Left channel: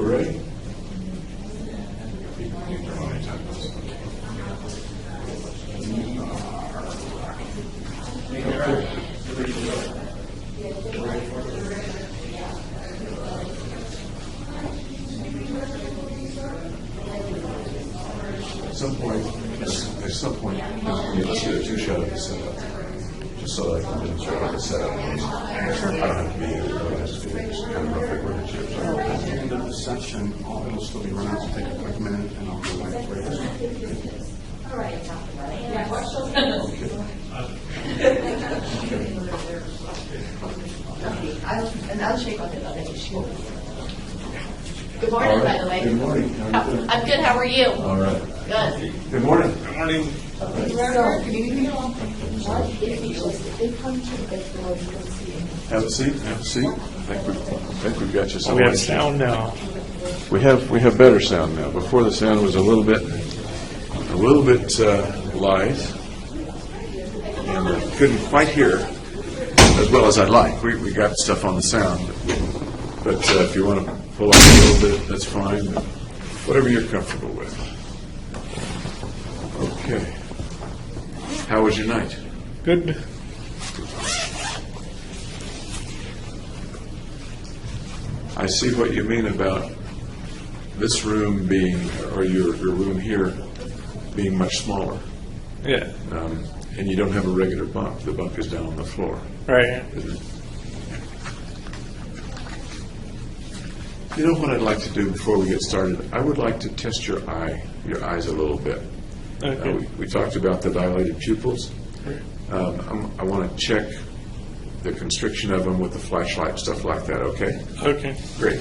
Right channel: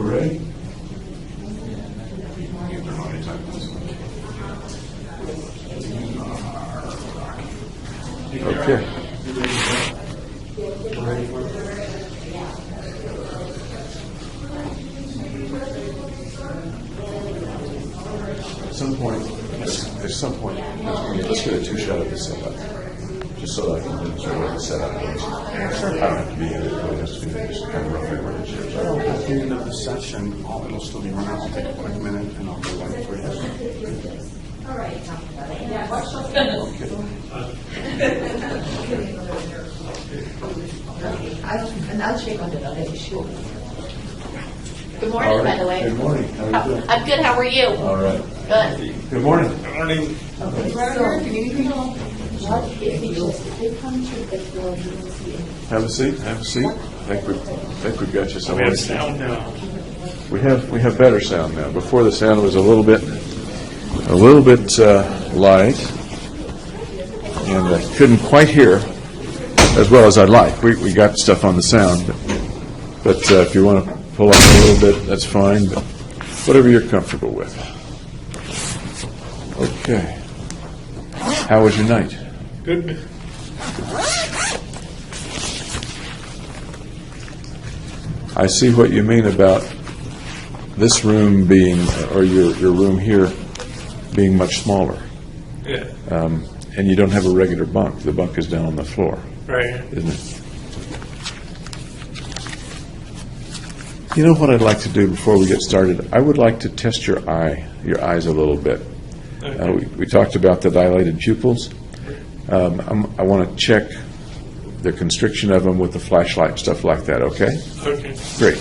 We're ready? Okay. At some point, let's get a two-shot of the setup, just so that I can show what the setup is. Sure. I don't have to be here, just kind of rough average. At the end of the session, it'll still be running. I'll take a quick minute and I'll go back for you. Good morning, by the way. Good morning. How are you doing? I'm good. How are you? All right. Good. Good morning. Okay, Have a seat. Have a seat. I think we've got you We have somewhere. sound now. We have better sound now. Before the sound was a little bit light, and I couldn't quite hear as well as I'd like. We got stuff on the sound, but if you want to pull up a little bit, that's fine. But whatever you're comfortable with. Okay. How was your night? Good. I see what you mean about this room being, or your room here being much smaller. Yeah. And you don't have a regular bunk. The bunk is down on the floor, Right. isn't it? You know what I'd like to do before we get started? I would like to test your eyes a little bit. Okay. We talked about the dilated pupils. I want to check the constriction of them with the flashlight, stuff like that, okay? Okay. Great.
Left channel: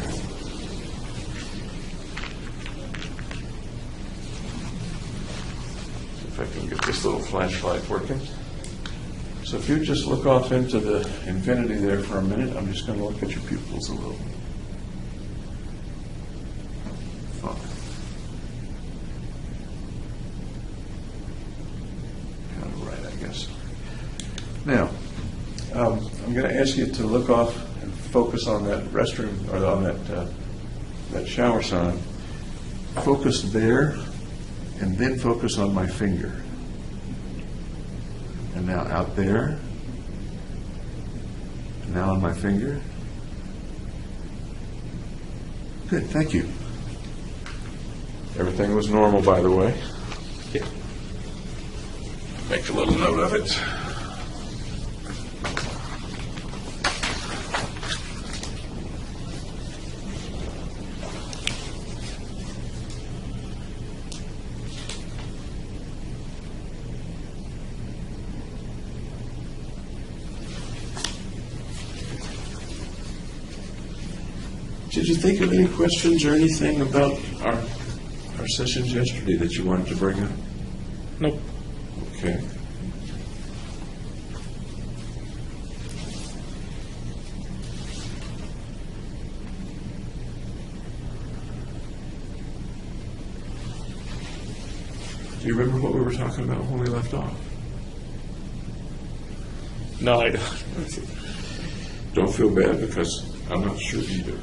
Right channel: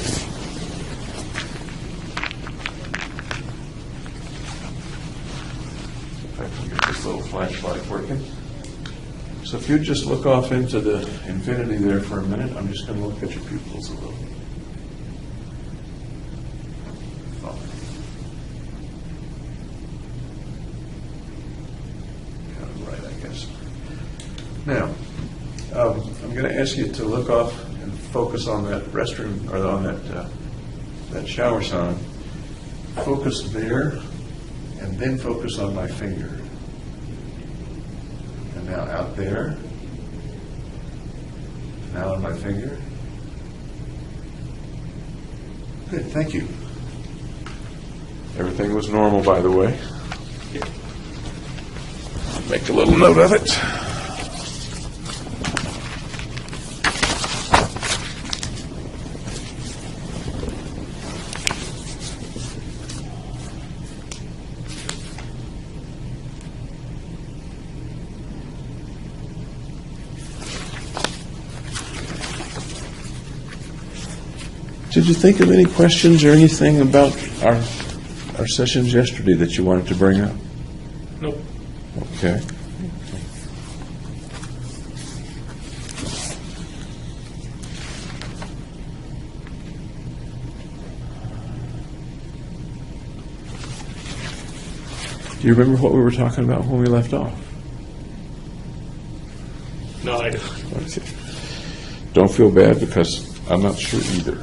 If I can get this little flashlight working. So if you just look off into the infinity there for a minute, I'm just going to look at your pupils a little. Kind of right, I guess. Now, I'm going to ask you to look off and focus on that restroom, or on that shower sign. Focus there, and then focus on my finger. And now out there. Now on my finger. Good, thank you. Everything was normal, by the way. Make a little note of it. Did you think of any questions or anything about our sessions yesterday that you wanted to bring up? Nope. Okay. Do you remember what we were talking about when we left off? No, I don't. Don't feel bad because I'm not sure either.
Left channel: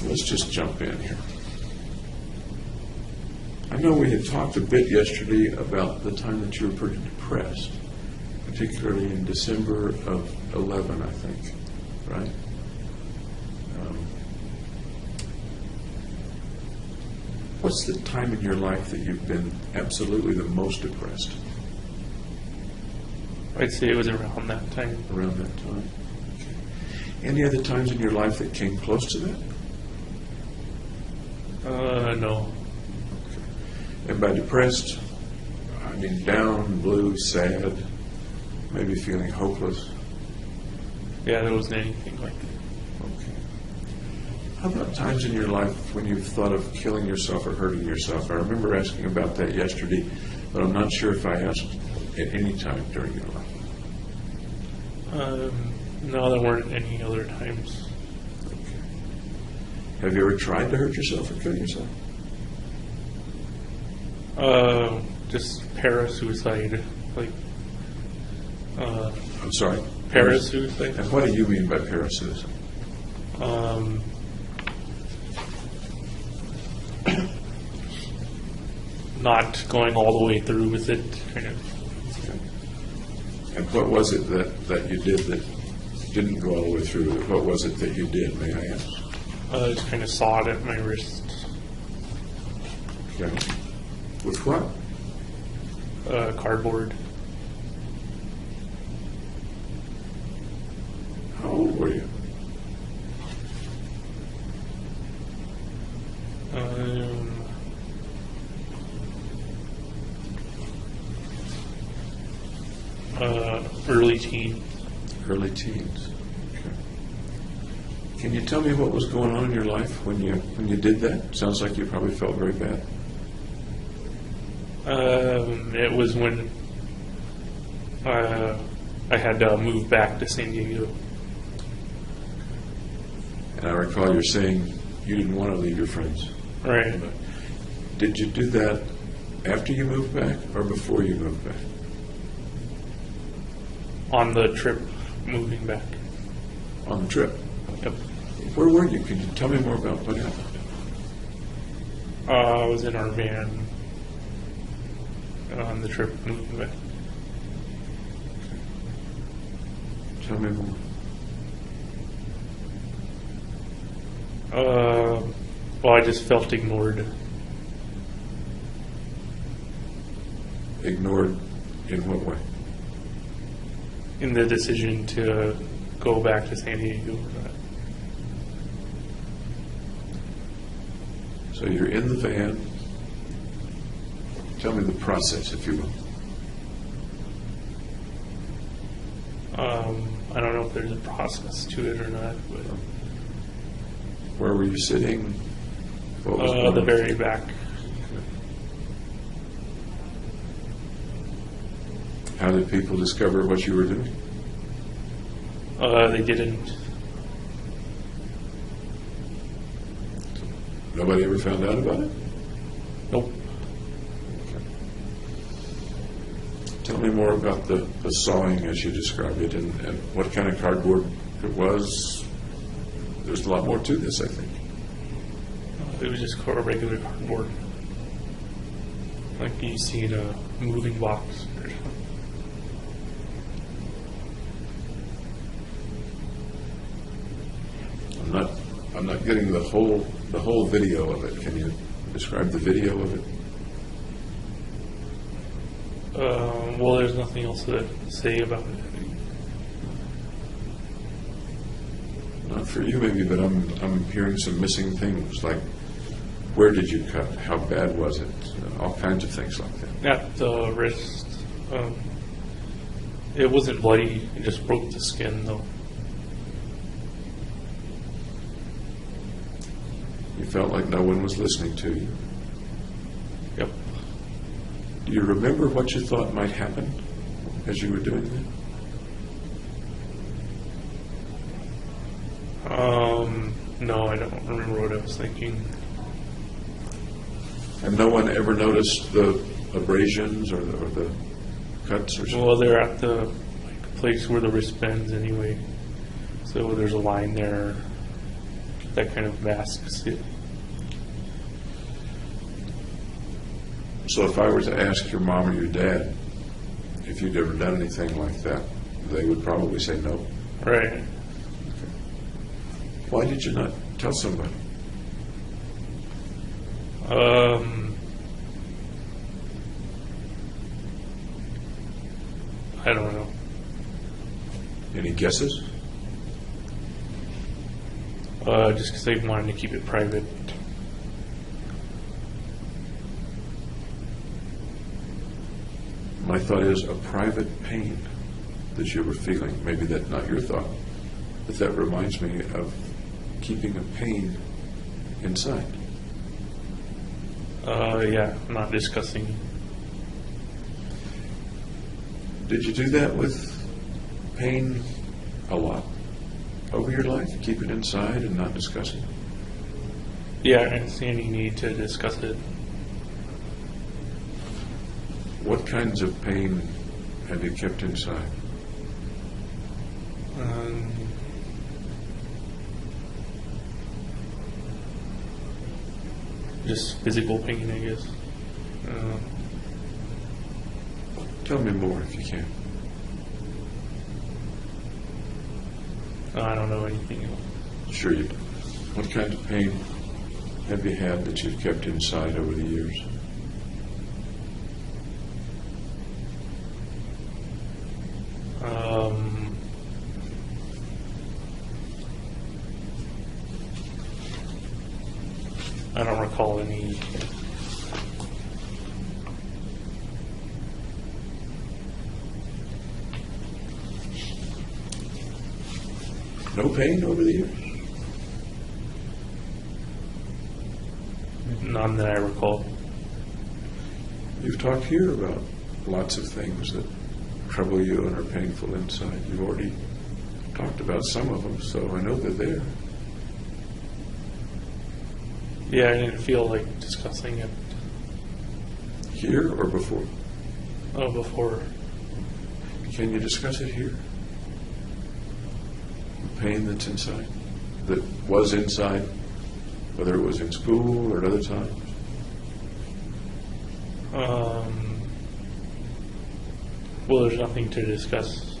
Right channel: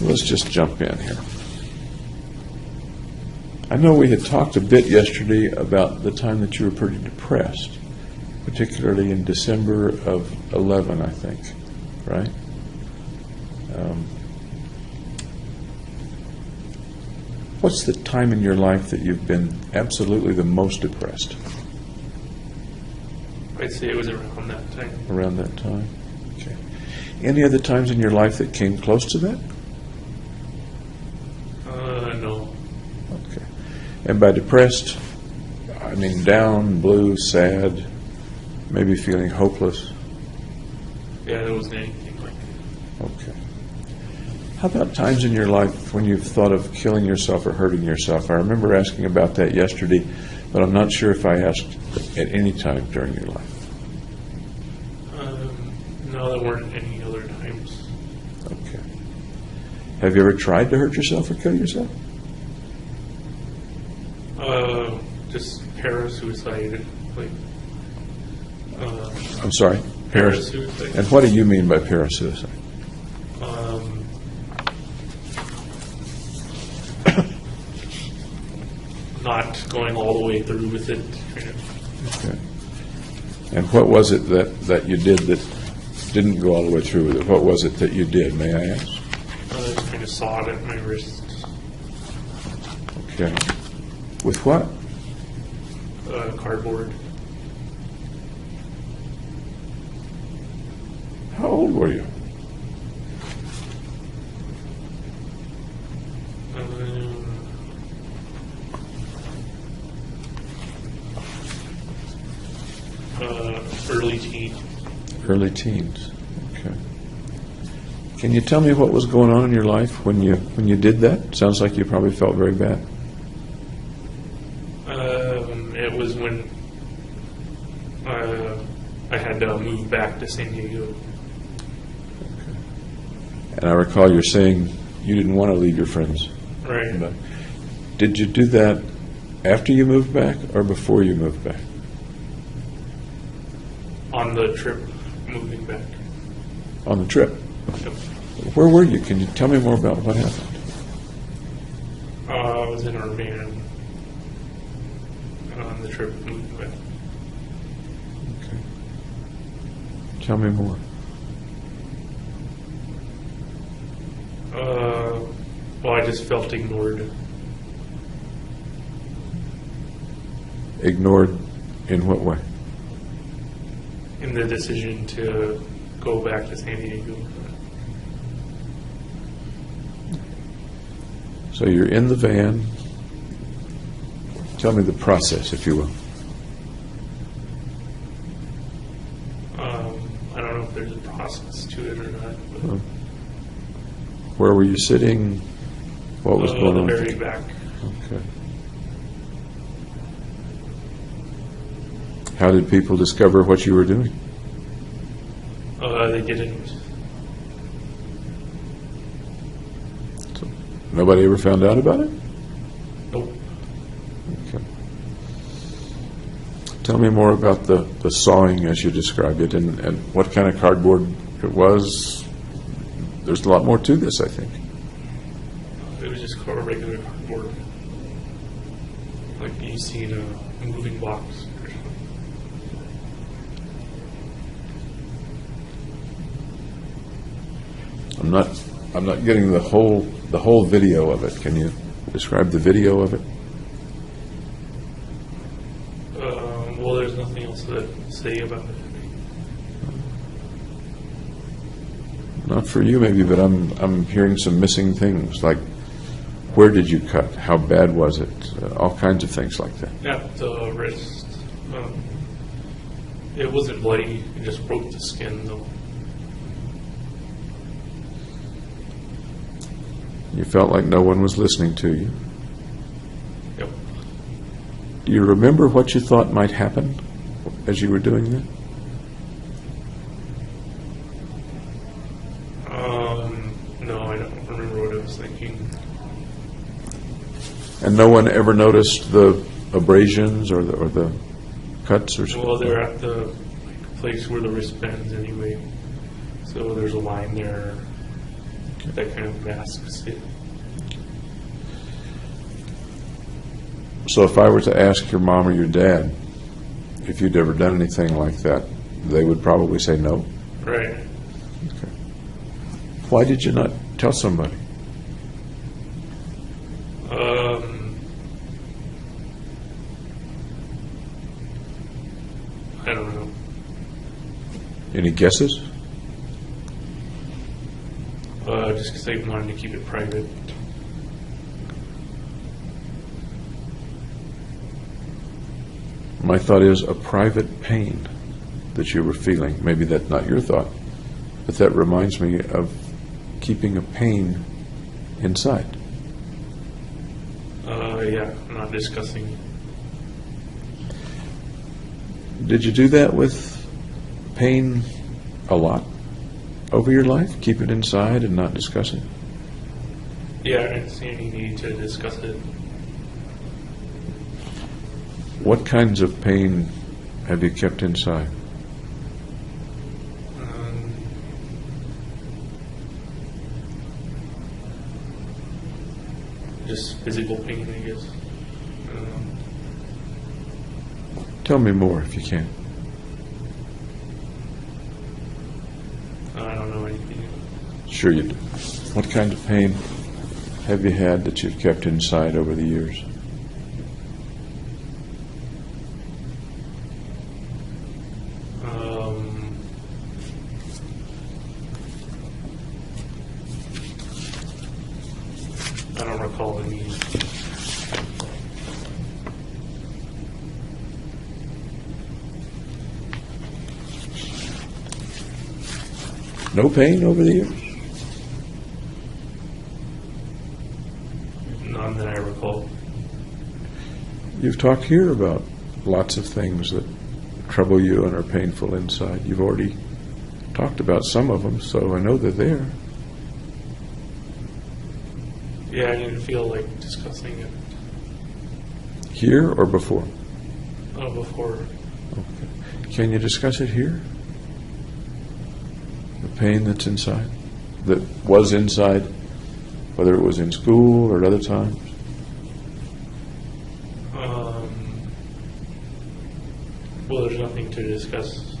Let's just jump in here. I know we had talked a bit yesterday about the time that you were pretty depressed, particularly in December of 11, I think, right? What's the time in your life that you've been absolutely the most depressed? I'd say it was around that time. Around that time? Okay. Any other times in your life that came close to that? No. Okay. And by depressed, I mean down, blue, sad, maybe feeling hopeless? Yeah, there wasn't anything like that. Okay. How about times in your life when you've thought of killing yourself or hurting yourself? I remember asking about that yesterday, but I'm not sure if I asked at any time during your life. No, there weren't any other times. Okay. Have you ever tried to hurt yourself or kill yourself? Just parasuicide, like, I'm sorry? Parasuicide. And what do you mean by parasuicide? Not going all the way through with it. Kind of. Okay. And what was it that you did that didn't go all the way through with it? What was it that you did, may I ask? Just kind of sawed at my wrist. Okay. With what? Cardboard. How old were you? Early teen. Early teens. Okay. Can you tell me what was going on in your life when you did that? Sounds like you probably felt very bad. It was when I had to move back to San Diego. And I recall you're saying you didn't want to leave your friends. Right. Did you do that after you moved back or before you moved back? On the trip moving back. On the trip? Yep. Where were you? Can you tell me more about what happened? I was in our van on the trip moving back. Okay. Tell me more. Well, I just felt ignored. Ignored in what way? In the decision to go back to San Diego. So you're in the van. Tell me the process, if you will. I don't know if there's a process to it or not, but Where were you sitting? What was going the on? very back. Okay. How did people discover what you were doing? They didn't. Nobody ever found out about it? Nope. Okay. Tell me more about the sawing as you described it and what kind of cardboard it was. There's a lot more to this, I think. It was just a regular cardboard, like you see in a moving box. I'm not getting the whole video of it. Can you describe the video of it? Well, there's nothing else to say about it. Not for you, maybe, but I'm hearing some missing things. Like, where did you cut? How bad was it? All kinds of things like that. At the wrist, it wasn't bloody. It just broke the skin, though. You felt like no one was listening to you. Yep. Do you remember what you thought might happen as you were doing that? No, I don't remember what I was thinking. And no one ever noticed the abrasions or the cuts or something? Well, they're at the place where the wrist bends anyway. So there's a line there that kind of masks it. So if I were to ask your mom or your dad if you'd ever done anything like that, they would probably say no. Right. Okay. Why did you not tell somebody? I don't know. Any guesses? Just because I wanted to keep it private. My thought is a private pain that you were feeling. Maybe that's not your thought, but that reminds me of keeping a pain inside. Yeah, not discussing. Did you do that with pain a lot over your life? Keep it inside and not discuss it? Yeah, I didn't see any need to discuss it. What kinds of pain have you kept inside? just physical pain, I guess. Tell me more if you can. I don't know anything else. Sure you do. What kind of pain have you had that you've kept inside over the years? I don't recall any. No pain over the years? None that I recall. You've talked here about lots of things that trouble you and are painful inside. You've already talked about some of them, so I know they're there. Yeah, I didn't feel like discussing it Here or before? before. Can you discuss it here? The pain that's inside, that was inside, whether it was in school or at other times? Well, there's nothing to discuss.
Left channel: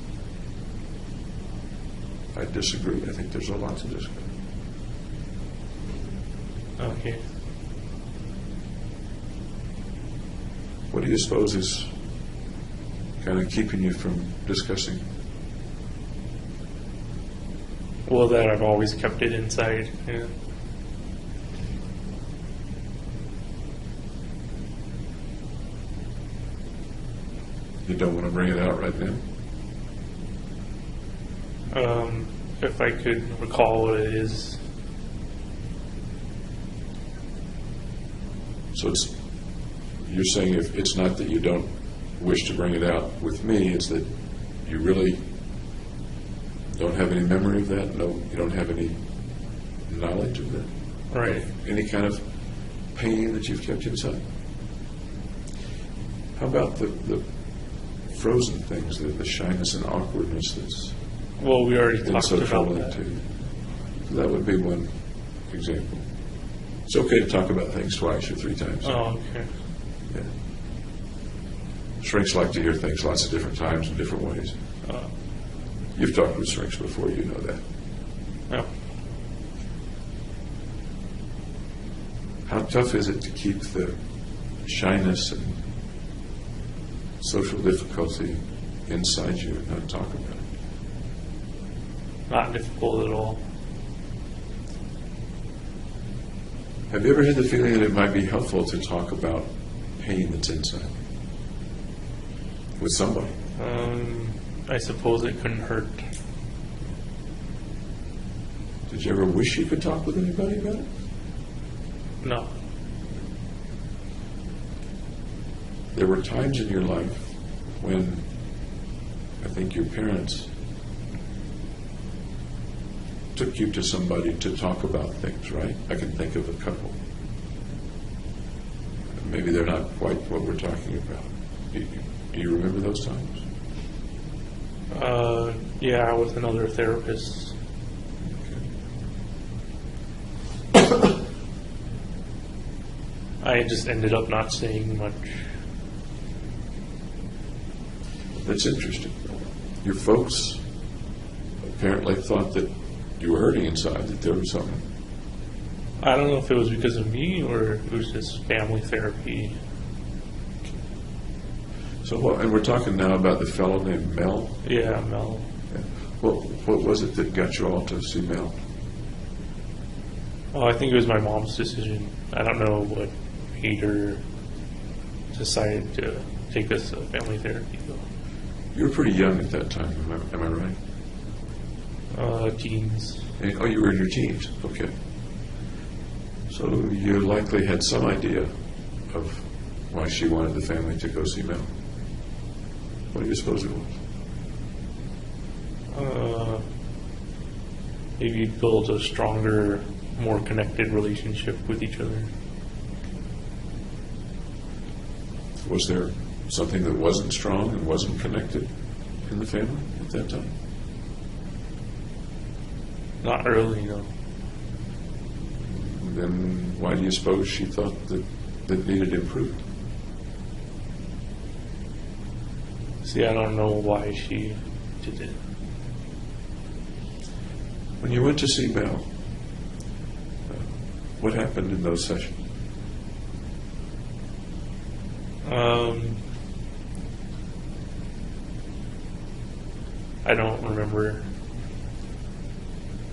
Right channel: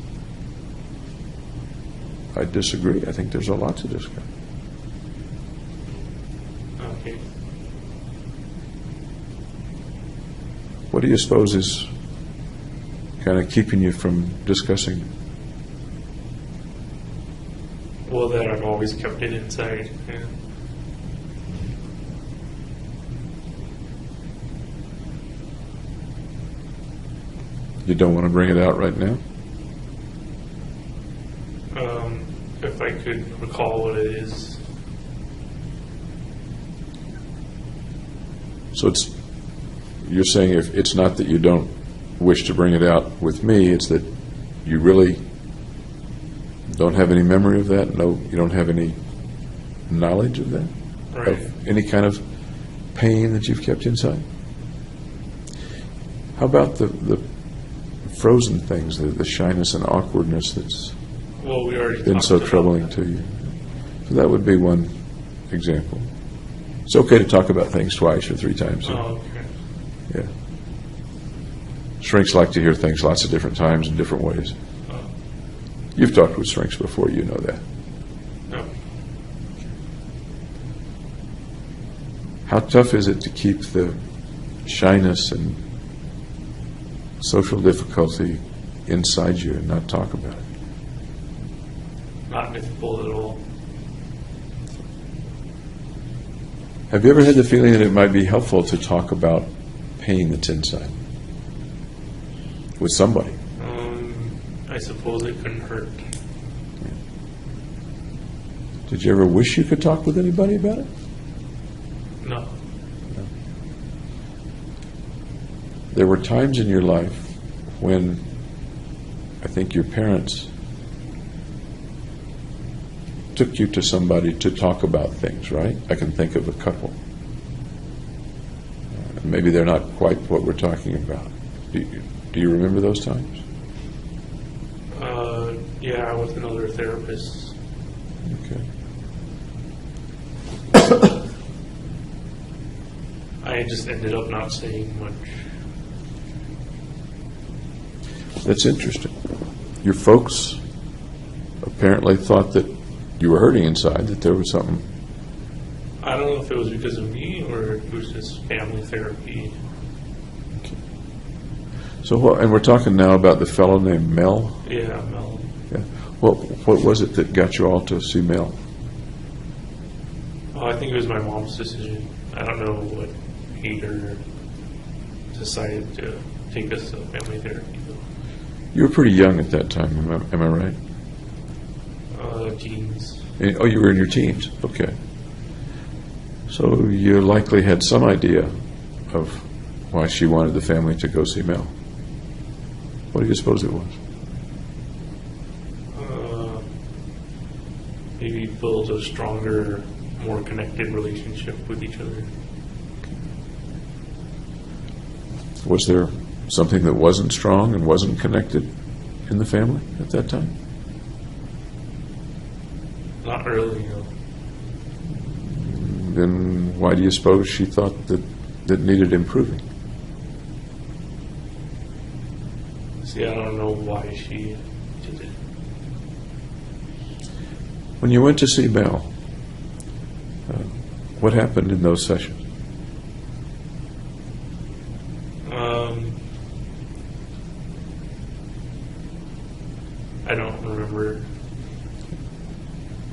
I disagree. I think there's a lot to discuss. Okay. What do you suppose is kind of keeping you from discussing? Well, that I've always kept it inside. Yeah. You don't want to bring it out right now? If I could recall what it is. So you're saying if it's not that you don't wish to bring it out with me, it's that you really don't have any memory of that? No, you don't have any knowledge of that? Right. Of any kind of pain that you've kept inside? How about the frozen things, the shyness and awkwardness that's Well, we already been talked so about troubling that. to you? So that would be one example. It's okay to talk about things twice or three times. Oh, okay. Yeah. Shrinks like to hear things lots of different times in different ways. You've talked with shrinks before, you know that. No. How tough is it to keep the shyness and social difficulty inside you and not talk about it? Not difficult at all. Have you ever had the feeling that it might be helpful to talk about pain that's inside with somebody? I suppose it couldn't hurt. Did you ever wish you could talk with anybody about it? No. There were times in your life when I think your parents took you to somebody to talk about things, right? I can think of a couple. Maybe they're not quite what we're talking about. Do you remember those times? Yeah, with another therapist. Okay. I just ended up not saying much. That's interesting. Your folks apparently thought that you were hurting inside, that there was something. I don't know if it was because of me or it was just family therapy. So what, and we're talking now about the fellow named Mel. Yeah, Mel. Yeah. What was it that got you all to see Mel? Well, I think it was my mom's decision. I don't know what made her decided to take us to family therapy. You were pretty young at that time, am I right? Teens. Oh, you were in your teens. Okay. So you likely had some idea of why she wanted the family to go see Mel. What do you suppose it was? Maybe build a stronger, more connected relationship with each other. Was there something that wasn't strong and wasn't connected in the family at that time? Not really, no. then why do you suppose she thought that needed improving? See, I don't know why she did it. When you went to see Mel, what happened in those sessions? I don't remember.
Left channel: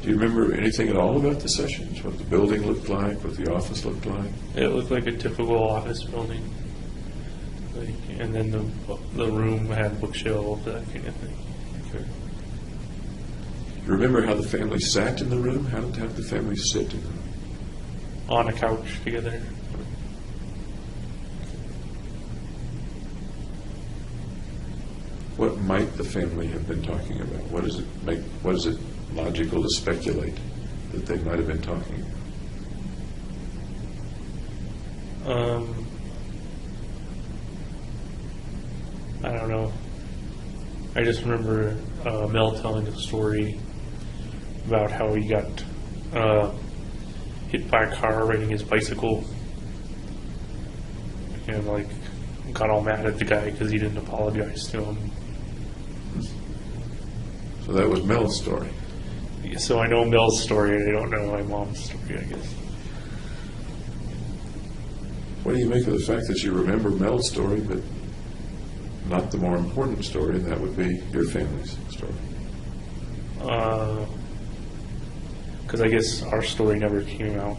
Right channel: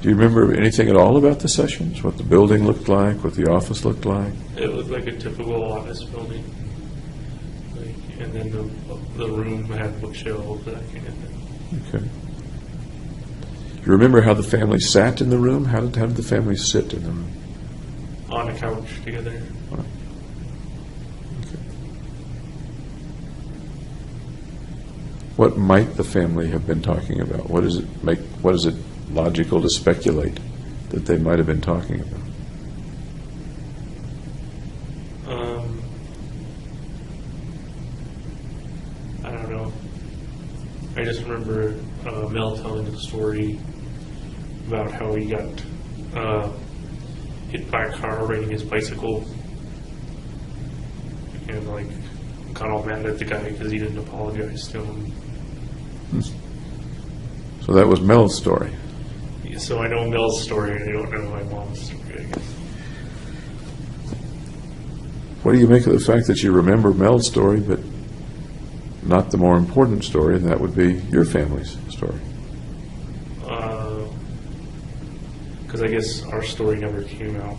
Do you remember anything at all about the sessions? What the building looked like, what the office looked like? It looked like a typical office building. And then the room had bookshelves, that kind of thing. Okay. You remember how the family sat in the room? How did the family sit in the room? On a couch together. What might the family have been talking about? What is it logical to speculate that they might have been talking about? I don't know. I just remember Mel telling a story about how he got hit by a car riding his bicycle, and like got all mad at the guy because he didn't apologize to him. So that was Mel's story. So I know Mel's story, and I don't know my mom's story, I guess. What do you make of the fact that you remember Mel's story, but not the more important story, and that would be your family's story? Because I guess our story never came out.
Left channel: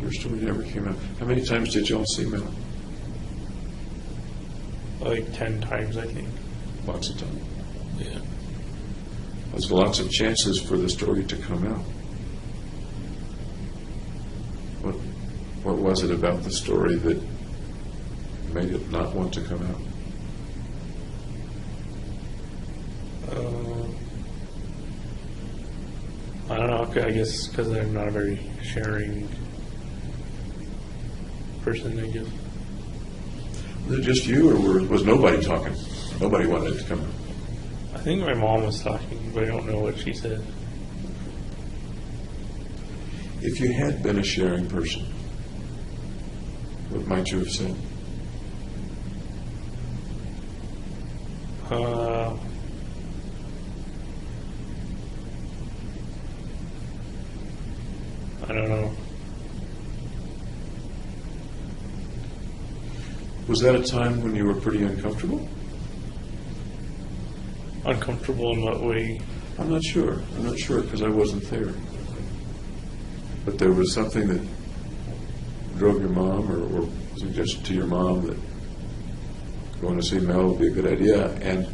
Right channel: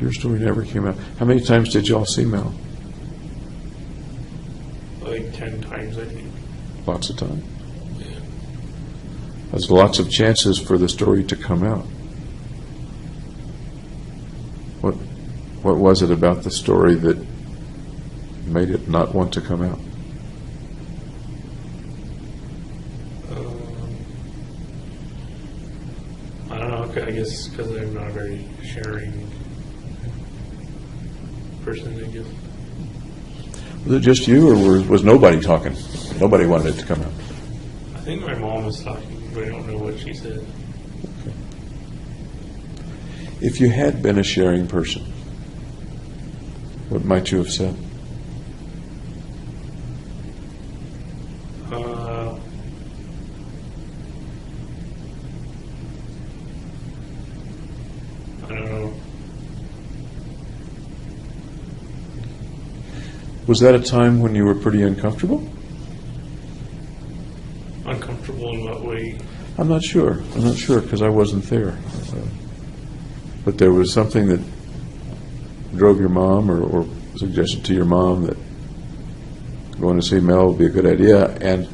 Your story never came out. How many times did y'all see Mel? Like 10 times, I think. Lots of times. Yeah. That's lots of chances for the story to come out. What was it about the story that made it not want to come out? I don't know. I guess because I'm not a very sharing person, I guess. Was it just you, or was nobody talking? Nobody wanted it to come out. I think my mom was talking, but I don't know what she said. If you had been a sharing person, what might you have said? I don't know. Was that a time when you were pretty uncomfortable? Uncomfortable in what way? I'm not sure because I wasn't there. But there was something that drove your mom or suggested to your mom that going to see Mel would be a good idea, and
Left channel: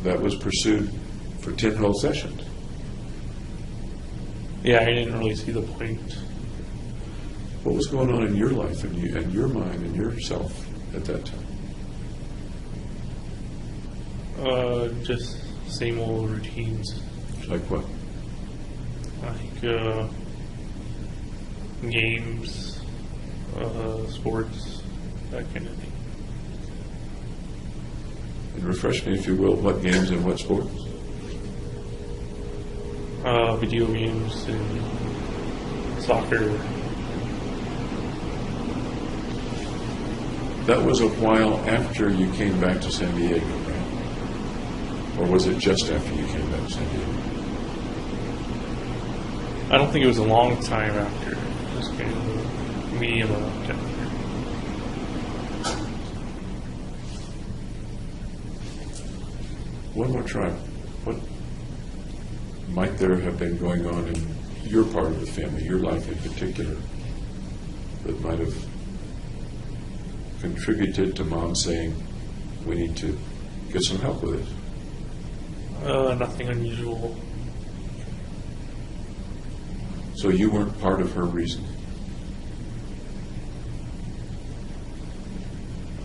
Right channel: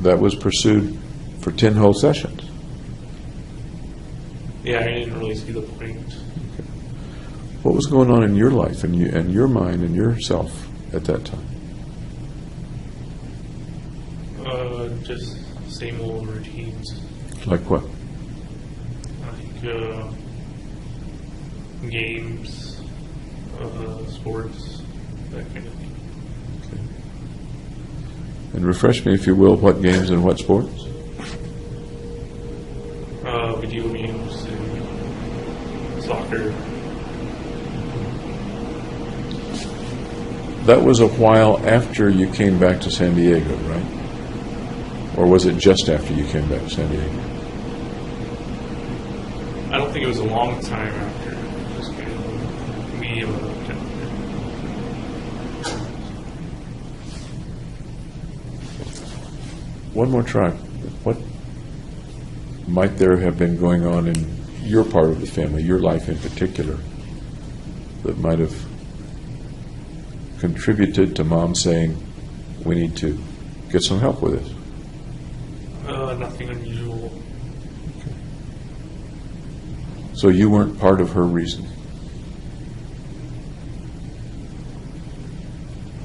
that was pursued for 10 whole sessions. Yeah, I didn't really see the point. What was going on in your life and your mind and yourself at that time? Just same old routines. Like what? Like games, sports, that kind of thing. And refresh me, if you will, what games and what sports? Video games and soccer. That was a while after you came back to San Diego, right? Or was it just after you came back to San Diego? I don't think it was a long time after. It was kind of a medium amount after. One more try. What might there have been going on in your part of the family, your life in particular, that might have contributed to Mom saying, we need to get some help with this? Nothing unusual. So you weren't part of her reason?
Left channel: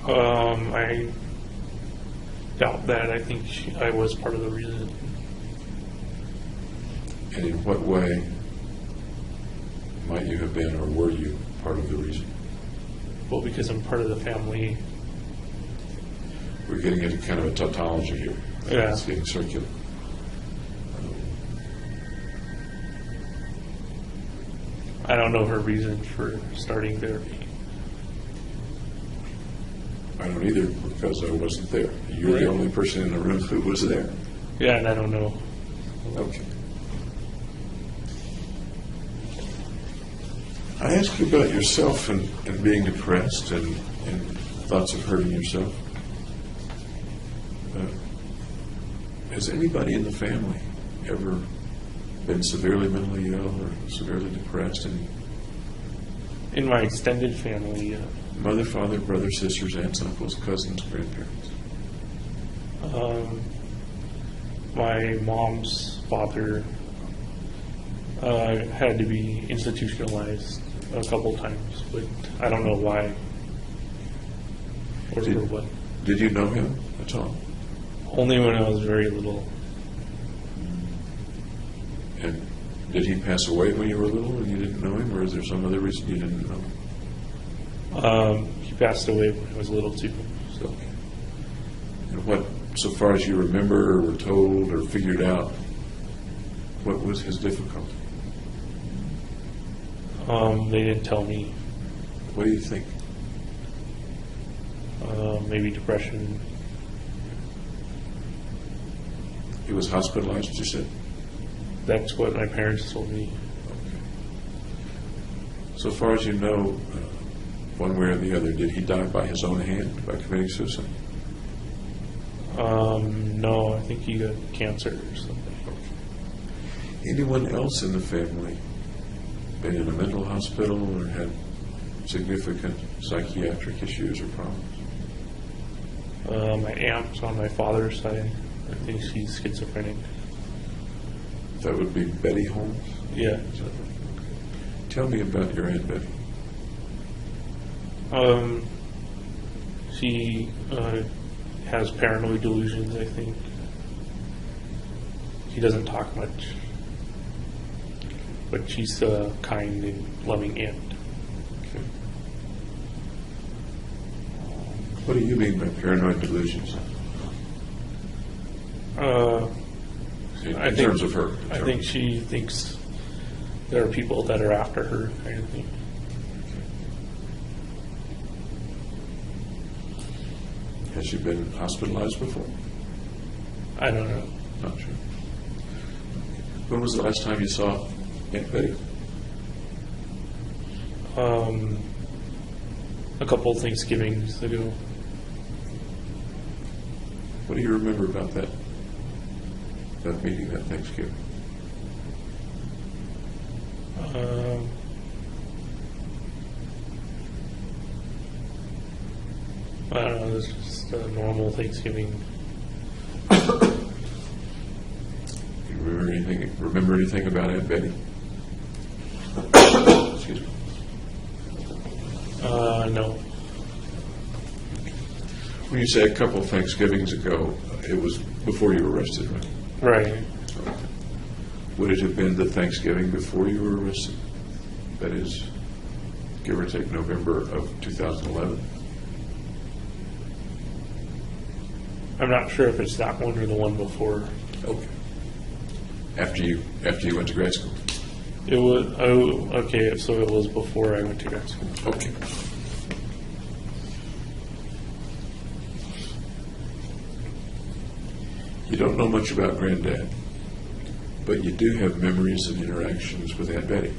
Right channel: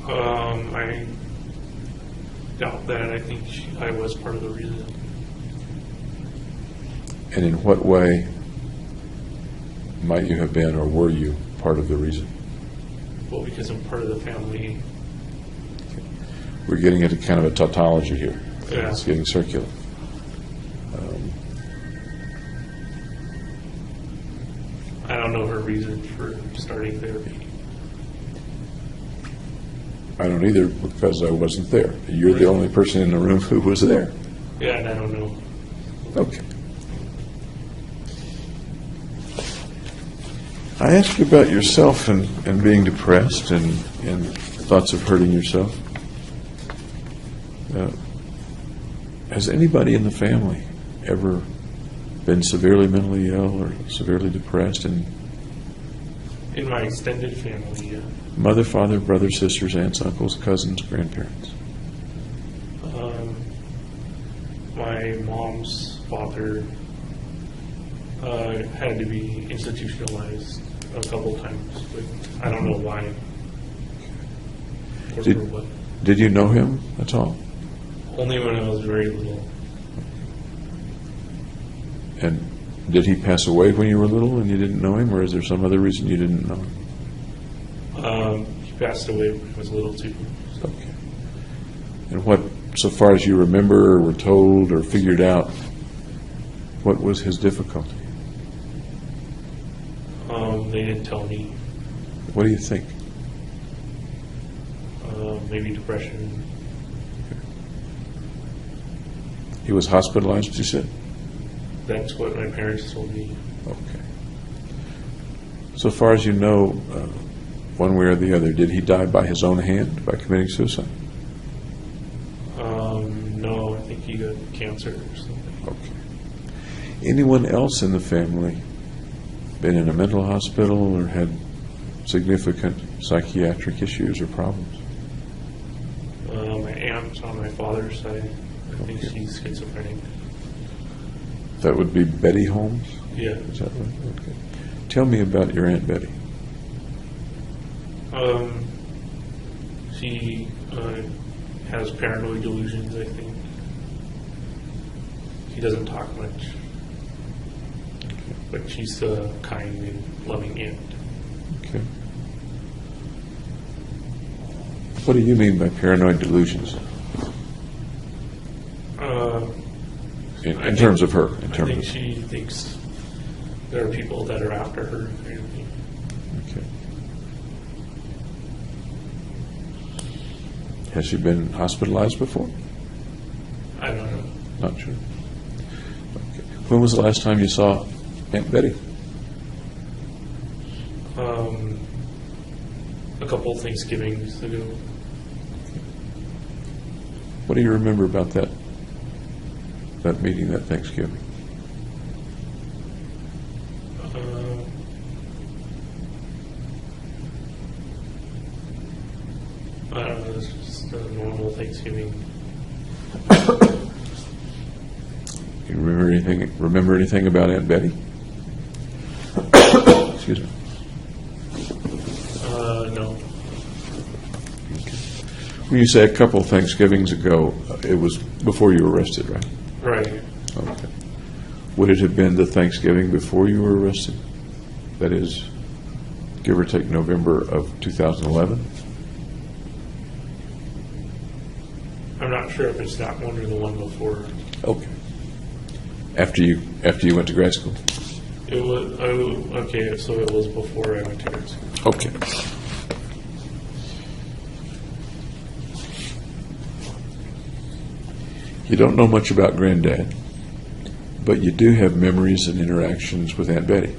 I doubt that. I think I was part of the reason. And in what way might you have been, or were you part of the reason? Well, because I'm part of the family. We're getting into kind of a tautology here. Yeah. It's getting circular. I don't know her reason for starting therapy. I don't either because I wasn't there. You're the only person in the room who was there. Yeah, and I don't know. Okay. I asked you about yourself and being depressed and thoughts of hurting yourself. Has anybody in the family ever been severely mentally ill or severely depressed? And In my extended family, mother, father, brothers, sisters, aunts, uncles, cousins, grandparents? my mom's father had to be institutionalized a couple times, but I don't know why or for what. Did you know him at all? Only when I was very little. And did he pass away when you were little and you didn't know him, or is there some other reason you didn't know him? He passed away when I was little too. So. Okay. And what, so far as you remember or were told or figured out, what was his difficulty? They didn't tell me. What do you think? Maybe depression. He was hospitalized, you said? That's what my parents told me. Okay. So far as you know, one way or the other, did he die by his own hand, by committing suicide? No, I think he got cancer or something. Okay. Anyone else in the family been in a mental hospital or had significant psychiatric issues or problems? My aunt on my father's side, I think she's schizophrenic. That would be Betty Holmes? Yeah. Is that right? Okay. Tell me about your Aunt Betty. She has paranoid delusions, I think. She doesn't talk much. But she's a kind and loving aunt. Okay. What do you mean by paranoid delusions? In terms of her? I think she thinks there are people that are after her, kind of thing. Okay. Has she been hospitalized before? I don't know. Not sure. Okay. When was the last time you saw Aunt Betty? A couple Thanksgivings ago. What do you remember about that meeting, that Thanksgiving? I don't know, it's just a normal Thanksgiving. Do you remember anything about Aunt Betty? Excuse me. No. When you say a couple Thanksgivings ago, it was before you were arrested, right? Right. Okay. Would it have been the Thanksgiving before you were arrested? That is, give or take November of 2011? I'm not sure if it's that one or the one before. Okay. After you went to grad school? It was, oh, okay, so it was before I went to grad school. Okay. You don't know much about Granddad, but you do have memories and interactions with Aunt Betty.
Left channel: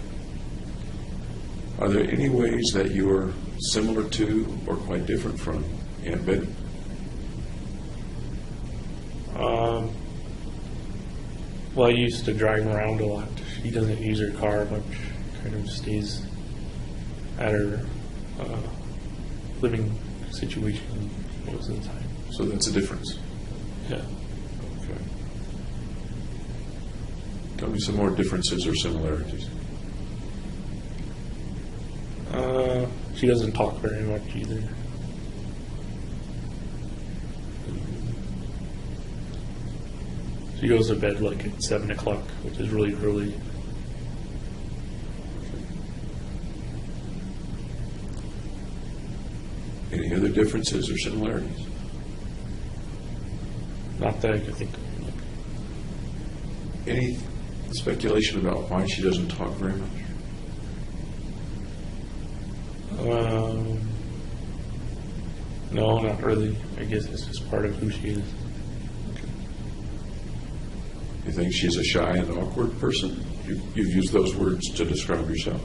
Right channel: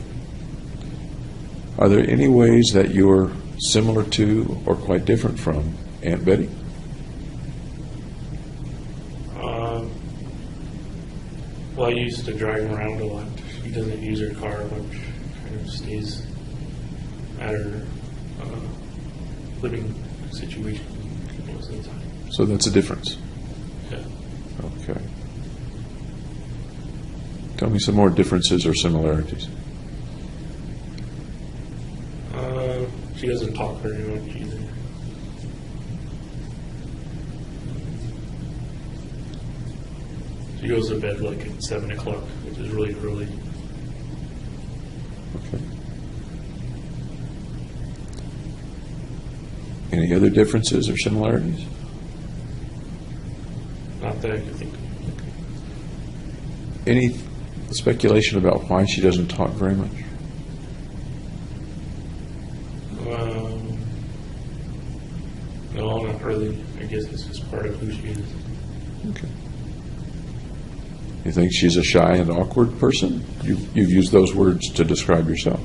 Are there any ways that you're similar to or quite different from Aunt Betty? Well, I used to drive around a lot. She doesn't use her car much. Kind of stays at her living situation most of the time. So that's a difference. Yeah. Okay. Tell me some more differences or similarities. She doesn't talk very much either. She goes to bed like at 7 o'clock, which is really early. Okay. Any other differences or similarities? Not that I can think of. Any speculation about why she doesn't talk very much? guess it's just part of who she is. Okay. You think she's a shy and awkward person? You've used those words to describe yourself.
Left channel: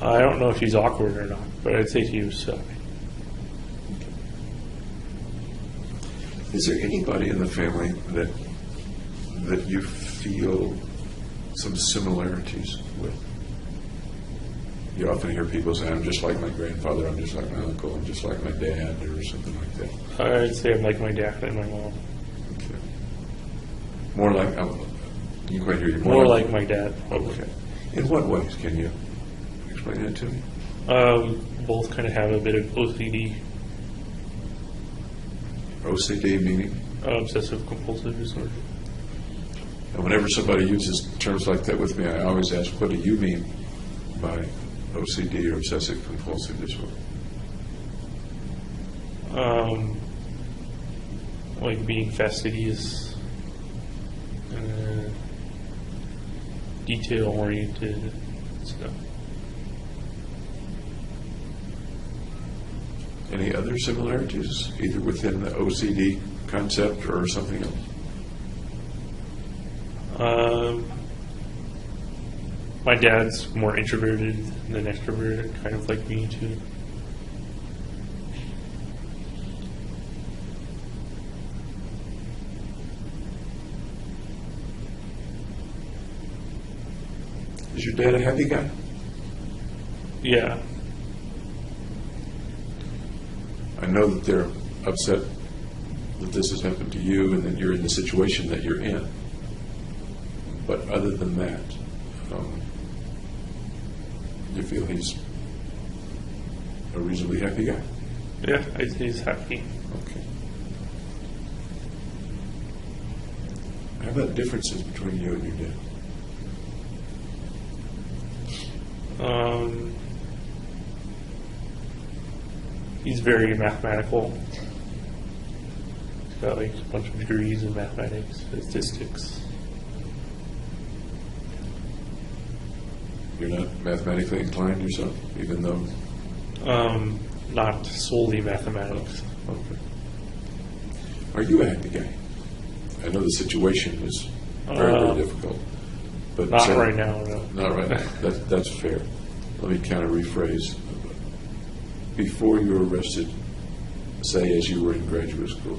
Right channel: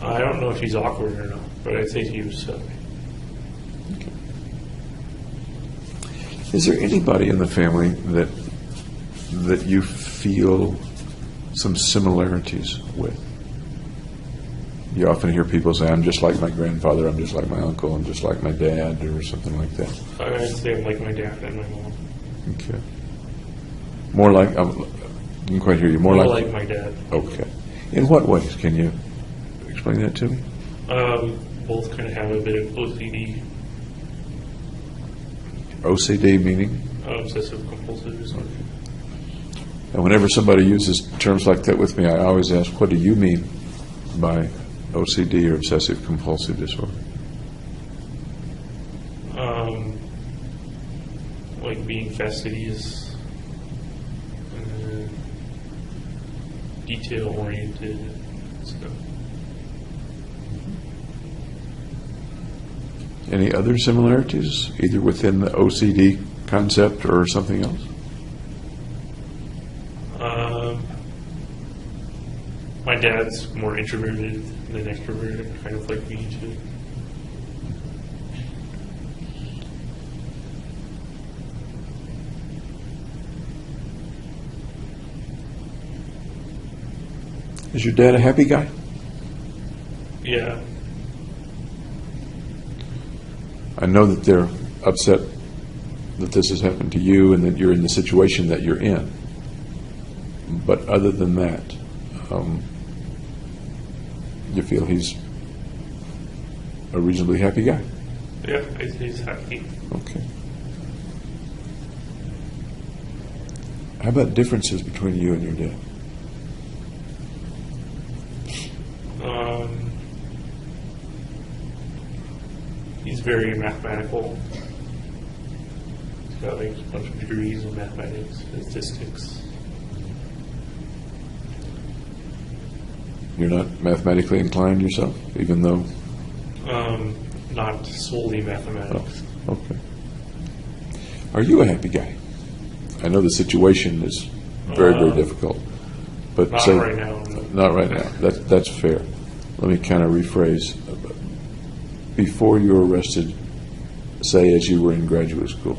I don't know if she's awkward or not, but I'd say she was. Is there anybody in the family that you feel some similarities with? You often hear people say, I'm just like my grandfather, I'm just like my uncle, I'm just like my dad, or something like that. I'd say I'm like my dad and my mom. Okay. More like, I didn't quite hear you. More like my dad. Okay. In what ways? Can you explain that to me? Both kind of have a bit of OCD, OCD meaning? obsessive compulsive disorder. And whenever somebody uses terms like that with me, I always ask, what do you mean by OCD or obsessive compulsive disorder? Like being fastidious, detail oriented stuff. Any other similarities, either within the OCD concept or something else? My dad's more introverted than extroverted, kind of like me too. Is your dad a happy guy? Yeah. I know that they're upset that this has happened to you and that you're in the situation that you're in. But other than that, you feel he's a reasonably happy guy? Yeah, he's happy. Okay. How about differences between you and your dad? He's very mathematical. He's got like a bunch of degrees in mathematics, statistics. You're not mathematically inclined yourself, even though... Not solely mathematics. Okay. Are you a happy guy? I know the situation is very, very difficult. But Not say- right now. No. Not right now. That's fair. Let me kind of rephrase. Before you were arrested, say as you were in graduate school,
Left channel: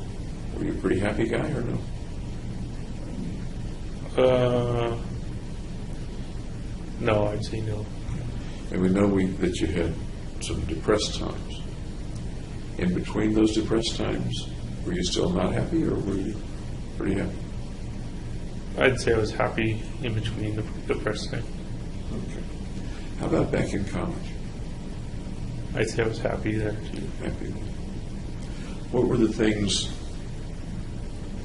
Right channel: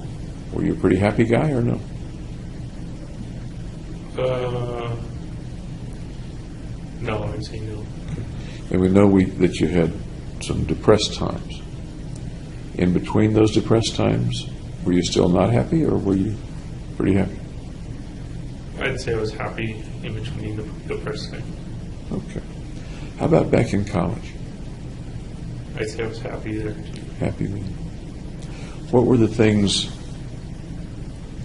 were you a pretty happy guy or no? No, I'd say no. And we know that you had some depressed times. In between those depressed times, were you still not happy, or were you pretty happy? I'd say I was happy in between the depressed time. Okay. How about back in college? I'd say I was happy there too. Happy with? What were the things,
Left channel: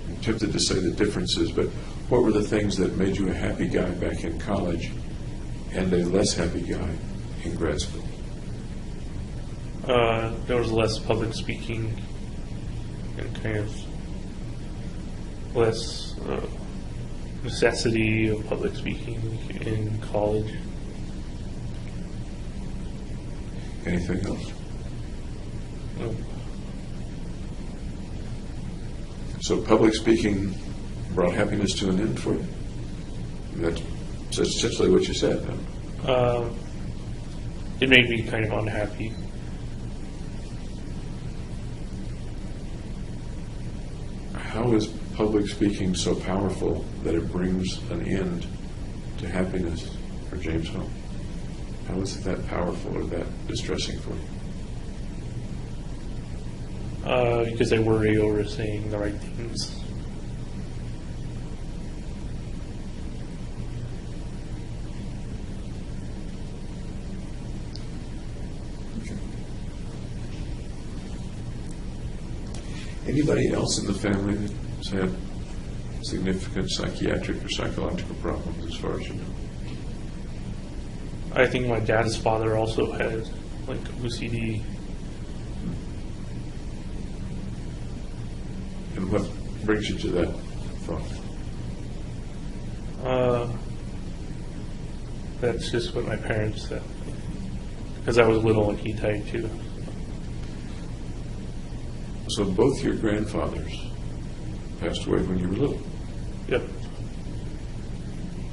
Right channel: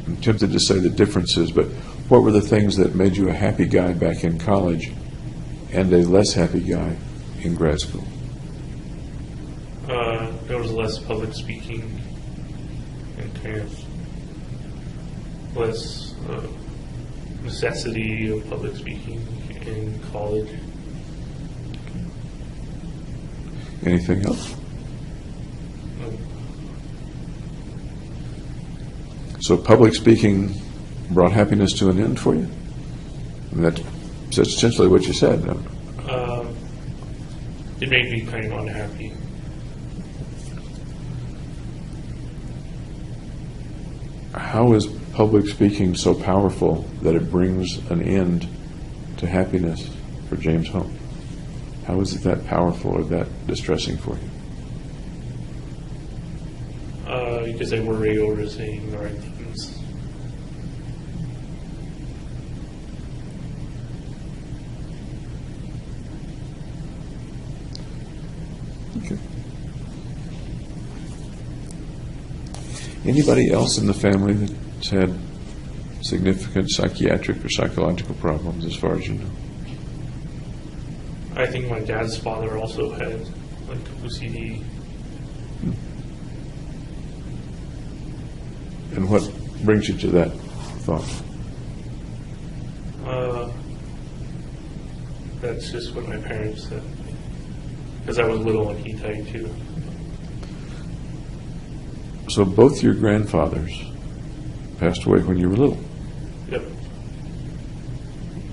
I'm tempted to say the differences, but what were the things that made you a happy guy back in college and a less happy guy in grad school? There was less public speaking and kind of less necessity of public speaking in college. Anything else? So public speaking brought happiness to an end for you? And that's essentially what you said. It made me kind of unhappy. How is public speaking so powerful that it brings an end to happiness for James Holmes? How is it that powerful or that distressing for you? Because I worry over saying the right things. Okay. Anybody else in the family that's had significant psychiatric or psychological problems as far as you know? I think my dad's father also had like OCD. And what brings you to that thought? That's just what my parents said. Because I was little and he died too. So both your grandfathers passed away when you were little. Yep.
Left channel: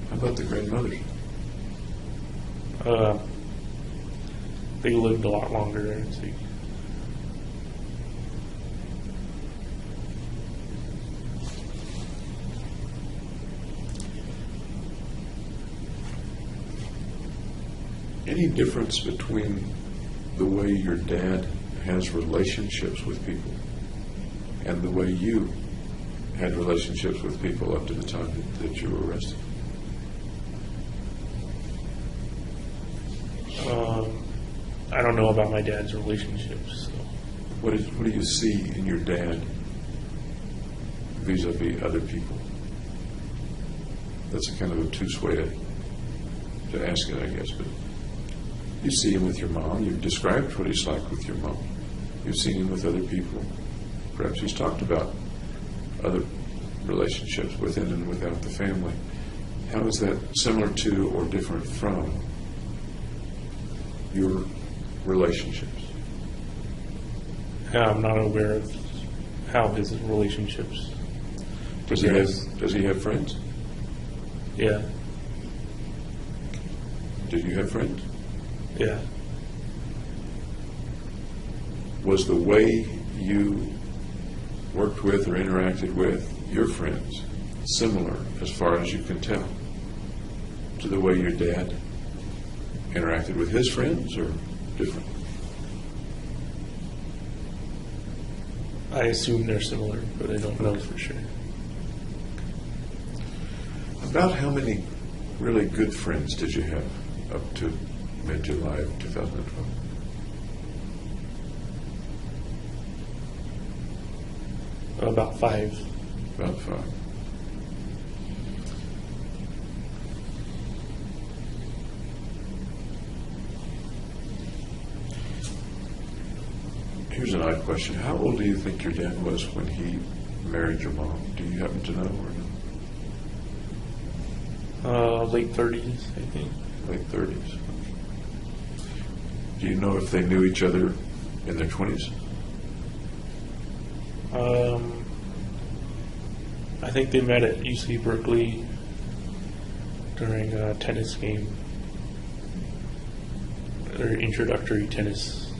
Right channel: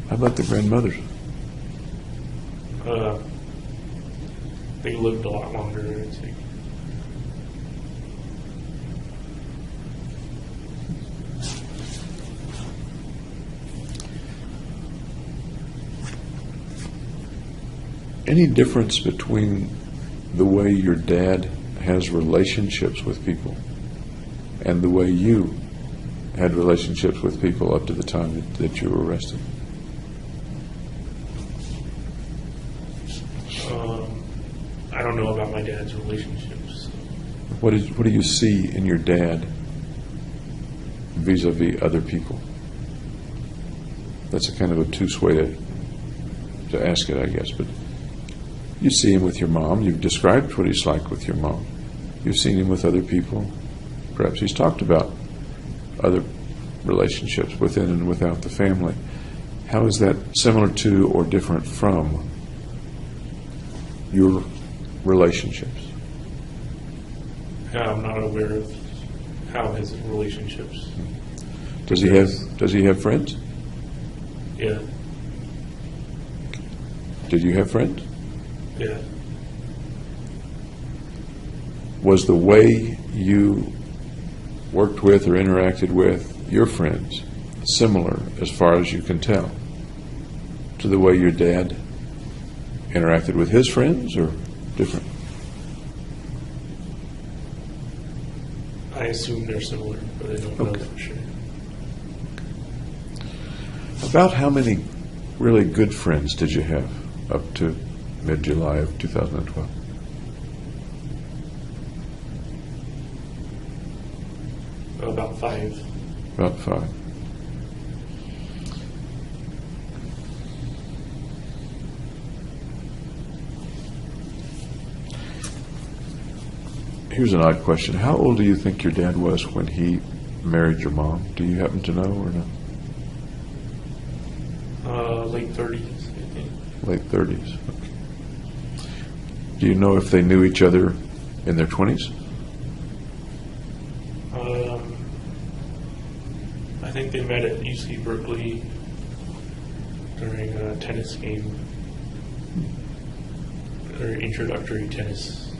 How about the grandmothers? They lived a lot longer than us. Any difference between the way your dad has relationships with people and the way you had relationships with people up to the time that you were arrested? I don't know about my dad's relationships. So. What do you see in your dad vis-a-vis other people? That's a kind of obtuse way to ask it, I guess. But you see him with your mom. You've described what he's like with your mom. You've seen him with other people. Perhaps he's talked about other relationships within and without the family. How is that similar to or different from your relationships? I'm not aware of how his relationships. Does he have friends? Yeah. Did you have friends? Yeah. Was the way you worked with or interacted with your friends similar, as far as you can tell, to the way your dad interacted with his friends, or different? I assume they're similar, but I don't know for sure. About how many really good friends did you have up to mid-July of 2012? About 5. About 5. Here's an odd question. How old do you think your dad was when he married your mom? Do you happen to know or no? Late 30s, I think. Late 30s. Okay. Do you know if they knew each other in their 20s? I think they met at UC Berkeley during a tennis game, or introductory tennis.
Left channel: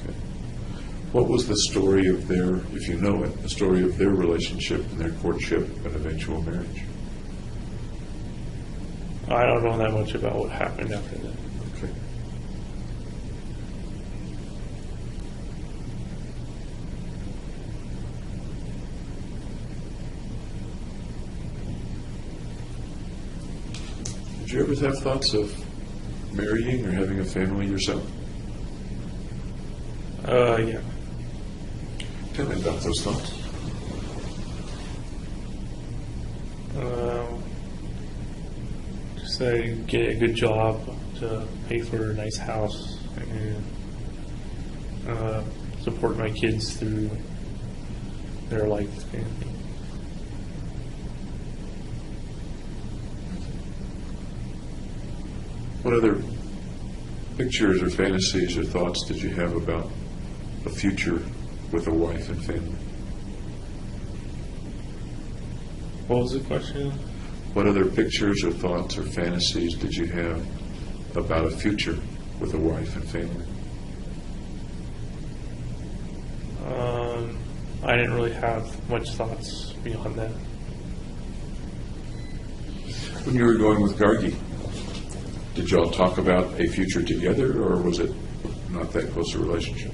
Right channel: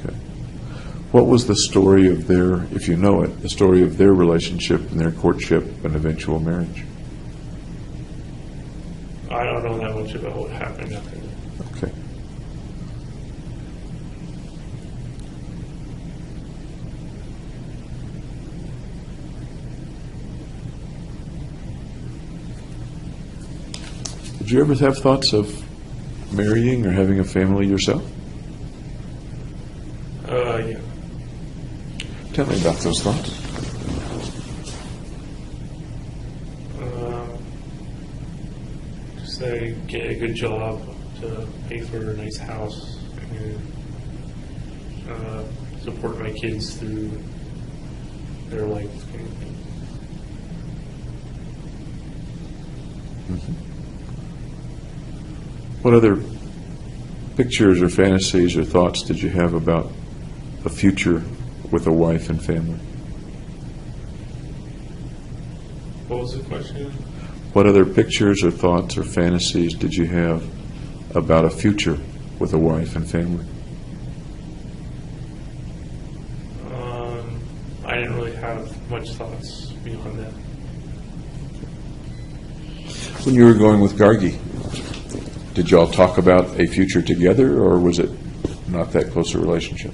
Okay. What was the story of their, if you know it, the story of their relationship and their courtship and eventual marriage? I don't know that much about what happened after that. Okay. Did you ever have thoughts of marrying or having a family yourself? Yeah. Tell me about those thoughts. Just to get a good job to pay for a nice house and support my kids through their life kind of thing. What other pictures or fantasies or thoughts did you have about a future with a wife and family? What was the question? What other pictures or thoughts or fantasies did you have about a future with a wife and family? I didn't really have much thoughts beyond that. When you were going with Gargi, did y'all talk about a future together, or was it not that close a relationship?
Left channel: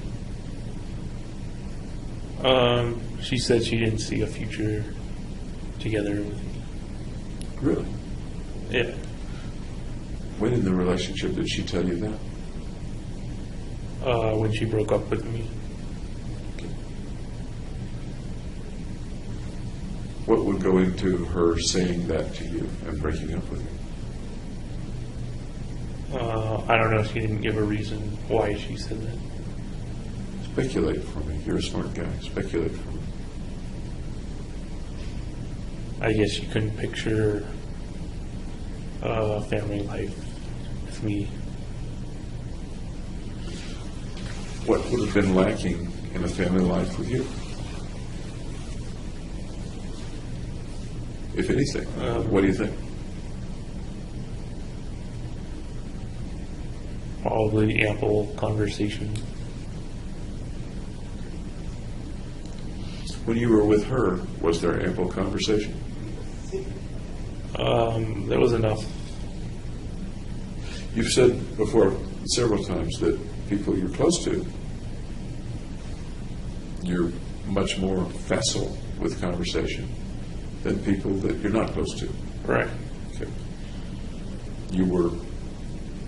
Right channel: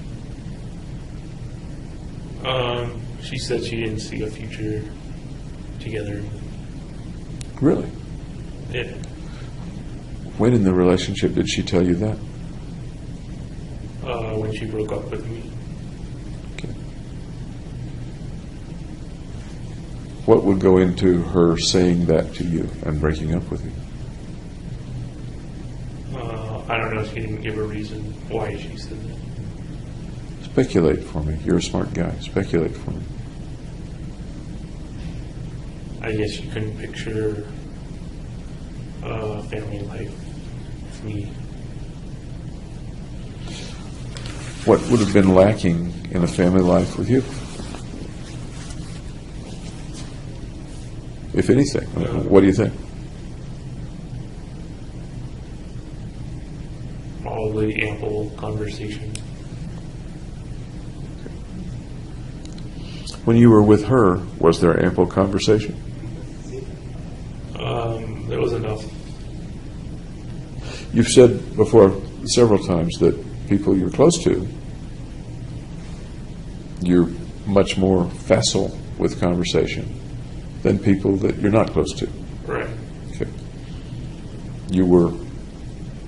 She said she didn't see a future together. Really? Yeah. When in the relationship did she tell you that? When she broke up with me. Okay. What would go into her saying that to you and breaking up with you? I don't know. She didn't give a reason why she said that. Speculate for me. You're a smart guy. Speculate for me. I guess she couldn't picture a family life with me. What would have been lacking in a family life with you? If anything, what do you think? All the ample conversation. When you were with her, was there ample conversation? There was enough. You've said before several times that people you're close to, you're much more facile with conversation than people that you're not close to. Right. Okay. You were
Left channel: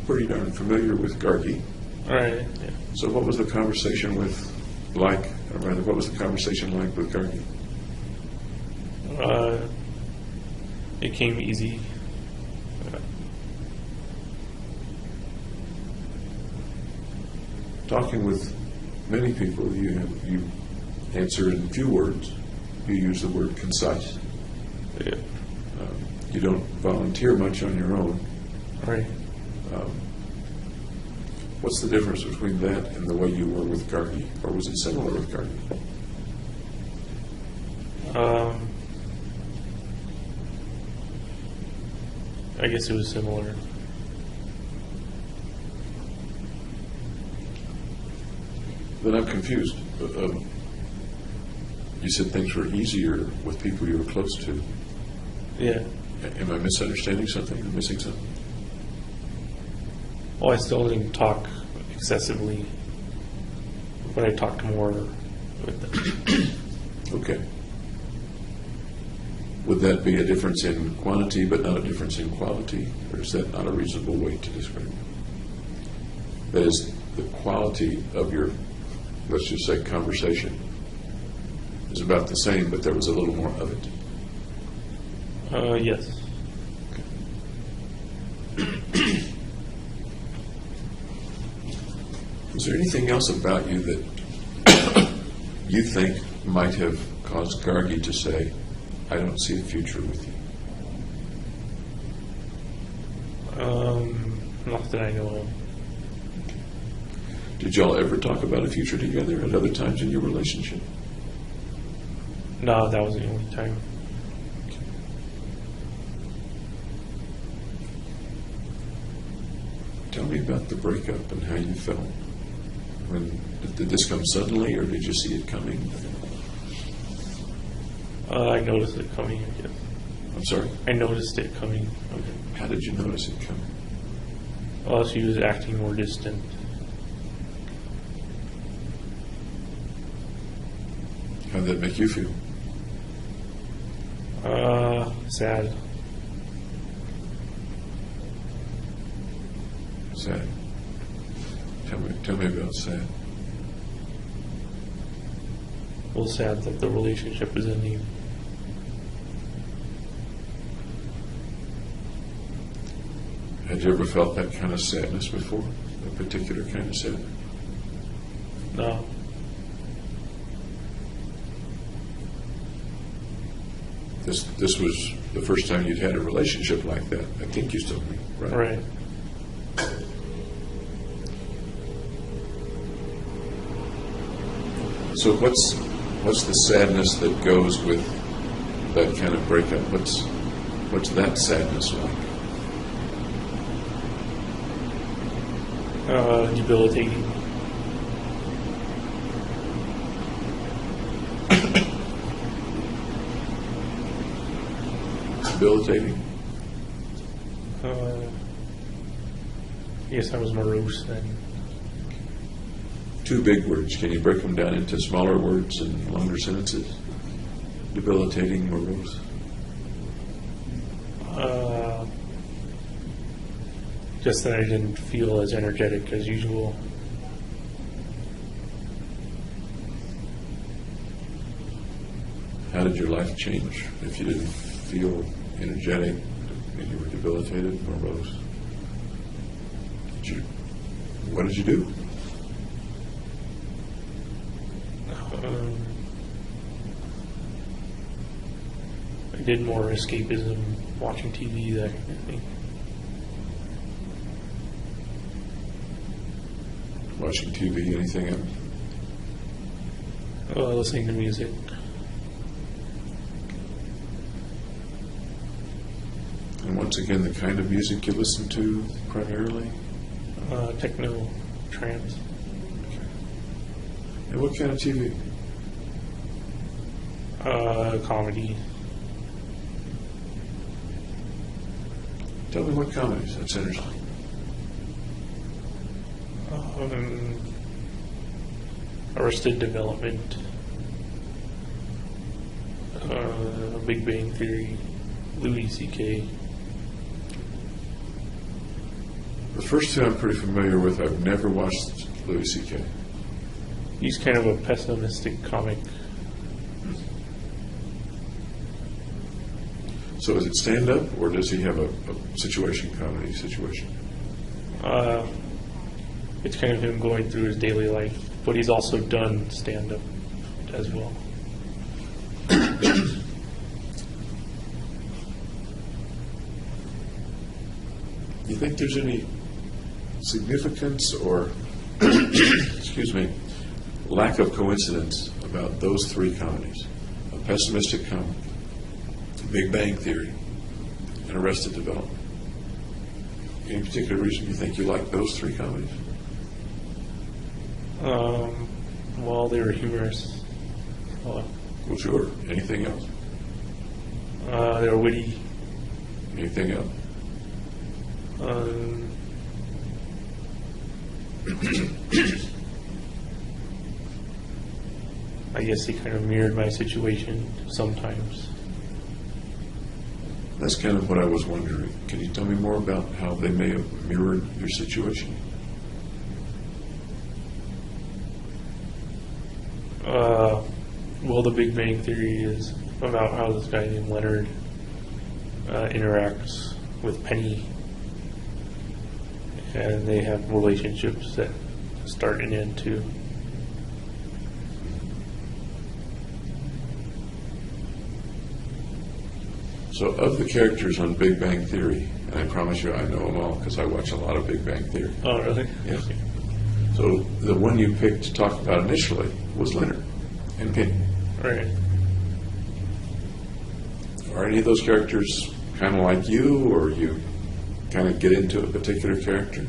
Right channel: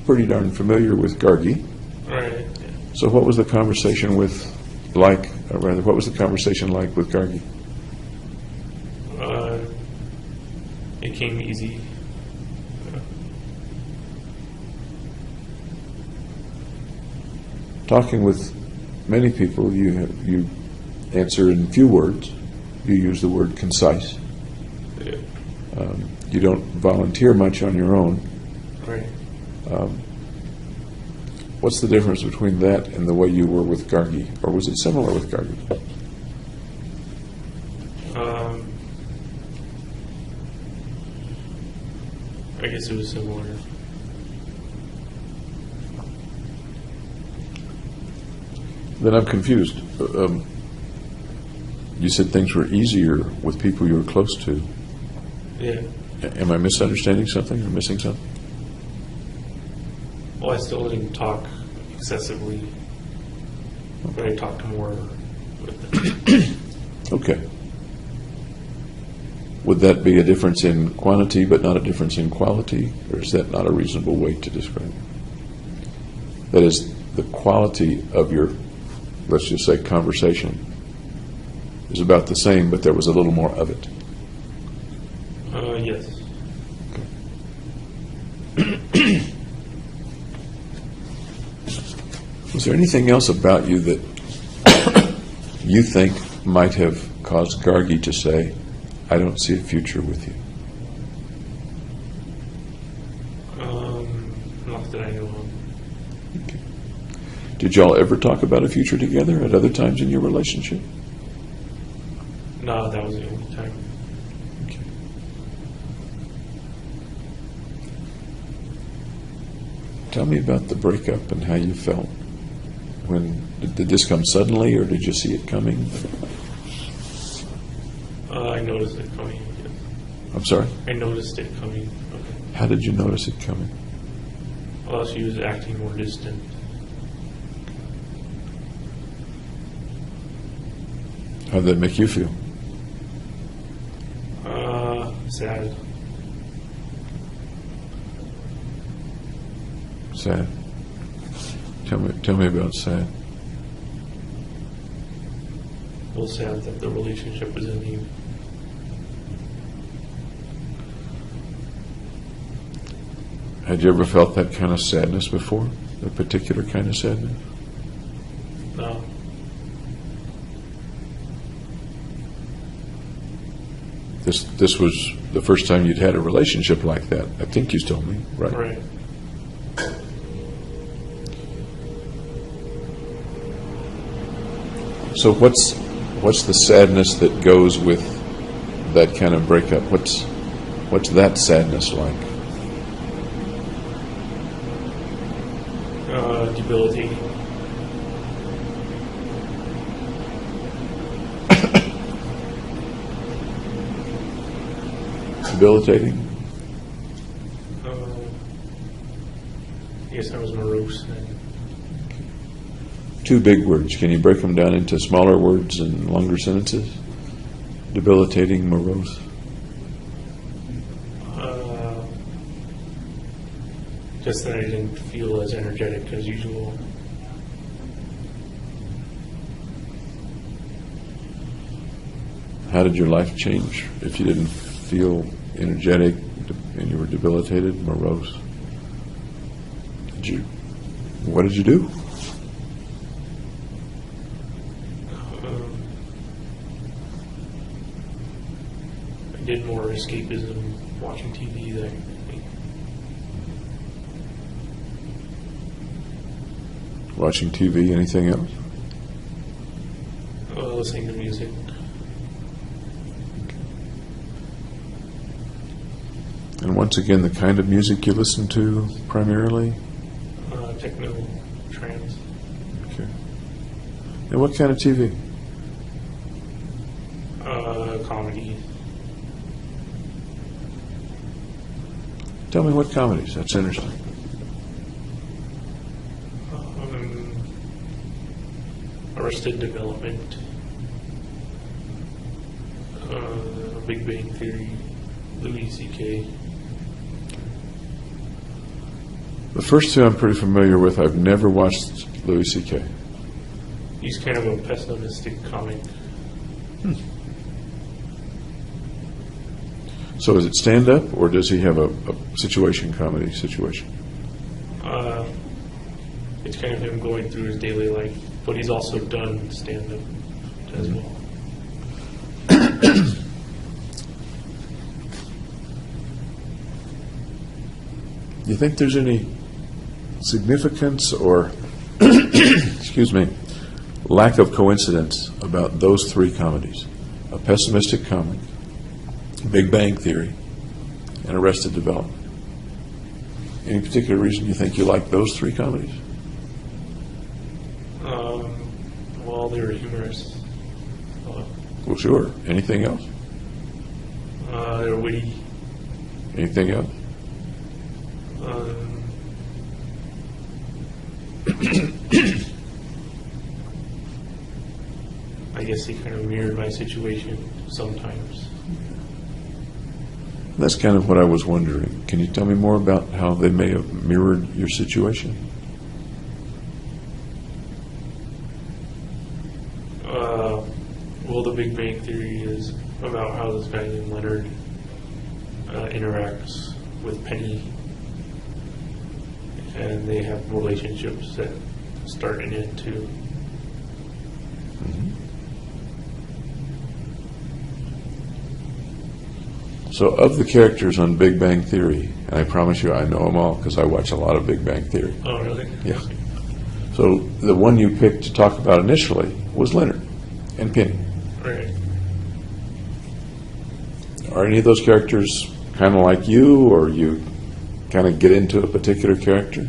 pretty darn familiar with Gargi. Right. Yeah. So what was the conversation with like, or rather, what was the conversation like with Gargi? It came easy. Talking with many people, you answer in few words. You use the word concise. Yeah. You don't volunteer much on your own. Right. What's the difference between that and the way you were with Gargi? Or was it similar with Gargi? I guess it was similar. Then I'm confused. You said things were easier with people you were close to. Yeah. Am I misunderstanding something or missing something? Well, I still didn't talk excessively, but I talked more with them. Okay. Would that be a difference in quantity but not a difference in quality? Or is that not a reasonable way to describe it? That is, the quality of your, let's just say, conversation is about the same, but there was a little more of it. Yes. Is there anything else about you that you think might have caused Gargi to say, I don't see a future with you? Not that I know of. Did y'all ever talk about a future together at other times in your relationship? No, that was the only time. Tell me about the breakup and how you felt. When did this come suddenly, or did you see it coming? I noticed it coming. Yeah. I'm sorry? I noticed it coming. Okay. How did you notice it coming? Well, she was acting more distant. How did that make you feel? Sad. Sad. Tell me about sad. Well, sad that the relationship is ending. Had you ever felt that kind of sadness before? A particular kind of sadness? No. This was the first time you'd had a relationship like that. I think you told me, right? Right. So what's the sadness that goes with that kind of breakup? What's that sadness like? Debilitating. Debilitating? I guess I was morose then. Two big words. Can you break them down into smaller words and longer sentences? Debilitating, morose. Just that I didn't feel as energetic as usual. How did your life change if you didn't feel energetic and you were debilitated, morose? What did you do? I did more escapism, watching TV, that kind of thing. Watching TV, anything else? Listening to music. And once again, the kind of music you listen to primarily? Techno, trance. Okay. And what kind of TV? Comedy. Tell me what comedies. That's interesting. Arrested Development. Big Bang Theory. Louis C.K. The first two I'm pretty familiar with. I've never watched Louis C.K. He's kind of a pessimistic comic. So is it stand-up, or does he have a situation comedy situation? It's kind of him going through his daily life, but he's also done stand-up as well. Do you think there's any significance or, excuse me, lack of coincidence about those three comedies? A pessimistic comic, Big Bang Theory, and Arrested Development. Any particular reason you think you like those three comedies? Well, they were humorous. Well, sure. Anything else? They're witty. Anything else? I guess they kind of mirrored my situation sometimes. That's kind of what I was wondering. Can you tell me more about how they may have mirrored your situation? Well, the Big Bang Theory is about how this guy named Leonard interacts with Penny, and they have relationships that start and end too. So, of the characters on Big Bang Theory, and I promise you I know them all because I watch a lot of Big Bang Theory. Oh, really? Yeah. So, the one you picked to talk about initially was Leonard and Penny. Right. Are any of those characters kind of like you, or you kind of get into a particular character?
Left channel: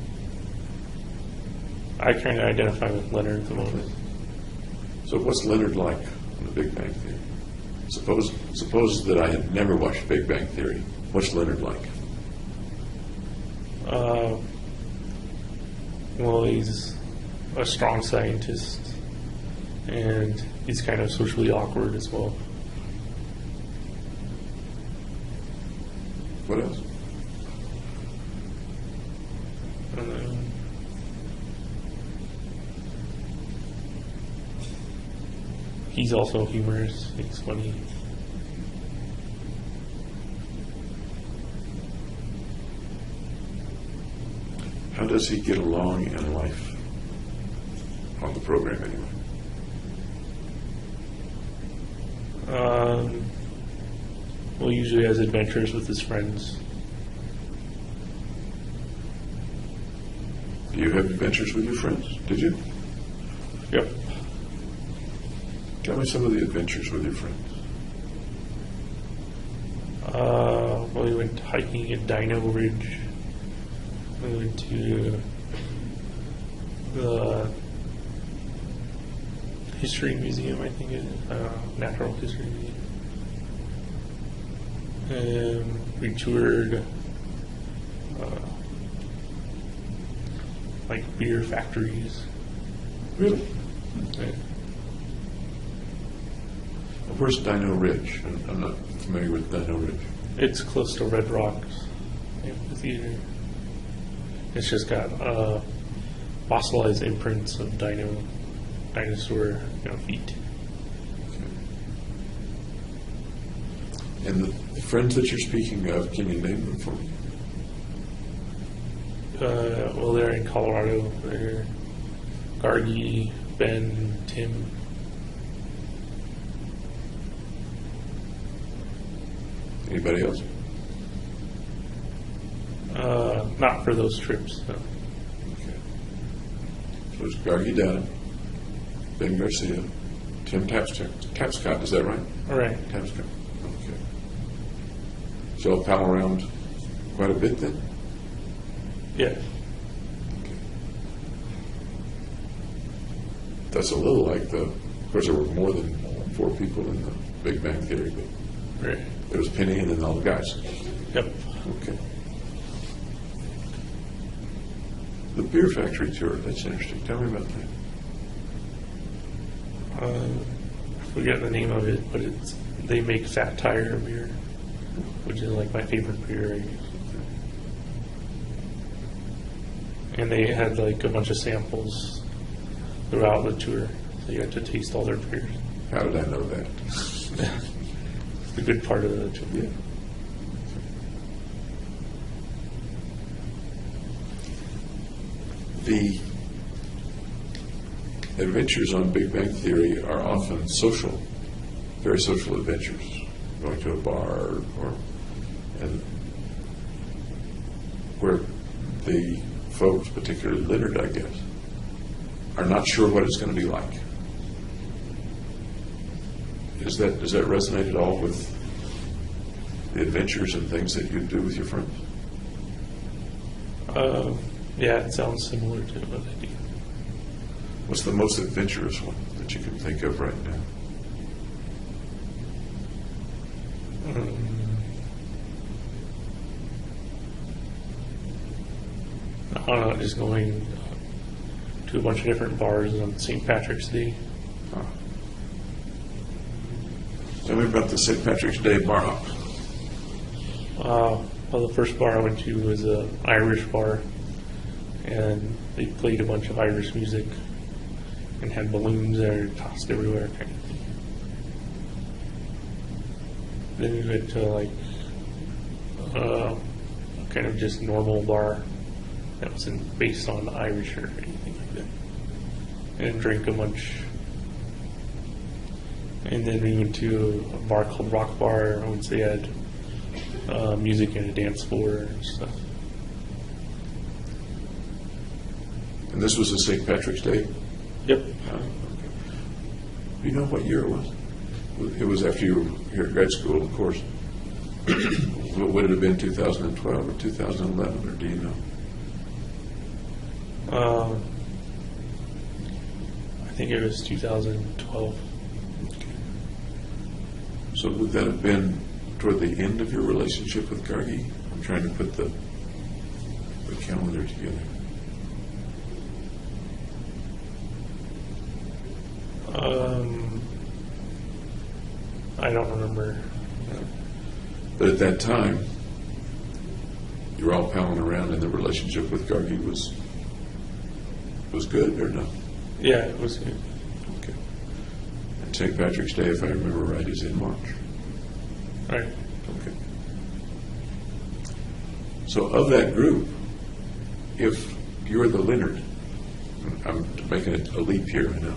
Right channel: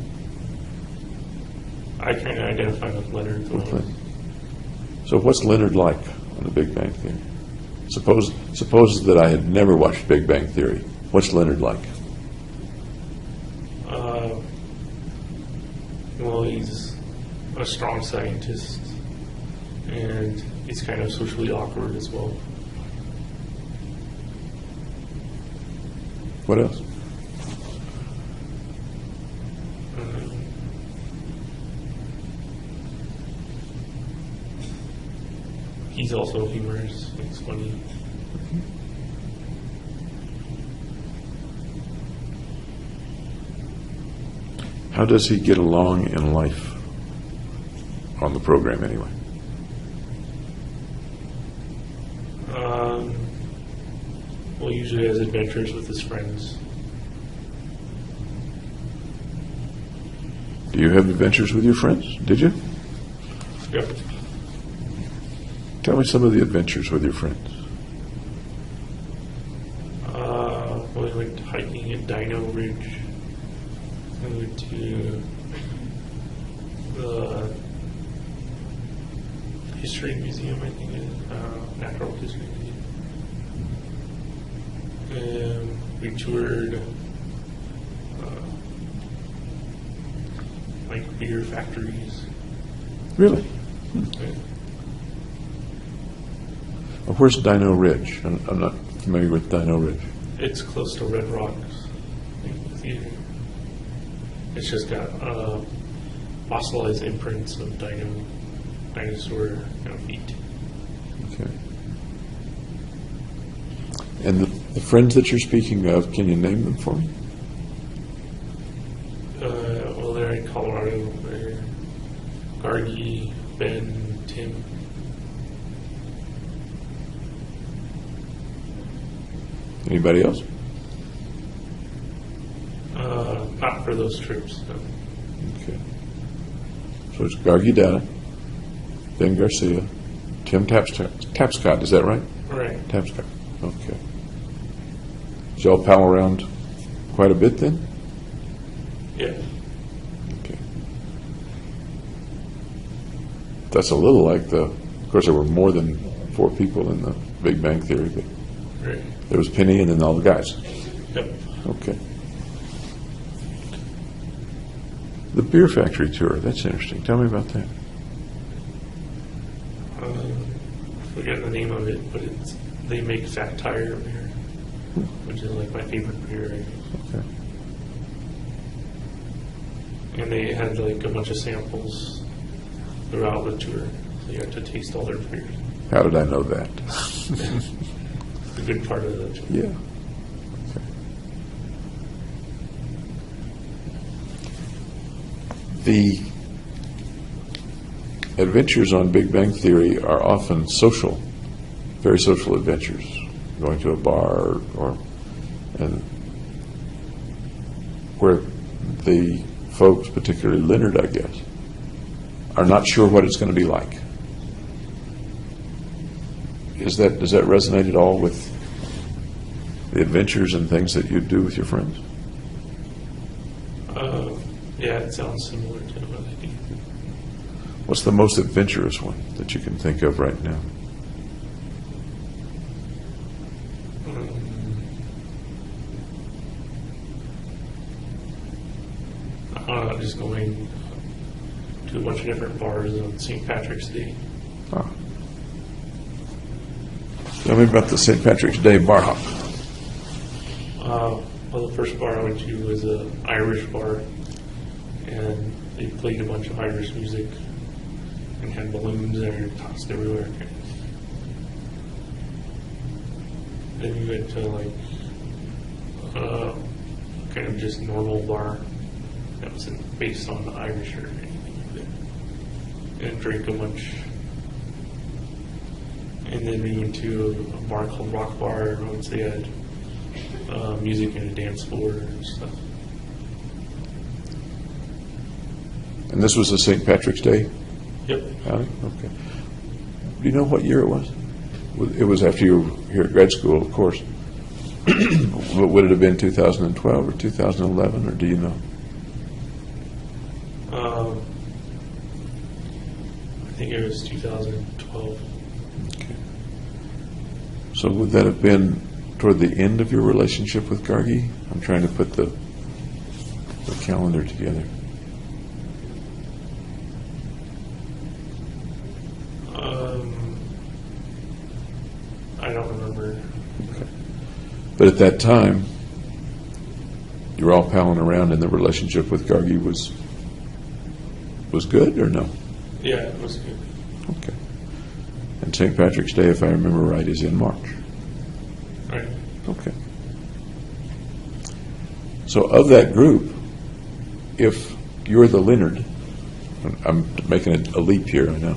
I kind of identify with Leonard the most. So, what's Leonard like on the Big Bang Theory? Suppose that I had never watched Big Bang Theory. What's Leonard like? Well, he's a strong scientist, and he's kind of socially awkward as well. What else? And then he's also humorous. He's funny. How does he get along in life on the program anyway? Well, usually has adventures with his friends. Do you have adventures with your friends? Did you? Yep. Tell me some of the adventures with your friends. Well, we went hiking at Dino Ridge. We went to the History Museum, I think it is, Natural History Museum. We toured like beer factories. Really? Yeah. Well, where's Dino Ridge? I'm not familiar with Dino Ridge. It's close to Red Rocks Theater. It's just got fossilized imprints of dinosaur feet. Okay. And the friends that you're speaking of, can you name them for me? Well, they're in Colorado. They're Gargi, Ben, Tim. Anybody else? Not for those trips, no. Okay. So it's Gargi Data, Ben Garcia, Tim Tapscott, is that right? Right. Tapscott, okay. So y'all pal around quite a bit then? Yeah. Okay. That's a little like of course there were more than 4 people in the Big Bang Theory, but Right. there was Penny and then all the guys. Yep. Okay. The beer factory tour, that's interesting. Tell me about that. I forget the name of it, but they make Fat Tire beer, which is like my favorite beer. Okay. And they had like a bunch of samples throughout the tour, so you got to taste all their beers. How did I know that? It's a good part of the tour. Yeah. Okay. The adventures on Big Bang Theory are often social, very social adventures, going to a bar and where the folks, particularly Leonard, I guess, are not sure what it's going to be like. Does that resonate at all with the adventures and things that you do with your friends? Yeah, it sounds similar to what I do. What's the most adventurous one that you can think of right now? Just going to a bunch of different bars on St. Patrick's Day. Ah. Tell me about the St. Patrick's Day bar hop. Well, the first bar I went to was an Irish bar, and they played a bunch of Irish music and had balloons that are tossed everywhere. Then we went to like kind of just normal bar that wasn't based on Irish or anything like that, and drank a bunch. And then we went to a bar called Rock Bar, and once they had music and a dance floor and stuff. And this was a St. Patrick's Day? Yep. Okay. Do you know what year it was? It was after you were here at grad school, of course. But would it have been 2012 or 2011, or do you know? I think it was 2012. Okay. So would that have been toward the end of your relationship with Gargi? I'm trying to put the calendar together. I don't remember. Okay. But at that time, you were all palling around, and the relationship with Gargi was good, or no? Yeah, it was good. Okay. And St. Patrick's Day, if I remember right, is in March. Right. Okay. So of that group, if you're the Leonard, I'm making a leap here, I know.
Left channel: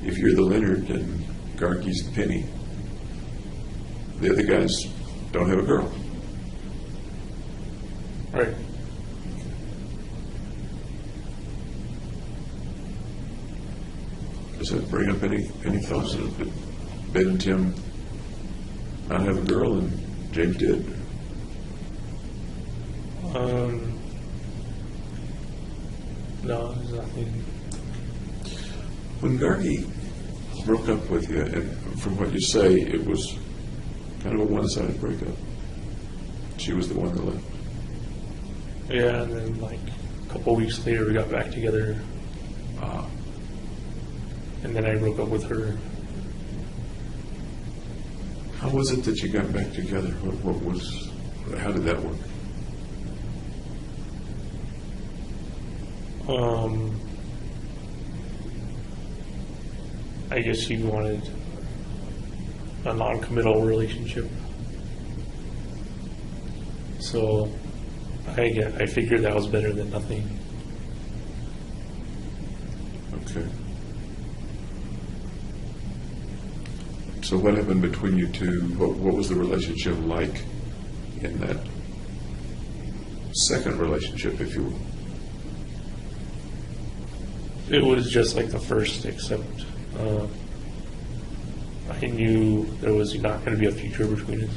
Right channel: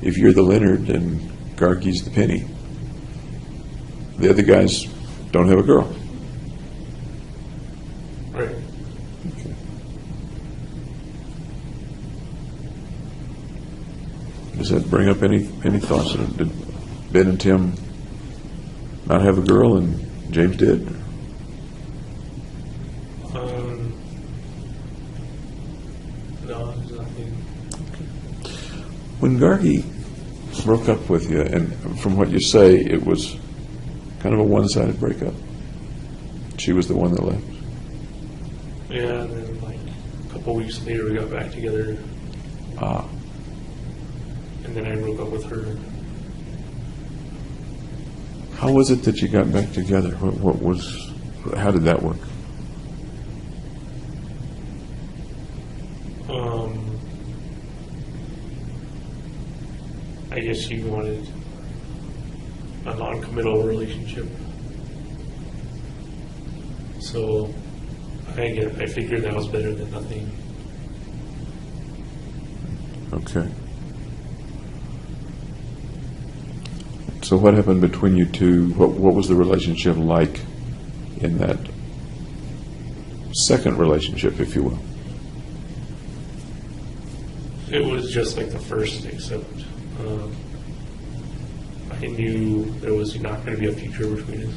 If you're the Leonard and Gargi's the Penny, the other guys don't have a girl. Right. Okay. Does that bring up any thoughts? Did Ben and Tim not have a girl and James did? No, there's nothing. When Gargi broke up with you, and from what you say, it was kind of a one-sided breakup. She was the one that left. Yeah, and then like a couple weeks later we got back together, Ah, and then I broke up with her. how was it that you got back together? How did that work? I guess she wanted a non-committal relationship. So I figured that was better than nothing. Okay. So what happened between you two? What was the relationship like in that second relationship, if you will? It was just like the first, except I knew there was not going to be a future between us.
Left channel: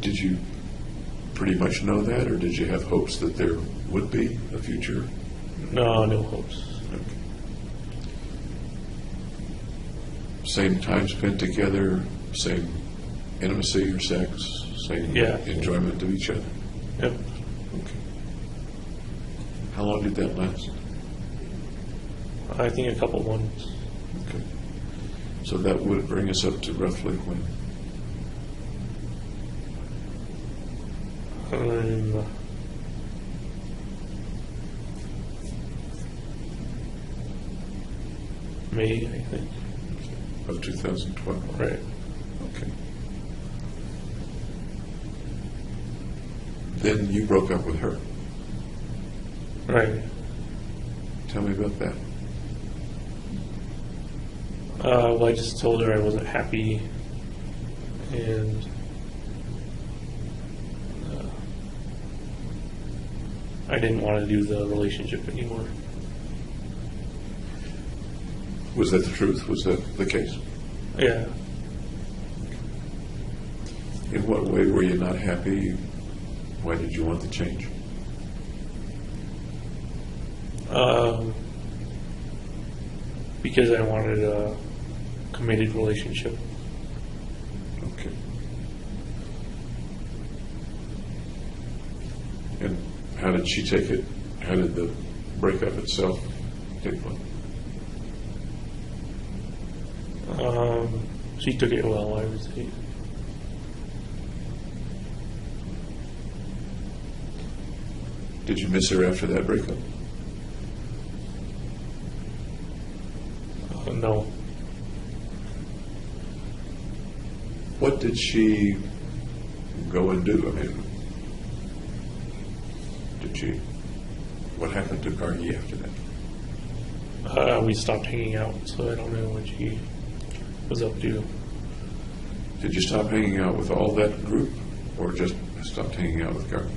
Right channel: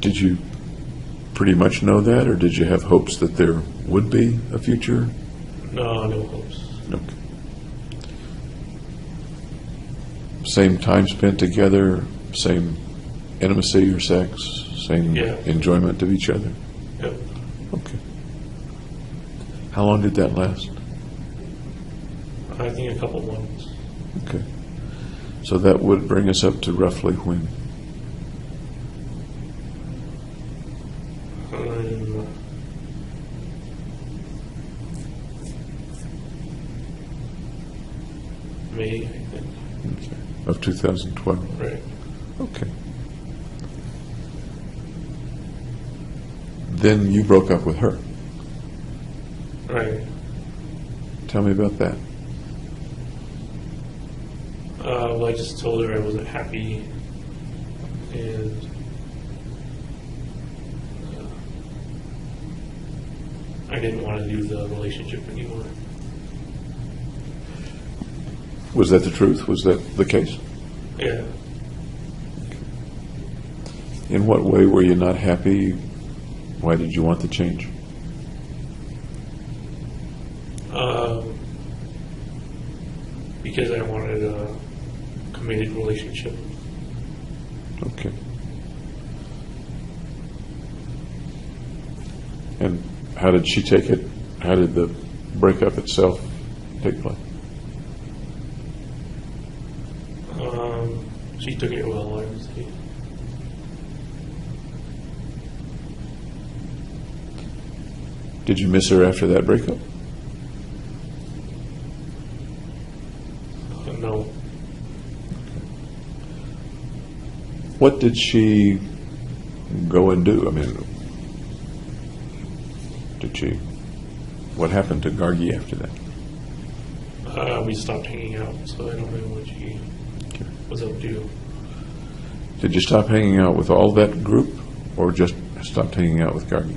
Did you pretty much know that, or did you have hopes that there would be a future? No, no hopes. Okay. Same time spent together, same intimacy or sex, same Yeah. enjoyment of each other? Yep. Okay. How long did that last? I think a couple months. Okay. So that would bring us up to roughly when? May, I think. Of 2012? Right. Okay. Then you broke up with her. Right. Tell me about that. Well, I just told her I wasn't happy, and I didn't want to do the relationship anymore. Was that the truth? Was that the case? Yeah. In what way were you not happy? Why did you want the change? Because I wanted a committed relationship. Okay. And how did she take it? How did the breakup itself take place? She took it well, I would say. Did you miss her after that breakup? No. What did she go and do? I mean, what happened to Gargi after that? We stopped hanging out, so I don't know what she was up to. Did you stop hanging out with all that group, or just stopped hanging out with Gargi?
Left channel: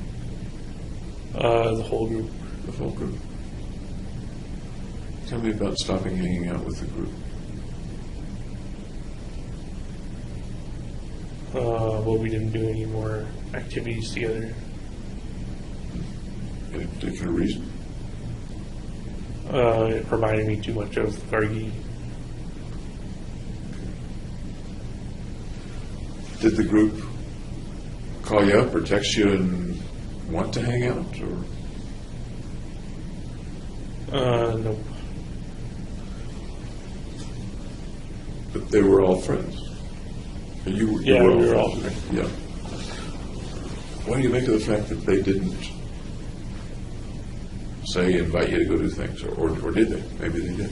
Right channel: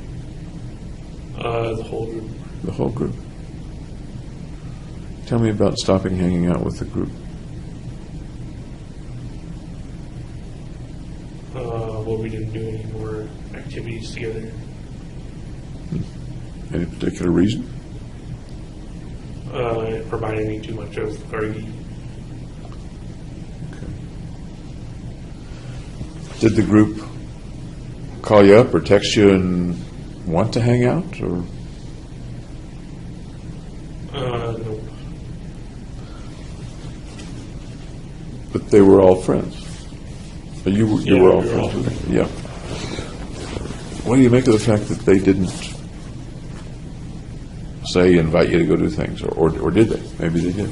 The whole group. The whole group. Tell me about stopping hanging out with the group. Well, we didn't do any more activities together. Any particular reason? It reminded me too much of Gargi. Okay. Did the group call you up or text you and want to hang out, or? No. But they were all friends. But you Yeah, were all we were all friends. with them. Yeah. What do you make of the fact that they didn't say invite you to go do things, or did they? Maybe they did.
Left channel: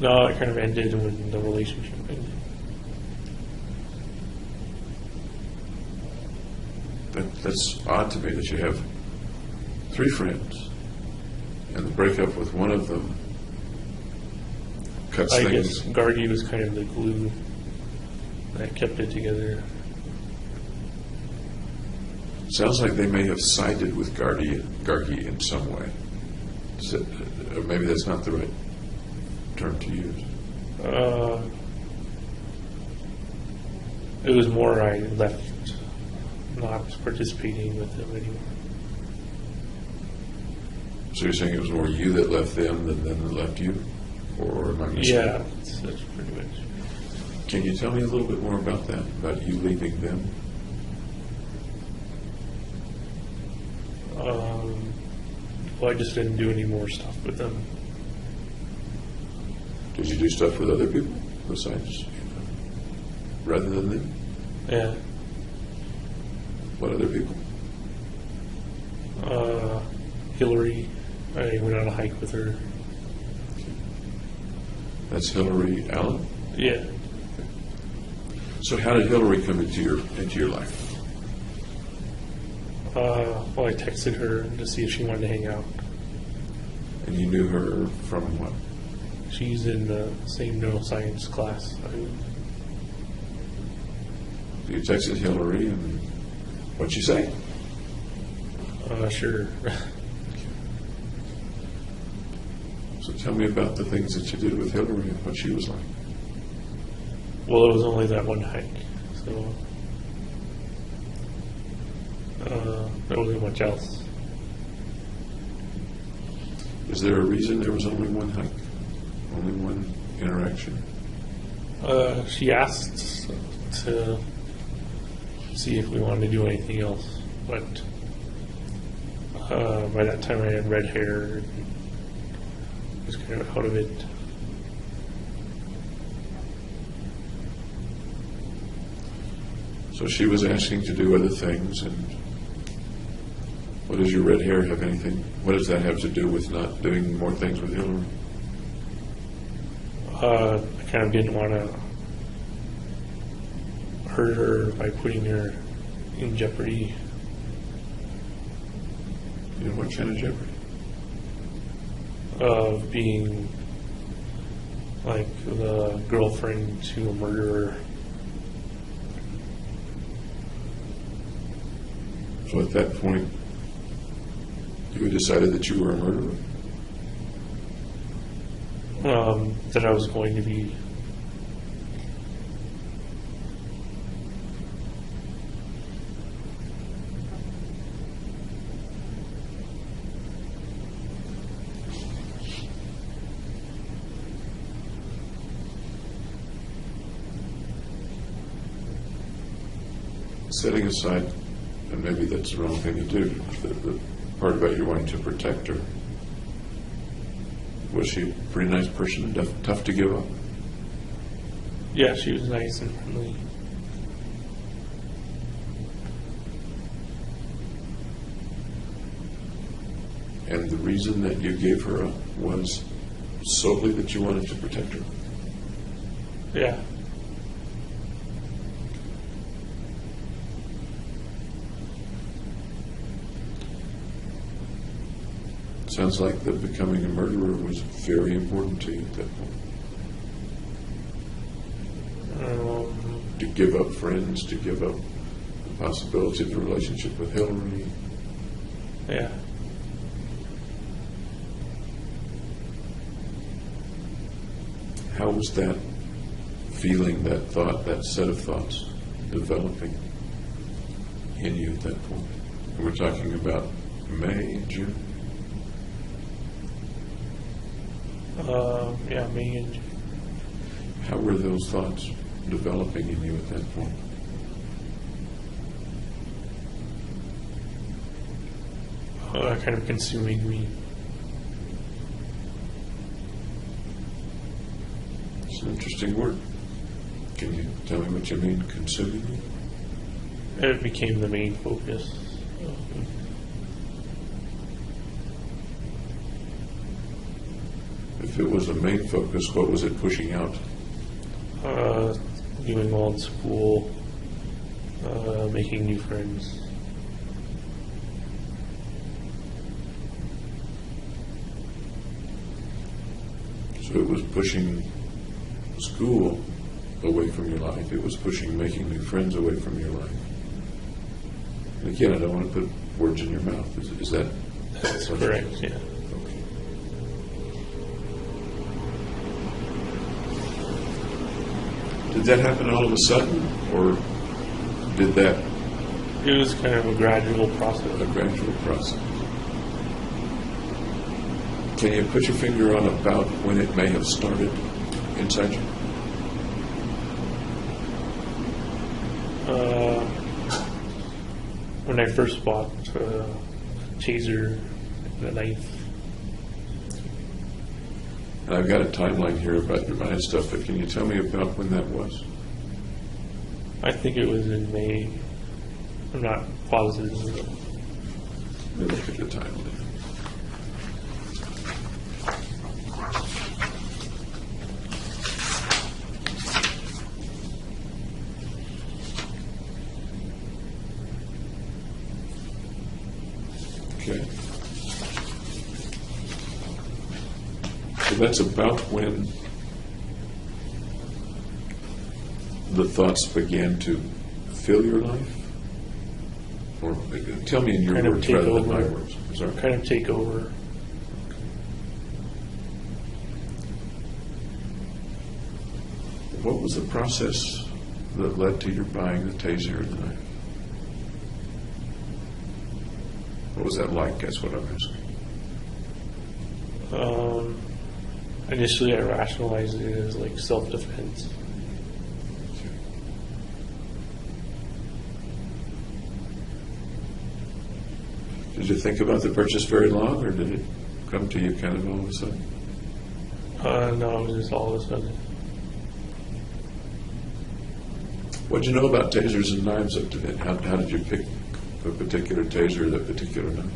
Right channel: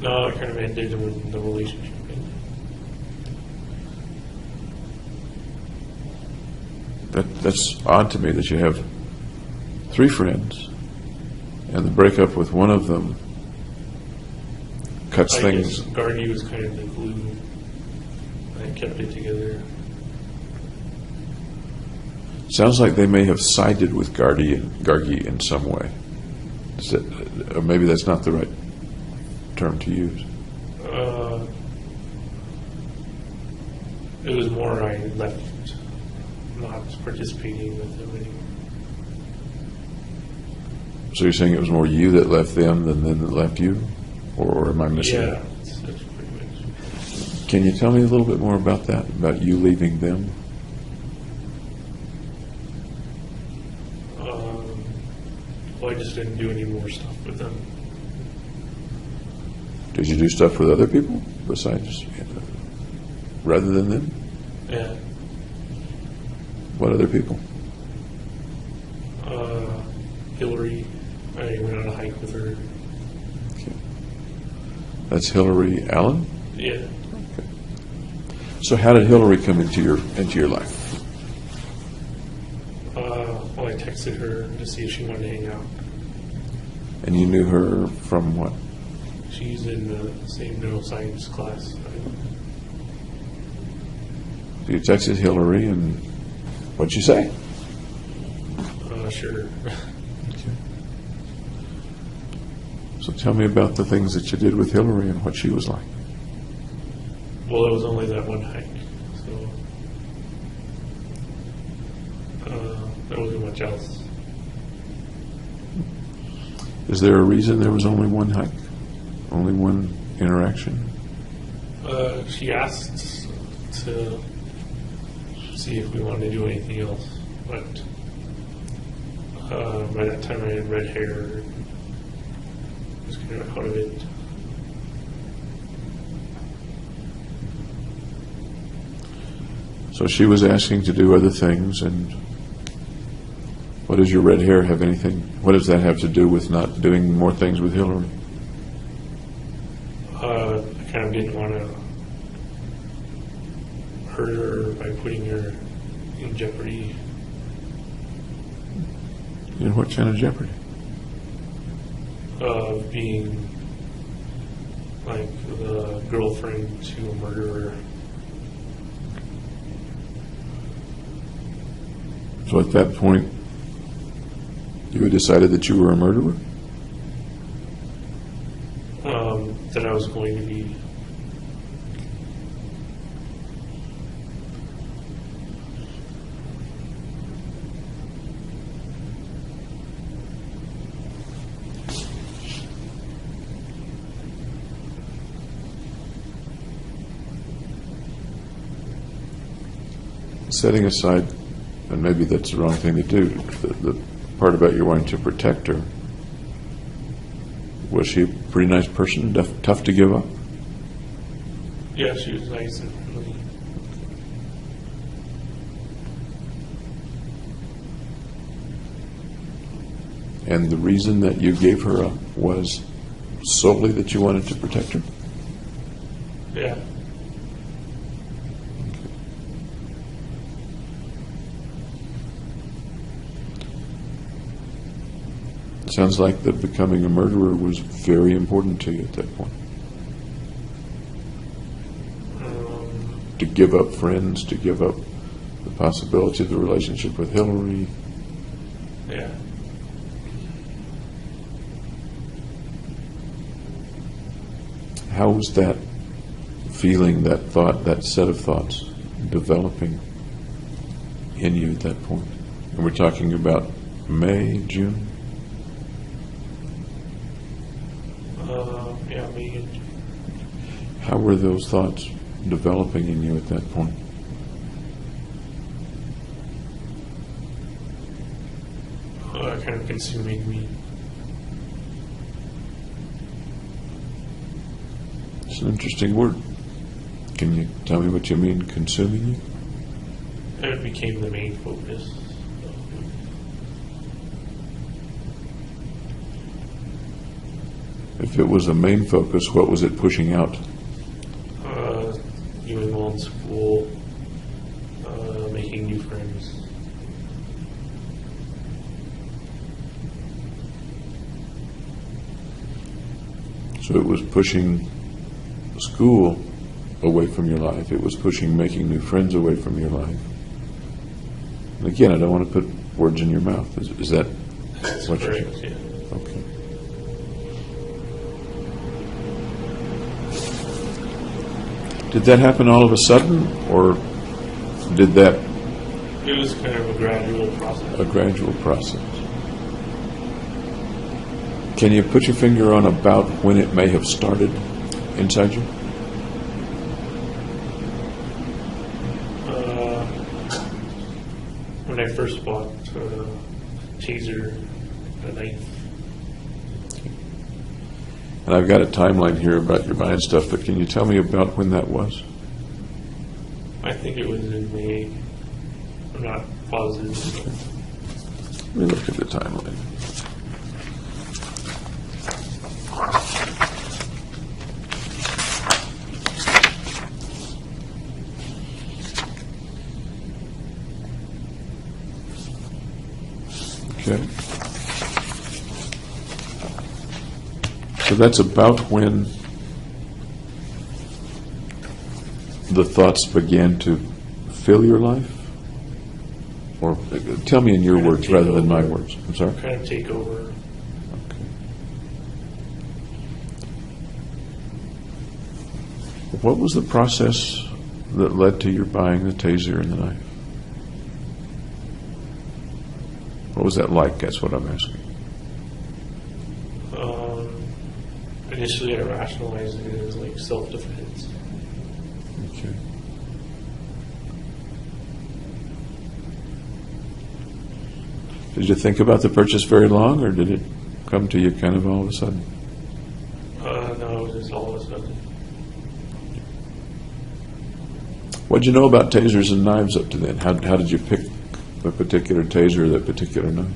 No, it kind of ended when the relationship ended. That's odd to me that you have 3 friends, and the breakup with one of them cuts I things. guess Gargi was kind of the glue that kept it together. Sounds like they may have sided with Gargi in some way. Or maybe that's not the right term to use. It was more I left not participating with them anymore. So you're saying it was more you that left them than them that left you? Or am I missing? Yeah, that's pretty much. Can you tell me a little bit more about that, about you leaving them? Well, I just didn't do any more stuff with them. Did you do stuff with other people besides, rather than them? Yeah. What other people? Hillary, I went on a hike with her. That's Hillary Allen? Yeah. So how did Hillary come into your life? Well, I texted her to see if she wanted to hang out. And you knew her from what? She's in the same neuroscience class. You texted Hillary, and what'd she say? Sure. So tell me about the things that you did with Hillary and what she was like. Well, it was only that one hike, so I don't know. There wasn't much else. Is there a reason there was only one hike? Only one interaction? She asked to see if we wanted to do anything else, but by that time I had red hair. Was kind of out of it. So she was asking to do other things, and what does your red hair have anything, what does that have to do with not doing more things with Hillary? I kind of didn't want to hurt her by putting her in jeopardy. You know, what kind of jeopardy? Of being like the girlfriend to a murderer. So at that point, you had decided that you were a murderer? That I was going to be. Setting aside, and maybe that's the wrong thing to do, the part about you wanting to protect her, was she a pretty nice person, tough to give up? Yeah, she was nice and friendly. And the reason that you gave her up was solely that you wanted to protect her? Yeah. Sounds like that becoming a murderer was very important to you at that point. To give up friends, to give up the possibility of the relationship with Hillary. Yeah. How was that feeling, that thought, that set of thoughts developing in you at that point? And we're talking about May, June? Yeah, maybe. How were those thoughts developing in you at that point? Kind of consuming me. It's an interesting word. Can you tell me what you mean, consuming you? It became the main focus. If it was a main focus, what was it pushing out? Doing well in school, making new friends. So it was pushing school away from your life. It was pushing making new friends away from your life. And again, I don't want to put words in your mouth. Is that That's what correct, yeah. Okay. Did that happen all of a sudden, or did that It was kind of a gradual process. a gradual process? Can you put your finger on about when it may have started inside you? When I first bought taser, the knife. And I've got a timeline here about your buying stuff, but can you tell me about when that was? I think it was in May. I'm not positive. Let me look at the timeline. Okay. So that's about when the thoughts began to fill your life? Or tell me in your Kind of words take rather than my over. words. I'm sorry. Kind of take over. What was the process that led to your buying the taser and the knife? What was that like? That's what I'm asking. Initially, I rationalized it as like self-defense. Okay. Did you think about the purchase very long, or did it come to you kind of all of a sudden? No, it was just all of a sudden. What'd you know about tasers and knives up to then? How did you pick a particular taser or that particular knife?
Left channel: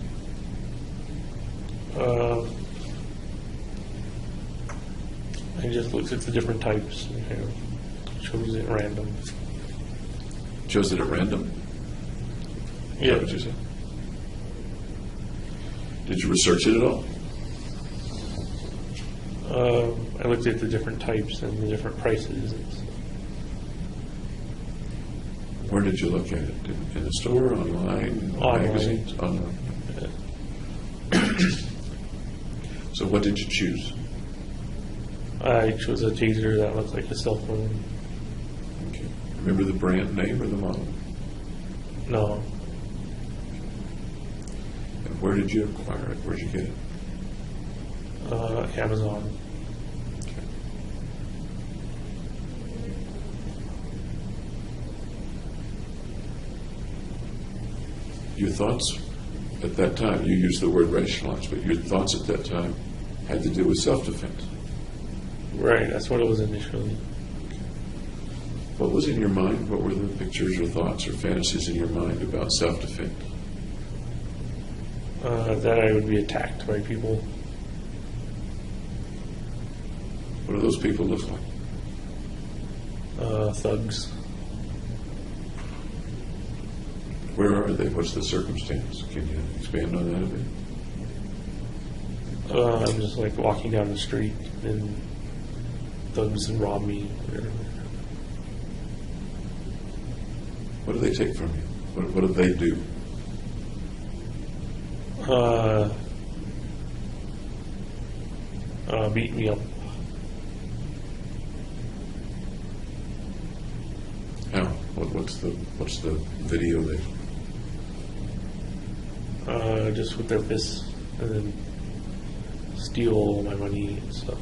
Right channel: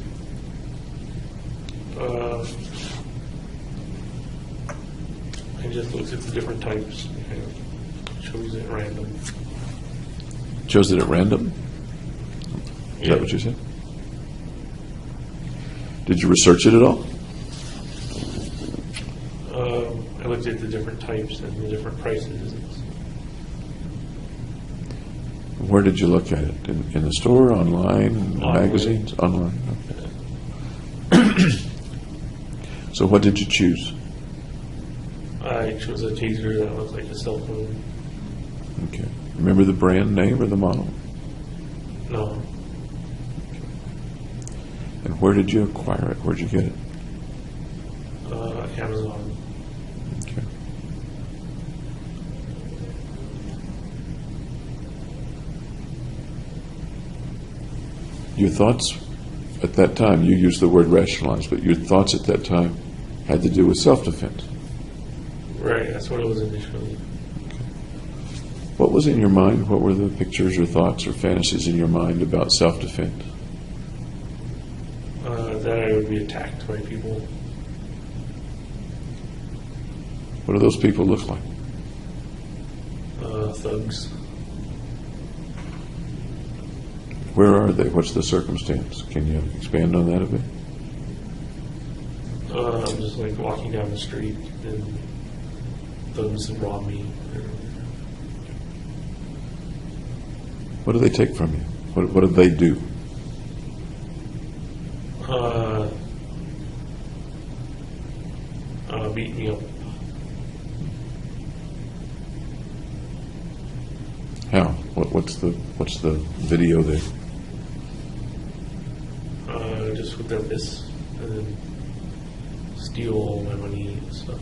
I just looked at the different types and kind of chose it random. Chose it at random? Is that what you said? Did you research it at all? I looked at the different types and the different prices. Where did you look at it? In the store, online, Online. magazines? Online. So what did you choose? I chose a taser that looked like a cell phone. Okay. Remember the brand name or the model? No, And where did you acquire it? Where'd you get it? Amazon. Okay. Your thoughts at that time, you used the word rationalize, but your thoughts at that time had to do with self-defense. Right, that's what it was initially. What was in your mind? What were the pictures or thoughts or fantasies in your mind about self-defense? That I would be attacked by people. What do those people look like? Thugs. Where are they? What's the circumstance? Can you expand on that a bit? Just like walking down the street and thugs and rob me. What do they take from you? What do they do? Beat me up. How? What's the video there? Just with their fists and then steal all my money and stuff.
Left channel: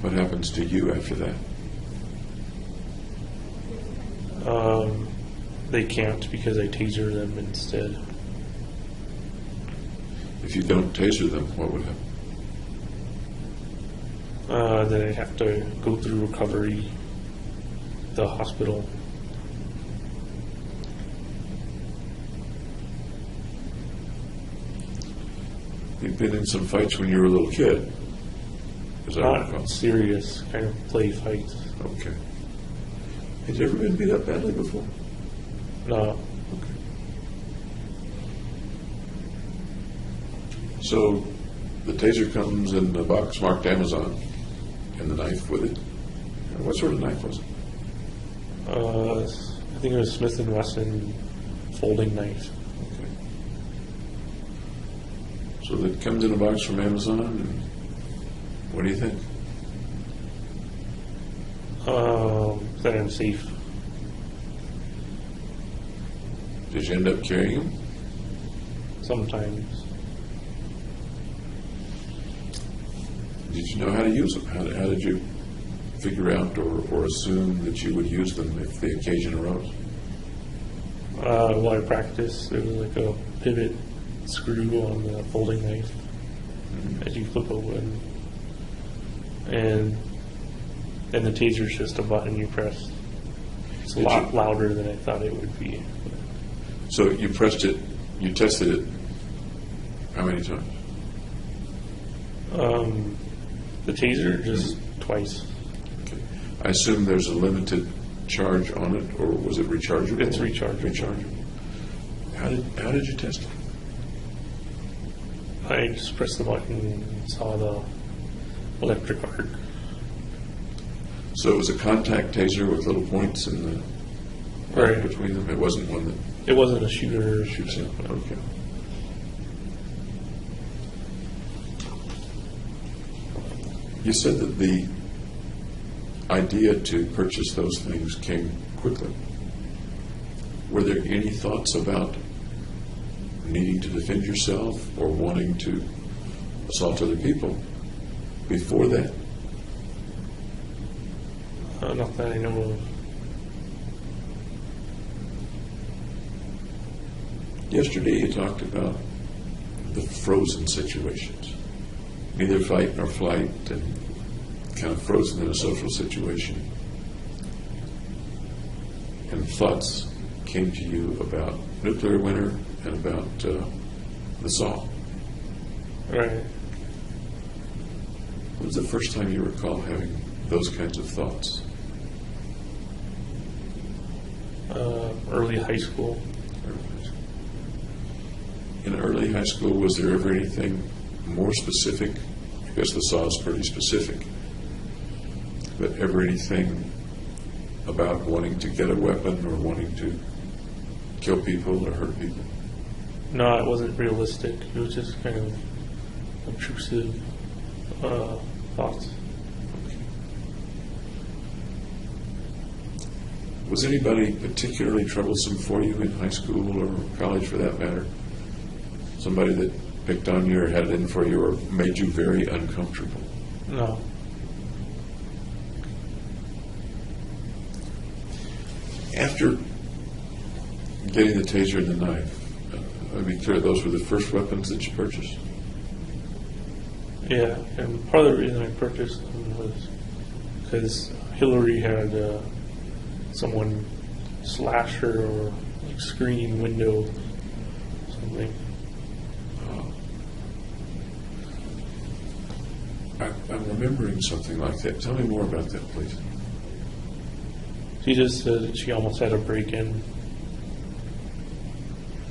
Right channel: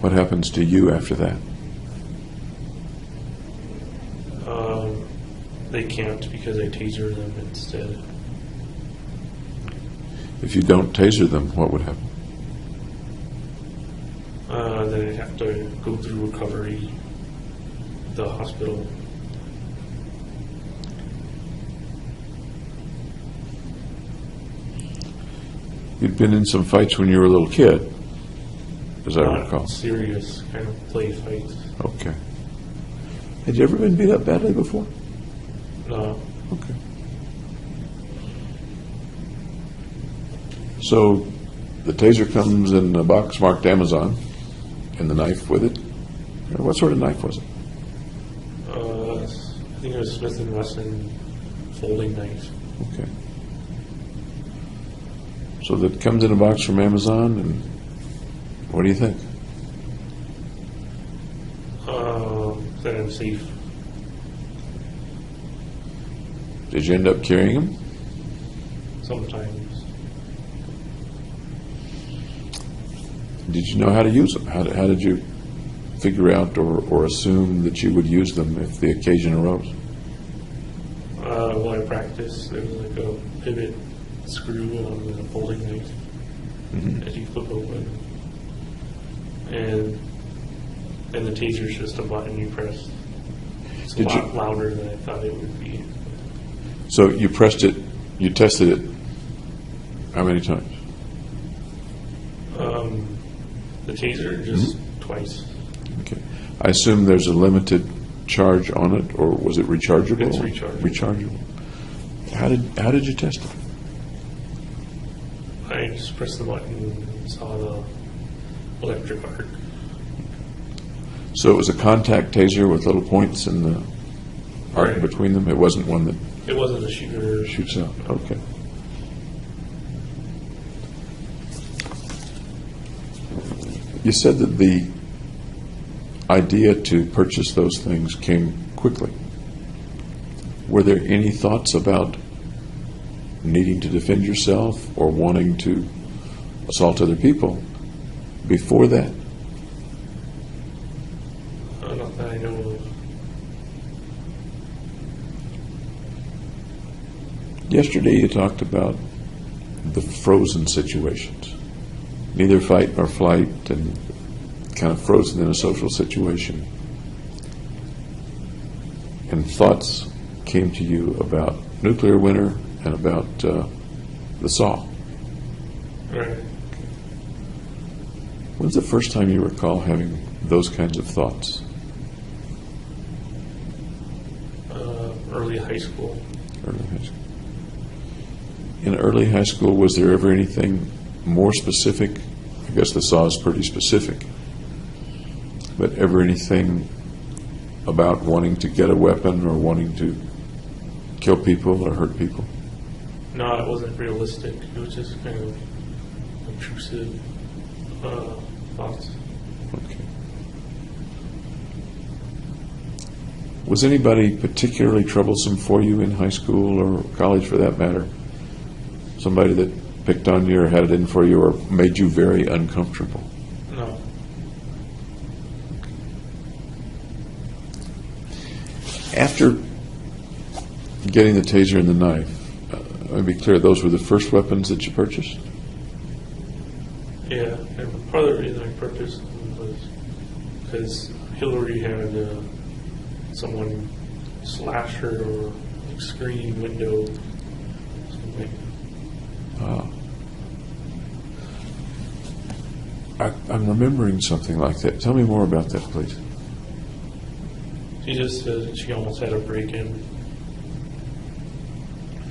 What happens to you after that? They can't because I taser them instead. If you don't taser them, what would happen? Then I have to go through recovery, the hospital. You'd been in some fights when you were a little kid, as I recall. Not serious, kind of play fights. Okay. Had you ever been beat up badly before? No, Okay. So the taser comes in a box marked Amazon, and the knife with it. What sort of knife was it? I think it was Smith & Wesson folding knife. Okay. So that comes in a box from Amazon, and what do you think? That I'm safe. Did you end up carrying them? Sometimes. Did you know how to use them? How did you figure out or assume that you would use them if the occasion arose? Well, I practice. There's like a pivot screw on the folding knife as you flip open. And the taser's just a button you press. It's a Did lot you- louder than I thought it would be. So you pressed it, you tested it how many times? The taser just twice. Okay. I assume there's a limited charge on it, or was it rechargeable? It's rechargeable. Rechargeable. How did you test it? I just pressed the button and saw the electric arc. So it was a contact taser with little points in the part Right. between them? It wasn't one that It wasn't a shooter. shoots out? Okay. You said that the idea to purchase those things came quickly. Were there any thoughts about needing to defend yourself or wanting to assault other people before that? Not that I know of. Yesterday you talked about the frozen situations, neither fight nor flight, and kind of frozen in a social situation. And thoughts came to you about nuclear winter and about the saw. Right. When's the first time you recall having those kinds of thoughts? Early high school. Early high school. In early high school, was there ever anything more specific? I guess the saw is pretty specific. But ever anything about wanting to get a weapon or wanting to kill people or hurt people? No, it wasn't realistic. It was just kind of obtrusive thoughts. Okay. Was anybody particularly troublesome for you in high school or college for that matter? Somebody that picked on you or had it in for you or made you very uncomfortable? No. After getting the taser and the knife, I'll be clear, those were the first weapons that you purchased? Yeah, and part of the reason I purchased them was because Hillary had someone slash her or like screen window something. I'm remembering something like that. Tell me more about that, please. She just said she almost had a break-in.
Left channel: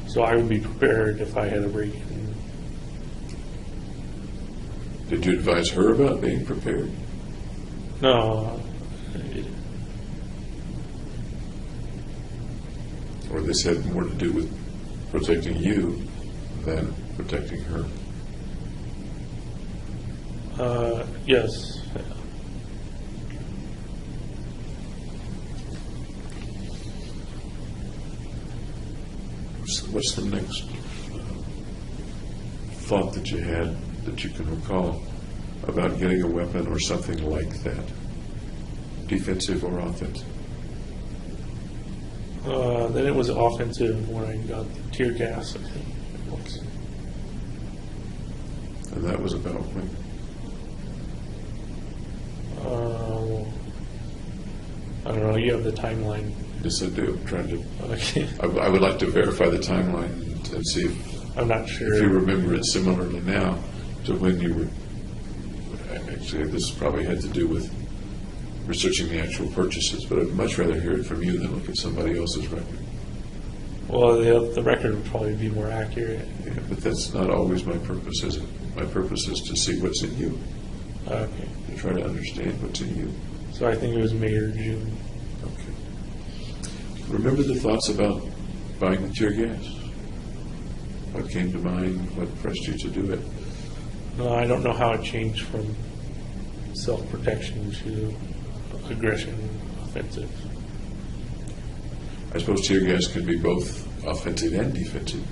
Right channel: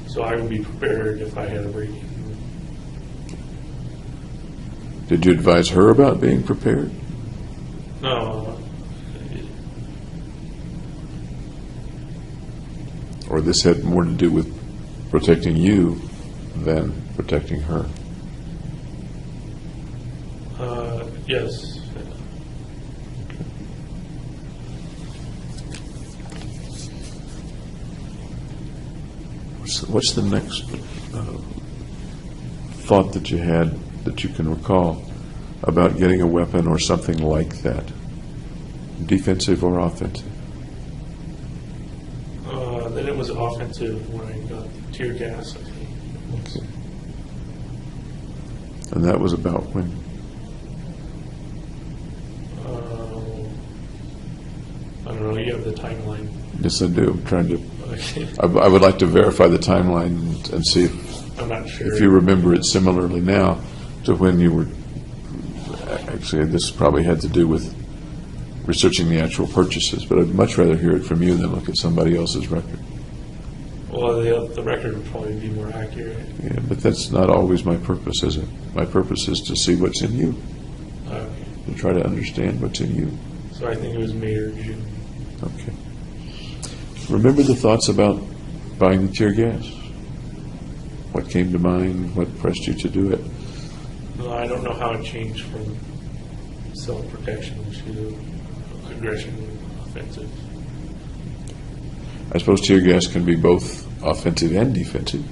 So I would be prepared if I had a break-in. Did you advise her about being prepared? No. Or this had more to do with protecting you than protecting her? Yes. What's the next thought that you had that you can recall about getting a weapon or something like that, defensive or offensive? Then it was offensive when I got tear gas, I think. Okay. And that was about when? I don't know, you have the timeline. Yes, I do. I'm trying to. Okay. I would like to verify the timeline and see if I'm not sure. you remember it similarly now to when you were. Actually, this probably had to do with researching the actual purchases, but I'd much rather hear it from you than look at somebody else's record. Well, the record would probably be more accurate. Yeah, but that's not always my purpose, is it? My purpose is to see what's in you, Okay. to try to understand what's in you. So I think it was May or June. Okay. Remember the thoughts about buying the tear gas? What came to mind? What pressed you to do it? No, I don't know how it changed from self-protection to aggression, offensive. I suppose tear gas can be both offensive and defensive.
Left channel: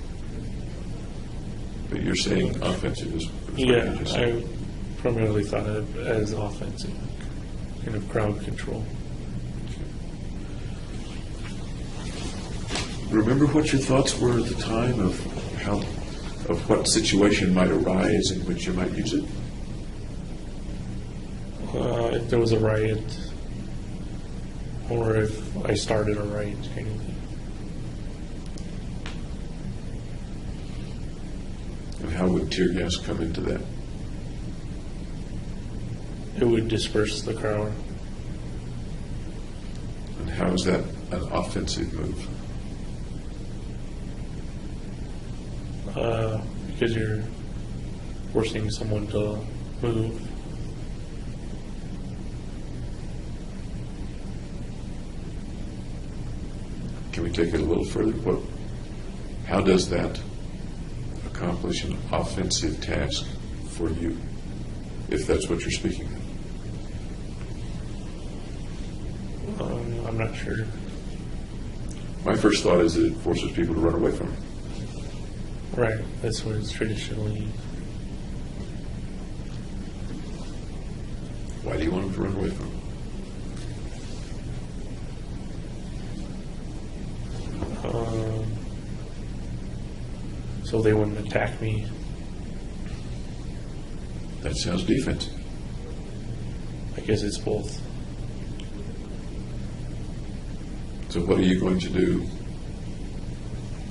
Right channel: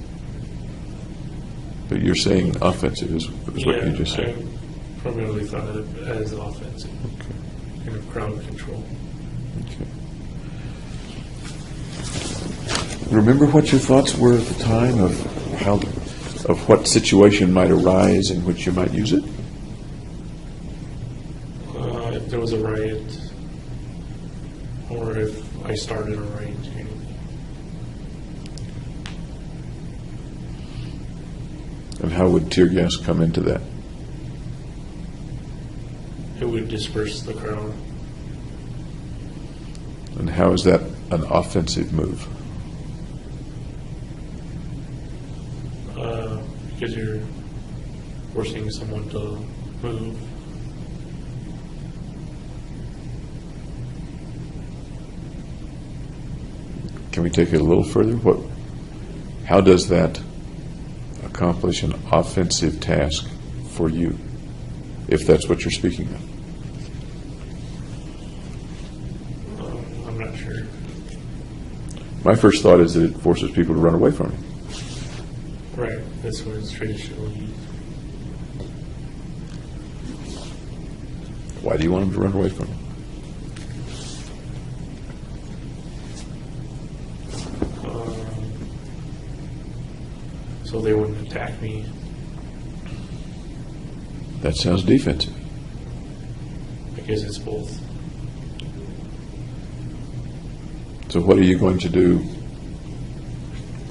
But you're saying offensive is what Yeah, you just said. I primarily thought it as offensive, kind of crowd control. Okay. Remember what your thoughts were at the time of how, Of what situation might arise in which you might use it? If there was a riot, or if I started a riot, kind of. And how would tear gas come into that? It would disperse the crowd. And how is that an offensive move? Because you're forcing someone to move. can we take it a little further? How does that accomplish an offensive task for you, if that's what you're speaking of? I'm not sure. My first thought is that it forces people to run away from you. Right, that's what it's traditionally used. Why do you want them to run away from you? So they wouldn't attack me. That sounds defensive. I guess it's both. So what are you going to do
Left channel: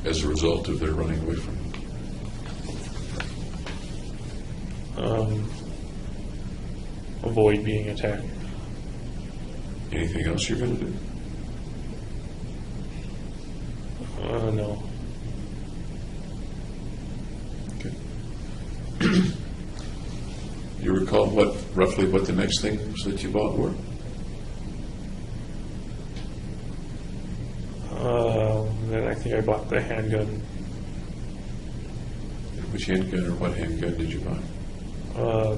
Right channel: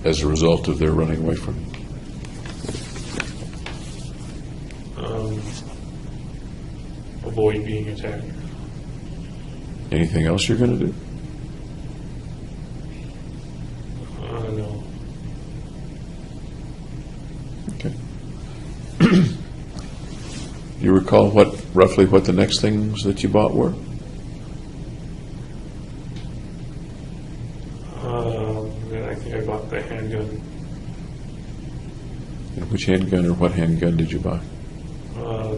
as a result of their running away from you? Avoid being attacked. Anything else you're going to do? No. Okay. You recall roughly what the next things that you bought were? Then I think I bought the handgun. And which handgun or what handgun did you buy?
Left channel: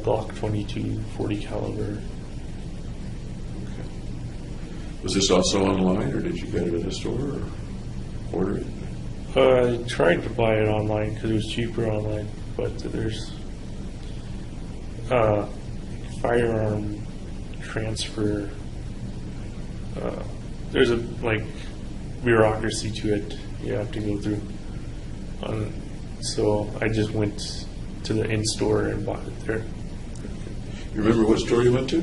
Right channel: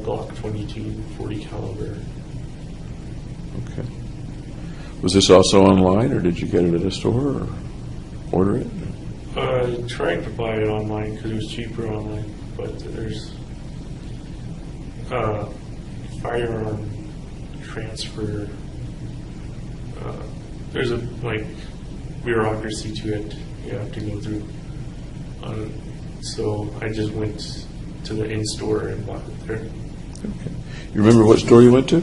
Glock 22, 40 caliber. Okay. Was this also online, or did you get it at a store, or order it? I tried to buy it online because it was cheaper online, but there's firearm transfer. There's a bureaucracy to it you have to go through. So I just went to the in-store and bought it there. Okay. You remember what store you went to?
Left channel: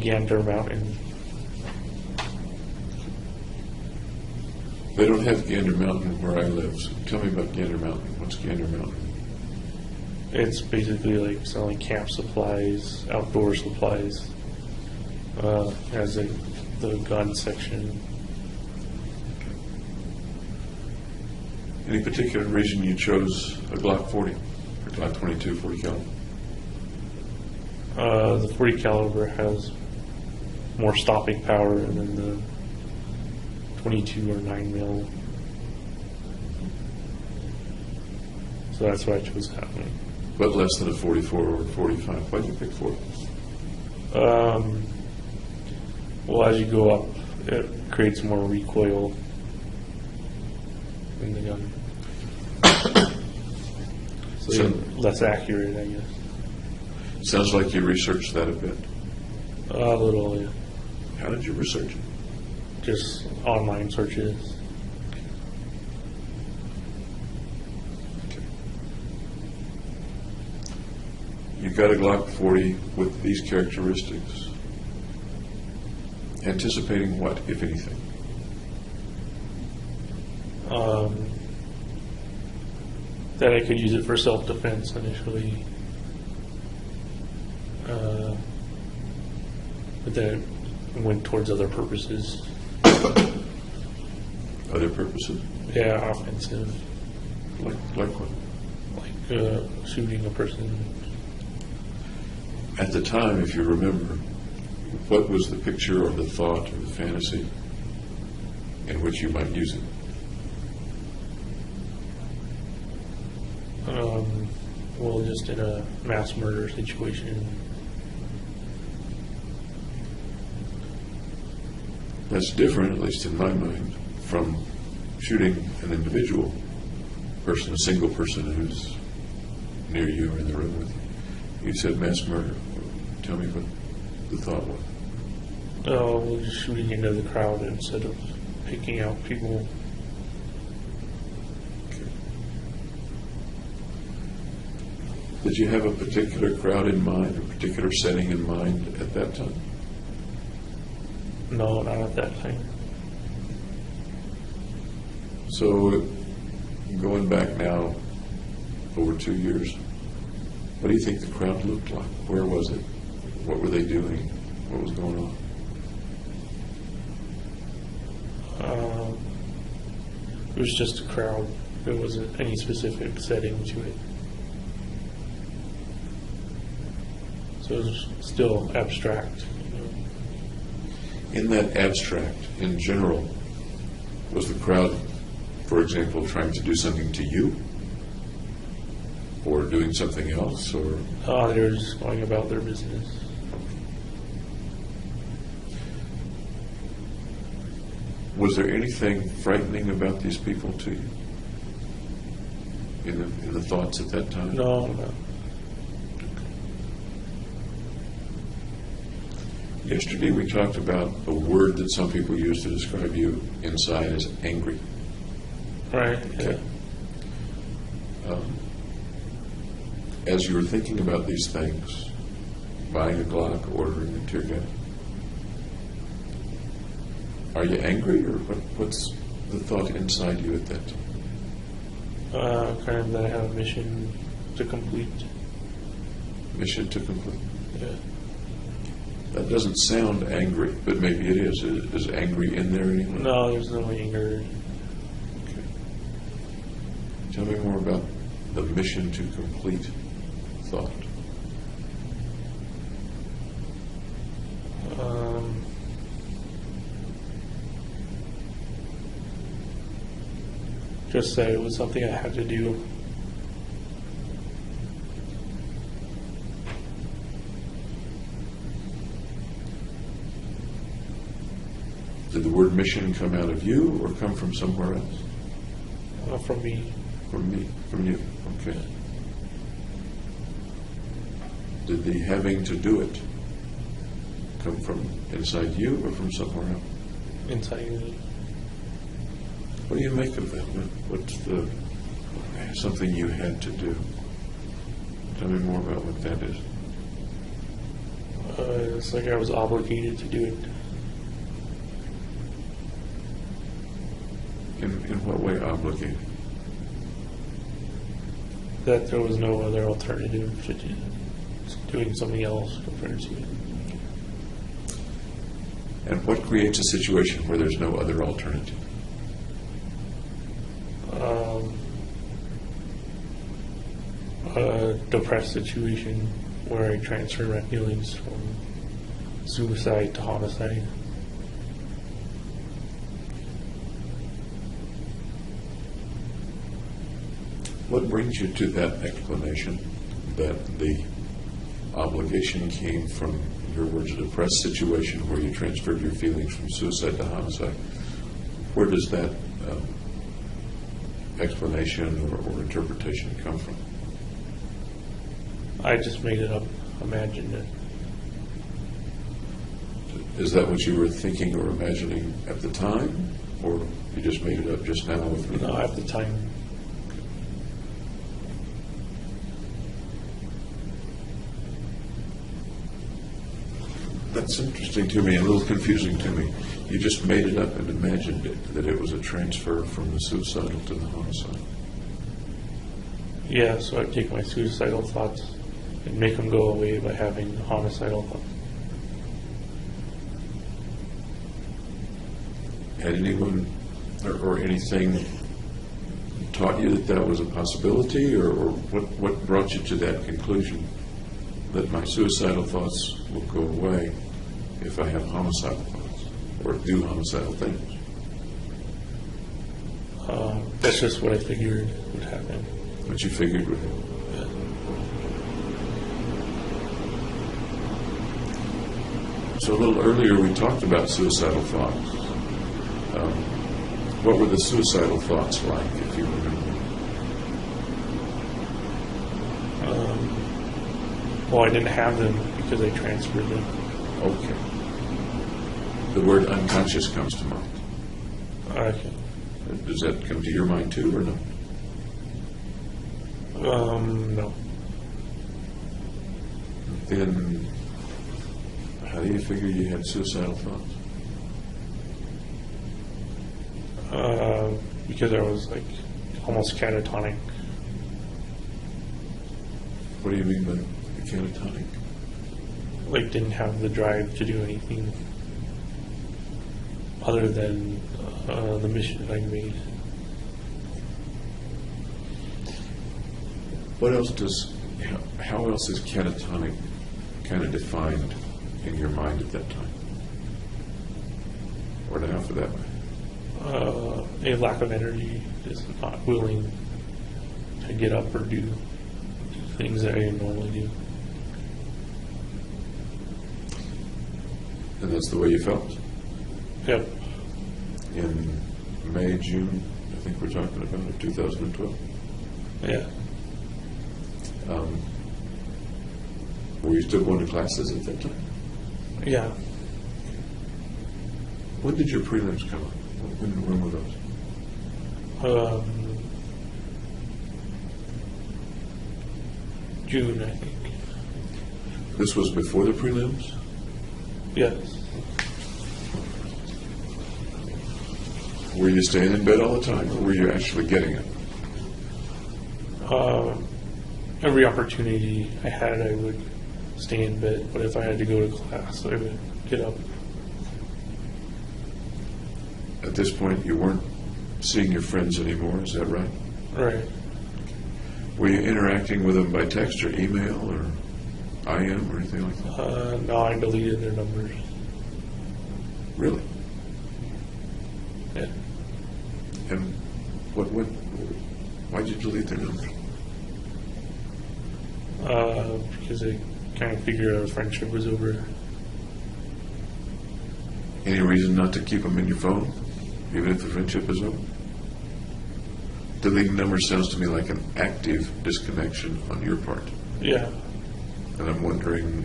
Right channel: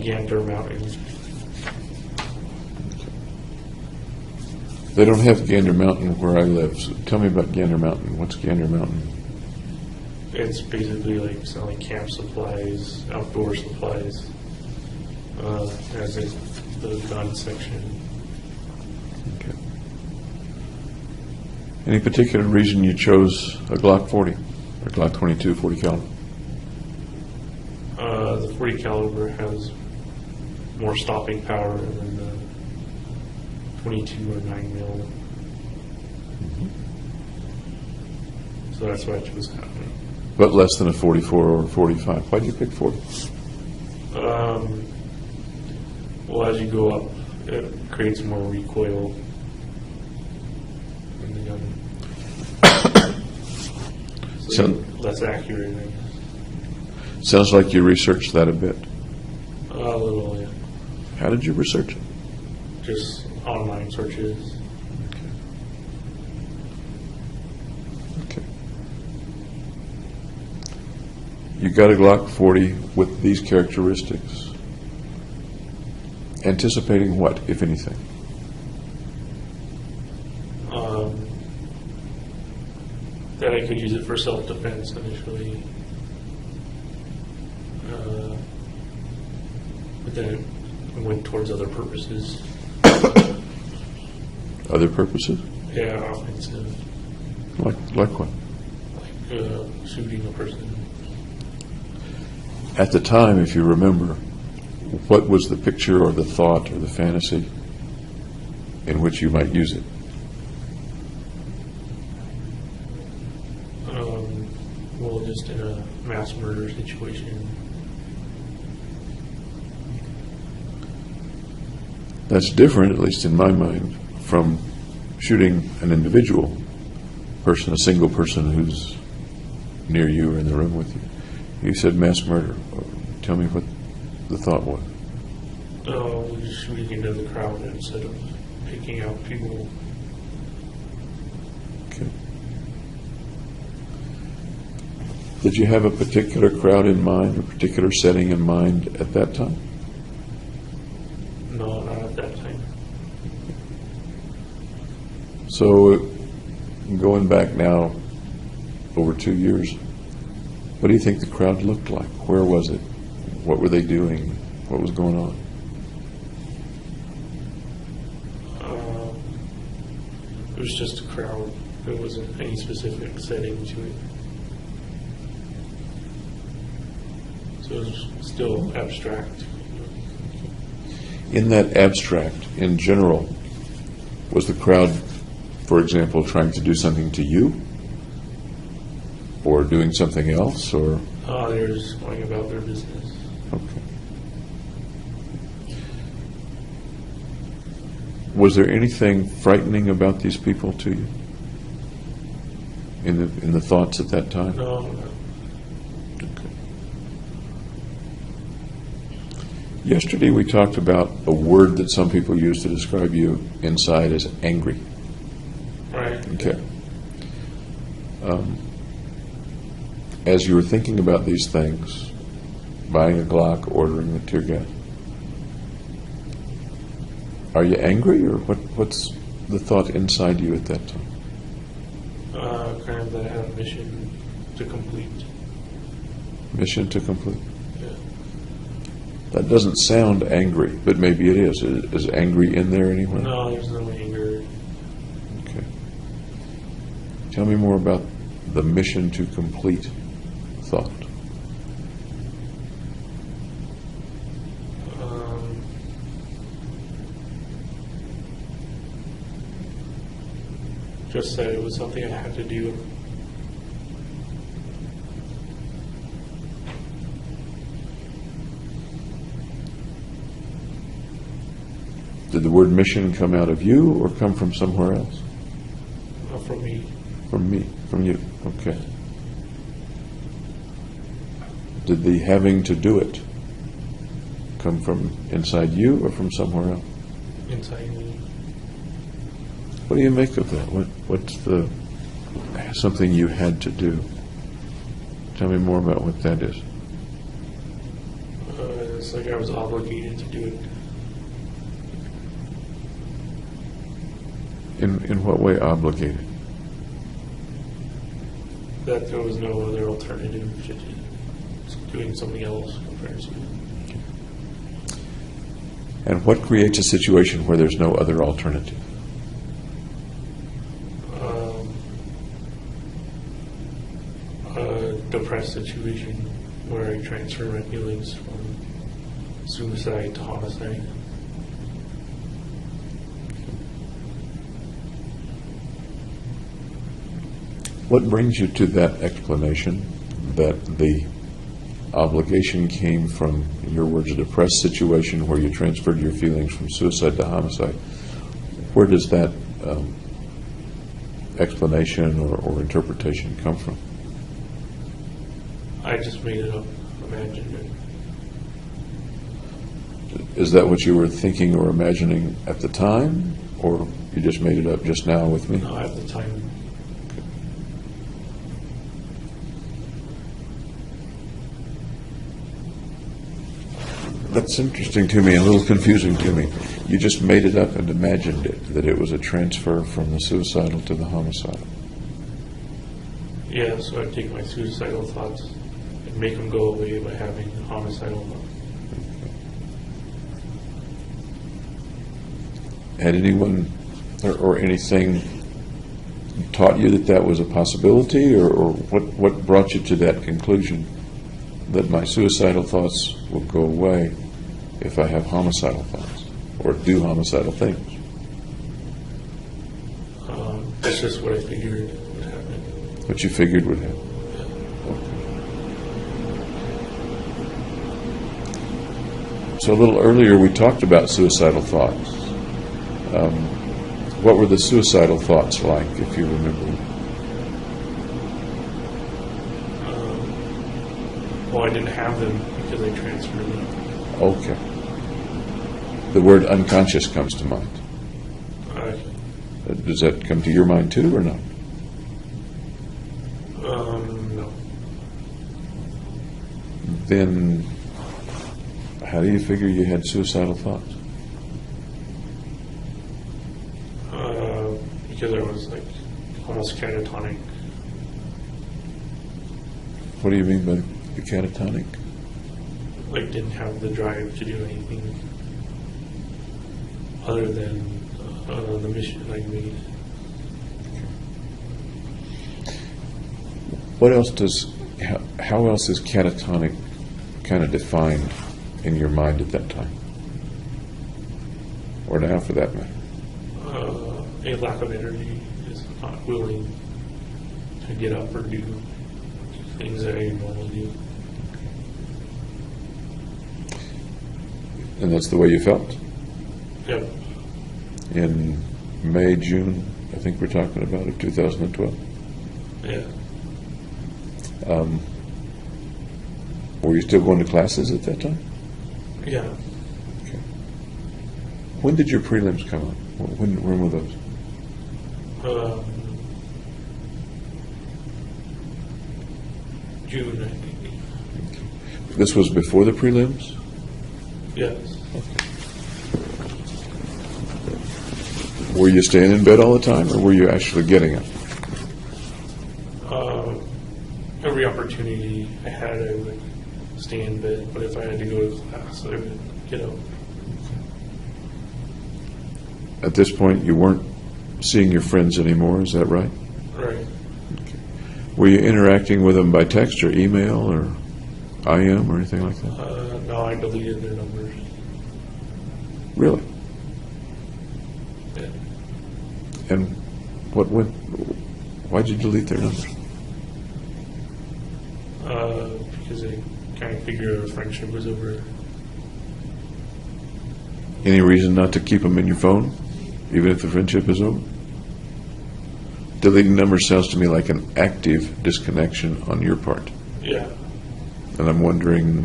Gander Mountain. They don't have Gander Mountain where I live, so tell me about Gander Mountain. What's Gander Mountain? It's basically like selling camp supplies, outdoor supplies, as in the gun section. Okay. Any particular reason you chose a Glock 40 or Glock 22 40 caliber? The 40 caliber has more stopping power than the 22 or 9mm. So that's why I chose that one. But less than a 44 or 45. Why'd you pick 40? Well, as you go up, it creates more recoil in the gun. So less accurate, I guess. Sounds like you researched that a bit. A little, yeah. How did you research it? Just online searches. Okay. You got a Glock 40 with these characteristics. Anticipating what, if anything? That I could use it for self-defense initially. But then it went towards other purposes. Other purposes? Yeah, offensive. Like what? Like shooting a person. At the time, if you remember, what was the picture or the thought or the fantasy in which you might use it? Well, just in a mass murder situation. That's different, at least in my mind, from shooting an individual person, a single person who's near you or in the room with you. You said mass murder. Tell me what the thought was. Just shooting into the crowd instead of picking out people. Okay. Did you have a particular crowd in mind, a particular setting in mind at that time? No, not at that time. So, going back now over 2 years, what do you think the crowd looked like? Where was it? What were they doing? What was going on? It was just a crowd. There wasn't any specific setting to it. So it was still abstract. In that abstract, in general, was the crowd, for example, trying to do something to you? Or doing something else? Or they were just going about their business. okay. Was there anything frightening about these people to you? In the thoughts at that time? No, Yesterday we talked about a word that some people use to describe you inside as angry. right. Okay. As you were thinking about these things, buying a Glock, ordering a tear gas, are you angry, or what's the thought inside you at that time? Kind of that I have a mission to complete. Mission to complete. Yeah. That doesn't sound angry, but maybe it is. Is angry in there anywhere? No, there's no anger. Okay. Tell me more about the mission to complete thought. Just that it was something I had to do. Did the word mission come out of you or come from somewhere else? Not from me. From me, from you. Okay. Did the having to do it come from inside you or from somewhere else? Inside me. What do you make of that? What's the something you had to do? Tell me more about what that is. It's like I was obligated to do it. In what way obligated? That there was no other alternative to doing something else compared to. And what creates a situation where there's no other alternative? A depressed situation where I transfer my feelings from suicide to homicide. What brings you to that explanation that the obligation came from, in your words, a depressed situation where you transferred your feelings from suicide to homicide? Where does that explanation or interpretation come from? I just made it up, imagined it. Is that what you were thinking or imagining at the time, or you just made it up just now with me? No, at the time. That's interesting to me, and a little confusing to me. You just made it up and imagined it, that it was a transfer from the suicidal to the homicidal. Yeah, so I take my suicidal thoughts and make them go away by having homicidal thoughts. Had anyone or anything taught you that that was a possibility, or what brought you to that conclusion that my suicidal thoughts will go away if I have homicidal thoughts or do homicidal things? That's just what I figured would happen. What you figured would happen. So a little earlier we talked about suicidal thoughts. What were the suicidal thoughts like, if you remember? Well, I didn't have them because I transferred them. Okay. The word unconscious comes to mind. Does that come to your mind too, or not? No. Then how do you figure you had suicidal thoughts? Because I was like almost catatonic. What do you mean by catatonic? Like didn't have the drive to do anything other than the mission I made. What else how else is catatonic kind of defined in your mind at that time? or now for that matter? A lack of energy, just not willing to get up or do things that I normally do. And that's the way you felt? Yep. In May, June, I think we're talking about, of 2012. Yeah. Were you still going to classes at that time? Yeah. When did your prelims come up? When were those? June, I think. This was before the prelims? Yes. Were you staying in bed all the time, or were you actually getting it? Every opportunity I had, I would stay in bed, but if I had to go to class, I would get up. At this point, you weren't seeing your friends anymore, is that right? Right. Were you interacting with them by text or email or IM or anything like that? No, I deleted their numbers. Really? Yeah. And why'd you delete their numbers? Because I kind of figured our friendship was over. Any reason not to keep them in your phone, even if the friendship is over? Deleting numbers sounds to me like an active disconnection on your part. Yeah. And I'm wondering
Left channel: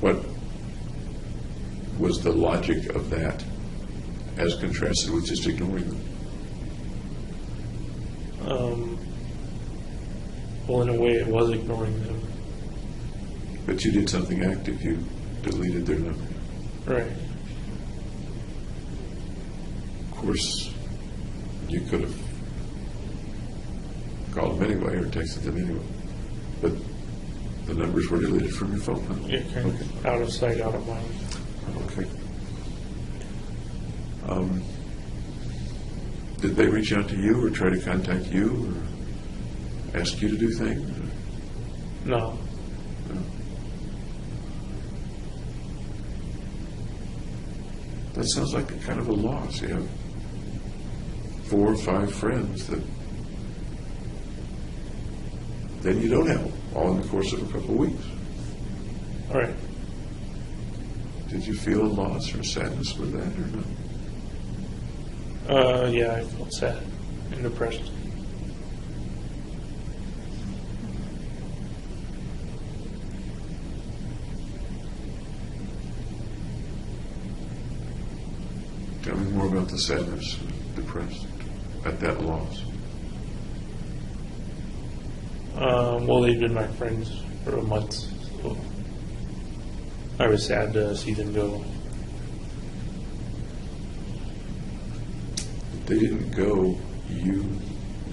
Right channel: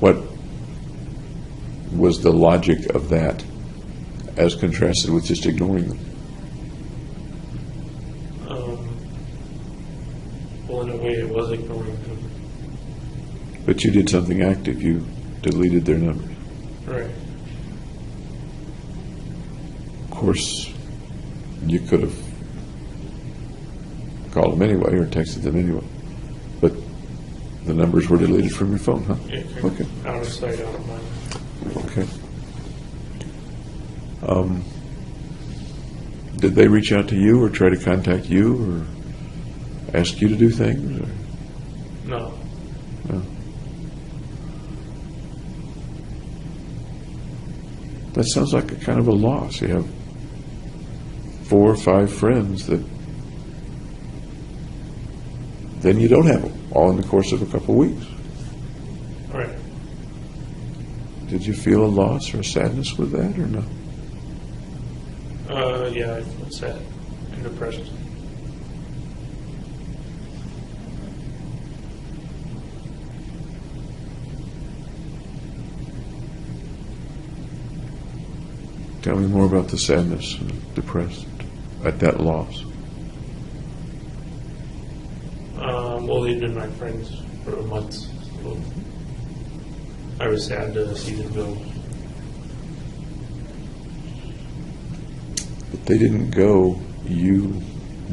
what was the logic of that as contrasted with just ignoring them? Well, in a way, it was ignoring them. But you did something active. You deleted their numbers. Right. Of course, you could have called them anyway or texted them anyway. But the numbers were deleted from your phone, huh? Yeah, kind Okay. of out of sight, out of mind. Okay. Did they reach out to you or try to contact you or ask you to do things? Or? No. No. That sounds like a kind of a loss. You have 4 or 5 friends that then you don't have them all in the course of a couple of weeks. Right. Did you feel a loss or a sadness with that or no? Yeah, I felt sad and depressed. Tell me more about the sadness and depressed at that loss. Well, they've been my friends for a month, so I was sad to see them go. If they didn't go, you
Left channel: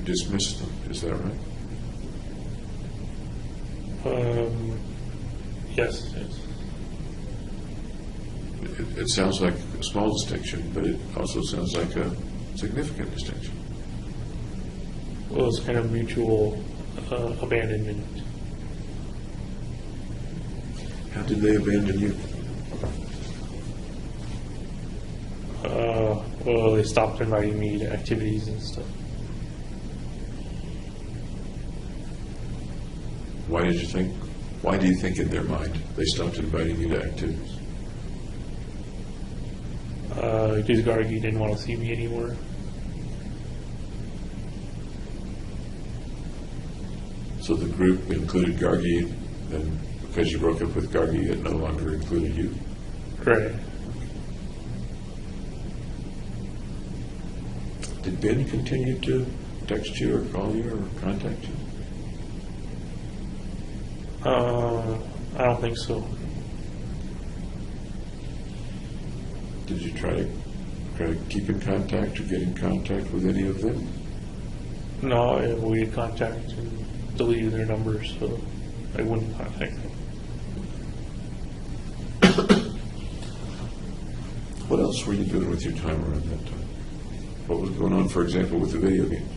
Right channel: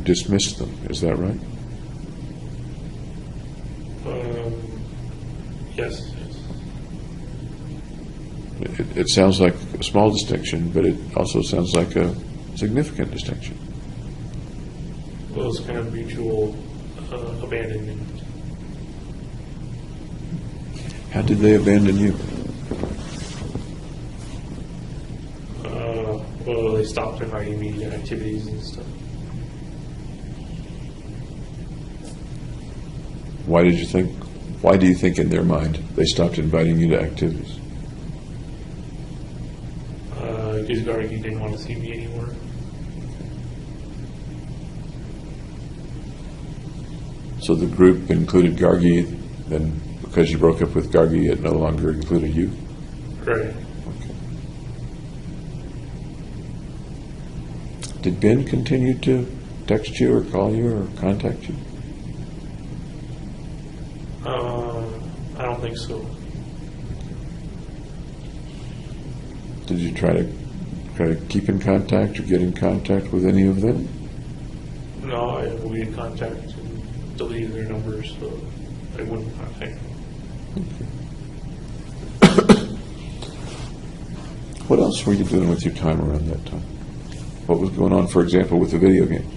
dismissed them. Is that right? Yes. It sounds like a small distinction, but it also sounds like a significant distinction. Well, it was kind of mutual abandonment. How did they abandon you? Well, they stopped inviting me to activities and stuff. Why do you think in their mind they stopped inviting you to activities? Because Gargi didn't want to see me anymore. So the group included Gargi, and because you broke up with Gargi, it no longer included you? Right. Did Ben continue to text you or call you or contact you? I don't think so. Did you try to keep in contact or get in contact with any of them? No, I avoided contact and deleted their numbers, so I wouldn't contact them. What else were you doing with your time around that time? What was going on, for example, with the video games?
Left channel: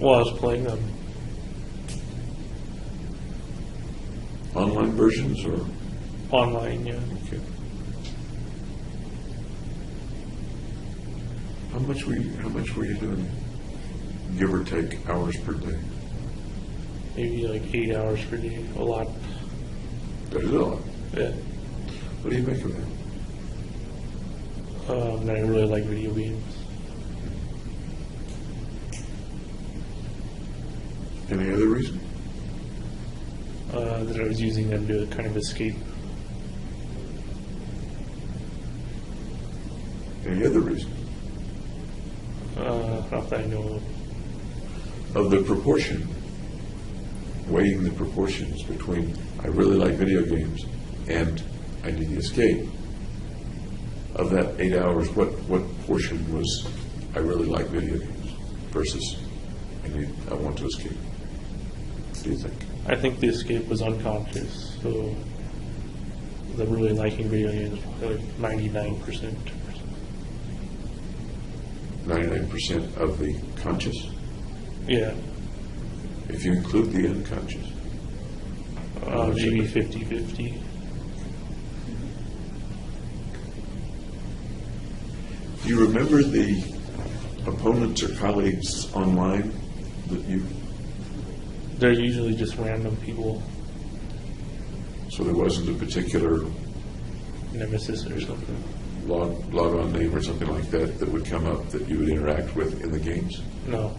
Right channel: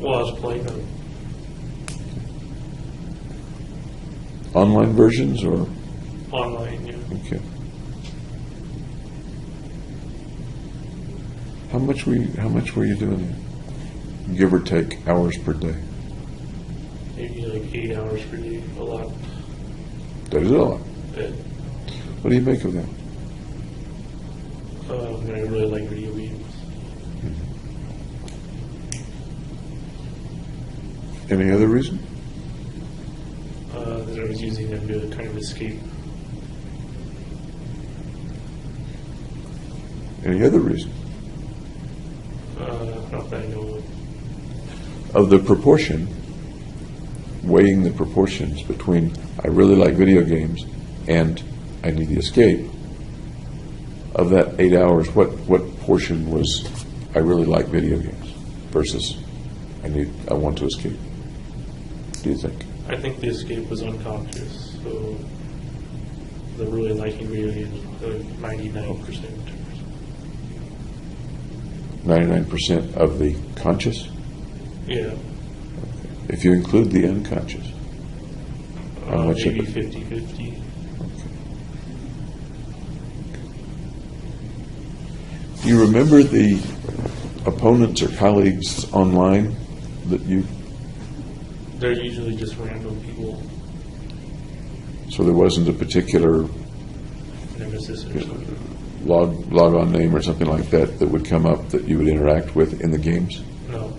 Well, I was playing them. Online versions or Online, yeah. Okay. How much were you doing, give or take, hours per day? Maybe like 8 hours per day, a lot. That is a lot. Yeah. What do you make of that? I really like video games. Any other reason? That I was using them to kind of escape. Any other reason? Not that I know of. Of the proportion, weighing the proportions between I really like video games and I need the escape. Of that 8 hours, what portion was I really like video games versus I want to escape? What do you think? I think the escape was unconscious, so the really liking video games, 99%. 99% of the conscious? Yeah, If you include the unconscious? How much of maybe it? 50-50. Do you remember the opponents or colleagues online that you, They're usually just random people, so there wasn't a particular nemesis or something. log-on name or something like that that would come up that you would interact with in the games? No.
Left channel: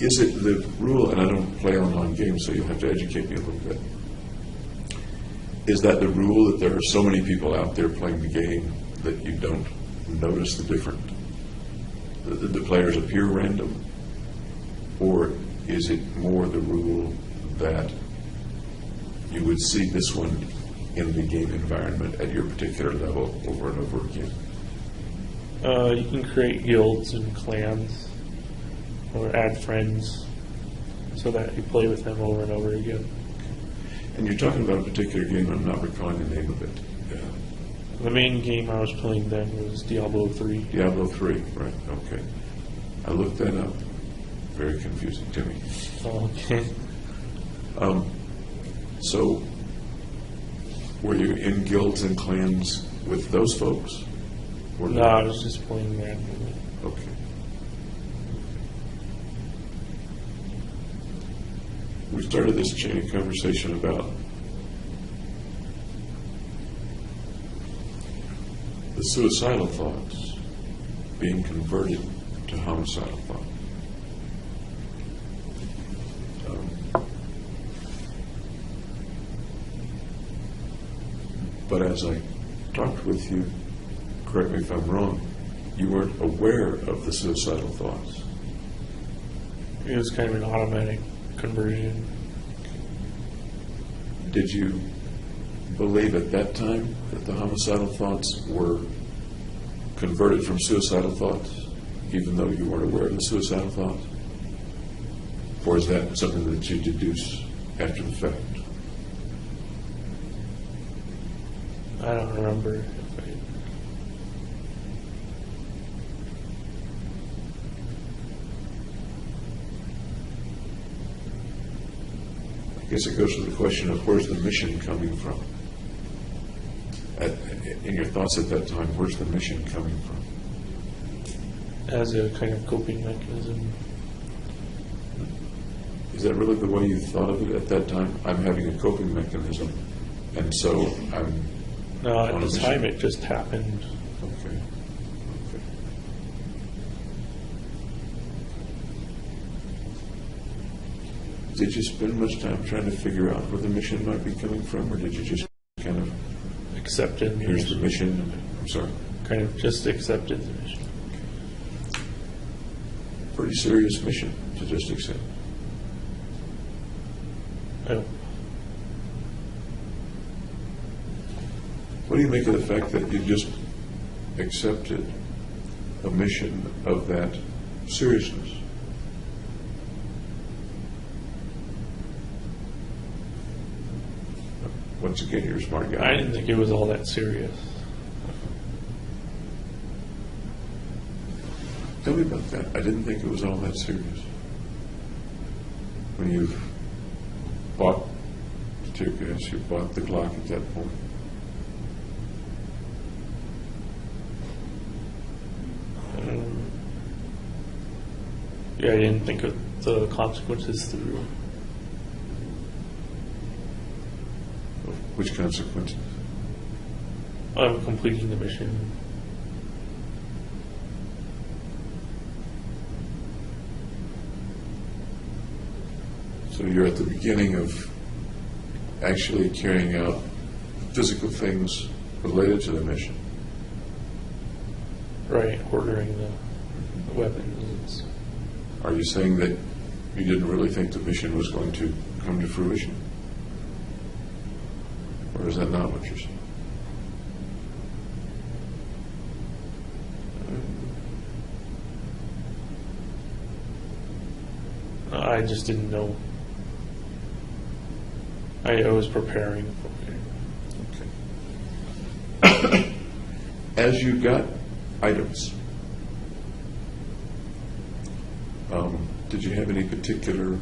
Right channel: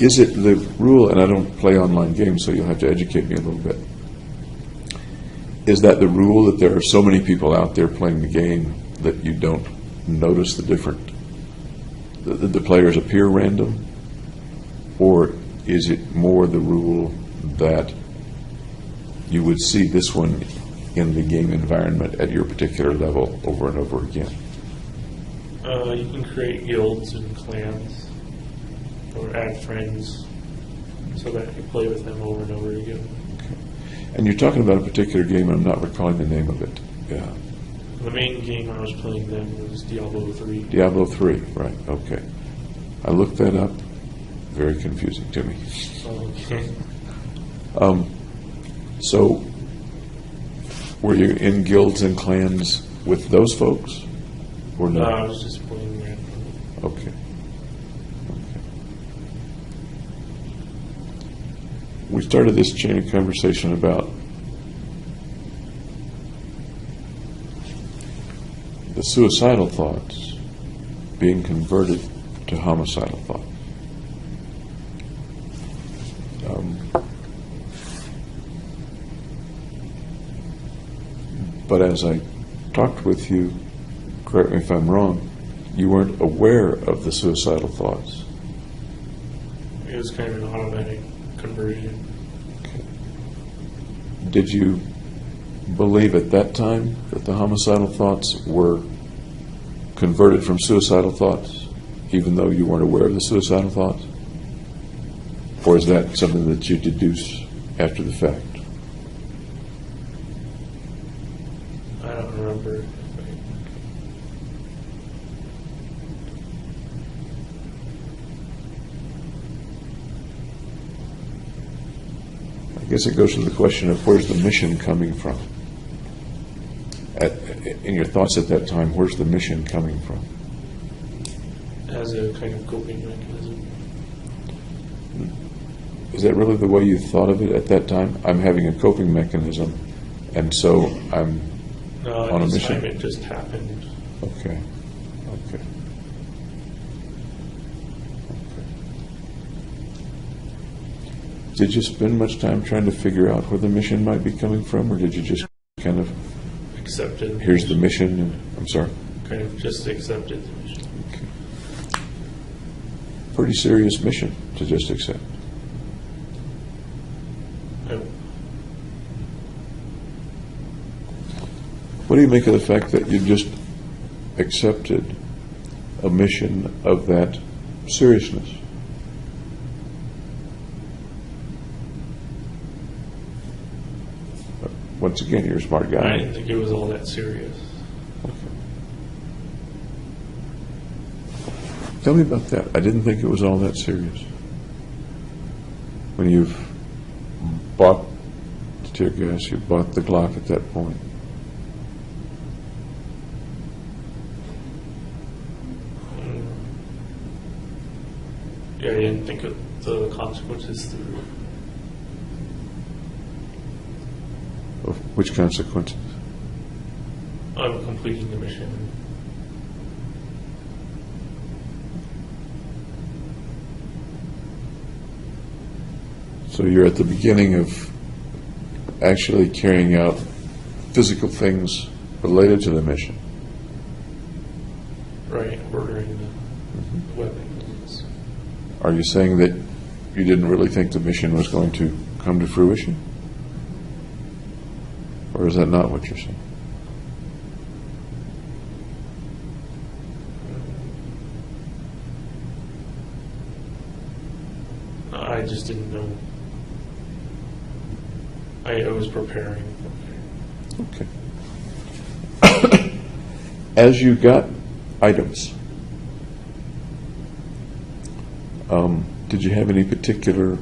Is it the rule, and I don't play online games, so you'll have to educate me a little bit. Is that the rule that there are so many people out there playing the game that you don't notice the the players appear random? Or is it more the rule that you would see this one in the game environment at your particular level over and over again? You can create guilds and clans or add friends so that you play with them over and over again. And you're talking about a particular game, and I'm not recalling the name of it. Yeah. The main game I was playing then was Diablo 3. Diablo 3, right, okay. I looked that up. Very confusing to me. Okay. So, were you in guilds and clans with those folks? Or No, not? I was just playing randomly. Okay. We started this chain of conversation about the suicidal thoughts being converted to homicidal thoughts. But as I talked with you, correct me if I'm wrong, you weren't aware of the suicidal thoughts. It was kind of an automatic conversion. Did you believe at that time that the homicidal thoughts were converted from suicidal thoughts, even though you weren't aware of the suicidal thoughts? Or is that something that you deduce after the fact? I don't remember. I guess it goes to the question of where's the mission coming from? In your thoughts at that time, where's the mission coming from? As a kind of coping mechanism. Is that really the way you thought of it at that time? I'm having a coping mechanism, and so I'm No, on a at this mission. time it just happened. Okay. Okay. Did you spend much time trying to figure out where the mission might be coming from, or did you just kind of, Accepted. here's the mission, and, I'm sorry, Kind of just accepted the mission. pretty serious mission to just accept. Oh, What do you make of the fact that you just accepted a mission of that seriousness? Once again, you're a smart guy. I didn't think it was all that serious. Tell me about that. I didn't think it was all that serious. When you've bought the tear gas, you bought the Glock at that point. And, yeah, I didn't think of the consequences through. Of which consequences? Of completing the mission. So you're at the beginning of actually carrying out physical things related to the mission. Right, ordering the weapons. Are you saying that you didn't really think the mission was going to come to fruition? Or is that not what you're saying? I just didn't know. I was preparing for it. Okay. As you got items, did you have any particular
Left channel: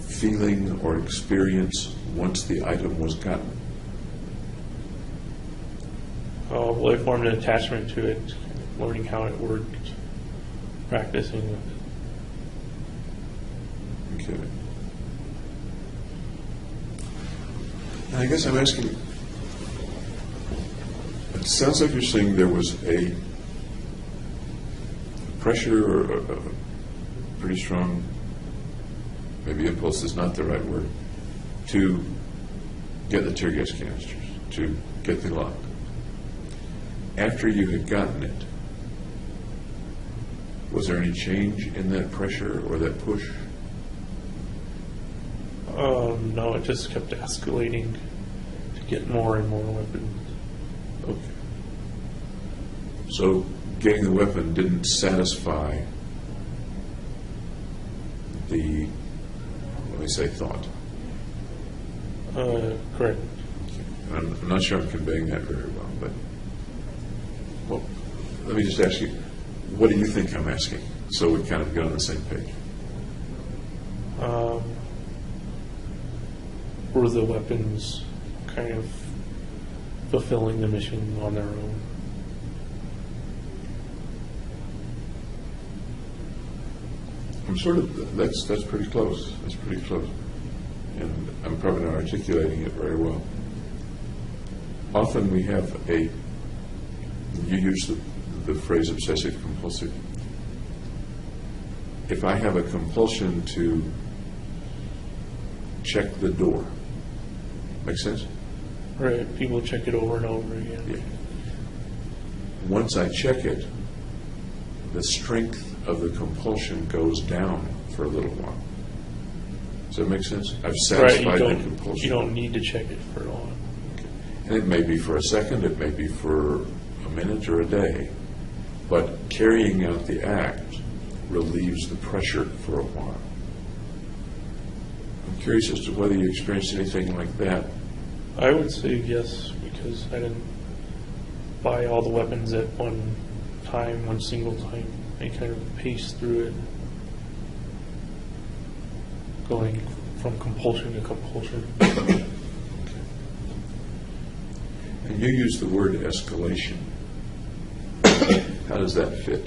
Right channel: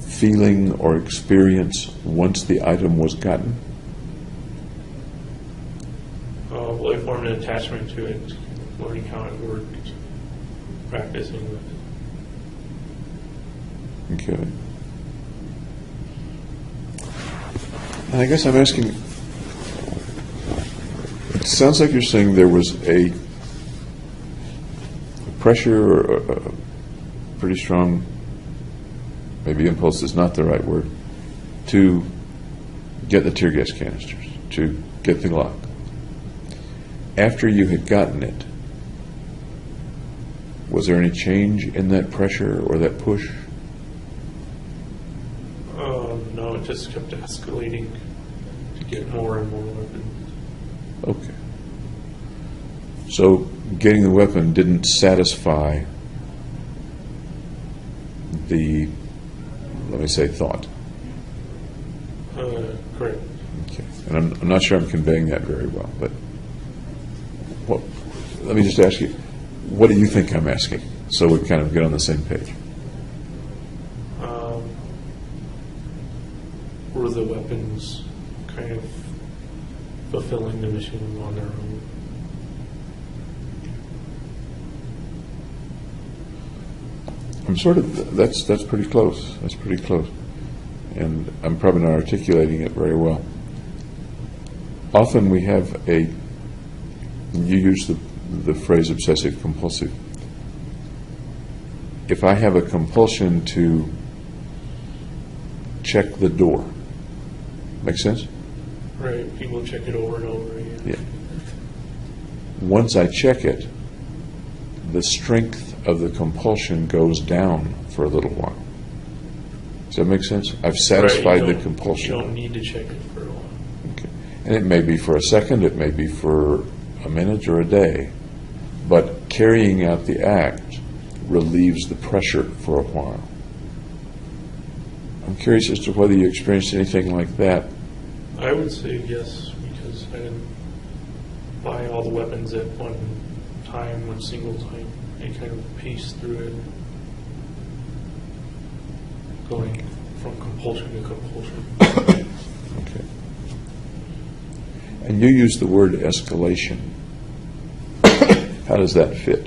feeling or experience once the item was gotten? Well, I formed an attachment to it, learning how it worked, practicing with it. Okay. And I guess I'm asking, it sounds like you're saying there was a pressure or a pretty strong, maybe impulse is not the right word, to get the tear gas canisters, to get the Glock. After you had gotten it, was there any change in that pressure or that push? No, it just kept escalating to get more and more weapons. Okay. So getting the weapon didn't satisfy the, let me say, thought. Correct. Okay. And I'm not sure I'm conveying that very well, but let me just ask you, what do you think I'm asking, so we kind of get on the same page? Were the weapons kind of fulfilling the mission on their own? I'm sort of, that's pretty close. That's pretty close. And I'm probably not articulating it very well. Often we have you use the phrase obsessive compulsive. If I have a compulsion to check the door, make sense? Right, people check it over and over again. Yeah. Once I check it, the strength of the compulsion goes down for a little while. Does that make sense? I've satisfied the compulsion. You don't need to check it for a while. Okay. And it may be for a second, it may be for a minute or a day, but carrying out the act relieves the pressure for a while. I'm curious as to whether you experienced anything like that. I would say yes, because I didn't buy all the weapons at one single time. I kind of paced through it, going from compulsion to compulsion. Okay. And you use the word escalation. How does that fit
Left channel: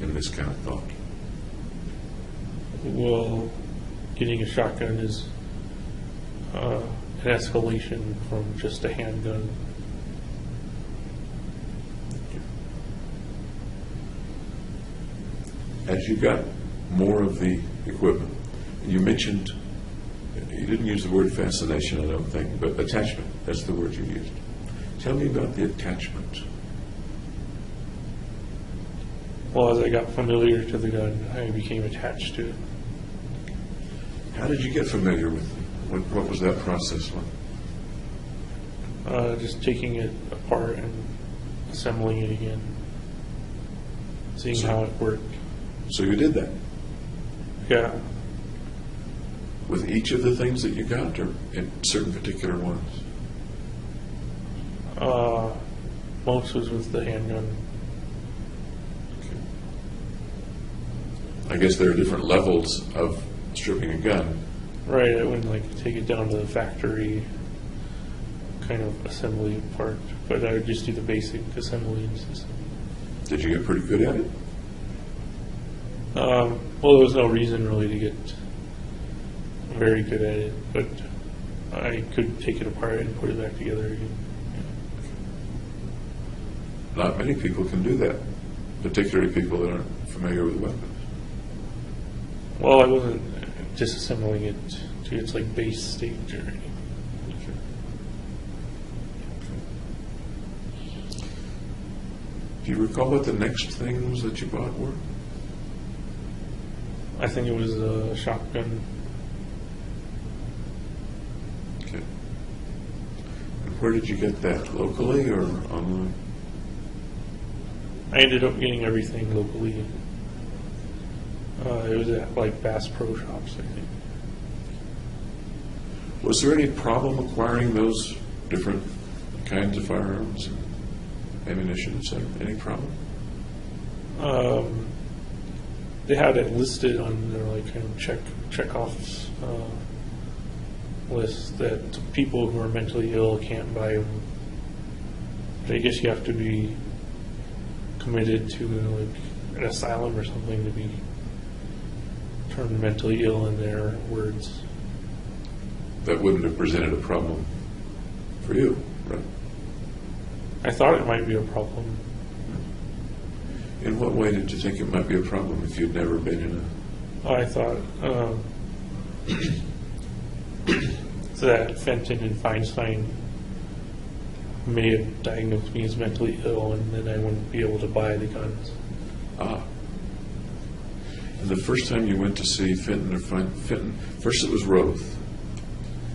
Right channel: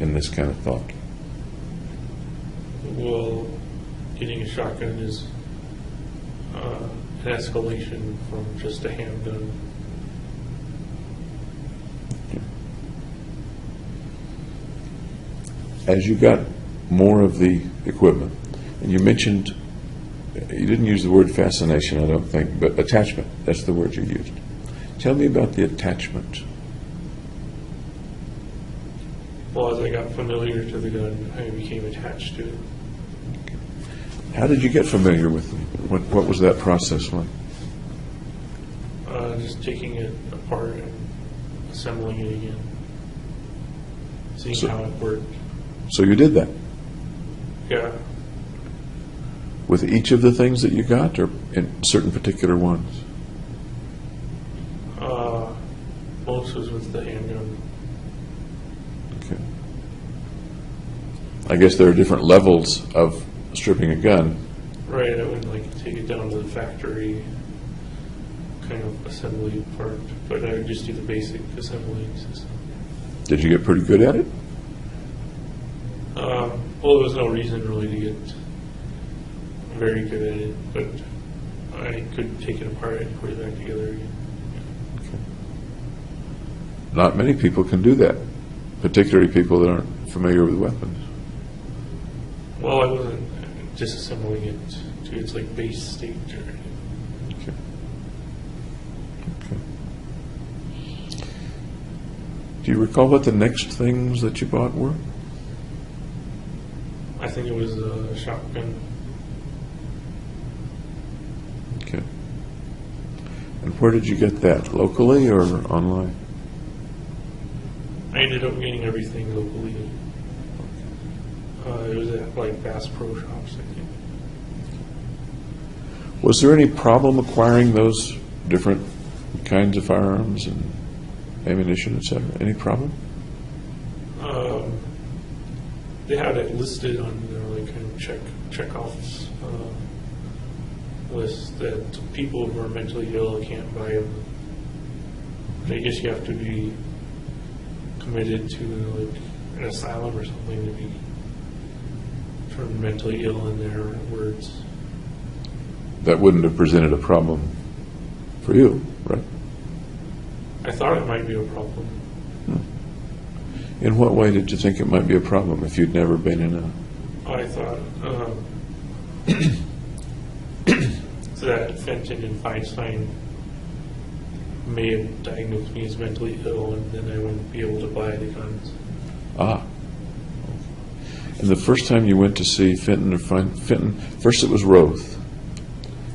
in this kind of thought? Well, getting a shotgun is an escalation from just a handgun. As you got more of the equipment, and you mentioned, you didn't use the word fascination, I don't think, but attachment, that's the word you used. Tell me about the attachment. Well, as I got familiar to the gun, I became attached to it. How did you get familiar with it? What was that process like? Just taking it apart and assembling it again, seeing So- how it worked. So you did that Yeah, with each of the things that you got, or in certain particular ones? most was with the handgun. Okay. I guess there are different levels of stripping a gun. Right, I wouldn't like take it down to the factory kind of assembly part, but I would just do the basic assembly system. Did you get pretty good at it? Well, there was no reason really to get very good at it, but I could take it apart and put it back together again. Not many people can do that, particularly people that aren't familiar with weapons. Well, I wasn't disassembling it to its like base state or anything. Okay. Okay. Do you recall what the next things that you bought were? I think it was a shotgun. Okay. And where did you get that? Locally or online? I ended up getting everything locally. It was at like Bass Pro Shops, I think. Was there any problem acquiring those different kinds of firearms and ammunition, etc.? Any problem? They had it listed on their like kind of checkoffs list that people who are mentally ill can't buy them. I guess you have to be committed to like an asylum or something to be termed mentally ill in their words. That wouldn't have presented a problem for you, right? I thought it might be a problem. In what way did you think it might be a problem if you'd never been in a... I thought that Fenton and Feinstein may have diagnosed me as mentally ill, and then I wouldn't be able to buy the guns. Ah. And the first time you went to see Fenton or Fenton, first it was Roth.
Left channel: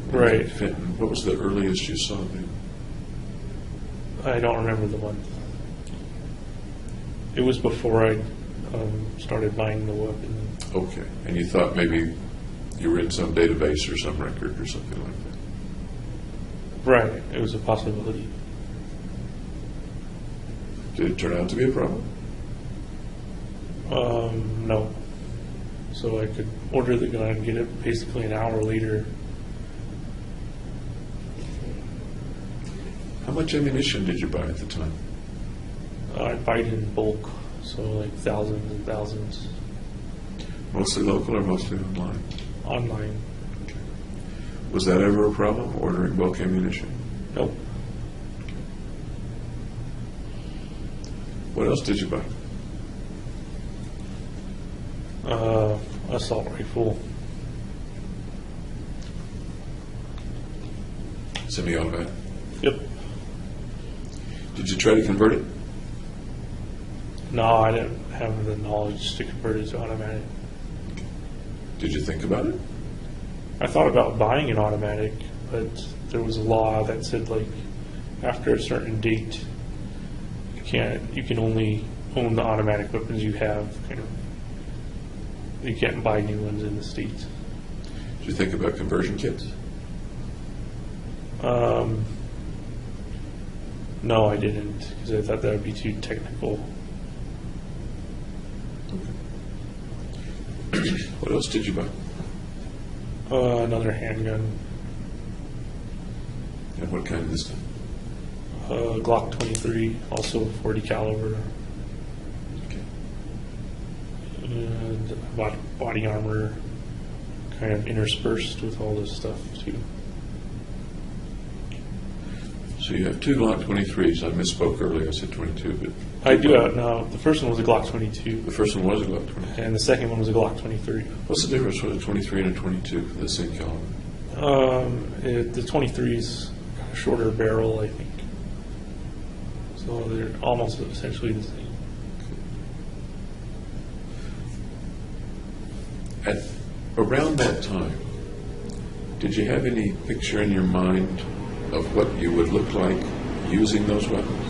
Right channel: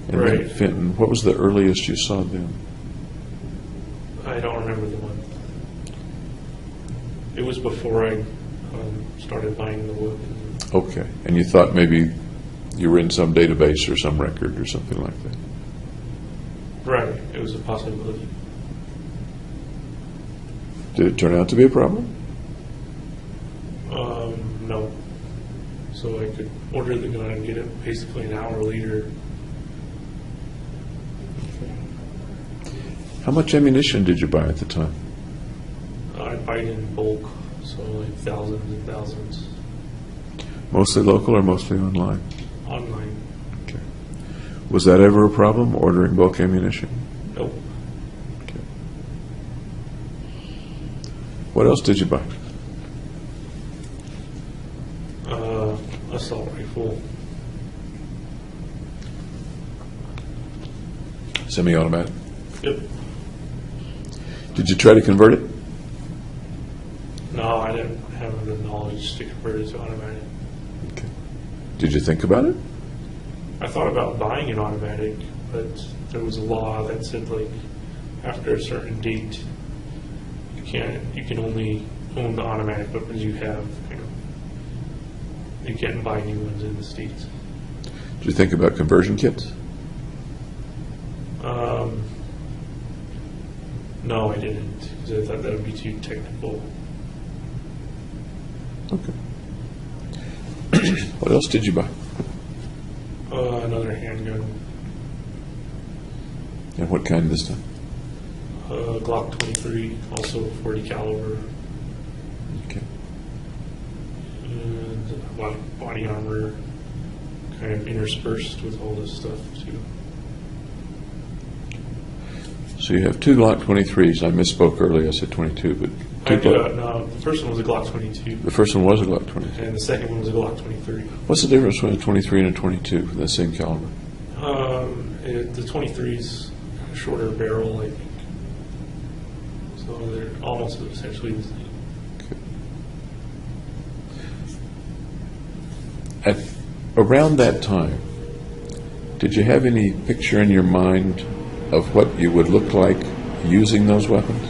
And then Right. Fenton, what was the earliest you saw them? I don't remember the month. It was before I started buying the weapon. Okay. And you thought maybe you were in some database or some record or something like that? Right, it was a possibility. Did it turn out to be a problem? No. So I could order the gun and get it basically an hour later. How much ammunition did you buy at the time? I buy it in bulk, so like thousands and thousands Mostly local or mostly online? online. Okay. Was that ever a problem, ordering bulk ammunition? Nope. Okay. What else did you buy? Assault rifle. Semi-automatic? Yep. Did you try to convert it? No, I didn't have the knowledge to convert it to automatic. Okay. Did you think about it? I thought about buying an automatic, but there was a law that said like after a certain date, you can only own the automatic weapons you have. You can't buy new ones in the States. Did you think about conversion kits? No, I didn't, because I thought that would be too technical. Okay. What else did you buy? Another handgun, And what kind this time? Glock 23, also 40 caliber, Okay. and a lot of body armor, kind of interspersed with all this stuff too. So you have two Glock 23s. I misspoke earlier. I said 22, but No, the first one was a Glock 22, the first one was a Glock 22. and the second one was a Glock 23. What's the difference between a 23 and a 22 for the same caliber? The 23 is a shorter barrel, I think. So they're almost essentially the same. At around that time, did you have any picture in your mind of what you would look like using those weapons?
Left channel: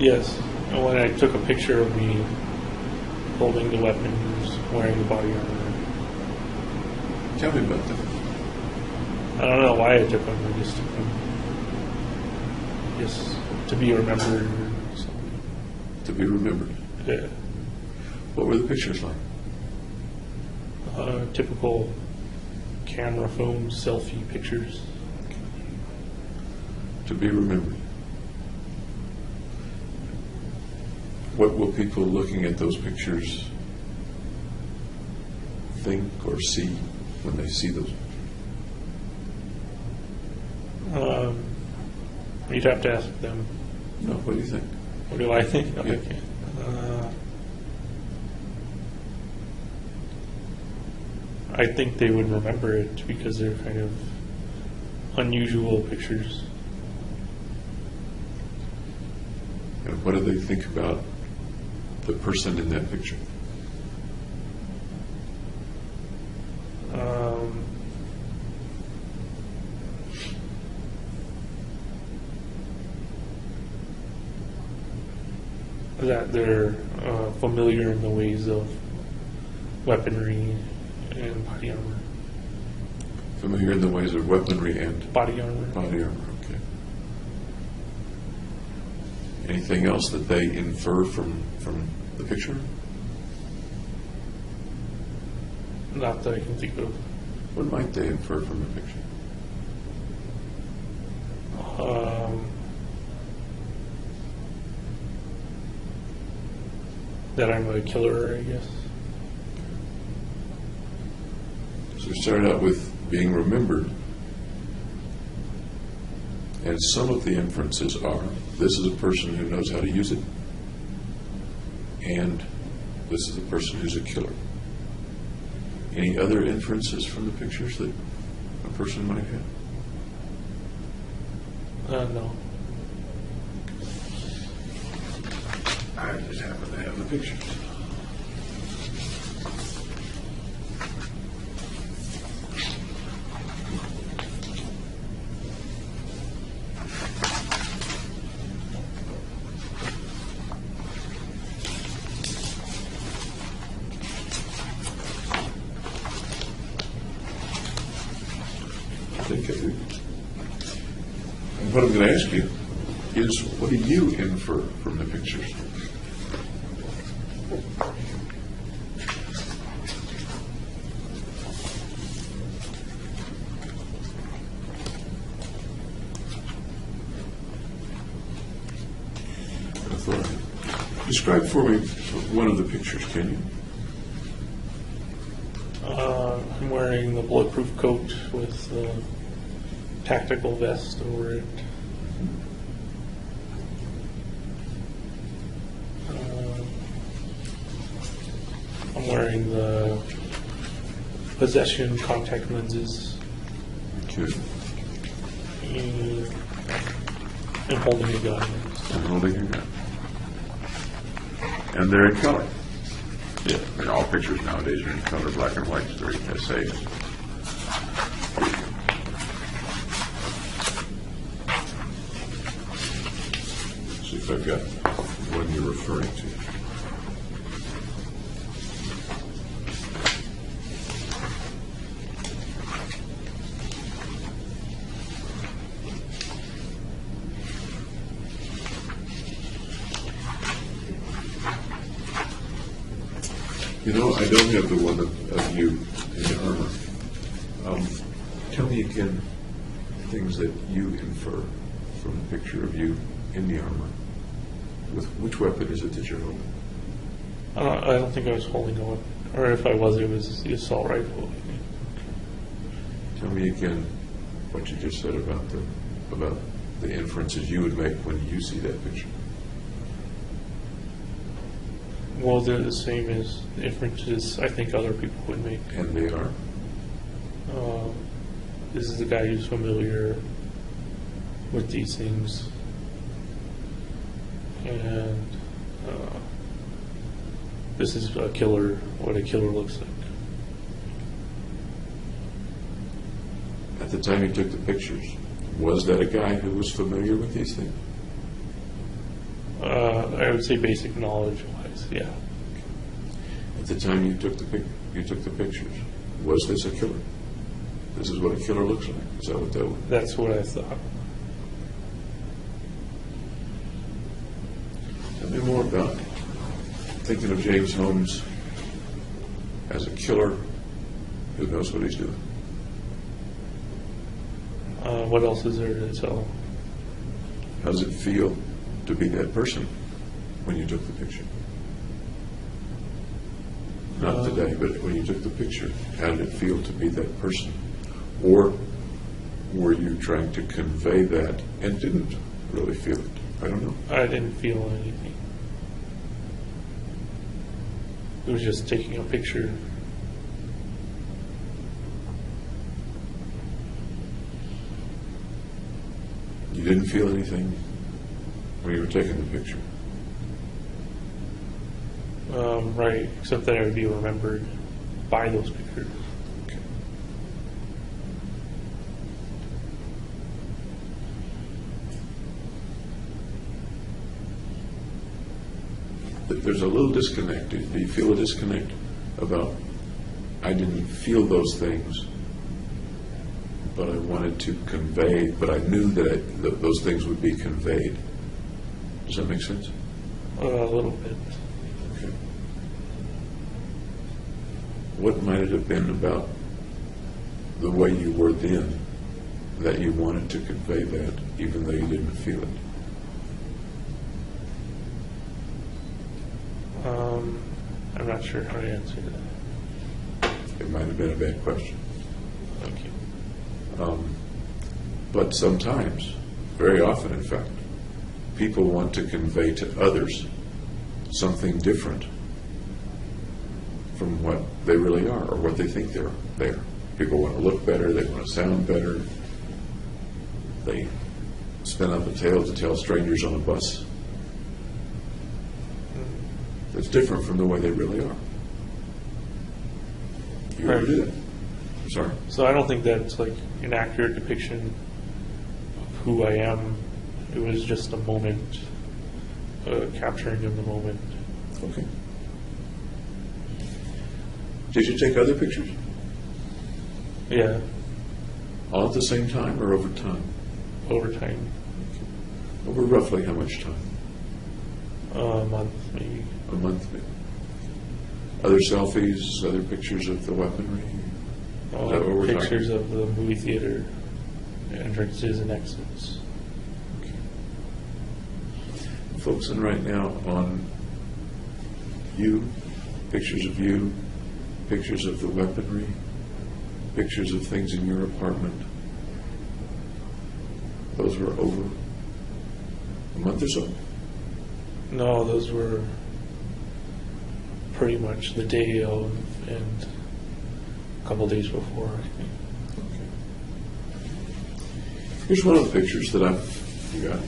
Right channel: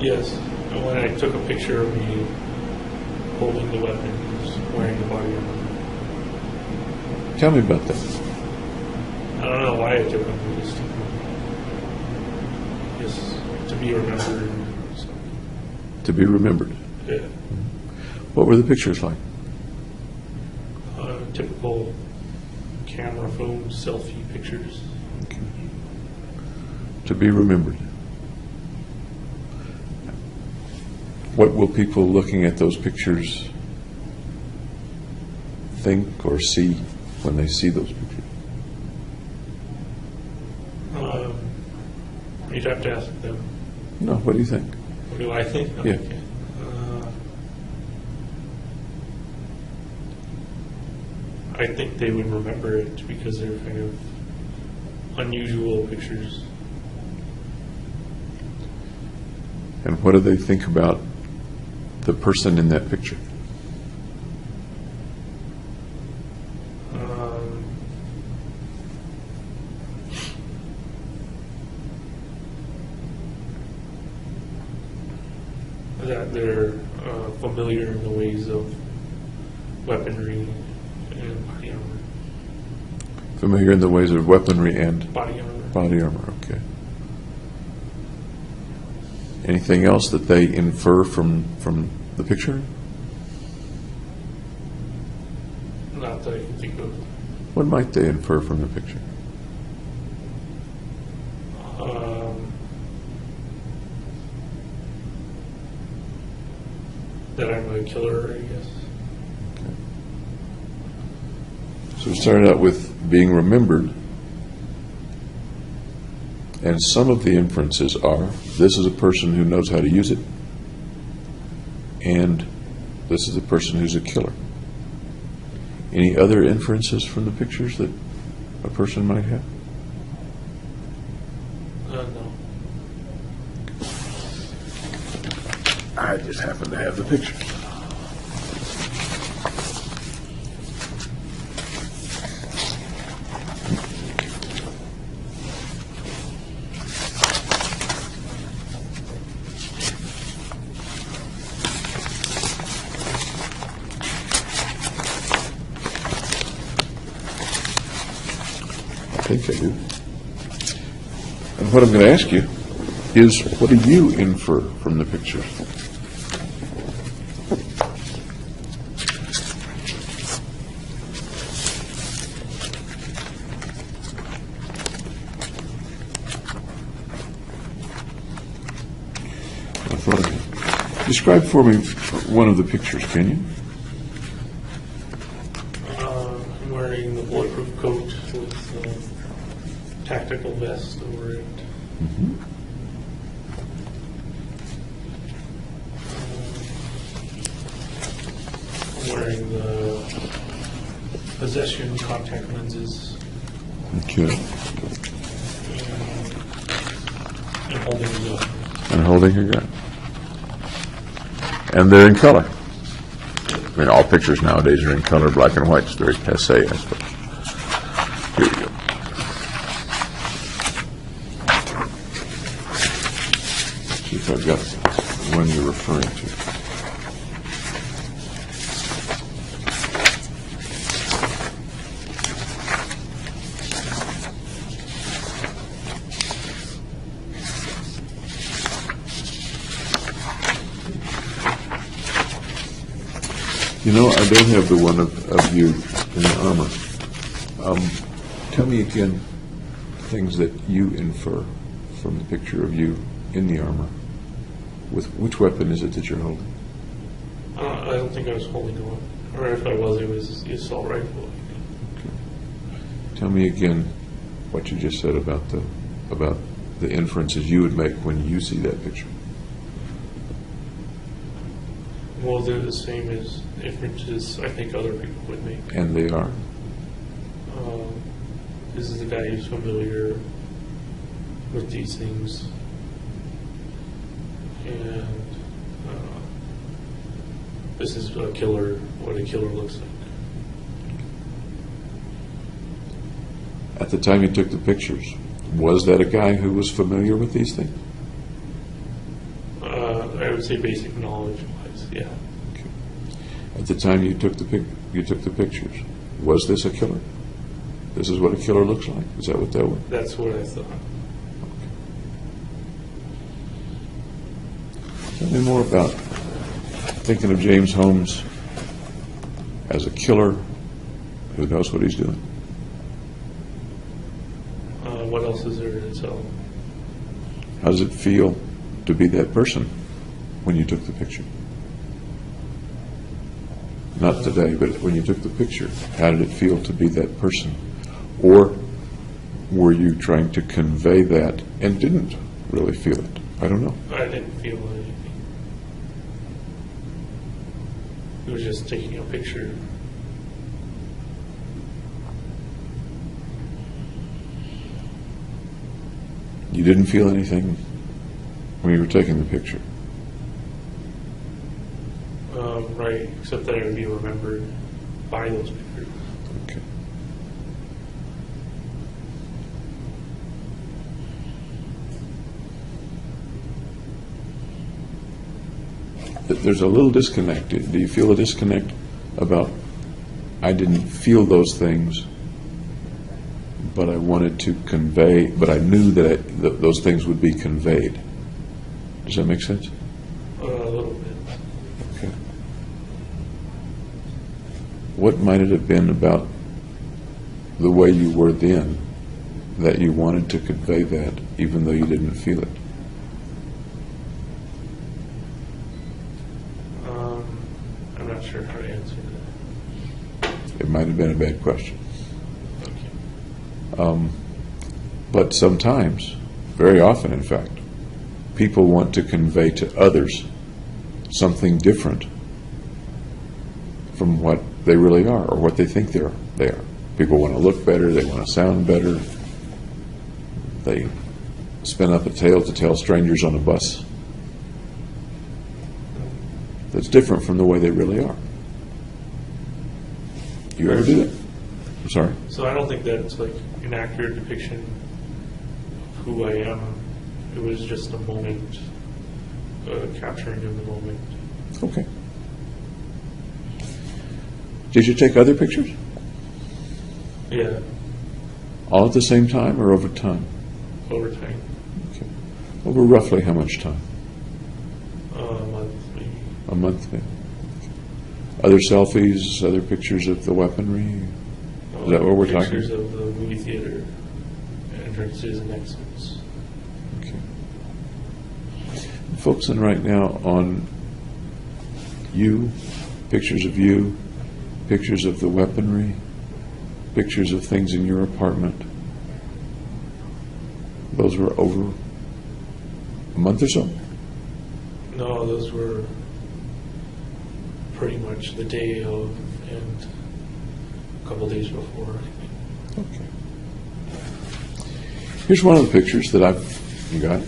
Yes. And when I took a picture of me holding the weapon, wearing the body armor. Tell me about that. I don't know why I took them. I just took them. Just to be remembered or something. To be remembered. Yeah. What were the pictures like? Typical camera phone selfie pictures. To be remembered. What will people looking at those pictures think or see when they see those pictures? You'd have to ask them. No, what do you think? What do I think? Yeah. Okay. I think they would remember it because they're kind of unusual pictures. And what do they think about the person in that picture? That they're familiar in the ways of weaponry and body armor. Familiar in the ways of weaponry and Body armor. body armor, okay. Anything else that they infer from the picture? Not that I can think of. What might they infer from the picture? That I'm a killer, I guess. So we started out with being remembered, and some of the inferences are, this is a person who knows how to use it, and this is a person who's a killer. Any other inferences from the pictures that a person might have? No. I just happen to have the pictures. I think I do. And what I'm going to ask you is, what do you infer from the picture? Describe for me one of the pictures, can you? I'm wearing the bulletproof coat with the tactical vest over it. I'm wearing the possession contact lenses Okay. and holding a gun. And holding a gun. And they're in color. I mean, all pictures nowadays are in color, black and white. It's very passé, I suppose. Here we go. See if I've got the one you're referring to. You know, I don't have the one of you in the armor. Tell me again things that you infer from the picture of you in the armor. With which weapon is it that you're holding? I don't think I was holding one. Or if I was, it was the assault rifle. Tell me again what you just said about the inferences you would make when you see that picture. Well, they're the same as inferences I think other people would make. And they are? This is a guy who's familiar with these things. And this is a killer, what a killer looks like. At the time you took the pictures, was that a guy who was familiar with these things? I would say basic knowledge-wise, yeah. At the time you took the pictures, was this a killer? This is what a killer looks like. Is that what that was? That's what I thought. Tell me more about thinking of James Holmes as a killer Who knows what he's doing? What else is there to tell? How does it feel to be that person when you took the picture? Not today, but when you took the picture, how did it feel to be that person? Or were you trying to convey that and didn't really feel it? I don't know. I didn't feel anything. It was just taking a picture. You didn't feel anything when you were taking the picture? Right, except that I would be remembered by those pictures. Okay. There's a little disconnect. Do you feel a disconnect about, I didn't feel those things, but I wanted to convey, but I knew that those things would be conveyed? Does that make sense? A little bit. Okay. What might it have been about the way you were then that you wanted to convey that, even though you didn't feel it? I'm not sure how to answer that. It might have been a bad question. Thank you. But sometimes, very often in fact, people want to convey to others something different from what they really are or what they think they are. People want to look better, they want to sound better. They spin up a tale to tell strangers on a bus that's different from the way they really are. You ever do that? I'm sorry. So I don't think that's like an accurate depiction of who I am. It was just a moment, capturing of the moment. Okay. Did you take other pictures? Yeah, All at the same time or over time? over time. Okay. Over roughly how much time? A month maybe. A month, maybe. Other selfies, other pictures of the weaponry? Is that what we're talking Pictures about? of the movie theater entrances and exits. Okay. Focusing right now on you, pictures of you, pictures of the weaponry, pictures of things in your apartment. Those were over a month or so? No, those were pretty much the day of and a couple days before, I think. Okay. Here's one of the pictures that I've got.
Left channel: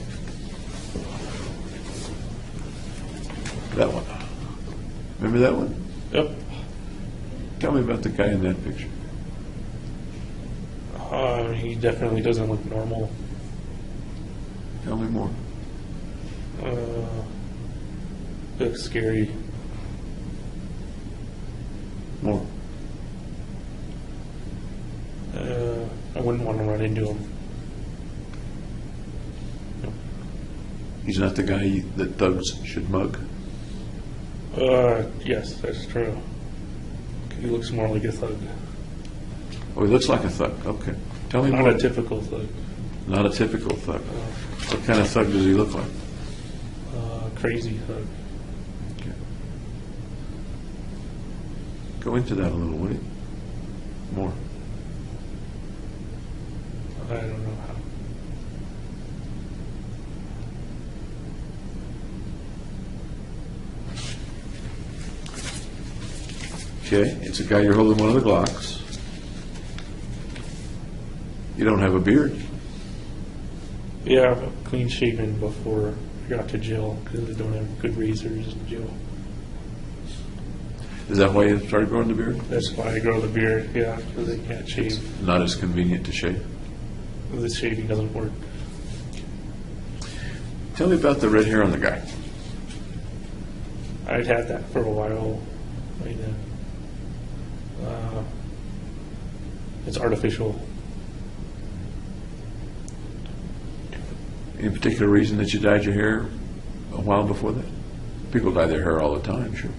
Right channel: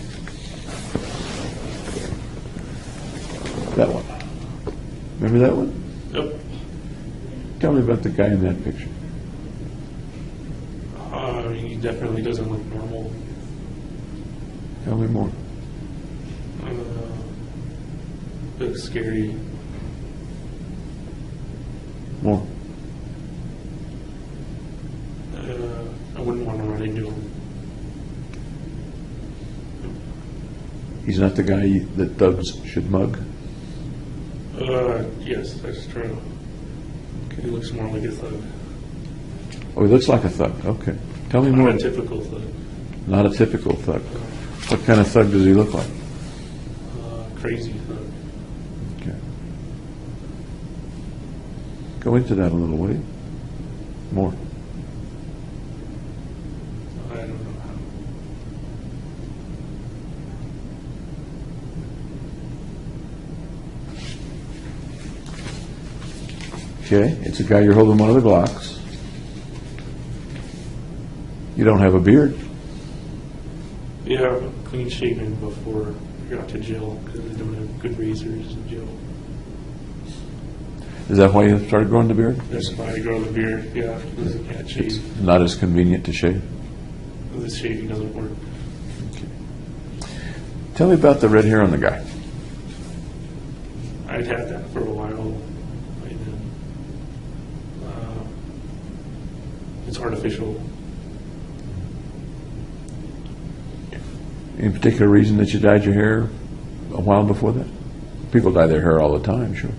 That one. Remember that one? Yep. Tell me about the guy in that picture. He definitely doesn't look normal. Tell me more. Looks scary. More. I wouldn't want to run into him. He's not the guy that thugs should mug? Yes, that's true. He looks more like a thug. Oh, he looks like a thug. Okay. Tell me Not more. a typical thug. Not a typical thug. What kind of thug does he look like? Crazy thug. Okay. Go into that a little, will you? More. I don't know how. Okay, it's a guy, you're holding one of the Glocks. You don't have a beard. Yeah, clean shaven before I got to jail because they don't have good razors in jail. Is that why you started growing the beard? That's why I grow the beard, yeah, because they can't shave. Not as convenient to shave. The shaving doesn't work. Tell me about the red hair on the guy. I'd had that for a while. It's artificial. Any particular reason that you dyed your hair a while before that? People dye their hair all the time, sure.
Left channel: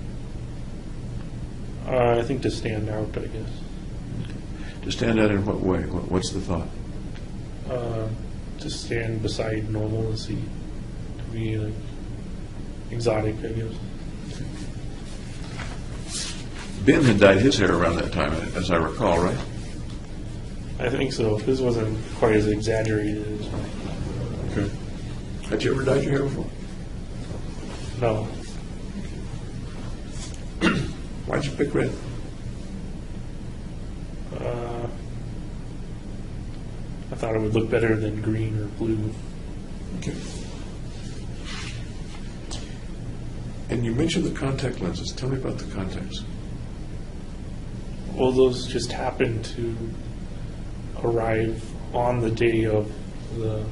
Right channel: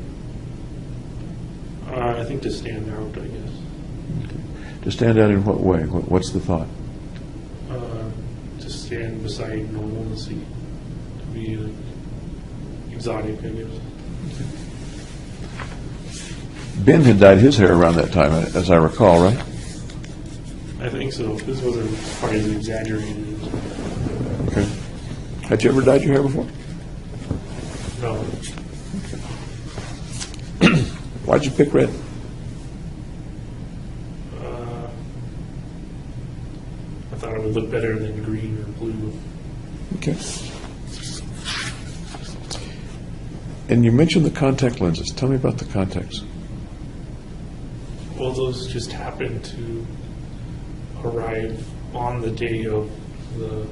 I think to stand out, I guess. To stand out in what way? What's the thought? To stand beside normal to see, to be like, exotic, I guess. Ben had dyed his hair around that time, as I recall, right? I think so. This wasn't quite as exaggerated as. Okay. Had you ever dyed your hair before? No. Why'd you pick red? I thought it would look better than green or blue. Okay. And you mentioned the contact lenses. Tell me about the contacts. Well, those just happened to arrive on the day of the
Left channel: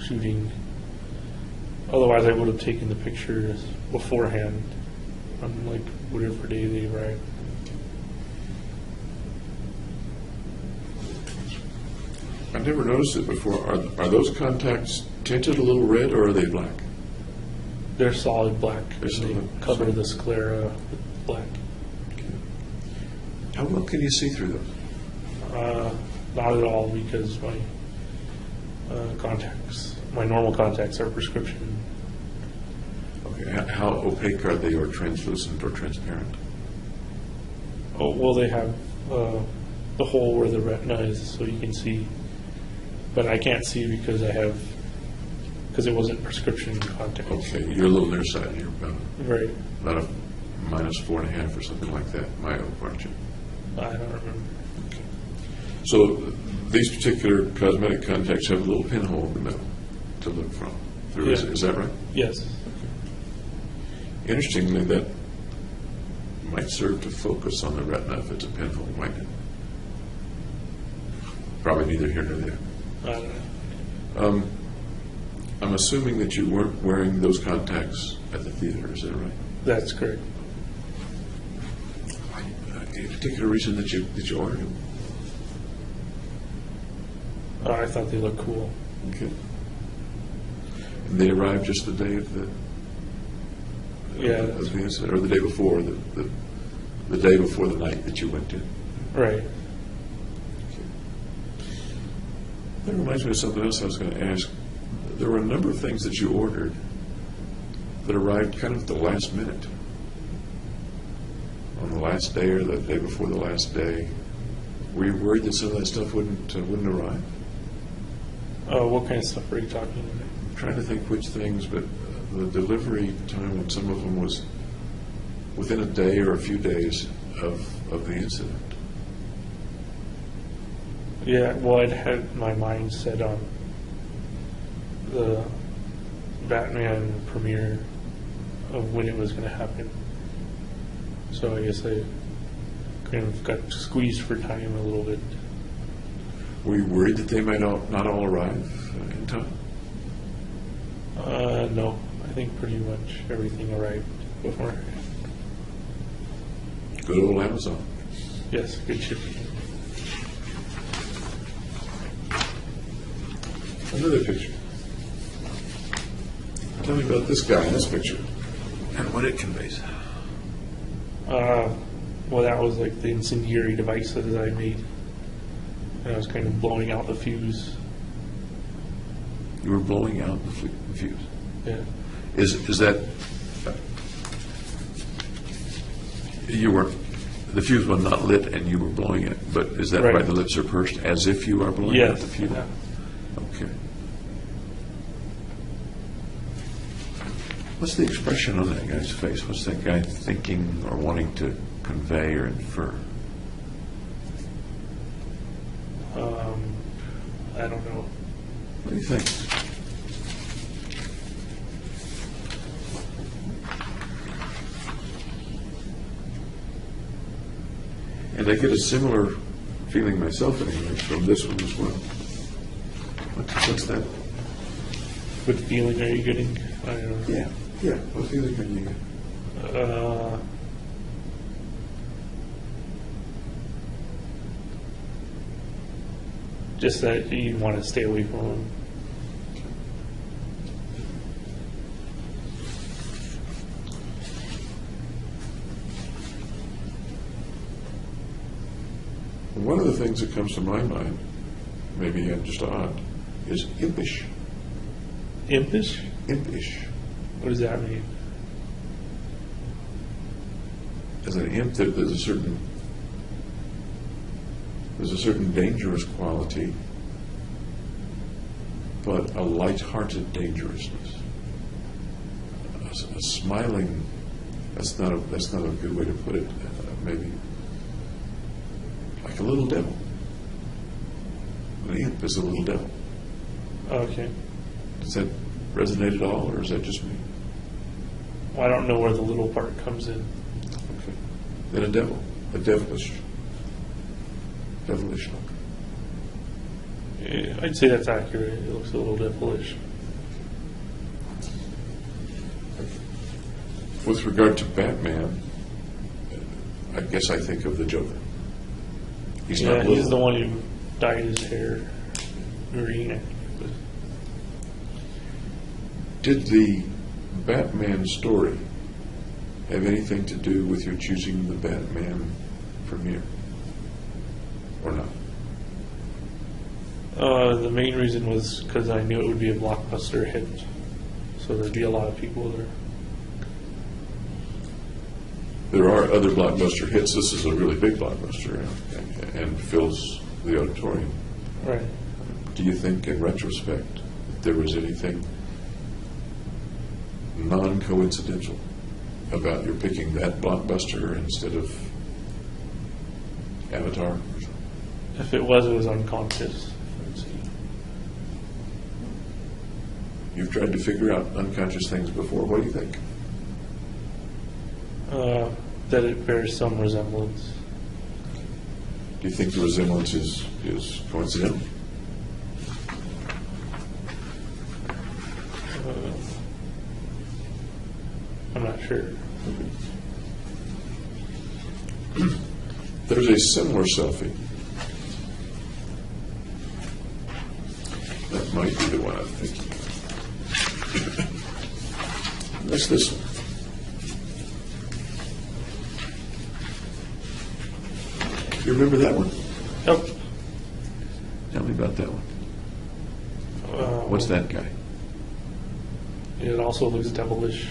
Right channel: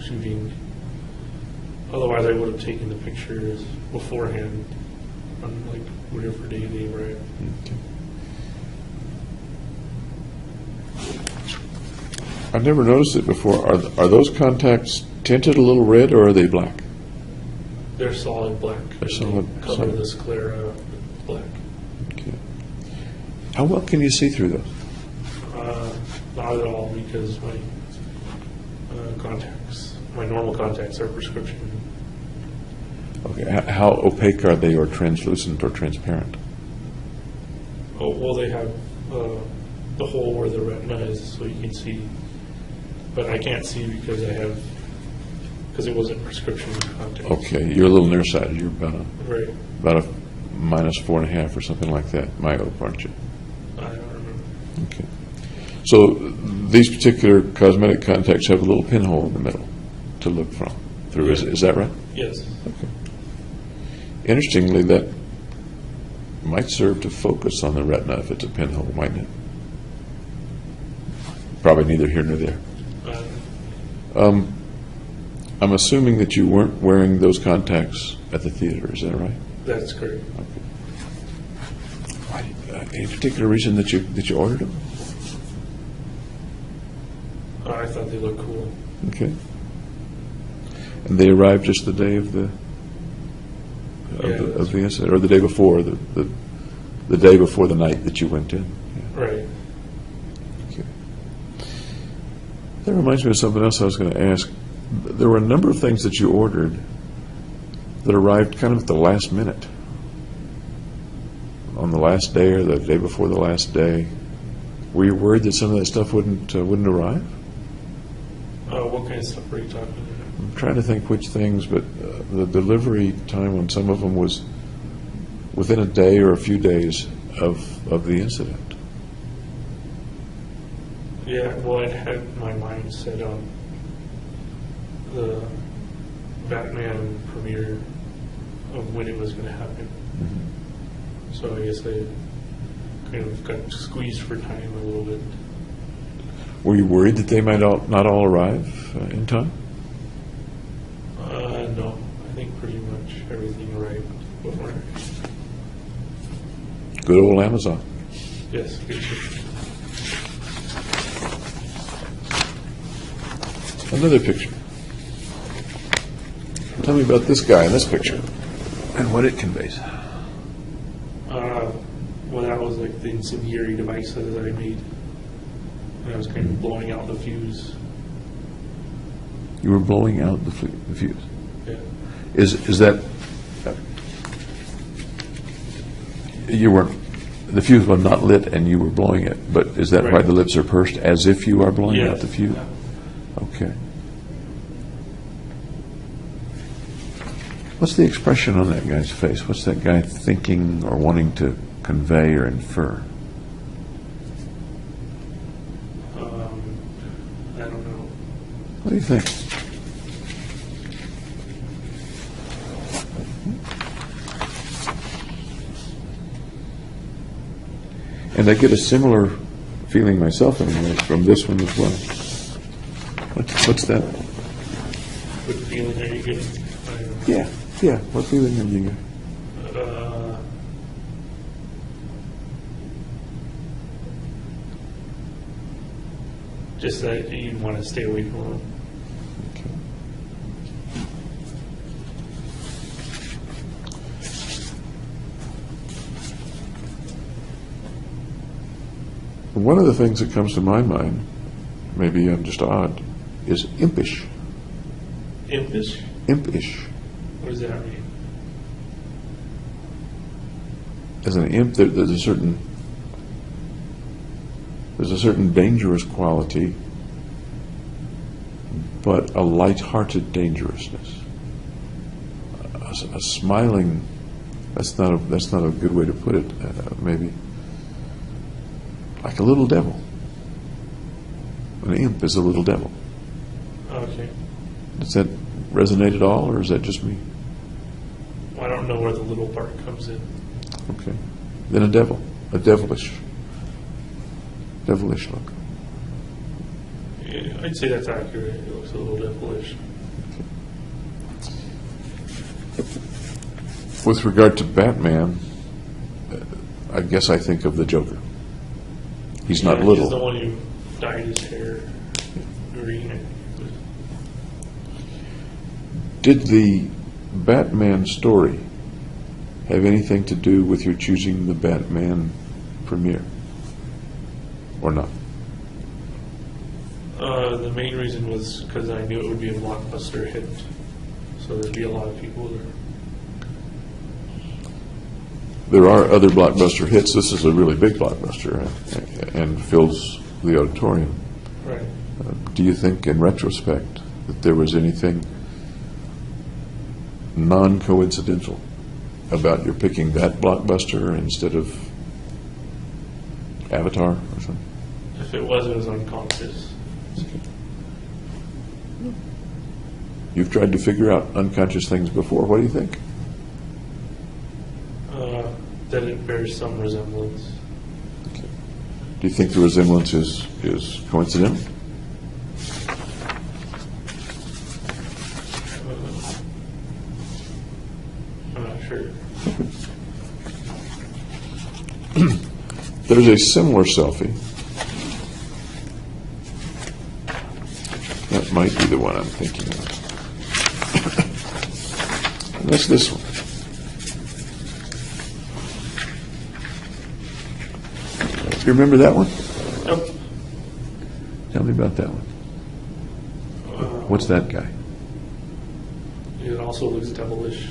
shooting. Otherwise, I would have taken the pictures beforehand on like whatever day they arrived. I've never noticed it before. Are those contacts tinted a little red, or are they black? They're solid black. They're solid- Cover solid. the sclera with black. Okay. How well can you see through those? Not at all, because my contacts, my normal contacts are prescription. Okay. How opaque are they, or translucent, or transparent? Oh, well, they have the hole where the retina is, so you can see. But I can't see because because it wasn't prescription contacts. Okay, you're a little nearsighted. You're Right. about a -4.5 or something like that, myope, aren't you? I don't remember. Okay. So these particular cosmetic contacts have a little pinhole in the middle to look from through. Yeah. Is that right? Yes. Okay. Interestingly, that might serve to focus on the retina if it's a pinhole, mightn't it? Probably neither here nor there. I'm assuming that you weren't wearing those contacts at the theater, is that right? That's correct. Any particular reason that you ordered them? I thought they looked cool. Okay. And they arrived just the day of the of the incident, or the day before, the day before the night that you went in. Right. Okay. That reminds me of something else I was going to ask. There were a number of things that you ordered that arrived kind of at the last minute, on the last day or the day before the last day. Were you worried that some of that stuff wouldn't arrive? What kind of stuff are you talking about? I'm trying to think which things, but the delivery time on some of them was within a day or a few days of the incident. Yeah, well, it had my mind set on the Batman premiere of when it was going to happen. So I guess I kind of got squeezed for time a little bit. Were you worried that they might not all arrive in time? No, I think pretty much everything arrived before. Good old Amazon. Yes, good shipping. Another picture. Tell me about this guy in this picture and what it conveys. Well, that was like the incendiary devices that I made. And I was kind of blowing out the fuse. You were blowing out the fuse. Yeah. Is that you weren't? The fuse was not lit, and you were blowing it. But is that why Right. the lips are pursed, as if you are blowing Yeah. out the fuse? Yeah. Okay. What's the expression on that guy's face? What's that guy thinking or wanting to convey or infer? I don't know. What do you think? And I get a similar feeling myself in here from this one as well. What's that? What feeling are you getting? I don't know. Yeah. What feeling are you getting? Just that you want to stay away from them. one of the things that comes to my mind, maybe I'm just odd, is impish. Impish? Impish. What does that mean? As an imp, there's a certain dangerous quality, but a light-hearted dangerousness. A smiling. That's not a good way to put it. Maybe like a little devil. An imp is a little devil. Okay. Does that resonate at all, or is that just me? I don't know where the little part comes in. Okay. Then a devil, a devilish look. Yeah, I'd say that's accurate. It looks a little devilish. With regard to Batman, I guess I think of the Joker. He's not little. He's the one who dyed his hair green. Did the Batman story have anything to do with your choosing the Batman premiere? Or not? The main reason was because I knew it would be a blockbuster hit. So there'd be a lot of people there. There are other blockbuster hits. This is a really big blockbuster and fills the auditorium. Right. Do you think, in retrospect, that there was anything non-coincidental about your picking that blockbuster instead of Avatar or something? If it was unconscious. You've tried to figure out unconscious things before. What do you think? That it bears some resemblance. Do you think the resemblance is coincidental? I'm not sure. There's a similar selfie. That might be the one I'm thinking of. That's this one. You remember that one? Nope. Tell me about that one. What's that guy? It also looks devilish.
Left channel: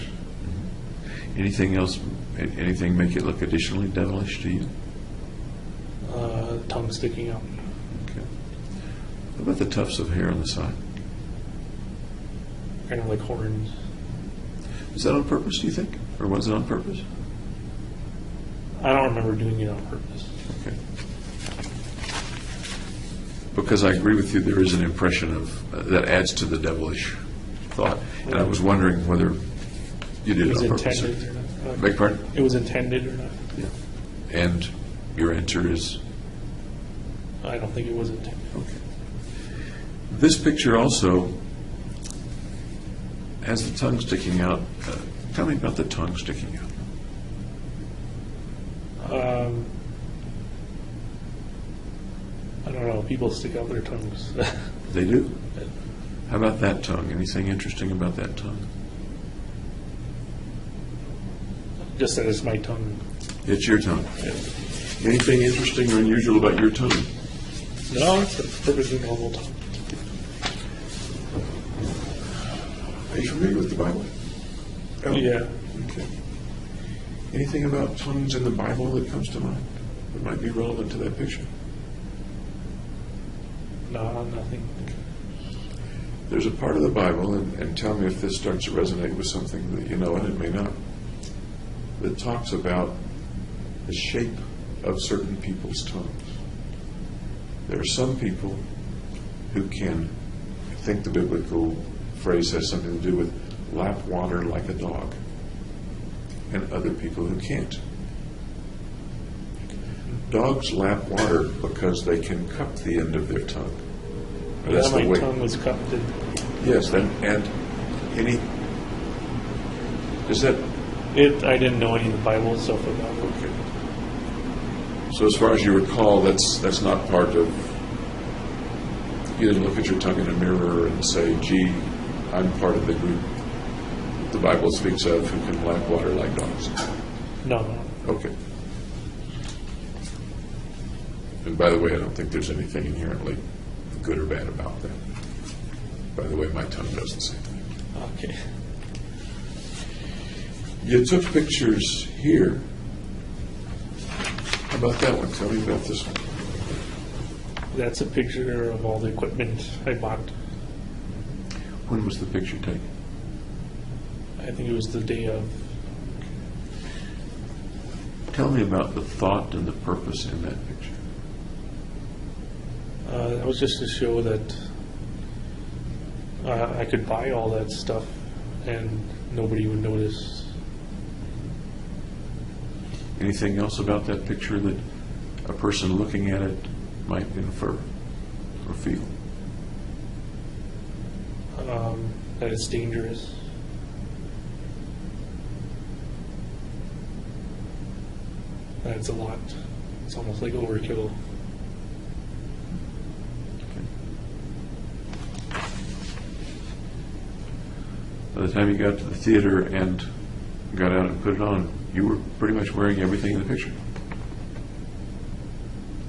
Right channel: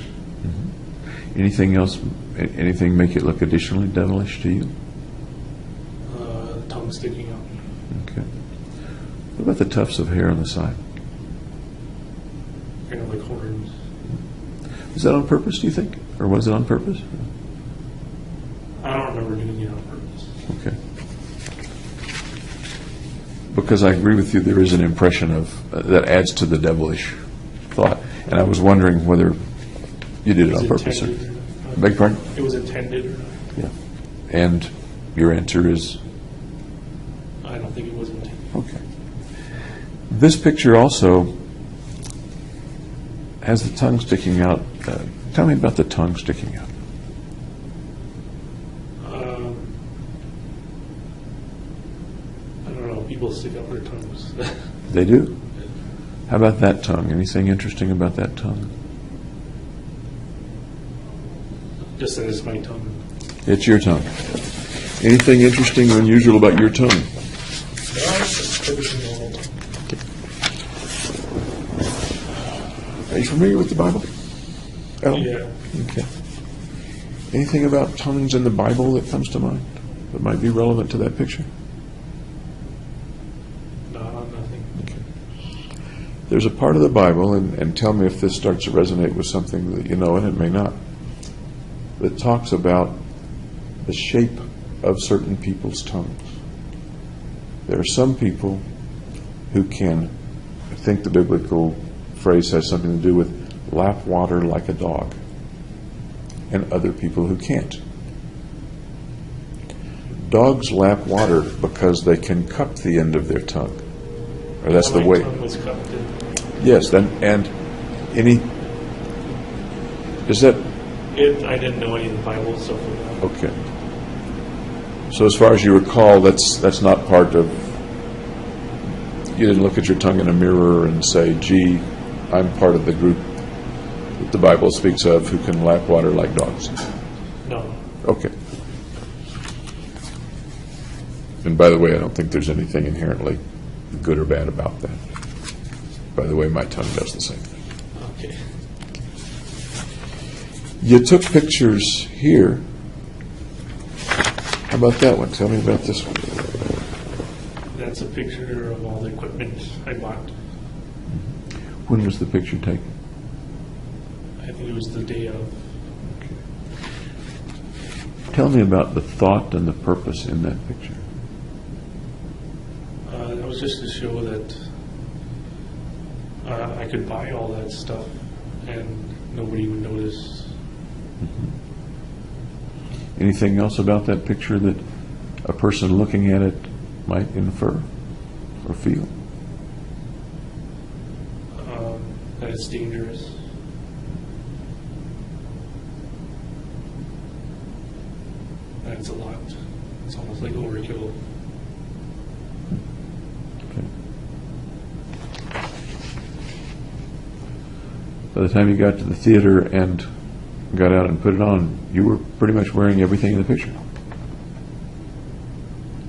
Anything else? Anything make it look additionally devilish to you? Tongue sticking out. Okay. What about the tufts of hair on the side? Kind of like horns. Is that on purpose, do you think? Or was it on purpose? I don't remember doing it on purpose. Okay. Because I agree with you, there is an impression of that adds to the devilish thought. And I was wondering whether you did it on purpose. Intended or not. Beg pardon? It was intended or not. Yeah. And your answer is? I don't think it was intended. Okay. This picture also has the tongue sticking out. Tell me about the tongue sticking out. I don't know. People stick out their tongues. They do? How about that tongue? Anything interesting about that tongue? Just that it's my tongue. It's your tongue. Anything interesting or unusual about your tongue? No, it's a perfectly normal tongue. Are you familiar with the Bible? Oh. Yeah. Okay. Anything about tongues in the Bible that comes to mind that might be relevant to that picture? No, nothing. There's a part of the Bible, and tell me if this starts to resonate with something that you know, and it may not, that talks about the shape of certain people's tongues. There are some people who can, I think the biblical phrase has something to do with lap water like a dog, and other people who can't. Dogs lap water because they can cup the end of their tongue. Or that's the My way. tongue was cupped in. Yes, and any. Is that I didn't know any of the Bible stuff about it. okay? So as far as you recall, that's not part of. You didn't look at your tongue in a mirror and say, "Gee, I'm part of the group that the Bible speaks of who can lap water like dogs." No. Okay. And by the way, I don't think there's anything inherently good or bad about that. By the way, my tongue does the same thing. Okay. You took pictures here. How about that one? Tell me about this one. That's a picture of all the equipment I bought. When was the picture taken? I think it was the day of. Tell me about the thought and the purpose in that picture. That was just to show that I could buy all that stuff and nobody would notice. Anything else about that picture that a person looking at it might infer or feel? That it's dangerous. That it's a lot. It's almost like overkill. By the time you got to the theater and got out and put it on, you were pretty much wearing everything in the picture.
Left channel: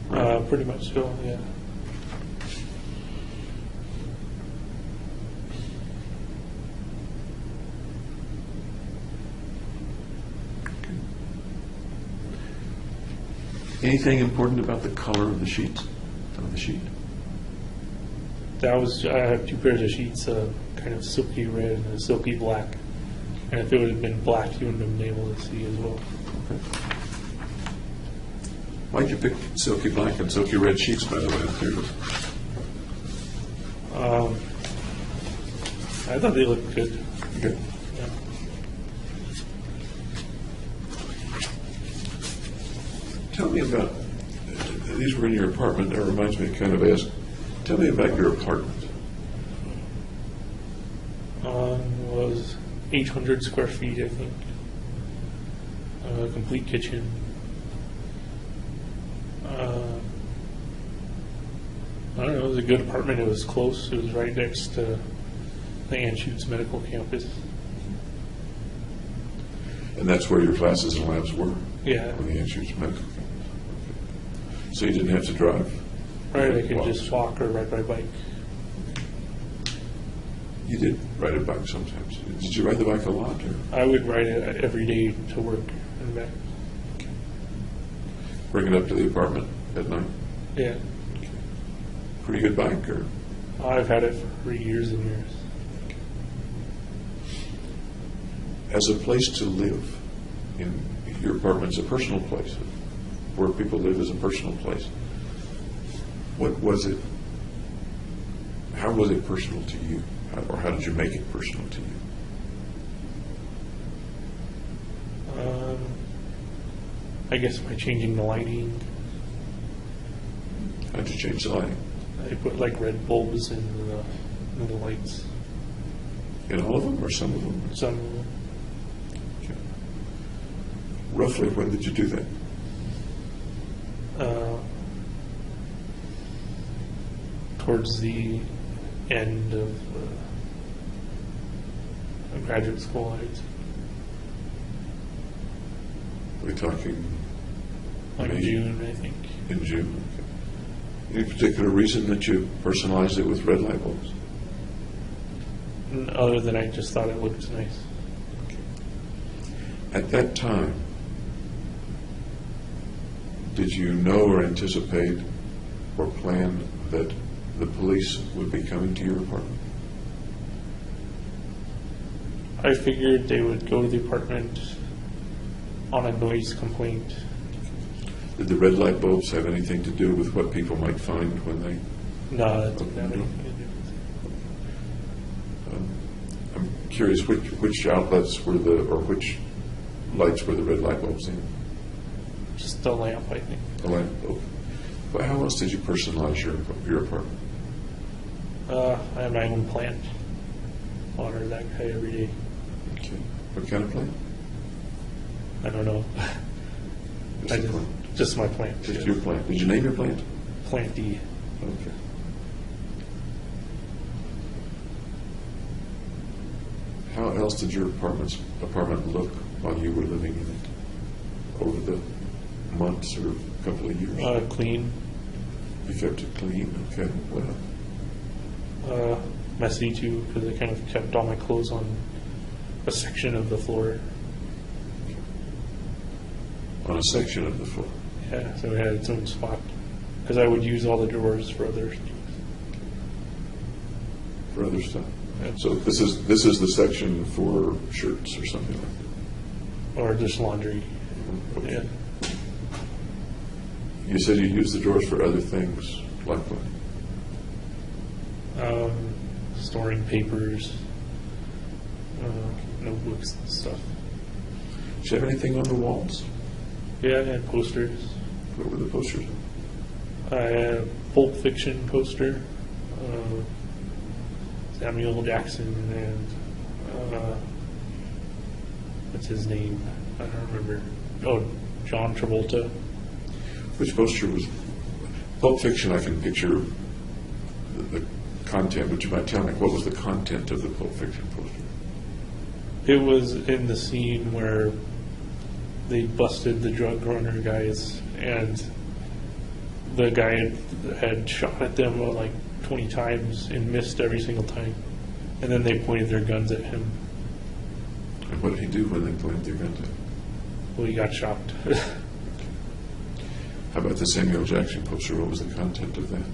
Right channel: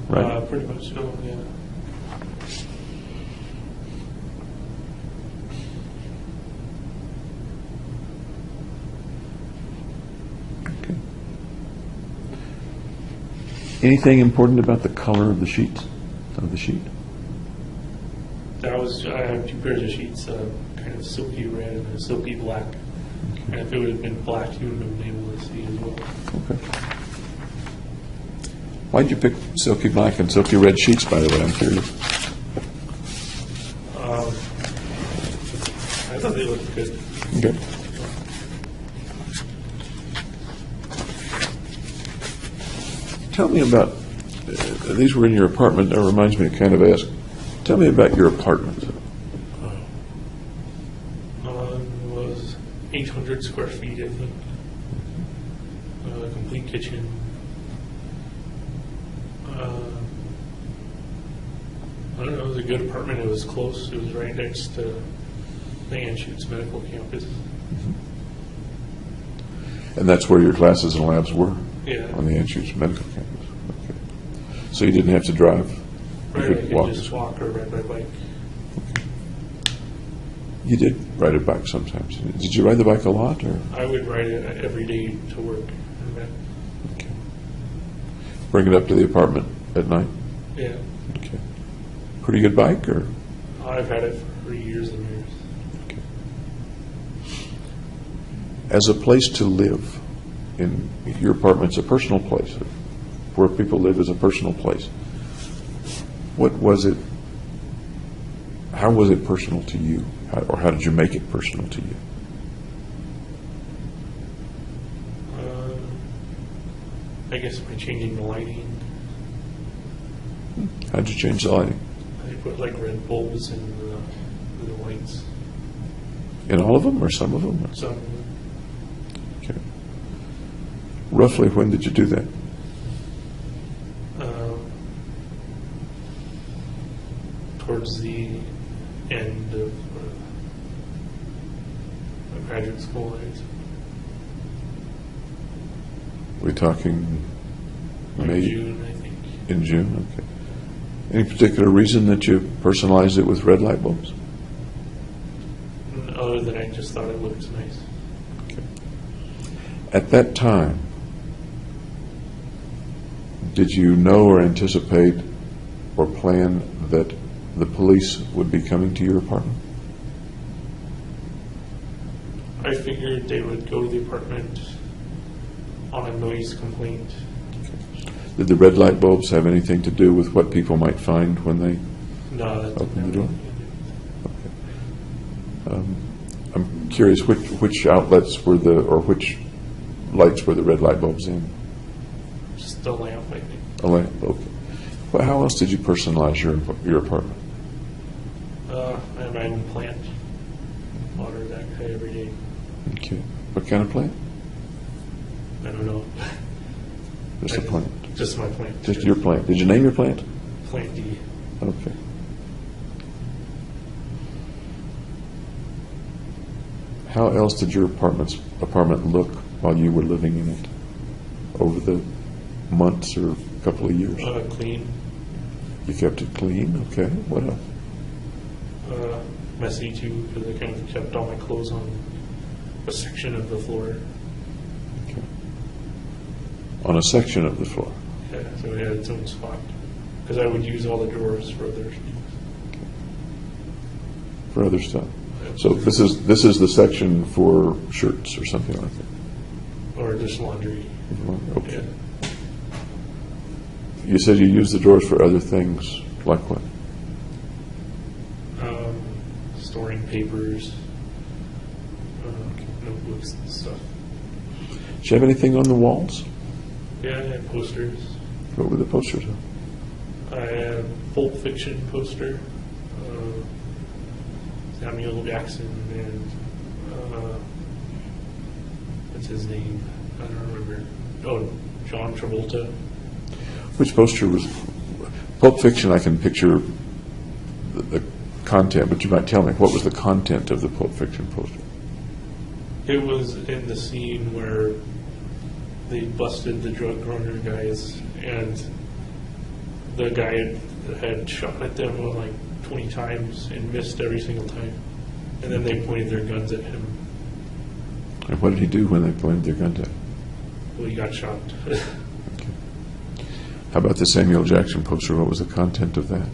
Right. Pretty much so, yeah. Okay. Anything important about the color of the sheets? Of the sheet? That was, I have two pairs of sheets, kind of silky red and a silky black. And if it would have been black, you wouldn't have been able to see as well. Okay. Why'd you pick silky black and silky red sheets, by the way? I'm curious. I thought they looked good. Okay. Tell me about, these were in your apartment. That reminds me to kind of ask, tell me about your apartment. Was 800 square feet, I think. Complete kitchen. I don't know, it was a good apartment. It was close. It was right next to the Anschutz Medical Campus. And that's where your classes and labs were? Yeah. On the Anschutz Medical Campus. Okay. So you didn't have to drive? Right, You I could could walk. just walk or ride my bike. You did ride a bike sometimes. Did you ride the bike a lot? Or? I would ride it every day to work and back. Okay. Bring it up to the apartment at night? Yeah. Okay. Pretty good bike, or? I've had it for years and years. Okay. As a place to live, in your apartment's a personal place. Where people live is a personal place. What was it? How was it personal to you? Or how did you make it personal to you? I guess by changing the lighting, How did you change the lighting? I put like red bulbs in the lights. In all of them, or some of them? Some of them. Okay. Roughly, when did you do that? Towards the end of graduate school, I guess. We're talking Like May? June, I think. In June, okay. Any particular reason that you personalized it with red light bulbs? Other than I just thought it looked nice. Okay. At that time, did you know or anticipate or plan that the police would be coming to your apartment? I figured they would go to the apartment on a noise complaint. Did the red light bulbs have anything to do with what people might find when they No, that open the didn't door? have Okay. I'm curious, which outlets were or which lights were the red light bulbs in? just the lamp, I think. A lamp, okay. Well, how else did you personalize your apartment? I have my own plant. Water that every day. Okay. What kind of plant? I don't know. Just a plant. Just my plant. Just your plant. Did you name your plant? Plant D. Okay. How else did your apartment look while you were living in it over the months or couple of years? Clean. You kept it clean, okay. What else? Messy too, because I kind of kept all my clothes on a section of the floor. Okay. On a section of the floor. Yeah, so it had its own spot. Because I would use all the drawers for other things. For other stuff. Yeah. So this is the section for shirts or something like that. Or just laundry. Okay. Yeah. You said you use the drawers for other things, like what? Storing papers, notebooks and stuff. Did you have anything on the walls? Yeah, I had posters. What were the posters of? I had a Pulp Fiction poster, Samuel Jackson, and what's his name? I don't remember. Oh, John Travolta. Which poster was? Pulp Fiction, I can picture the content, but you might tell me, what was the content of the Pulp Fiction poster? It was in the scene where they busted the drug runner guys, and the guy had shot at them like 20 times and missed every single time. And then they pointed their guns at him. And what did he do when they pointed their guns at him? Well, he got shot. How about the Samuel Jackson poster? What was the content of that?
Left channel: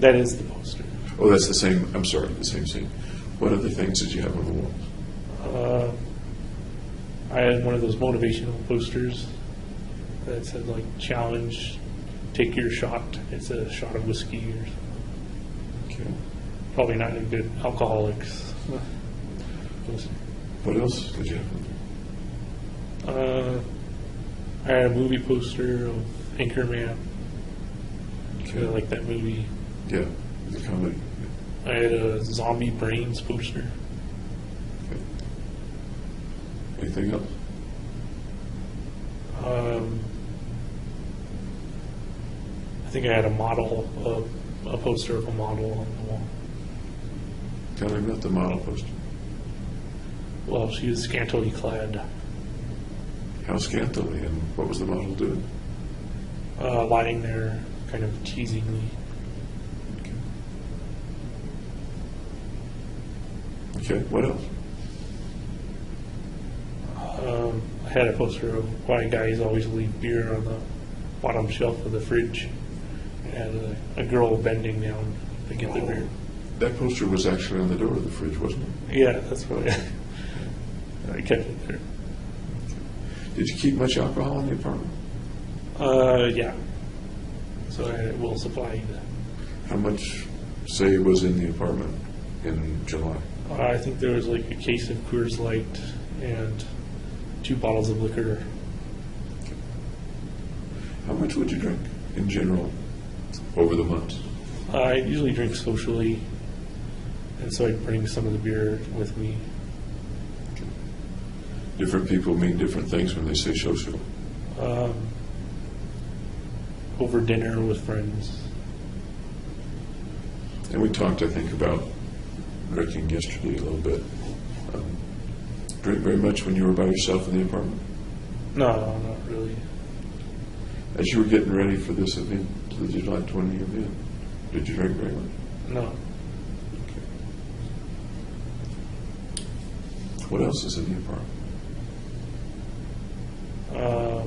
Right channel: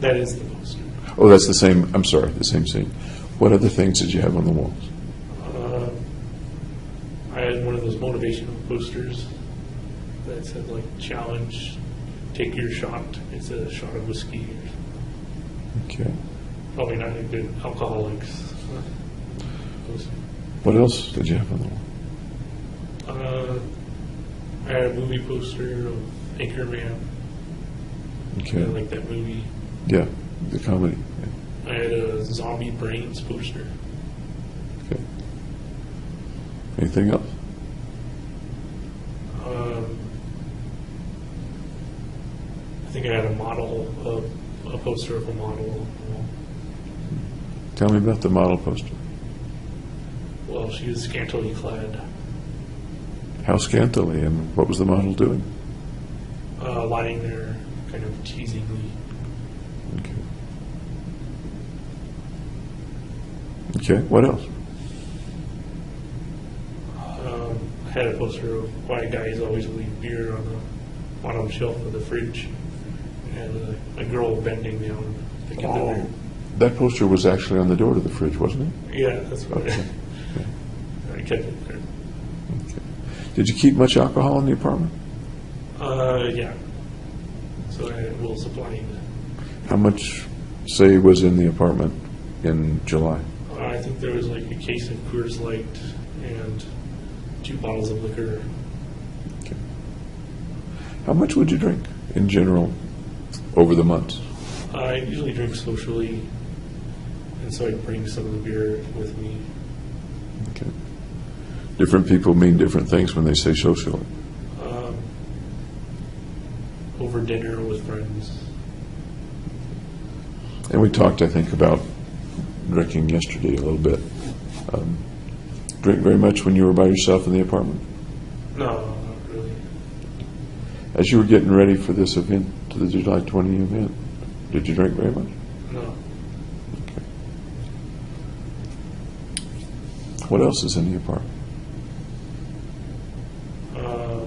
That is the poster. Oh, that's the same, I'm sorry, the same scene. What other things did you have on the walls? I had one of those motivational posters that said, like, challenge, take your shot. It's a shot of whiskey or something. Okay. Probably not a good alcoholics poster. What else did you have on the wall? I had a movie poster of Anchorman. Okay. I like that movie. Yeah, the comedy. I had a Zombie Brains poster. Okay. Anything else? I think I had a poster of a model on the wall. Tell me about the model poster. Well, she was scantily clad, How scantily, and what was the model doing? lying there kind of teasingly. Okay, what else? I had a poster of why guys always leave beer on the bottom shelf of the fridge. It had a girl bending down to get the beer. That poster was actually on the door to the fridge, wasn't it? Yeah, that's what Okay. I kept it there. Okay. Did you keep much alcohol in the apartment? Yeah. So I will supply that. How much, say, was in the apartment in July? I think there was like a case of Coors Light and 2 bottles of liquor. Okay. How much would you drink in general over the months? I usually drink socially, and so I bring some of the beer with me. Okay. Different people mean different things when they say socially. Over dinner with friends. And we talked, I think, about drinking yesterday a little bit. Drink very much when you were by yourself in the apartment? No, not really. As you were getting ready for this event, to the July 20 event, did you drink very much? No. Okay. What else is in the apartment?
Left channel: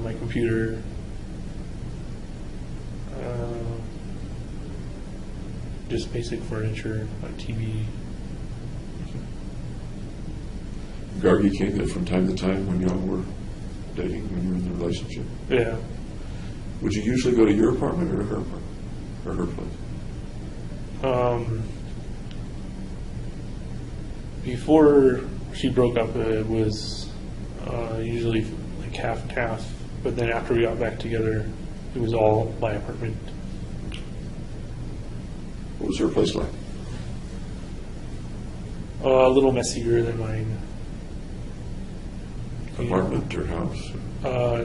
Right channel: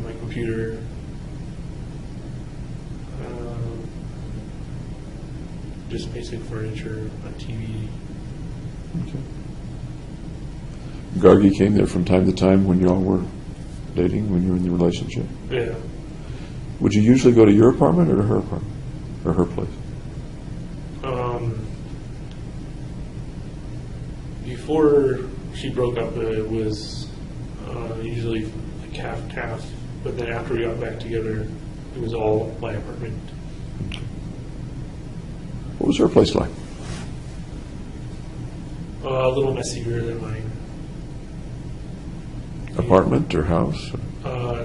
My computer. Just basic furniture, a TV. Okay. Gargi came there from time to time when y'all were dating, when you were in the relationship. Yeah. Would you usually go to your apartment or to her apartment? Or her place? Before she broke up, it was usually like half. But then after we got back together, it was all my apartment. What was her place like? A little messier than mine. Apartment or house?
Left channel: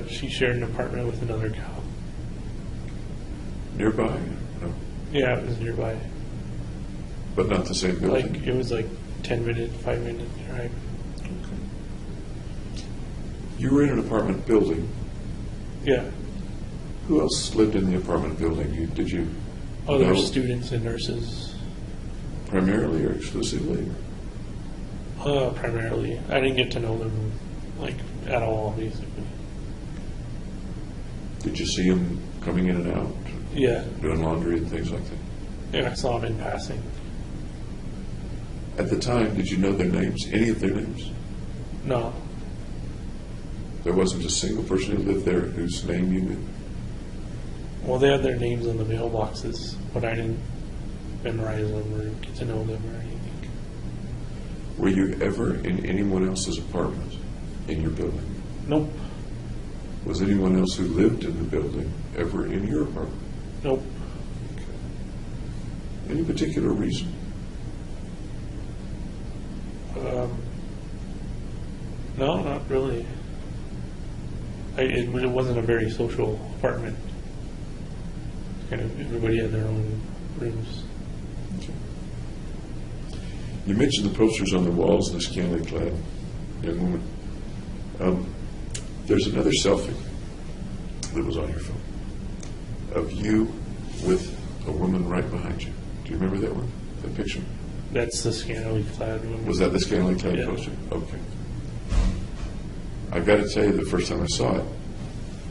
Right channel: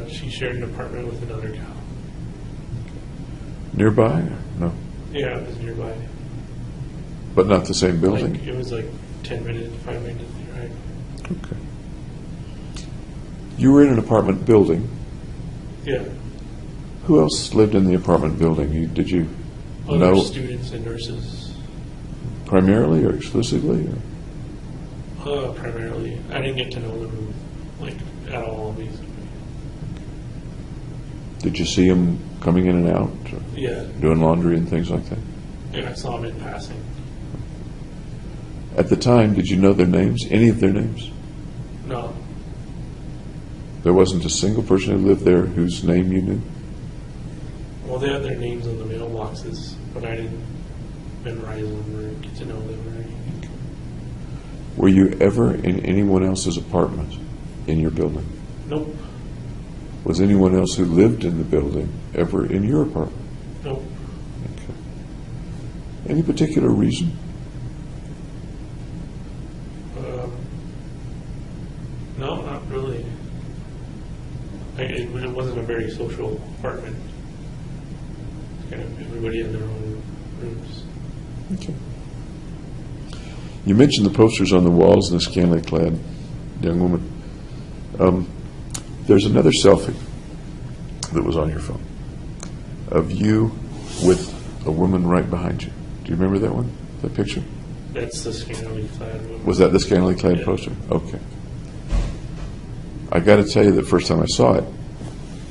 She shared an apartment with another gal. Nearby? No. Yeah, it was nearby. But not the same building? Like, it was like 5-minute drive. Okay. You were in an apartment building. Yeah. Who else lived in the apartment building? Did you Other No. students and nurses, Primarily or exclusively? Or? primarily. I didn't get to know them like at all, basically. Did you see them coming in and out, Yeah, doing laundry and things like that? and I saw them in passing. At the time, did you know their names, any of their names? No, There wasn't a single person who lived there whose name you knew? well, they had their names on the mailboxes, but I didn't memorize them or get to know them or anything. Were you ever in anyone else's apartment in your building? Nope, Was anyone else who lived in the building ever in your apartment? nope. Okay. Any particular reason? No, not really. It wasn't a very social apartment. Kind of everybody had their own rooms. Okay. You mentioned the posters on the walls and the scantily clad young woman. There's another selfie that was on your phone of you with a woman right behind you. Do you remember that one, that picture? That's the scantily clad one. Was that the scantily clad Yeah. poster? Okay. I got to tell you, the first time I saw it,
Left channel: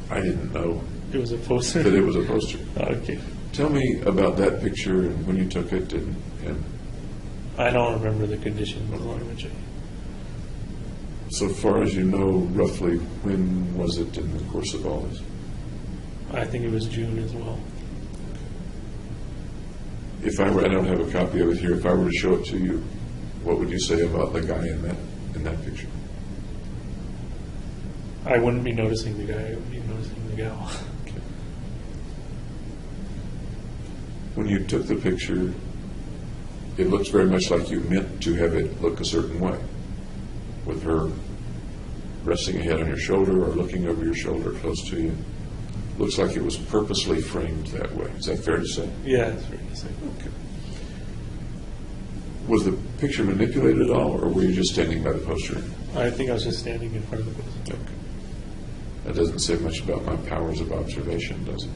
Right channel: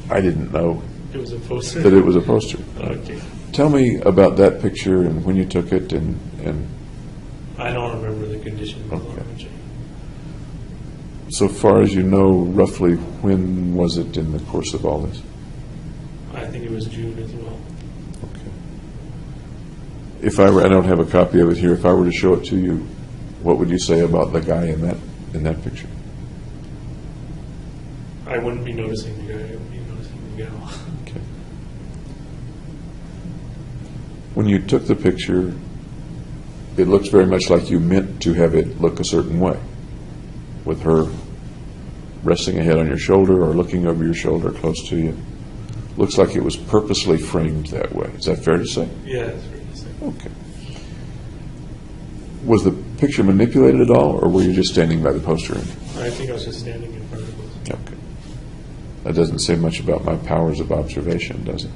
I didn't know It was a poster. that it was a poster. Okay. Tell me about that picture and when you took it and I don't remember the condition. Okay. So far as you know, roughly when was it in the course of all this? I think it was June as well. If I were, I don't have a copy of it here. If I were to show it to you, what would you say about the guy in that picture? I wouldn't be noticing the guy. I would be noticing the gal. Okay. When you took the picture, it looks very much like you meant to have it look a certain way, with her resting a head on your shoulder or looking over your shoulder close to you. Looks like it was purposely framed that way. Is that fair to say? Yeah, that's what he said. Okay. Was the picture manipulated at all, or were you just standing by the poster? I think I was just standing in front of him. Okay. That doesn't say much about my powers of observation, does it?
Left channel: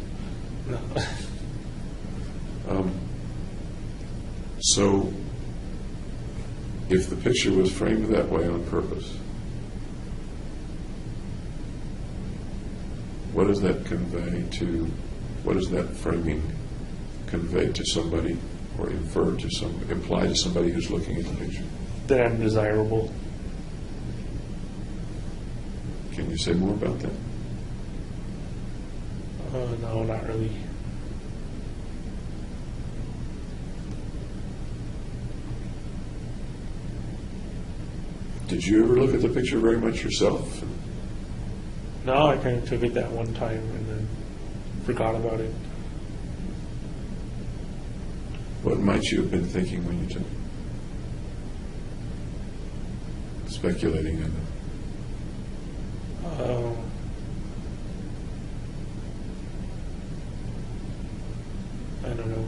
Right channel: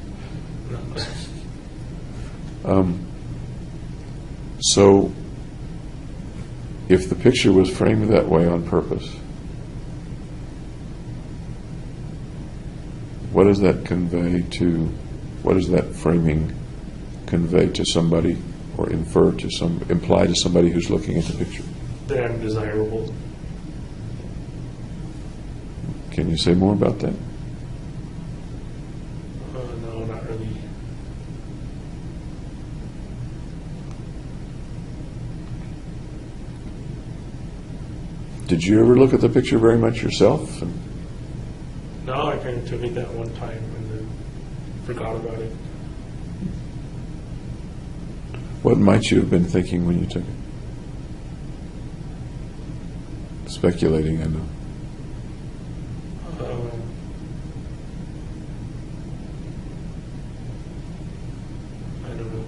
No. So, if the picture was framed that way on purpose, what does that convey to, what does that framing convey to somebody or imply to somebody who's looking at the picture? That I'm desirable. Can you say more about that? No, not really. Did you ever look at the picture very much yourself? No, I kind of took it that one time and then forgot about it. What might you have been thinking when you took it? Speculating, I know. I don't know.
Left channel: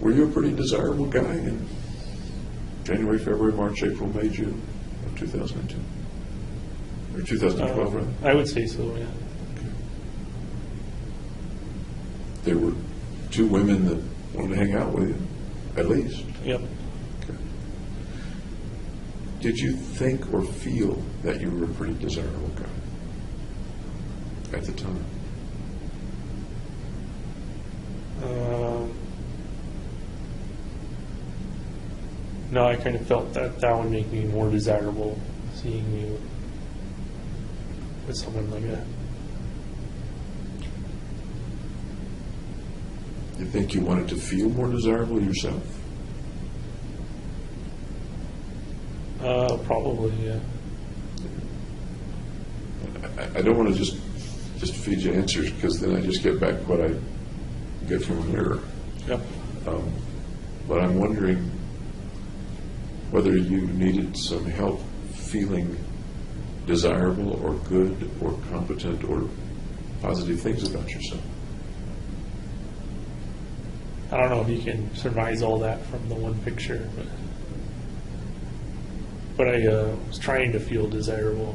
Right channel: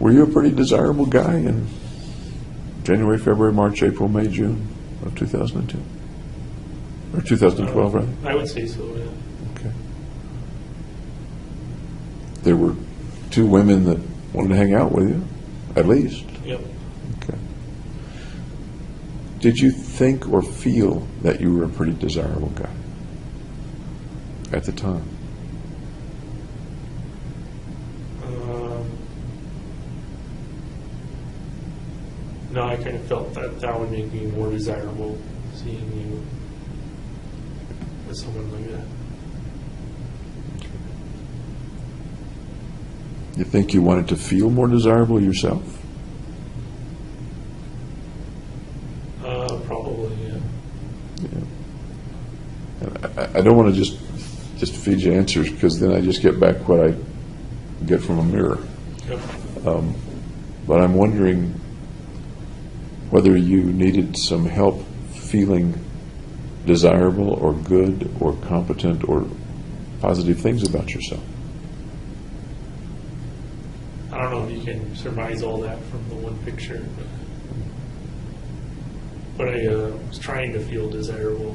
Were you a pretty desirable guy in January, February, March, April, May, June of 2002? Or 2012, rather? I would say so, yeah. Okay. There were two women that wanted to hang out with you, at least. Yep. Okay. Did you think or feel that you were a pretty desirable guy at the time? No, I kind of felt that would make me more desirable, seeing you with someone like that. You think you wanted to feel more desirable yourself? Probably, yeah. I don't want to just feed you answers, because then I just get back what I get from a mirror. Yep. But I'm wondering whether you needed some help feeling desirable or good or competent or positive things about yourself. I don't know if you can surmise all that from the one picture, but I was trying to feel desirable.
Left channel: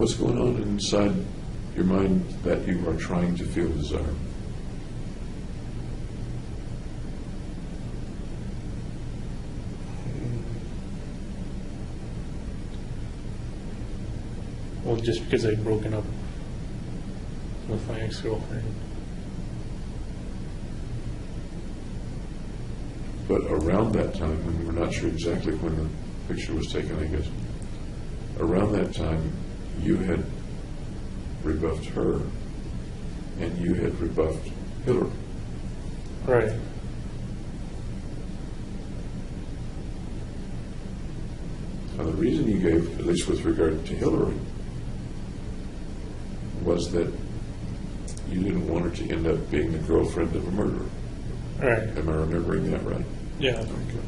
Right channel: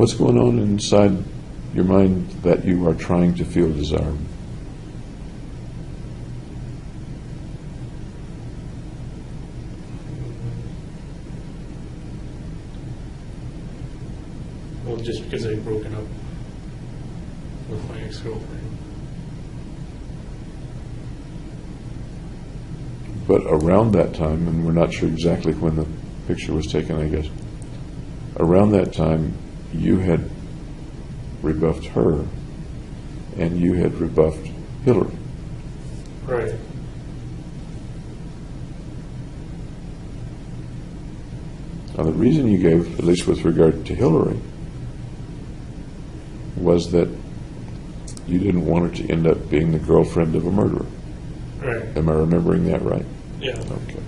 What's going on inside your mind that you are trying to feel desire? Well, just because I've broken up with my ex-girlfriend. But around that time, and we're not sure exactly when the picture was taken, I guess, around that time, you had rebuffed her, and you had rebuffed Hillary. Right. Now, the reason you gave, at least with regard to Hillary, was that you didn't want her to end up being the girlfriend of a murderer. Right. Am I remembering that right? Yeah. Okay.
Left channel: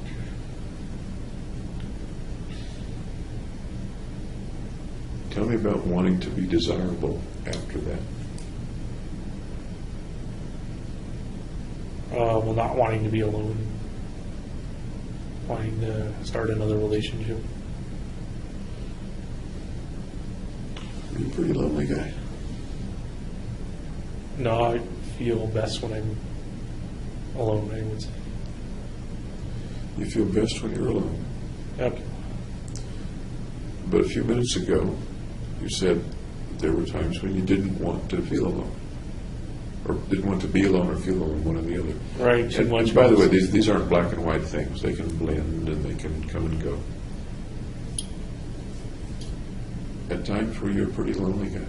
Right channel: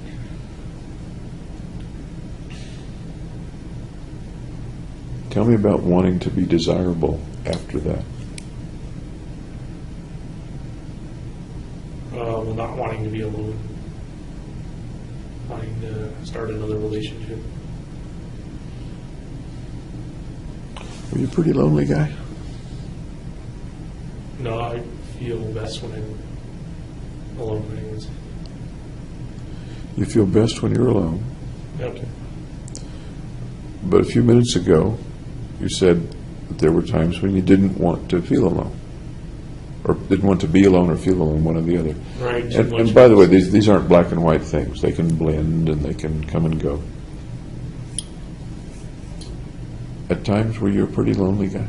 Tell me about wanting to be desirable after that. Well, not wanting to be alone. Wanting to start another relationship. Were you a pretty lonely guy? No, I feel best when I'm alone. Anyways. You feel best when you're alone. Okay. But a few minutes ago, you said that there were times when you didn't want to feel alone. Or didn't want to be alone or feel alone, one or the other. Right. And by the way, these aren't black and white things. They can blend and they can come and go. At times, were you a pretty lonely guy?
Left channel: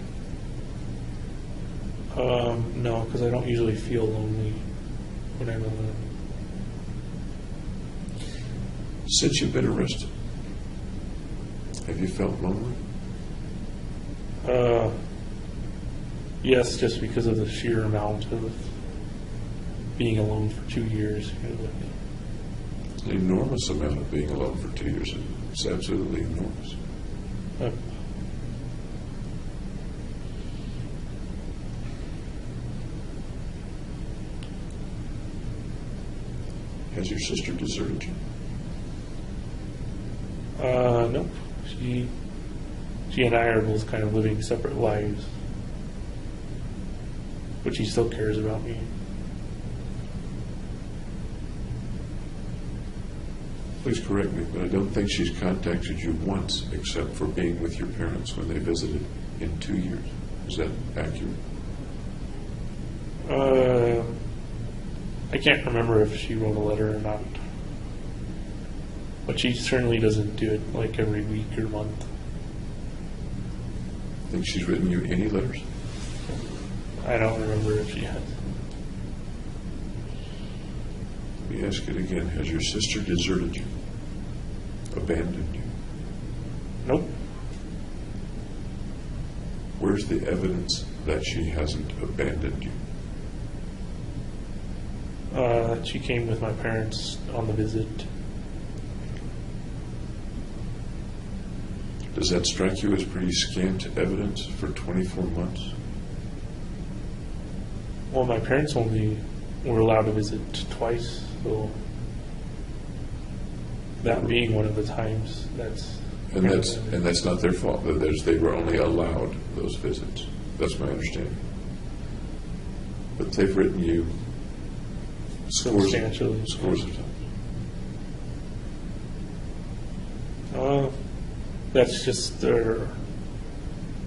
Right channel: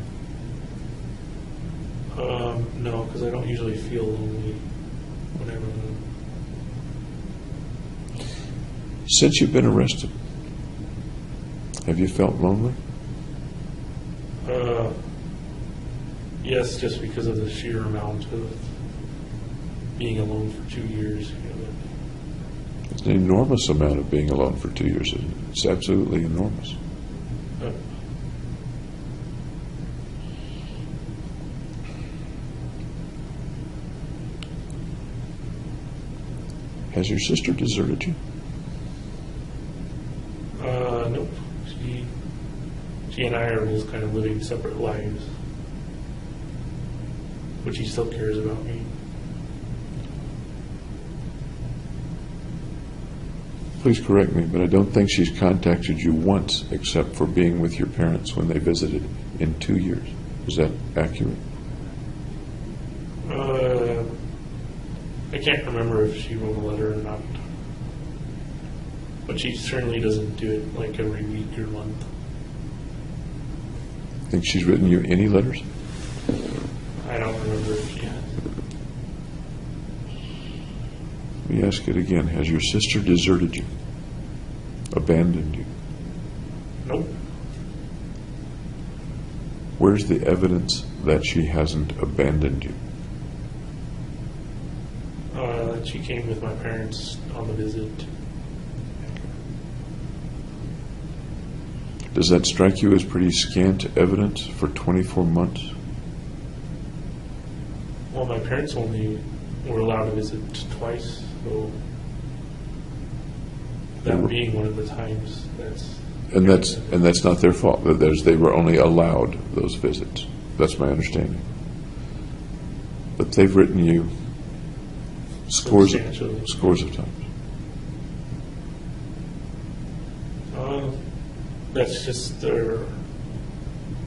No, because I don't usually feel lonely when I'm alone. Since you've been arrested, have you felt lonely? Yes, just because of the sheer amount of being alone for 2 years. It's an enormous amount of being alone for 2 years. It's absolutely enormous. Uh, Has your sister deserted you? nope. She and I are both kind of living separate lives, but she still cares about me. Please correct me, but I don't think she's contacted you once except for being with your parents when they visited in 2 years. Is that accurate? I can't remember if she wrote a letter or not, but she certainly doesn't do it like every week or month. Think she's written you any letters? I don't remember if she has. Let me ask it again. Has your sister deserted you? Abandoned you? Nope. Where's the evidence that she hasn't abandoned you? She came with my parents on the visit. Does that strike you as pretty scant evidence for 24 months? Well, my parents only were allowed to visit twice, so that being one of the times, And that's not their fault. They were only allowed those visits. That's my understanding. But they've written you scores of times. That's just the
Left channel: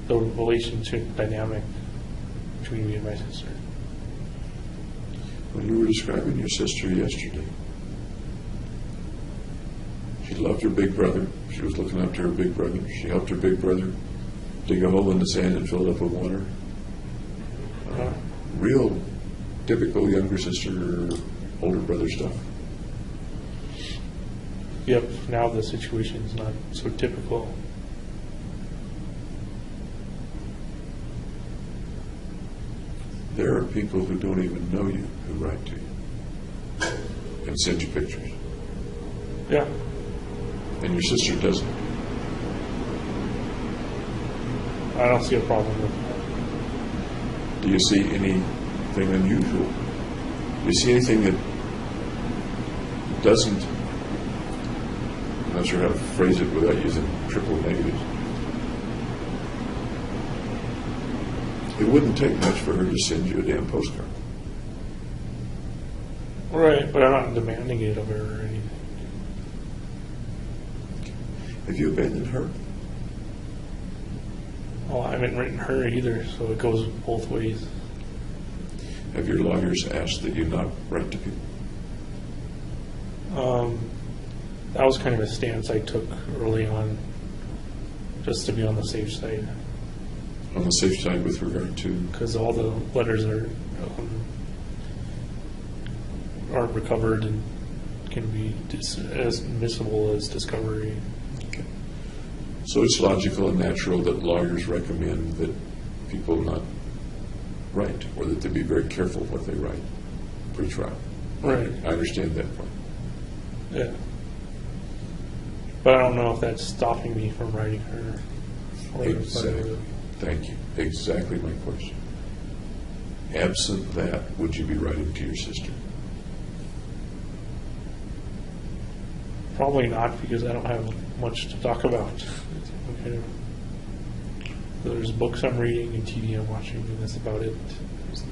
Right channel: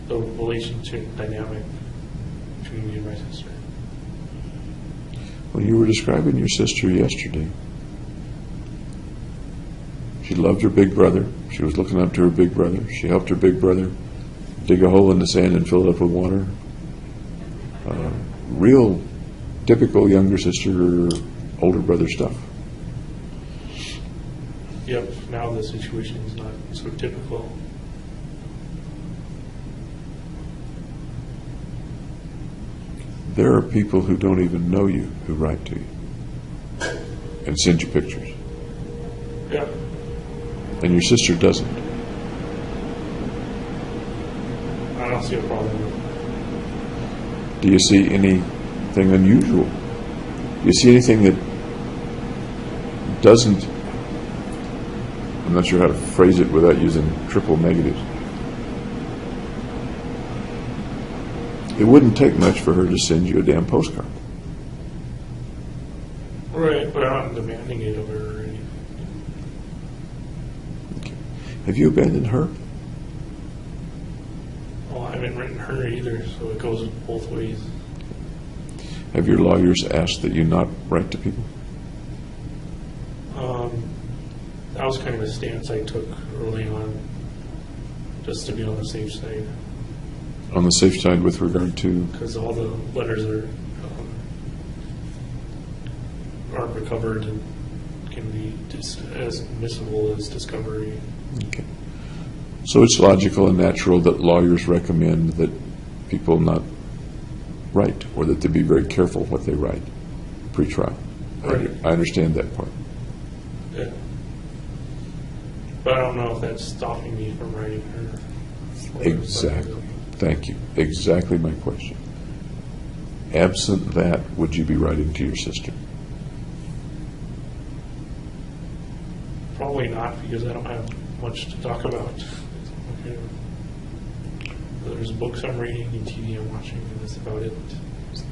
relationship dynamic between me and my sister. Well, you were describing your sister yesterday. She loved her big brother. She was looking up to her big brother. She helped her big brother dig a hole in the sand and fill it up with water. Real typical younger sister, older brother stuff. Yep, now the situation is not so typical. There are people who don't even know you who write to you and send you pictures. Yeah. And your sister doesn't. I don't see a problem with that. Do you see anything unusual? Do you see anything that doesn't, I'm not sure how to phrase it without using triple negatives. it wouldn't take much for her to send you a damn postcard. Right, but I'm not demanding it of her or anything. Have you abandoned her? Well, I haven't written her either, so it goes both ways. Have your lawyers asked that you not write to people? That was kind of a stance I took early on, just to be on the safe side, On the safe side with regard to, because all the letters aren't recovered and can be as admissible as discovery. okay. So it's logical and natural that lawyers recommend that people not write, or that they be very careful what they write pre-trial. Right. I understand that part. Yeah. But I don't know if that's stopping me from writing her. Exactly. Thank you. Exactly my question. Absent that, would you be writing to your sister? Probably not, because I don't have much to talk about. Okay. There's books I'm reading and TV I'm watching, and that's about it. So,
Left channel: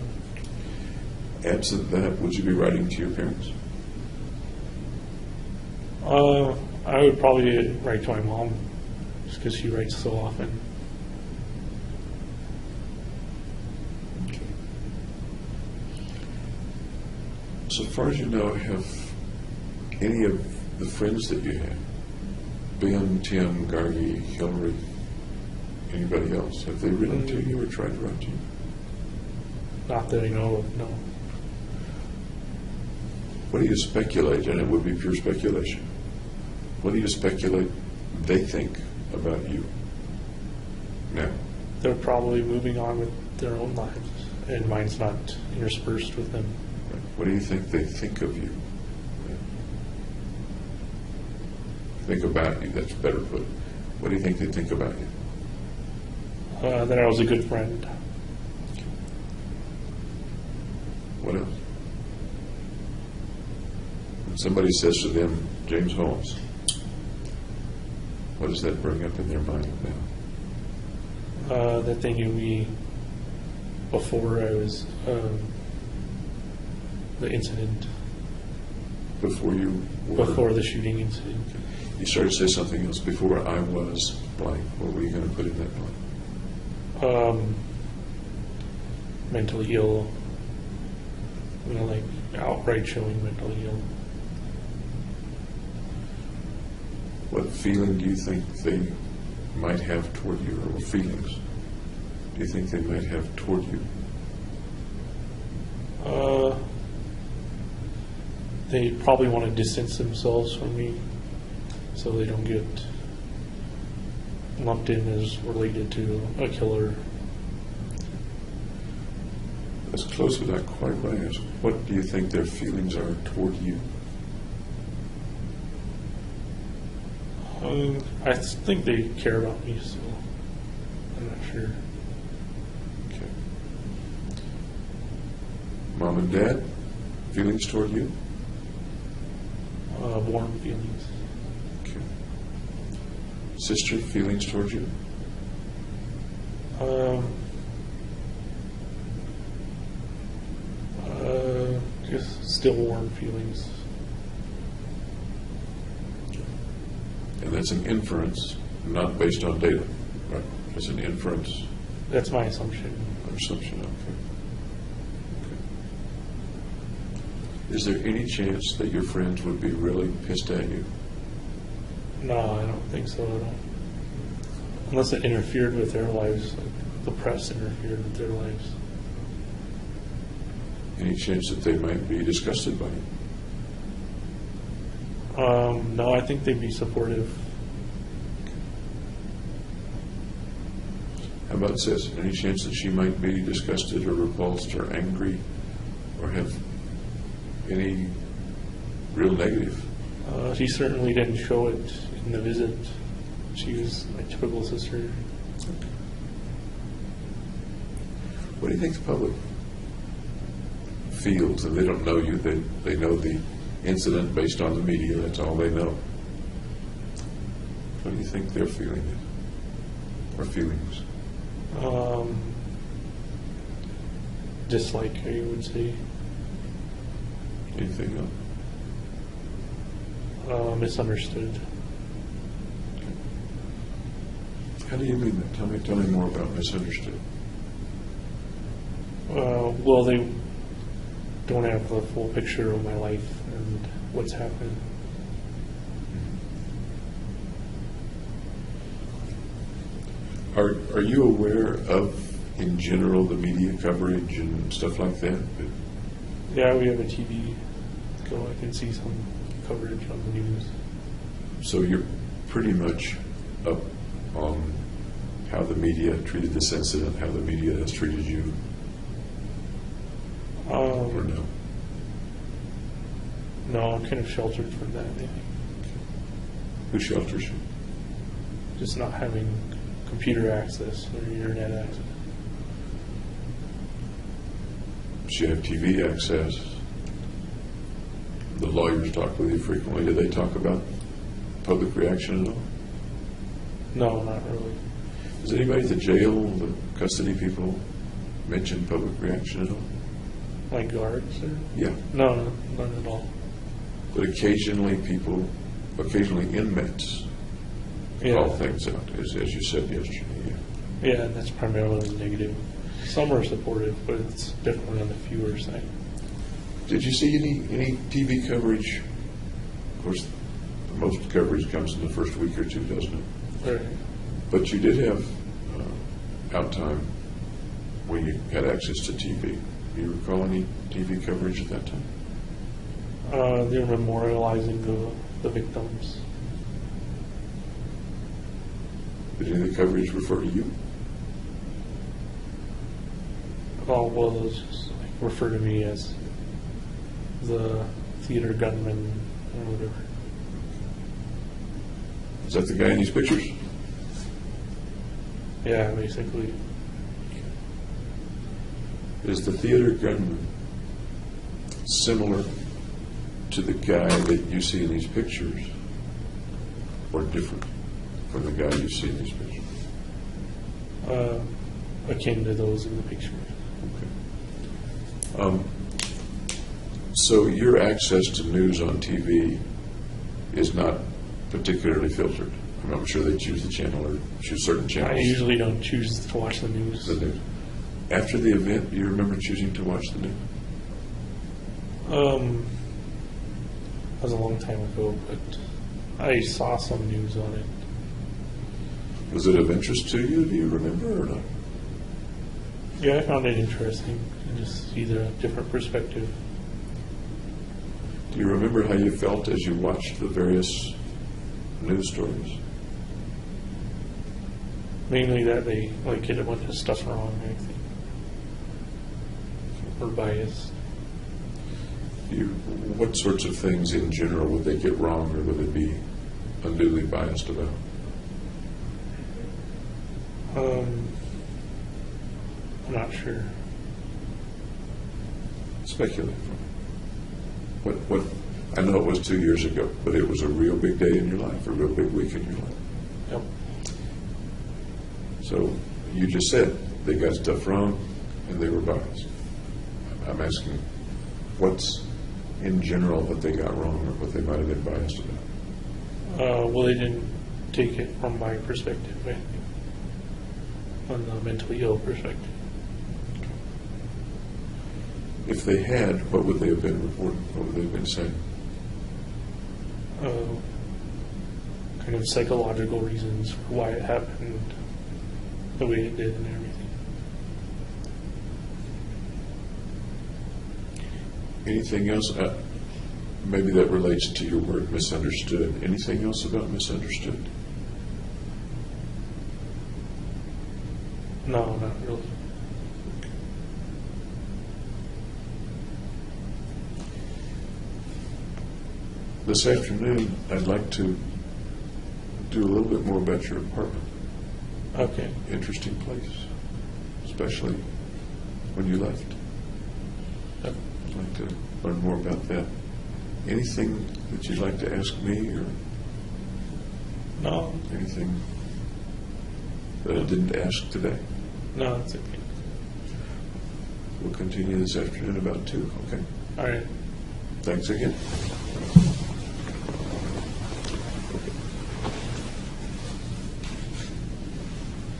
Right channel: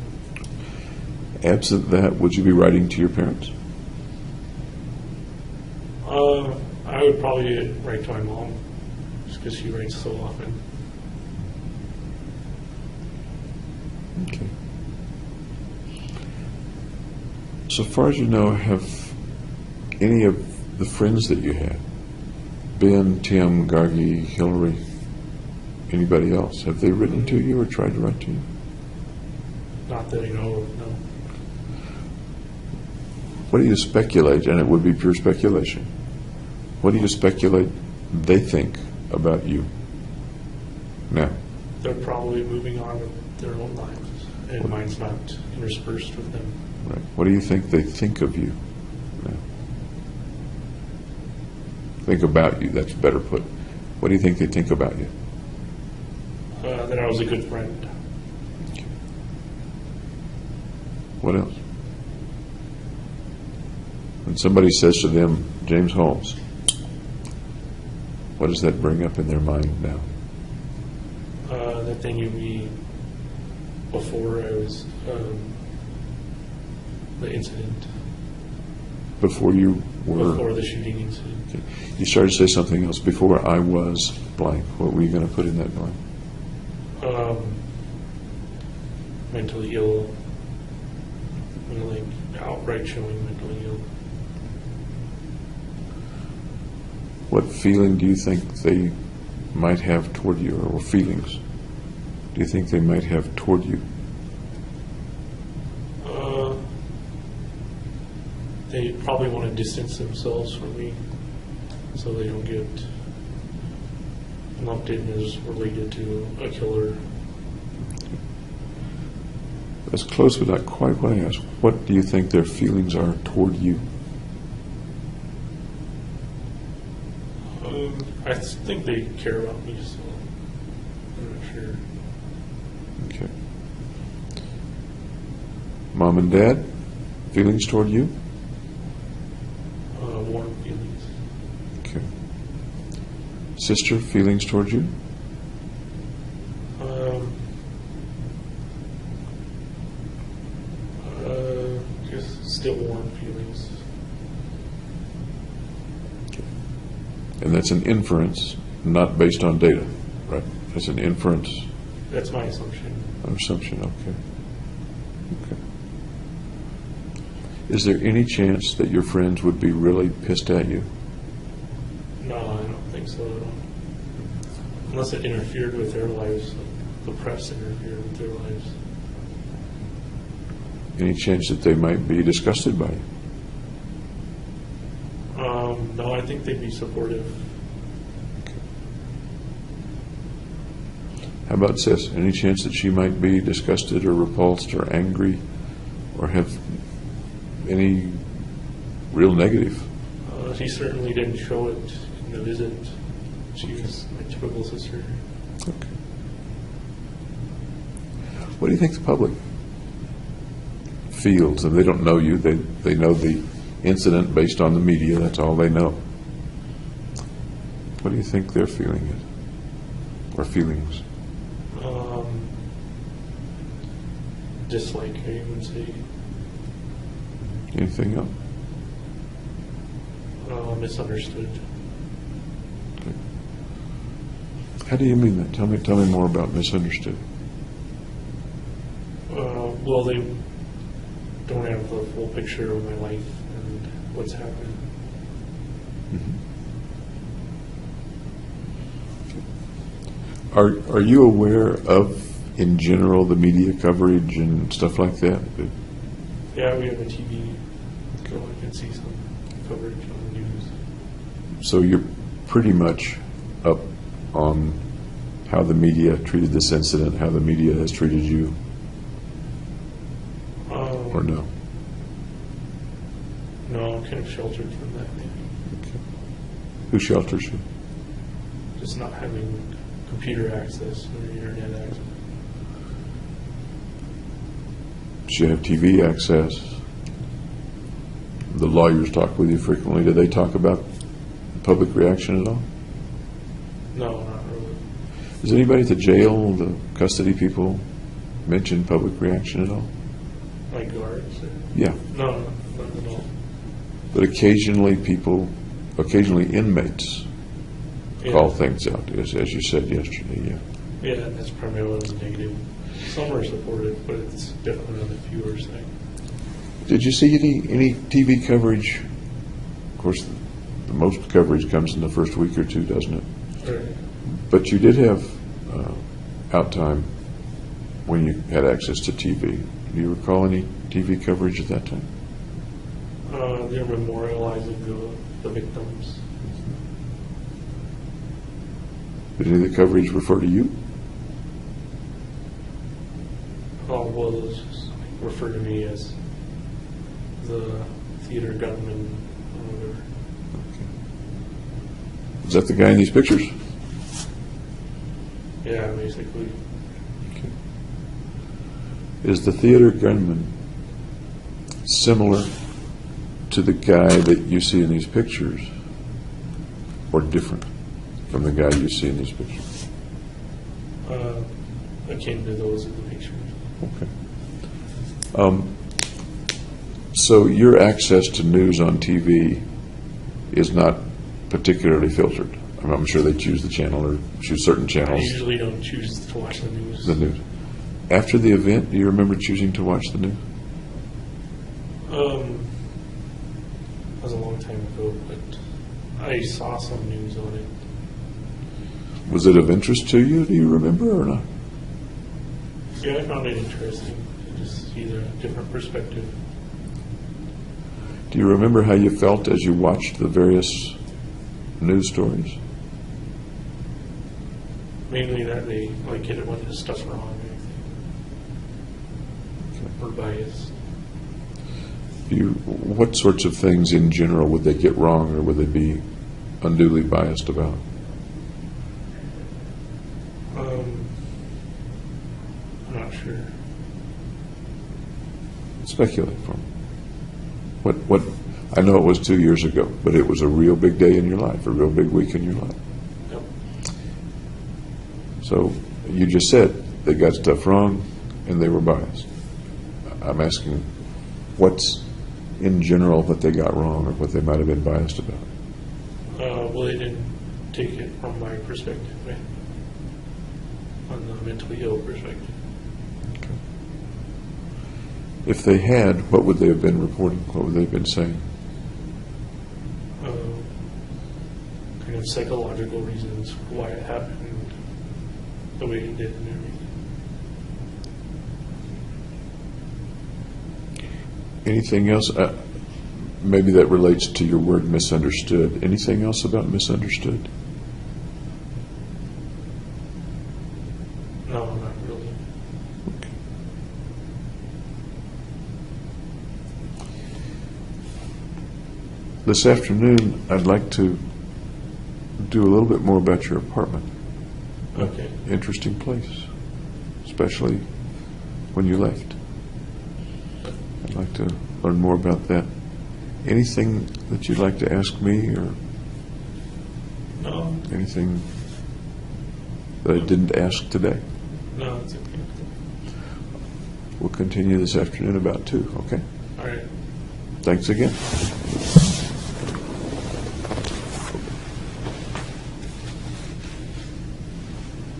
Absent that, would you be writing to your parents? I would probably write to my mom, just because she writes so often. Okay. So far as you know, have any of the friends that you had, Ben, Tim, Gargi, Hillary, anybody else, have they written to you or tried to write to you? Not that I know of, no. What do you speculate, and it would be pure speculation, what do you speculate they think about you now? They're probably moving on with their own lives, and mine's not interspersed with them. Right. What do you think they think of you now? Think about you, that's better put. What do you think they think about you? That I was a good friend. What else? When somebody says to them, James Holmes, what does that bring up in their mind now? That they knew me before I was the incident, Before you were... before the shooting incident. Okay. You started to say something else. Before I was blank. What were you going to put in that blank? Mentally ill, like outright showing mentally ill. What feeling do you think they might have toward you, or feelings do you think they might have toward you? They probably want to distance themselves from me so they don't get lumped in as related to a killer. That's close, but not quite what I asked. What do you think their feelings are toward you? I think they care about me, so I'm not sure. Okay. Mom and Dad, feelings toward you? Warm feelings. Okay. Sister, feelings toward you? Just still warm feelings. And that's an inference, not based on data, right? That's an inference, That's my assumption. an assumption, okay. Okay. Is there any chance that your friends would be really pissed at you? No, I don't think so. No. Unless it interfered with their lives, like the press interfered with their lives. Any chance that they might be disgusted by you? No, I think they'd be supportive. How about Sis? Any chance that she might be disgusted or repulsed or angry or have any real negative? She certainly didn't show it in the visit. She was my typical sister. Okay. What do you think the public feels? And they don't know you. They know the incident based on the media. That's all they know. What do you think their feeling is? Or feelings? dislike, I would say. Anything else? Misunderstood. How do you mean that? Tell me more about misunderstood. Well, they don't have the full picture of my life and what's happened. Are you aware of, in general, the media coverage and stuff like that? Yeah, we have a TV, so I can see some coverage on the news. So you're pretty much up on how the media treated this incident, how the media has treated you, or no? No, I'm kind of sheltered from that, maybe. Who shelters you? Just not having computer access or internet access. Does you have TV access? The lawyers talk with you frequently. Do they talk about public reaction at all? No, not really. Does anybody at the jail, the custody people, mention public reaction at all? Like guards? Or? Yeah. No, not at all. But occasionally inmates Yeah. call things out, as you said yesterday. Yeah. Yeah, that's primarily negative. Some are supportive, but it's definitely on the fewer side. Did you see any TV coverage? Of course, the most coverage comes in the first week or two, doesn't it? Right. But you did have out time when you had access to TV. Do you recall any TV coverage at that time? They're memorializing the victims. Did any of the coverage refer to you? Well, those just refer to me as the theater gunman or whatever. Is that the guy in these pictures? Yeah, basically. Okay. Is the theater gunman similar to the guy that you see in these pictures, or different from the guy you see in these pictures? Akin to those in the picture. Okay. So your access to news on TV is not particularly filtered. I'm sure they choose the channel or choose certain I channels. usually don't choose to watch the news. The news. After the event, do you remember choosing to watch the news? That was a long time ago, but I saw some news on it. Was it of interest to you? Do you remember or not? Yeah, I found it interesting to just see the different perspective. Do you remember how you felt as you watched the various news stories? Mainly that they get a bunch of stuff wrong and everything. Or biased. What sorts of things in general would they get wrong, or would they be unduly biased about? I'm not sure. Speculate for me. What? I know it was 2 years ago, but it was a real big day in your life, a real big week in your life. Yep. So you just said they got stuff wrong and they were biased. I'm asking what's in general that they got wrong or what they might have been biased about. Well, they didn't take it from my perspective, right? On the mentally ill perspective. If they had, what would they have been reporting? What would they have been saying? Kind of psychological reasons for why it happened the way it did and everything. Anything else? Maybe that relates to your word misunderstood. Anything else about misunderstood? No, not really. This afternoon, I'd like to do a little bit more about your apartment. Okay. Interesting place, especially when you left. I'd like to learn more about that. Anything that you'd like to ask me, or No, anything that I didn't ask today? no, it's okay. We'll continue this afternoon about 2, okay? All right. Thanks again.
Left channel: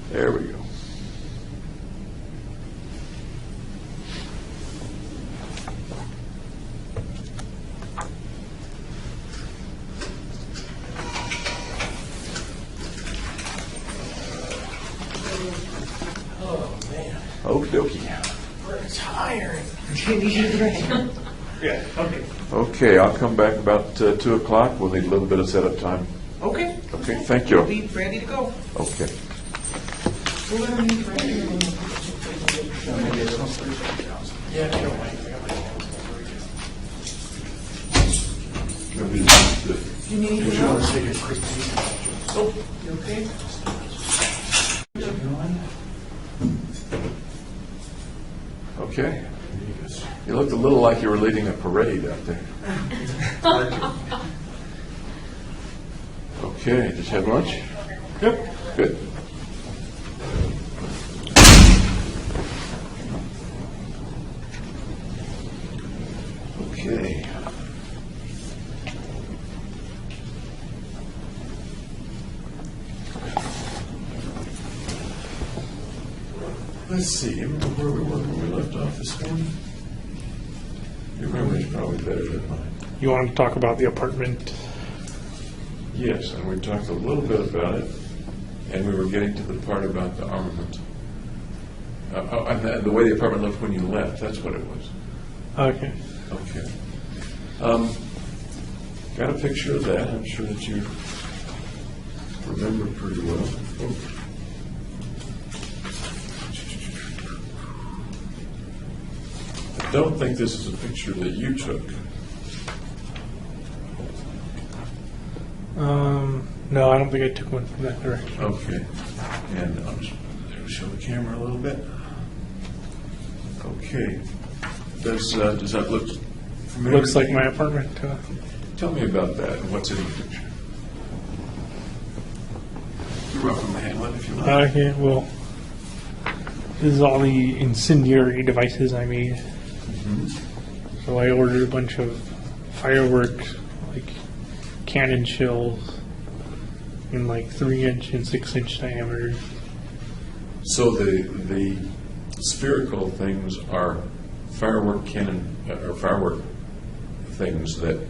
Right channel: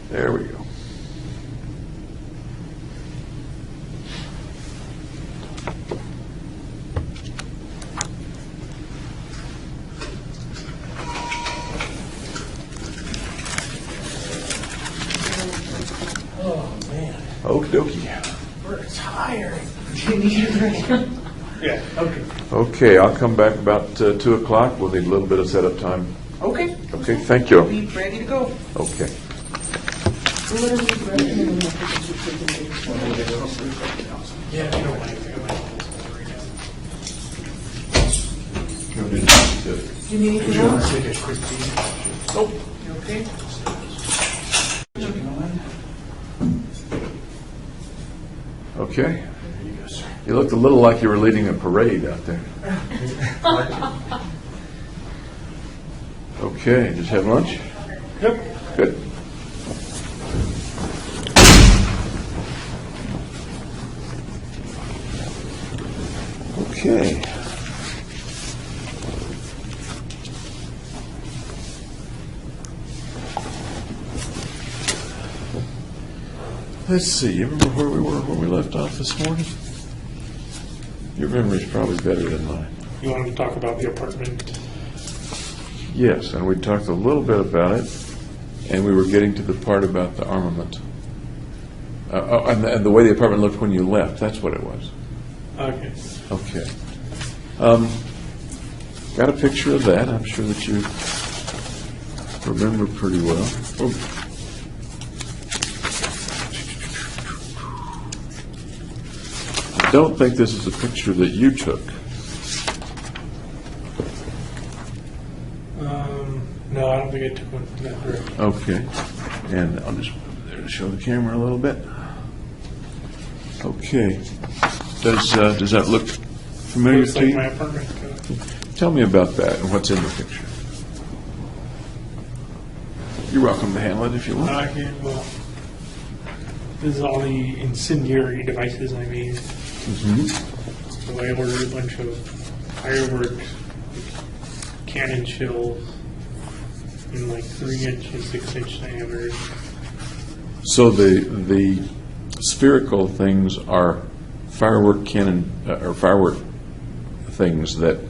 There we go. Oh, man. Okie dokie. We're tired. Yeah, okay. Okay, I'll come back about 2 o'clock. We'll need a little bit of setup time. Okay. Okay, thank you. Be ready to go. Okay. Yeah, I don't like it. Do you need anything else? Nope. You okay? Okay. You looked a little like you were leading a parade out there. Okay, did you have lunch? Yep. Good. Okay. Let's see, you remember where we were when we left off this morning? Your memory's probably better than mine. You want to talk about the apartment? Yes, and we talked a little bit about it, and we were getting to the part about the armament. And the way the apartment looked when you left, that's what it was. Okay. Okay. Got a picture of that. I'm sure that you remember pretty well. Oh. I don't think this is a picture that you took. No, I don't think I took one from that direction. Okay. And I'll just show the camera a little bit. Okay. Does that look familiar Looks to like you? my apartment. Tell me about that and what's in the picture. You're welcome to handle it if you want. Here, well, this is all the incendiary devices I made. So I ordered a bunch of fireworks, like cannon shells, in like 3-inch and 6-inch diameter. So the spherical things are firework cannon or firework things that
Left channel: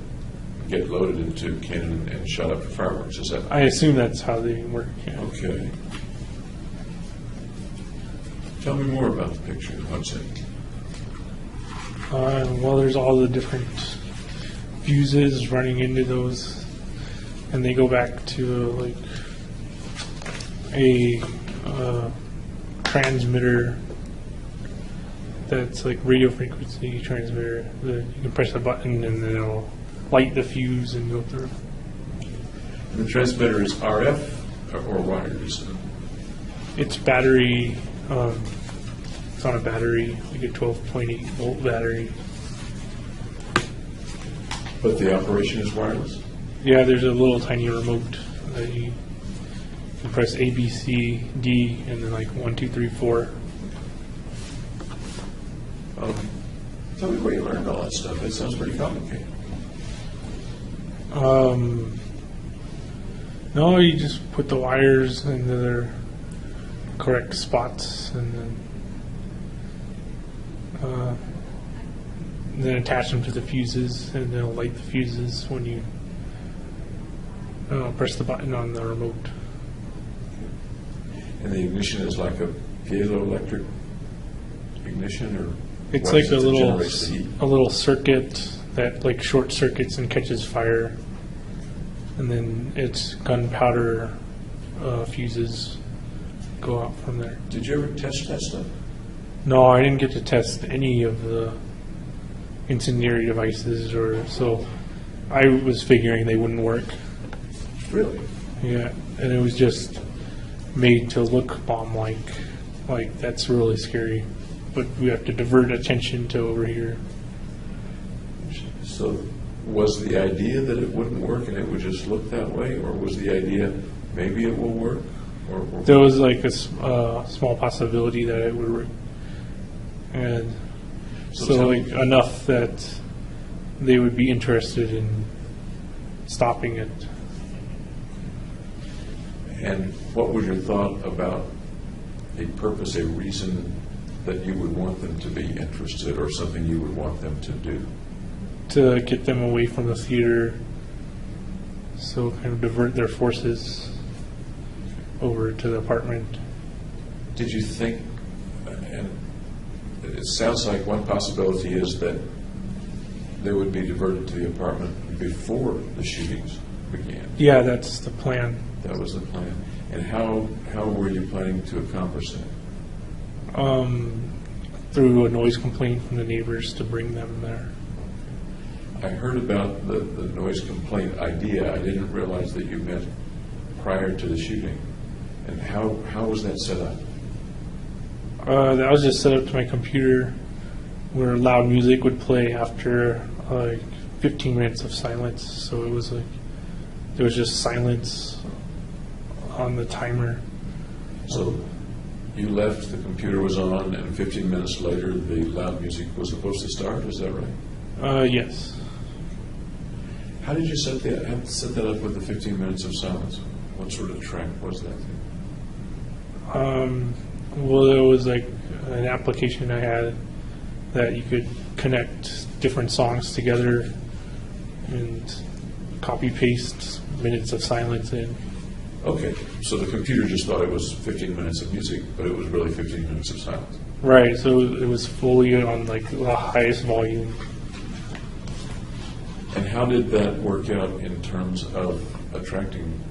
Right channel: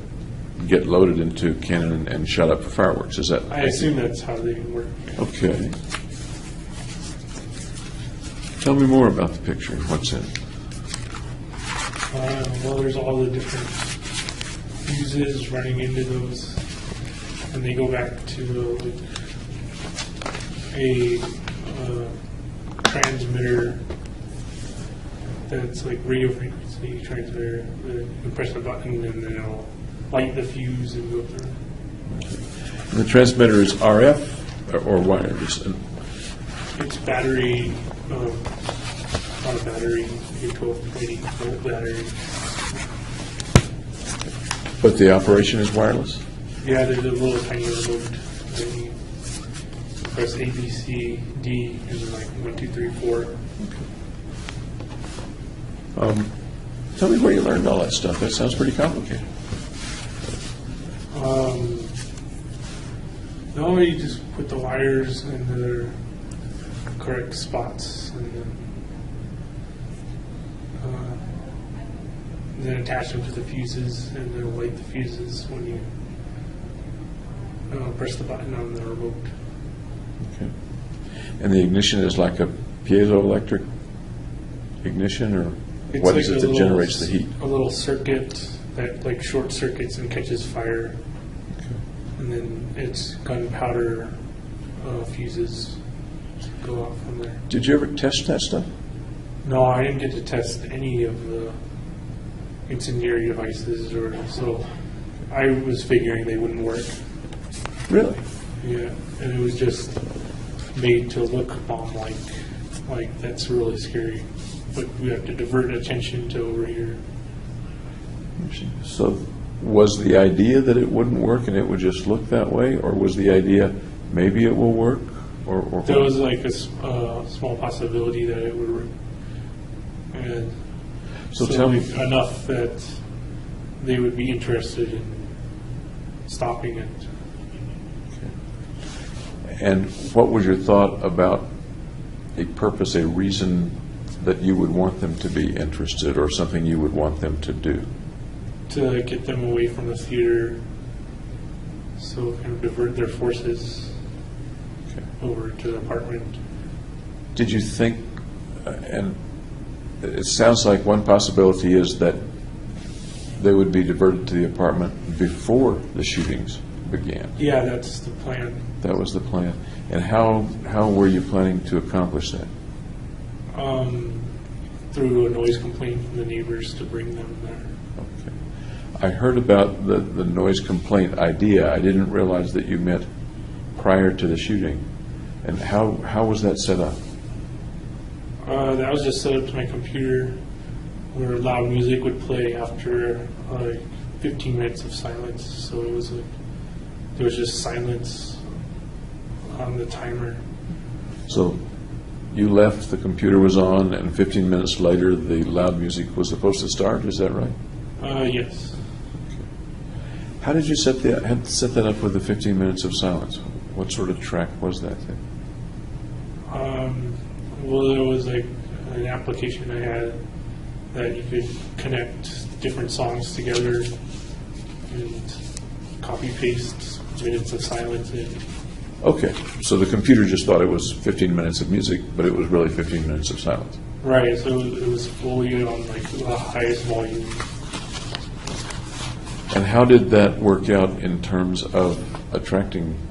get loaded into cannon and shot up for fireworks. Is that I assume that's how they work. Yeah. okay? Tell me more about the picture and what's in it. Well, there's all the different fuses running into those, and they go back to like a transmitter that's like radio frequency transmitter. You can press a button and then it'll light the fuse and go through. And the transmitter is RF or wireless. It's battery. It's on a battery. You get 12.8 volt battery. But the operation is wireless. Yeah, there's a little tiny remote that you press A, B, C, D, and then like 1, 2, 3, 4. Tell me where you learned all that stuff. That sounds pretty complicated. No, you just put the wires in their correct spots and then attach them to the fuses, and they'll light the fuses when you press the button on the remote. Okay. And the ignition is like a piezoelectric ignition, or It's what like is it that generates the heat? a little circuit that like short circuits and catches fire, and then it's gunpowder fuses go out from there. Did you ever test that stuff? No, I didn't get to test any of the incendiary devices, or so I was figuring they wouldn't work. Really? Yeah, and it was just made to look bomb-like. Like, that's really scary. But we have to divert attention to over here. So was the idea that it wouldn't work and it would just look that way, or was the idea maybe it will work? Or There was like a small possibility that it would work. And So tell like, me, enough that they would be interested in stopping it. and what was your thought about a purpose, a reason that you would want them to be interested, or something you would want them to do? To get them away from the theater, so kind of divert their forces over to the apartment. Did you think, and it sounds like one possibility is that they would be diverted to the apartment before the shootings began. Yeah, that's the plan. That was the plan. And how were you planning to accomplish that? Through a noise complaint from the neighbors to bring them there. I heard about the noise complaint idea. I didn't realize that you meant prior to the shooting. And how was that set up? That was just set up to my computer where loud music would play after 15 minutes of silence. So it was like, there was just silence on the timer. So you left, the computer was on, and 15 minutes later the loud music was supposed to start, is that right? Yes. How did you set that up with the 15 minutes of silence? What sort of track was that then? Well, there was like an application I had that you could connect different songs together and copy paste minutes of silence in. Okay, so the computer just thought it was 15 minutes of music, but it was really 15 minutes of silence. Right, so it was fully on like the highest volume. And how did that work out in terms of attracting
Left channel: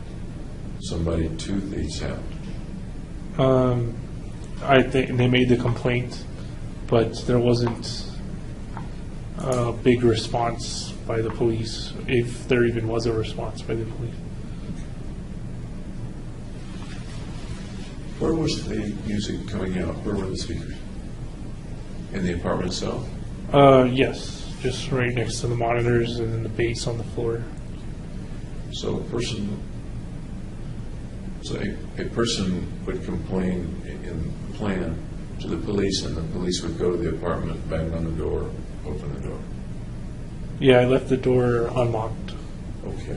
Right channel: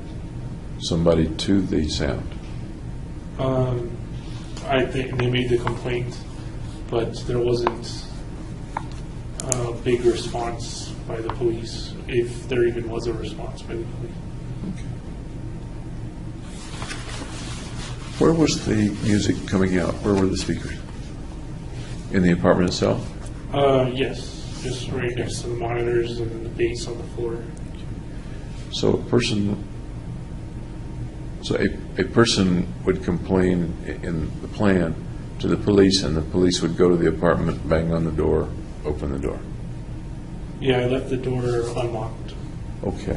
somebody to the sound? I think they made the complaint, but there wasn't a big response by the police, if there even was a response by the police. Where was the music coming out? Where were the speakers? In the apartment itself? Yes, just right next to the monitors and then the bass on the floor. So a person would complain in the plan to the police, and the police would go to the apartment, bang on the door, open the door. Yeah, I left the door unlocked. Okay.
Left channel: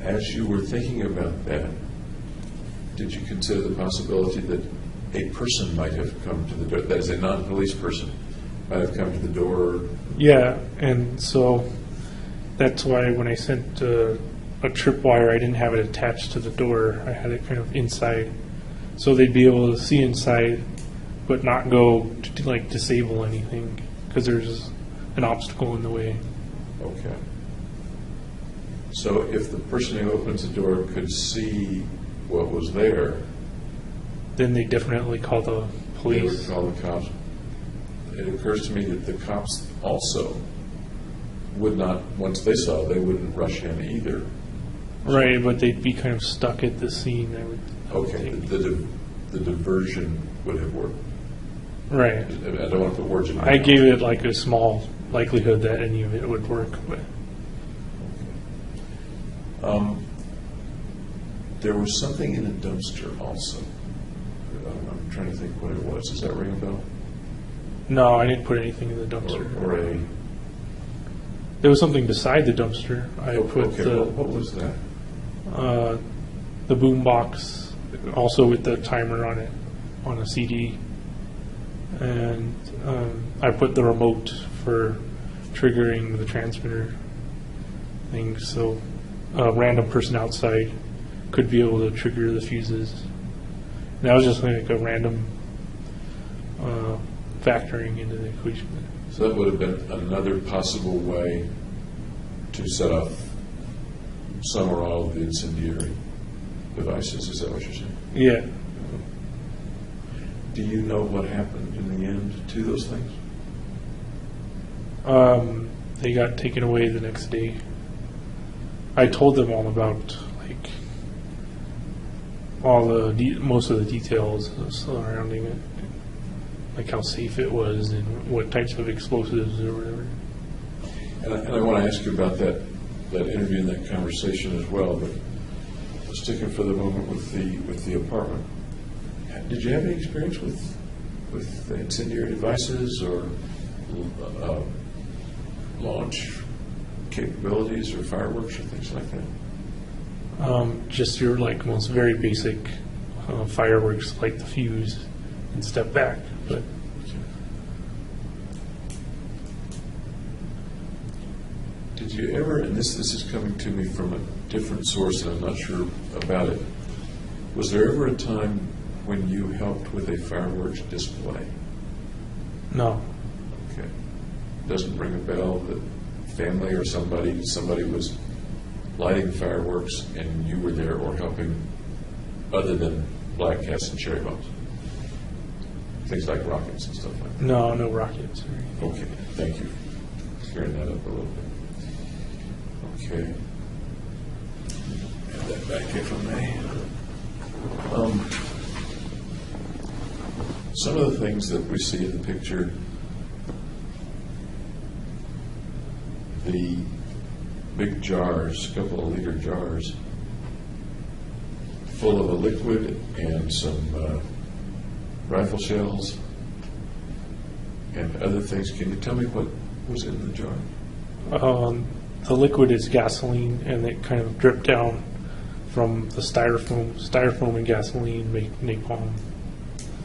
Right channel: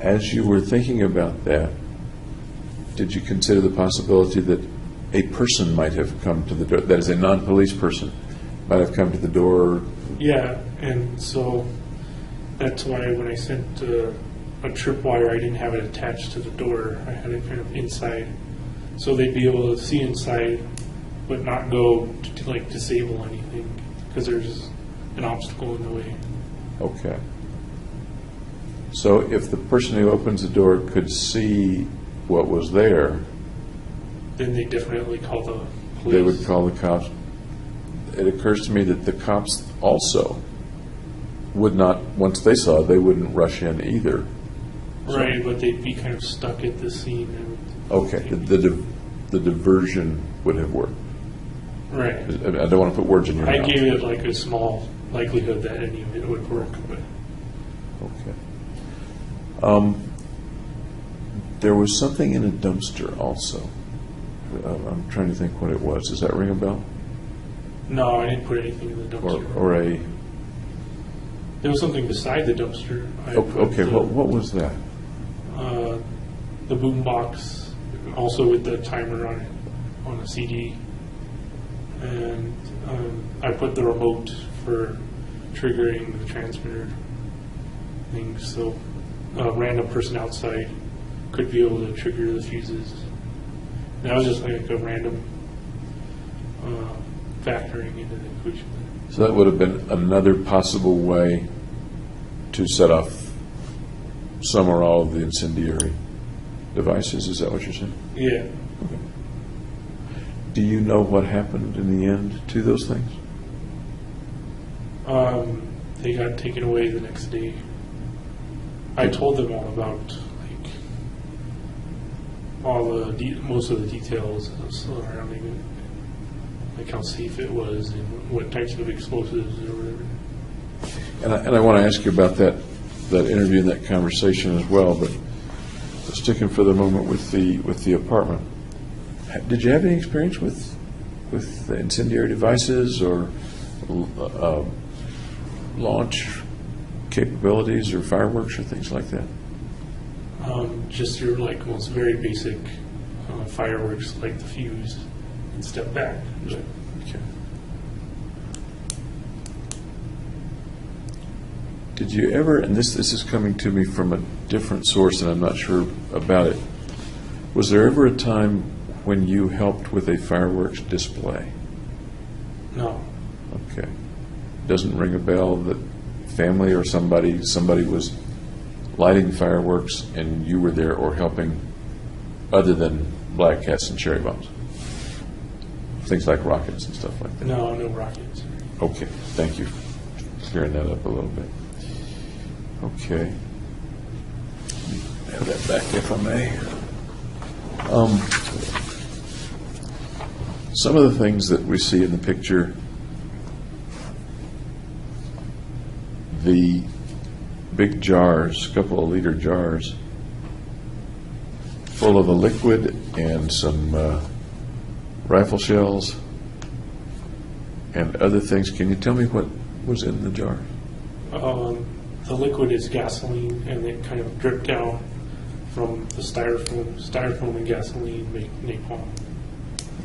As you were thinking about that, did you consider the possibility that a person might have come to the door, that is a non-police person, might have come to the door? Yeah, and so that's why when I sent a tripwire, I didn't have it attached to the door. I had it kind of inside, so they'd be able to see inside, but not go to like disable anything because there's an obstacle in the way. Okay. So if the person who opens the door could see what was there, Then they definitely call the police. they would call the cops. It occurs to me that the cops also would not, once they saw it, they wouldn't rush in either. Right, but they'd be kind of stuck at the scene. Okay, the diversion would have worked. Right. I don't want to put words in your I mouth. gave it like a small likelihood that any of it would work. But Okay. There was something in a dumpster also. I'm trying to think what it was. Does that ring a bell? no, I didn't put anything in the dumpster. Or a... There was something beside the dumpster. I put Okay, the, what was that? the boom box, also with the timer on it, on a CD. And I put the remote for triggering the transmitter thing, so a random person outside could be able to trigger the fuses. That was just like a random factoring into the equation. So that would have been another possible way to set off some or all of the incendiary devices. Is that what you're saying? Yeah. Do you know what happened in the end to those things? They got taken away the next day. I told them all about like all the most of the details surrounding it, like how safe it was and what types of explosives or whatever. And I want to ask you about that interview and that conversation as well, but sticking for the moment with the apartment, did you have any experience with incendiary devices or launch capabilities or fireworks or things like that? Just your like most very basic fireworks, like the fuse and step back. But Okay. Did you ever, and this is coming to me from a different source and I'm not sure about it, was there ever a time when you helped with a fireworks display? no, Okay. Doesn't ring a bell that family or somebody was lighting fireworks and you were there or helping other than black cats and cherry bombs? Things like rockets and stuff like that. no rockets. Okay, thank you for clearing that up a little bit. Okay. Have that back if I may. Some of the things that we see in the picture, the big jars, a couple of liter jars, full of a liquid and some rifle shells and other things. Can you tell me what was in the jar? The liquid is gasoline, and it kind of dripped down from the styrofoam. Styrofoam and gasoline make napalm.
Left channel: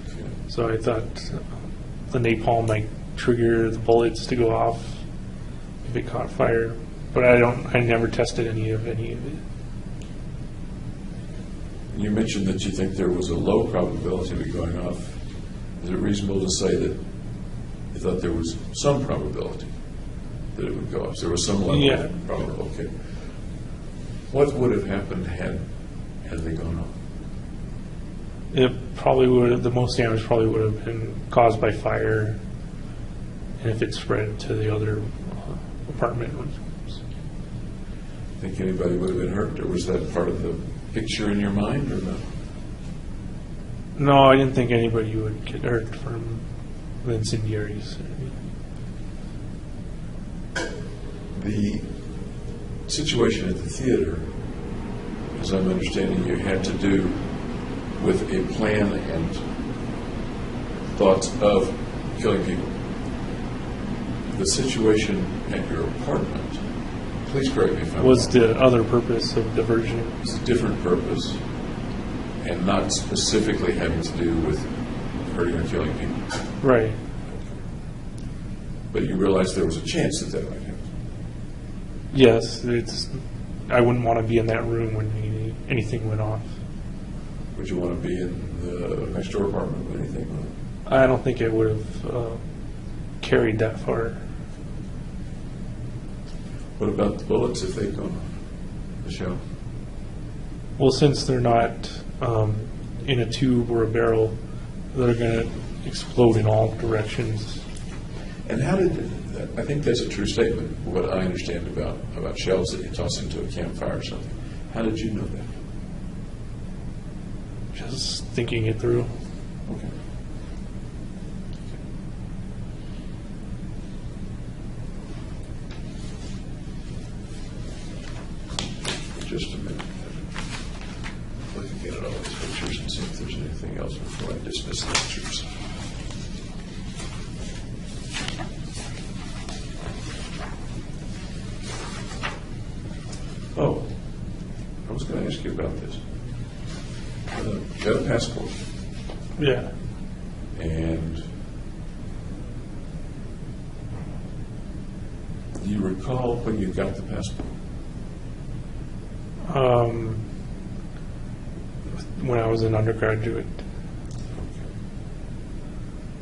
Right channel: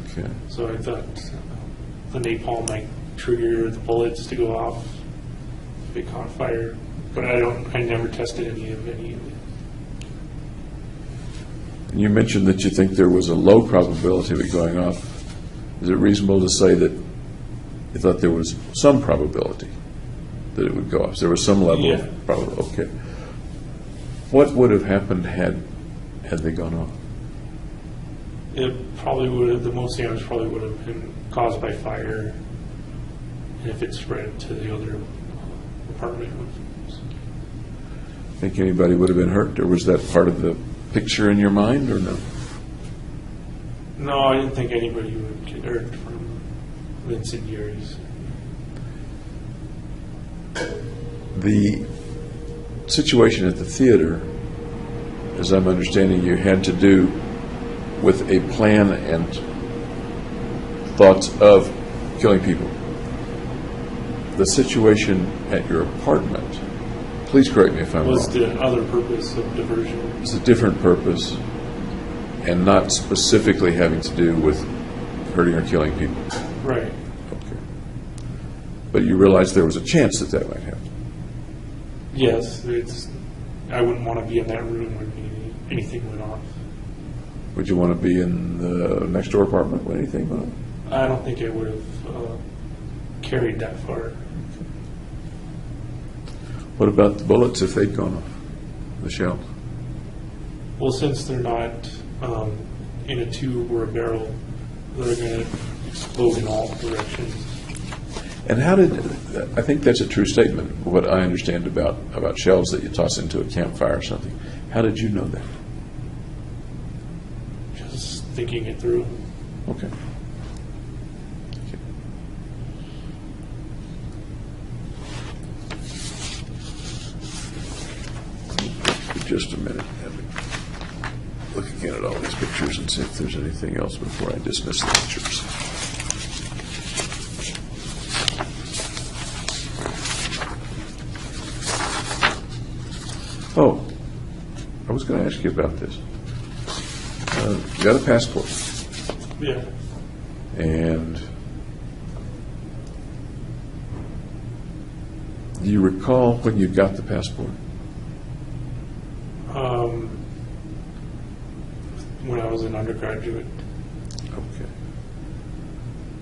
Okay. So I thought the napalm might trigger the bullets to go off if it caught fire. But I never tested any of it. You mentioned that you think there was a low probability of it going off. Is it reasonable to say that you thought there was some probability that it would go off? So there was some level Yeah. of probability. Okay. What would have happened had they gone off? It probably would. The most damage probably would have been caused by fire, and if it spread to the other apartment rooms. Think anybody would have been hurt, or was that part of the picture in your mind, or no? No, I didn't think anybody would get hurt from the incendiaries. The situation at the theater, as I'm understanding, you had to do with a plan and thoughts of killing people. The situation at your apartment, please correct me if I'm Was wrong, the other purpose of diversion. it's a different purpose and not specifically having to do with hurting or killing people. Right. Okay. But you realized there was a chance that that might happen. Yes, I wouldn't want to be in that room when anything went off. Would you want to be in the next door apartment when anything went on? I don't think it would have carried that far. What about the bullets if they'd gone off? The shell? Well, since they're not in a tube or a barrel, they're going to explode in all directions. And how did, I think that's a true statement, what I understand about shells that you toss into a campfire or something. How did you know that? Just thinking it through. Okay. Just a minute. Looking at all these pictures and see if there's anything else before I dismiss the pictures. Oh, I was going to ask you about this. You got a passport, Yeah. and do you recall when you got the passport? When I was an undergraduate. Okay.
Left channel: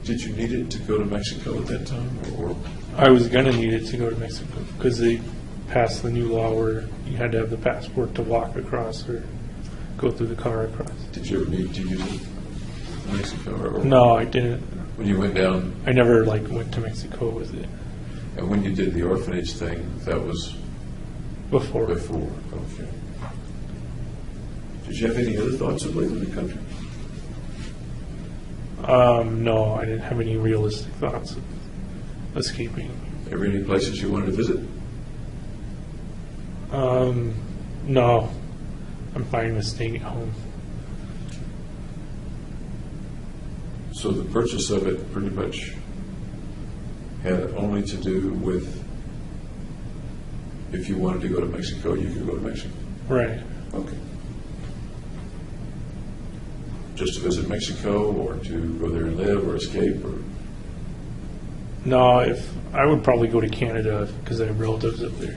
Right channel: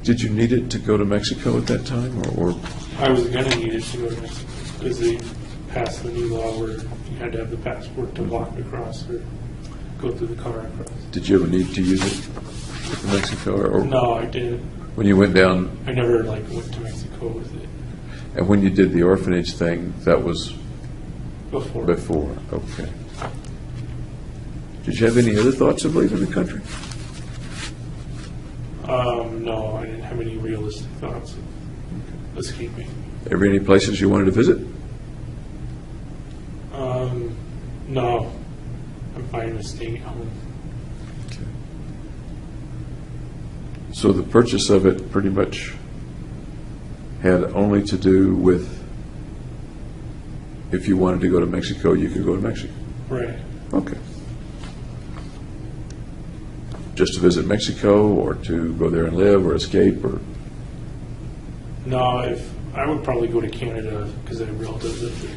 Did you need it to go to Mexico at that time, or I was going to need it to go to Mexico because they passed the new law where you had to have the passport to walk across or go through the car across. did you ever need to use it with Mexico? Or No, I didn't. when you went down, I never went to Mexico with it and when you did the orphanage thing, that was before. before. Okay. Did you have any other thoughts of leaving the country? No, I didn't have any realistic thoughts of escaping. Ever any places you wanted to visit? No. I'm fine with staying at home. So the purchase of it pretty much had only to do with if you wanted to go to Mexico, you could go to Mexico. Right. Okay. Just to visit Mexico or to go there and live or escape or? No, if I would probably go to Canada because I have relatives up there.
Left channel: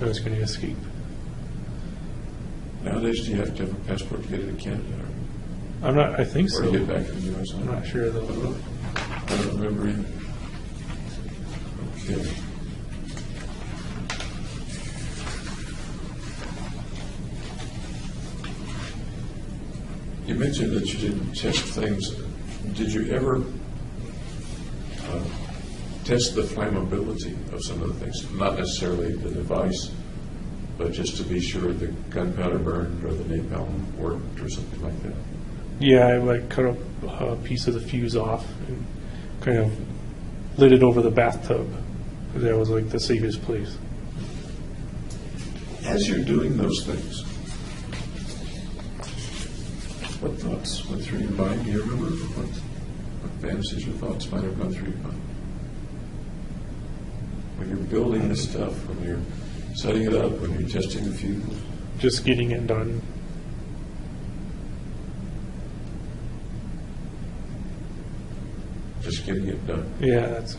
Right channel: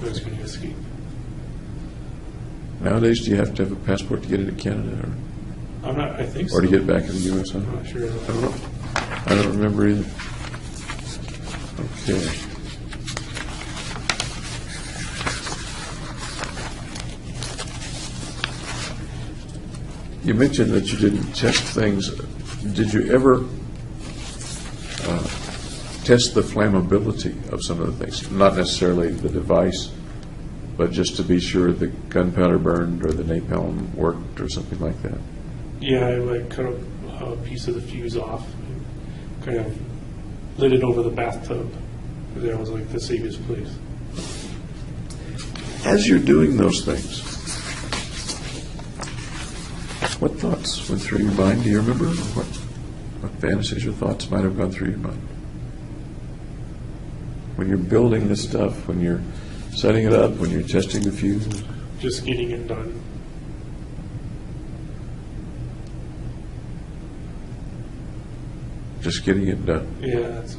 I was going to escape. Nowadays, do you have to have a passport to get into Canada I'm not. I think so. or to get back in the U.S.? I'm not sure. I don't remember either. Okay. You mentioned that you didn't test things. Did you ever test the flammability of some of the things? Not necessarily the device, but just to be sure the gunpowder burned or the napalm worked or something like that? Yeah, I like cut a piece of the fuse off and kind of lit it over the bathtub. That was like the safest place. As you're doing those things, what thoughts went through your mind? Do you remember what fantasies or thoughts might have gone through your mind? When you're building this stuff, when you're setting it up, when you're testing the fuse? Just getting it done. Just getting it done. Yeah, that's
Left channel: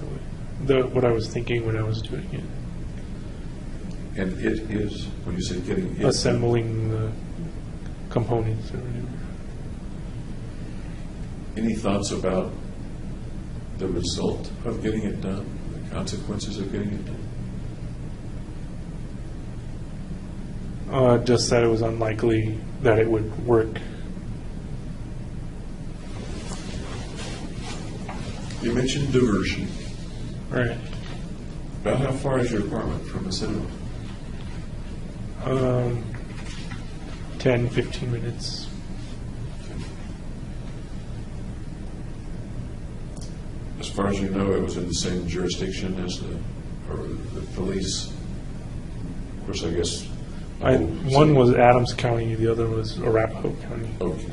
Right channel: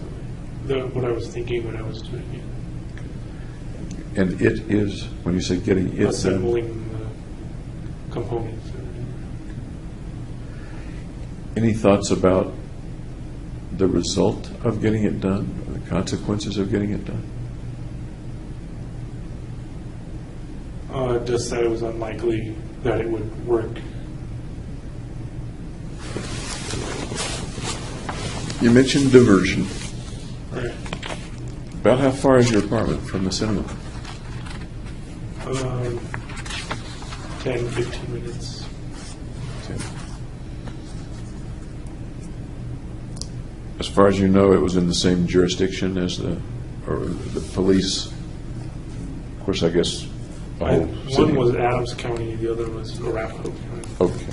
what I was thinking when I was doing it. And it is, when you say getting it done, Assembling the components. any thoughts about the result of getting it done, or the consequences of getting it done? Just that it was unlikely that it would work. You mentioned diversion. Right. About how far is your apartment from the cinema? 10, 15 minutes. As far as you know, it was in the same jurisdiction as the police. Of course, I guess. the whole One city. was Adams County, the other was Arapahoe County. Okay.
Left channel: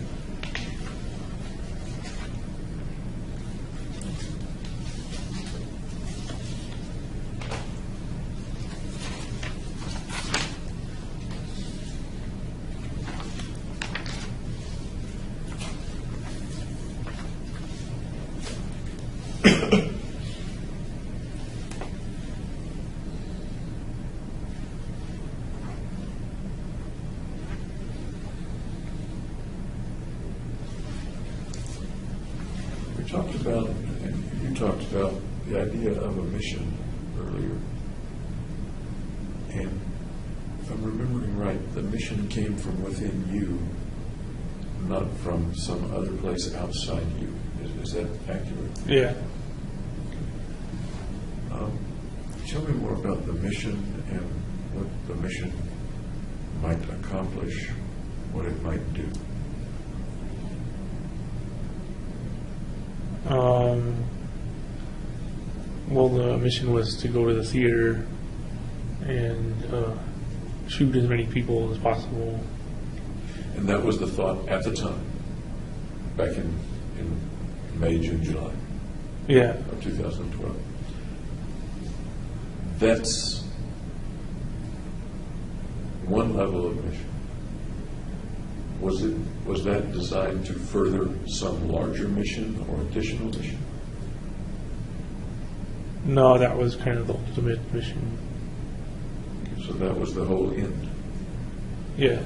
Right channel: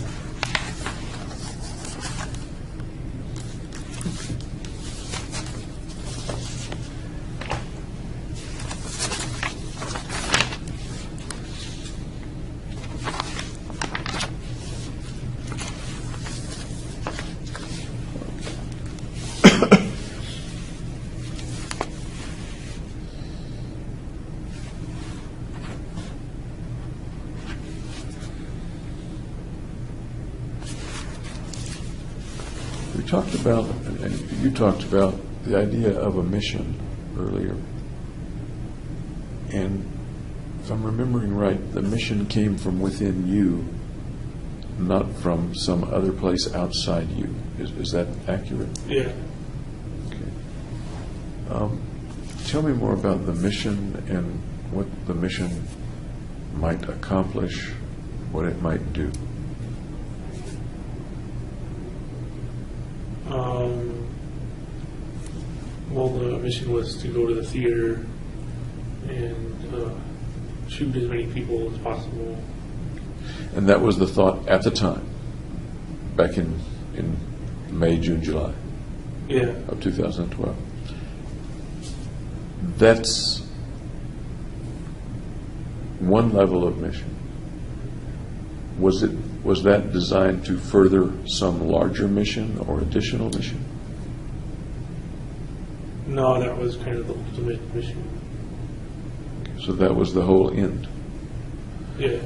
You talked about the idea of a mission earlier. And if I'm remembering right, the mission came from within you, not from some other place outside you. Is that accurate? Yeah. Okay. Tell me more about the mission and what the mission might accomplish, what it might do. Well, the mission was to go to the theater and shoot as many people as possible. And that was the thought at the time, back in May, June, July Yeah. of 2012. That's one level of mission. Was that designed to further some larger mission or additional mission? No, that was kind of the ultimate mission. So that was the whole end. Yeah.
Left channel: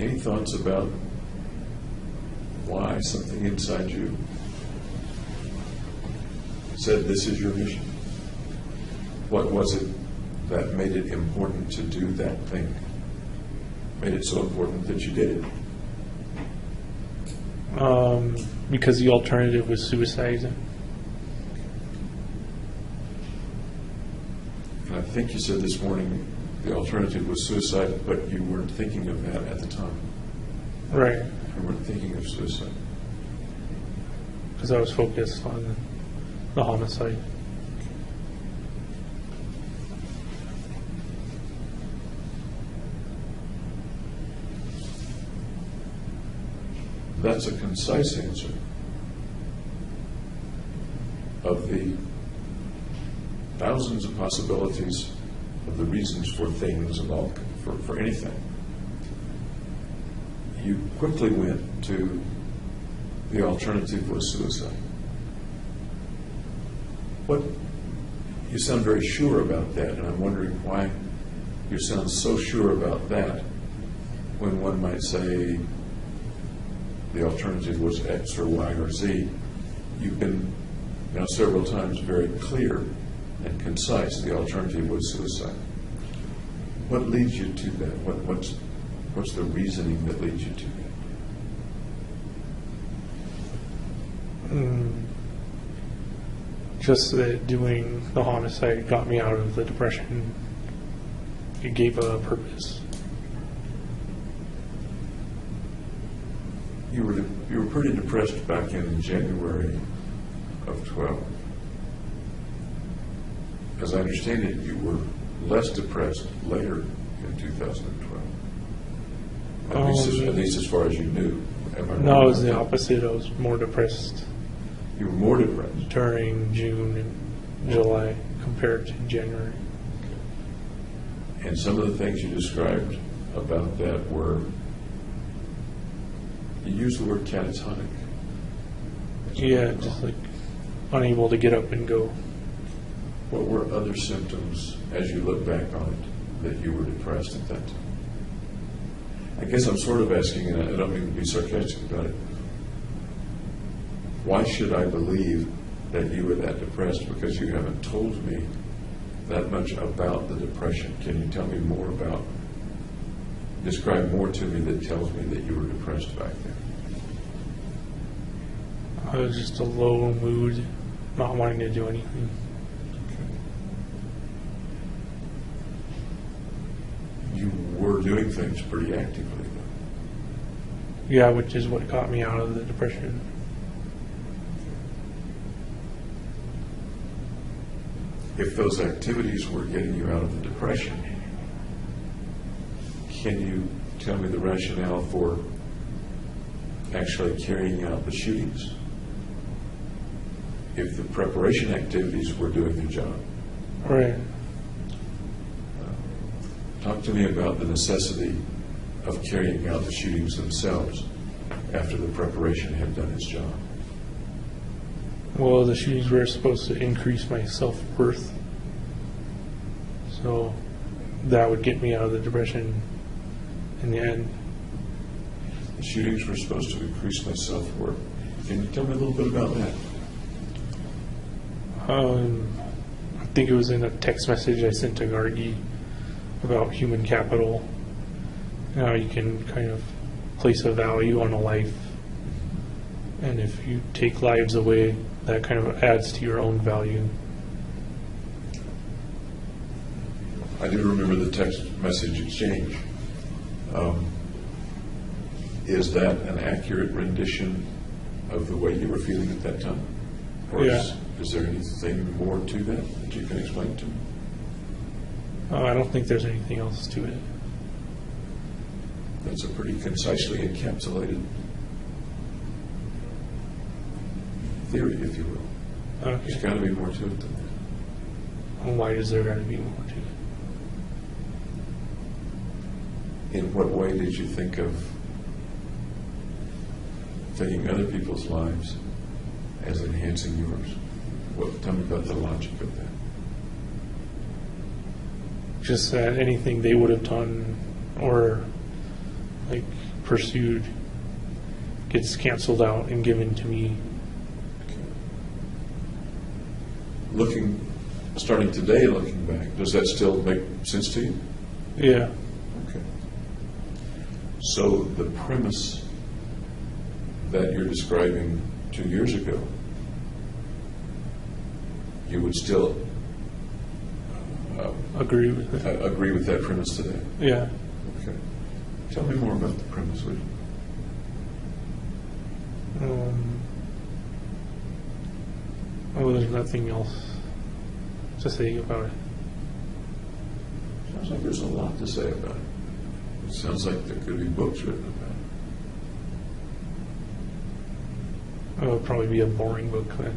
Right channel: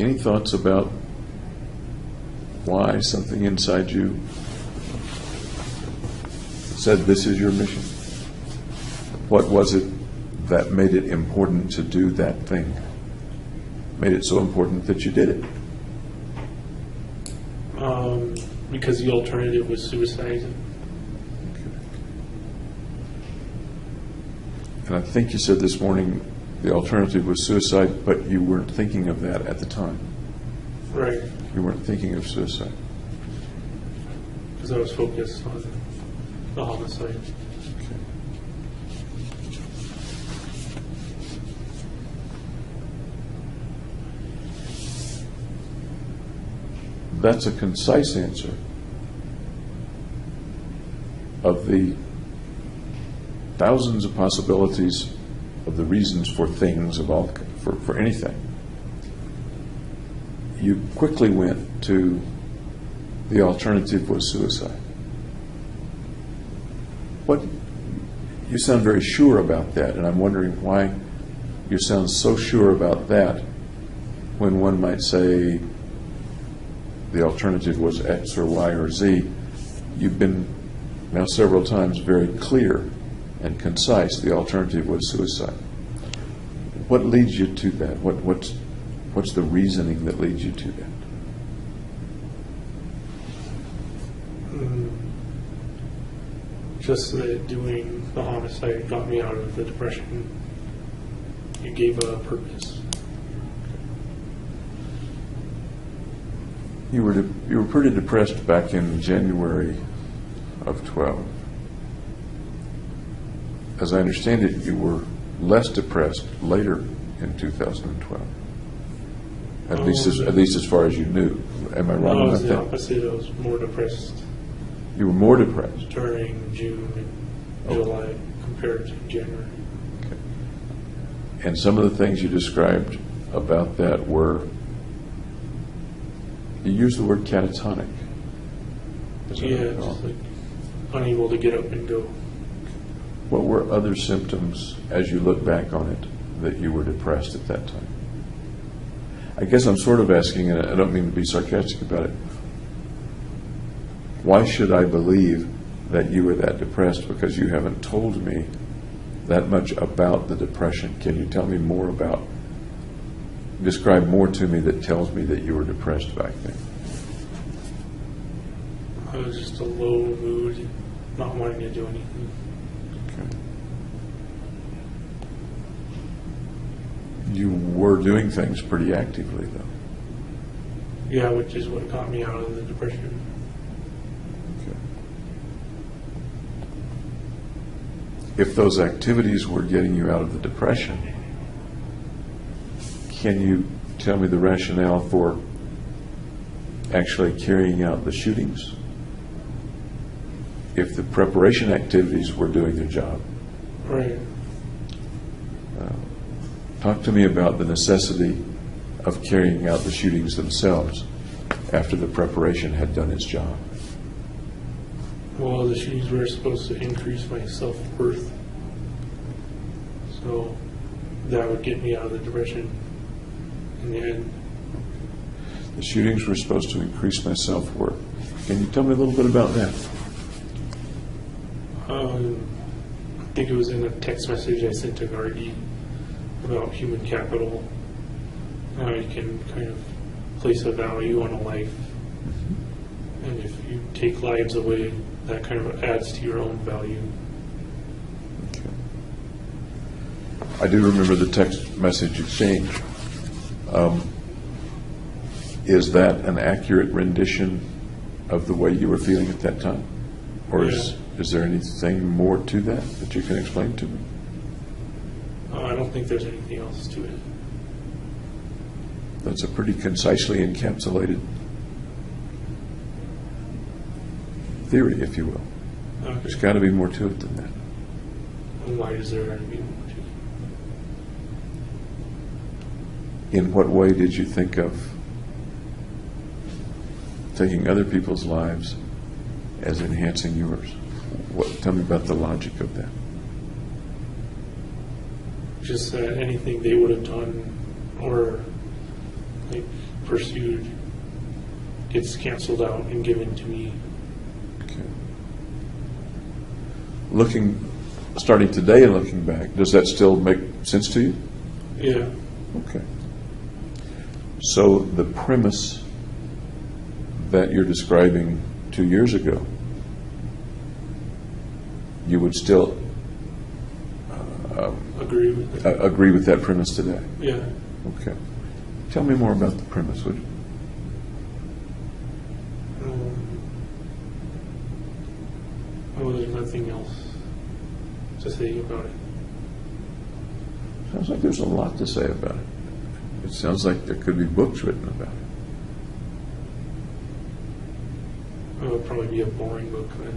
Any thoughts about why something inside you said this is your mission? What was it that made it important to do that thing? Made it so important that you did it? Because the alternative was suicide. And I think you said this morning the alternative was suicide, but you weren't thinking of that at the time. Right. You weren't thinking of suicide. Because I was focused on the homicide. that's a concise answer of the thousands of possibilities of the reasons for things of all for anything. You quickly went to the alternative was suicide. What you sound very sure about that, and I'm wondering why you sound so sure about that when one might say the alternative was X or Y or Z. You've been now several times very clear and concise. The alternative was suicide. What leads you to that? What's the reasoning that leads you to that? Just that doing the homicide got me out of the depression. It gave a purpose. You were pretty depressed back in January of 12. As I understand it, you were less depressed later in 2012. At least as far as you knew. Am I wrong? No, it was about the that? opposite. I was more depressed You were more depressed. during June and July compared to January. Okay. And some of the things you described about that were, you used the word catatonic. As I Yeah, recall. just like unable to get up and go. What were other symptoms, as you look back on it, that you were depressed at that time? I guess I'm sort of asking, and I don't mean to be sarcastic about it, why should I believe that you were that depressed? Because you haven't told me that much about the depression. Can you tell me more about, describe more to me that tells me that you were depressed back then? I was just a low mood, not wanting to do anything. Okay. You were doing things pretty actively, though. Yeah, which is what got me out of the depression. Okay. If those activities were getting you out of the depression, can you tell me the rationale for actually carrying out the shootings? If the preparation activities were doing their job, Right. talk to me about the necessity of carrying out the shootings themselves after the preparation had done its job. Well, the shootings were supposed to increase my self-worth. So that would get me out of the depression in the end. The shootings were supposed to increase my self-worth. Can you tell me a little bit about that? I think it was in a text message I sent to Gargi about human capital. How you can kind of place a value on a life. And if you take lives away, that kind of adds to your own value. I do remember the text message exchange. Is that an accurate rendition of the way you were feeling at that time? Or is there anything more to that you can explain to me? I don't think there's anything else to it. That's a pretty concisely encapsulated theory, if you will. There's Okay. got to be more to it than that. Why is there got to be more to it? In what way did you think of taking other people's lives as enhancing yours? Tell me about the logic of that. Just that anything they would have done or like pursued gets canceled out and given to me. Okay. Starting today and looking back, does that still make sense to you? Yeah. Okay. So the premise that you're describing 2 years ago, you would still Agree with it. agree with that premise today? Yeah. Okay. Tell me more about the premise, would you? Well, there's nothing else to say about it. Sounds like there's a lot to say about it. It sounds like there could be books written about it. It would probably be a boring book then.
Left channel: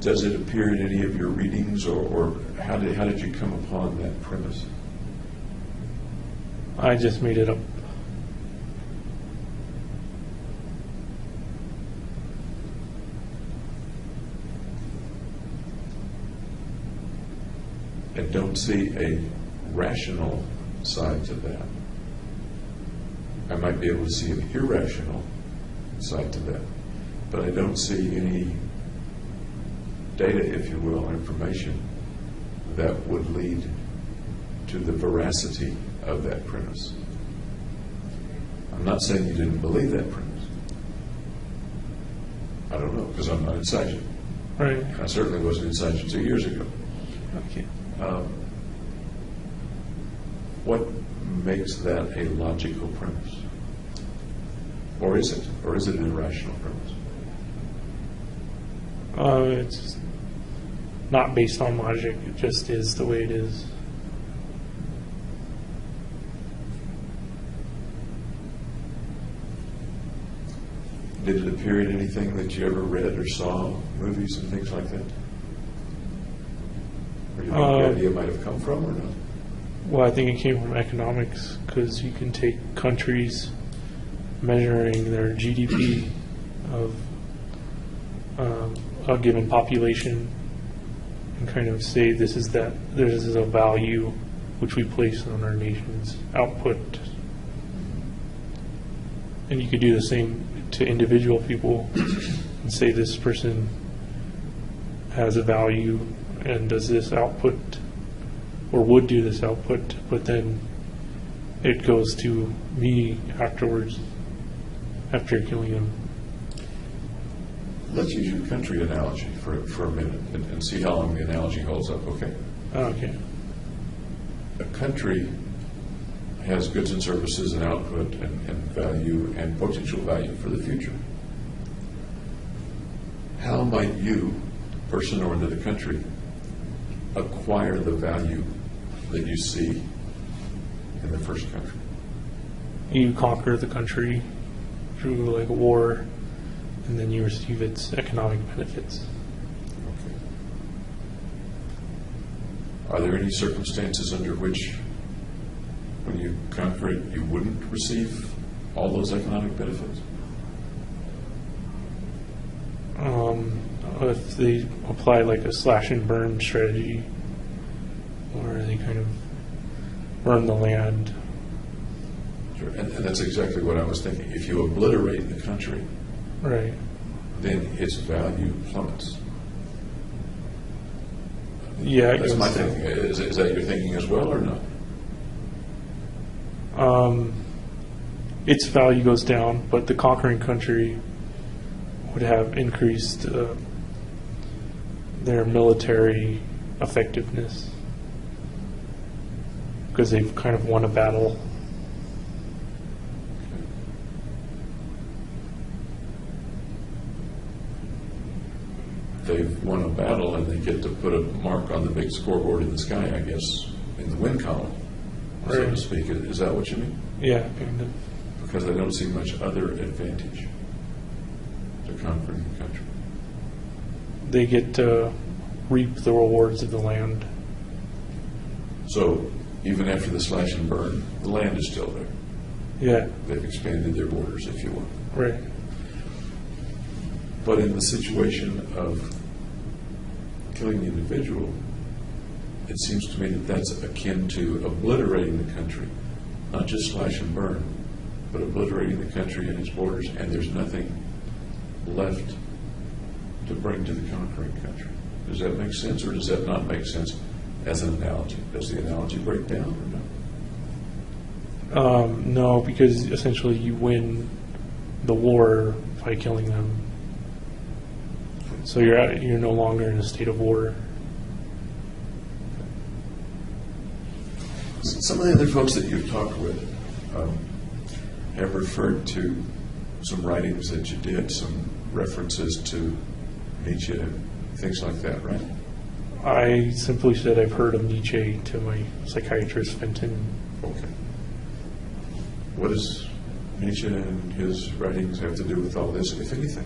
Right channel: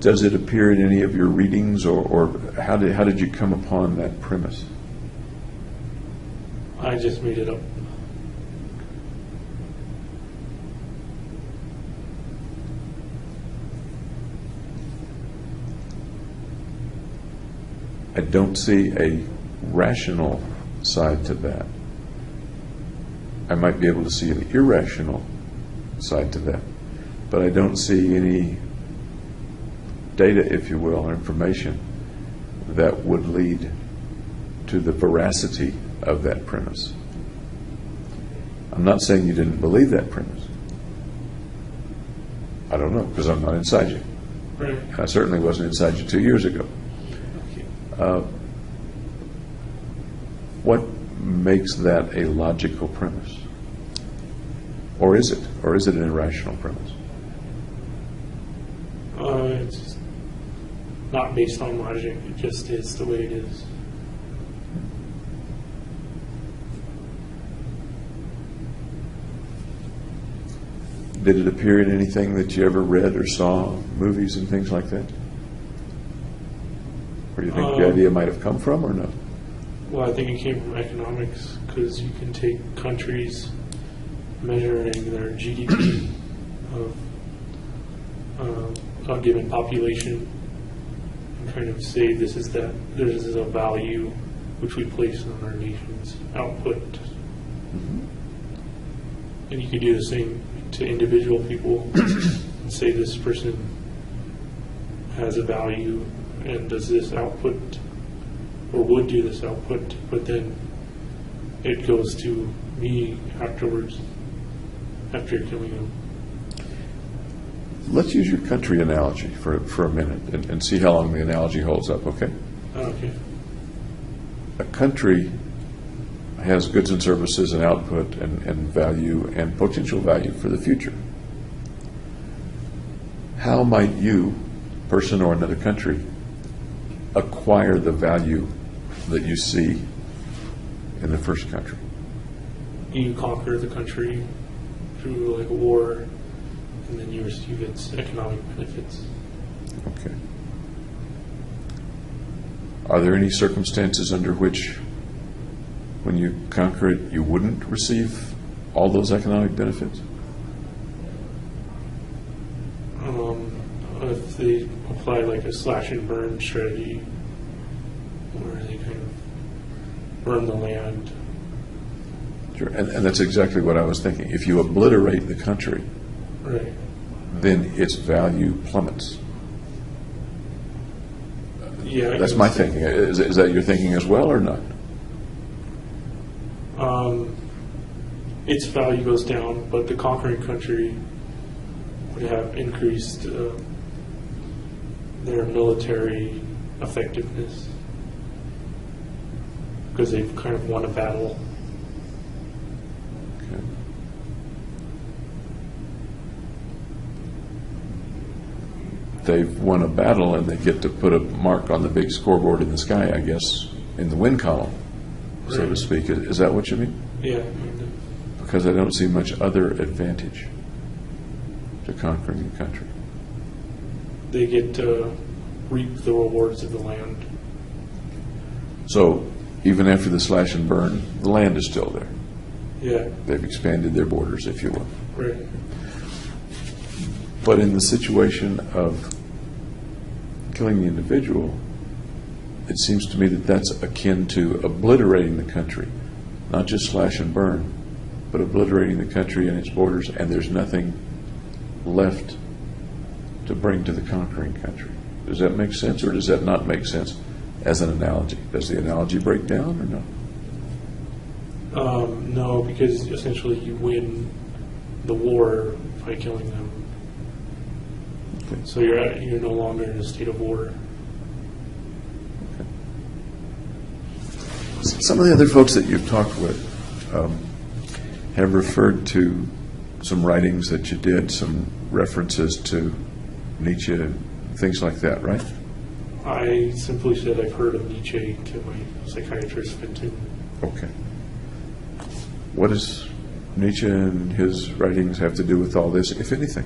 Does it appear in any of your readings, or how did you come upon that premise? I just made it up. I don't see a rational side to that. I might be able to see an irrational side to that, but I don't see any data, if you will, or information that would lead to the veracity of that premise. I'm not saying you didn't believe that premise. I don't know, because I'm not inside you. Right. I certainly wasn't inside you 2 years ago. Okay. What makes that a logical premise? Or is it? Or is it an irrational premise? It's not based on logic. It just is the way it is. Did it appear in anything that you ever read or saw, movies and things like that? Where do you think the idea might have come from, or no? Well, I think it came from economics, because you can take countries measuring their GDP of a given population and kind of say this is a value which we place on our nation's output. And you can do the same to individual people and say this person has a value and does this output or would do this output, but then it goes to me afterwards, after killing him. Let's use your country analogy for a minute and see how long the analogy holds up, okay? Okay. A country has goods and services and output and value and potential value for the future. How might you, person or another country, acquire the value that you see in the first country? You conquer the country through like a war, and then you receive its economic benefits. Okay. Are there any circumstances under which, when you conquer it, you wouldn't receive all those economic benefits? If they apply like a slash and burn strategy, where they kind of burn the land. Sure. And that's exactly what I was thinking. If you obliterate the country, Right. then its value plummets. Yeah. I That's guess my so. thinking. Is that your thinking as well, or not? Its value goes down, but the conquering country would have increased their military effectiveness because they've kind of won a battle. Okay. They've won a battle and they get to put a mark on the big scoreboard in the sky, I guess, in the win column, so to Right. speak. Is that what you mean? Yeah. And Because I don't see much other advantage to conquering the country. they get to reap the rewards of the land. So even after the slash and burn, the land is still there. Yeah. They've expanded their borders, if you will. Right. But in the situation of killing the individual, it seems to me that that's akin to obliterating the country, not just slash and burn, but obliterating the country and its borders, and there's nothing left to bring to the conquering country. Does that make sense, or does that not make sense as an analogy? Does the analogy break down, or no? No, because essentially you win the war by killing them. So you're no longer in a state of war. Some of the other folks that you've talked with have referred to some writings that you did, some references to Nietzsche, things like that, right? I simply said I've heard of Nietzsche to my psychiatrist, Fenton. Okay. What is Nietzsche and his writings have to do with all this, if anything?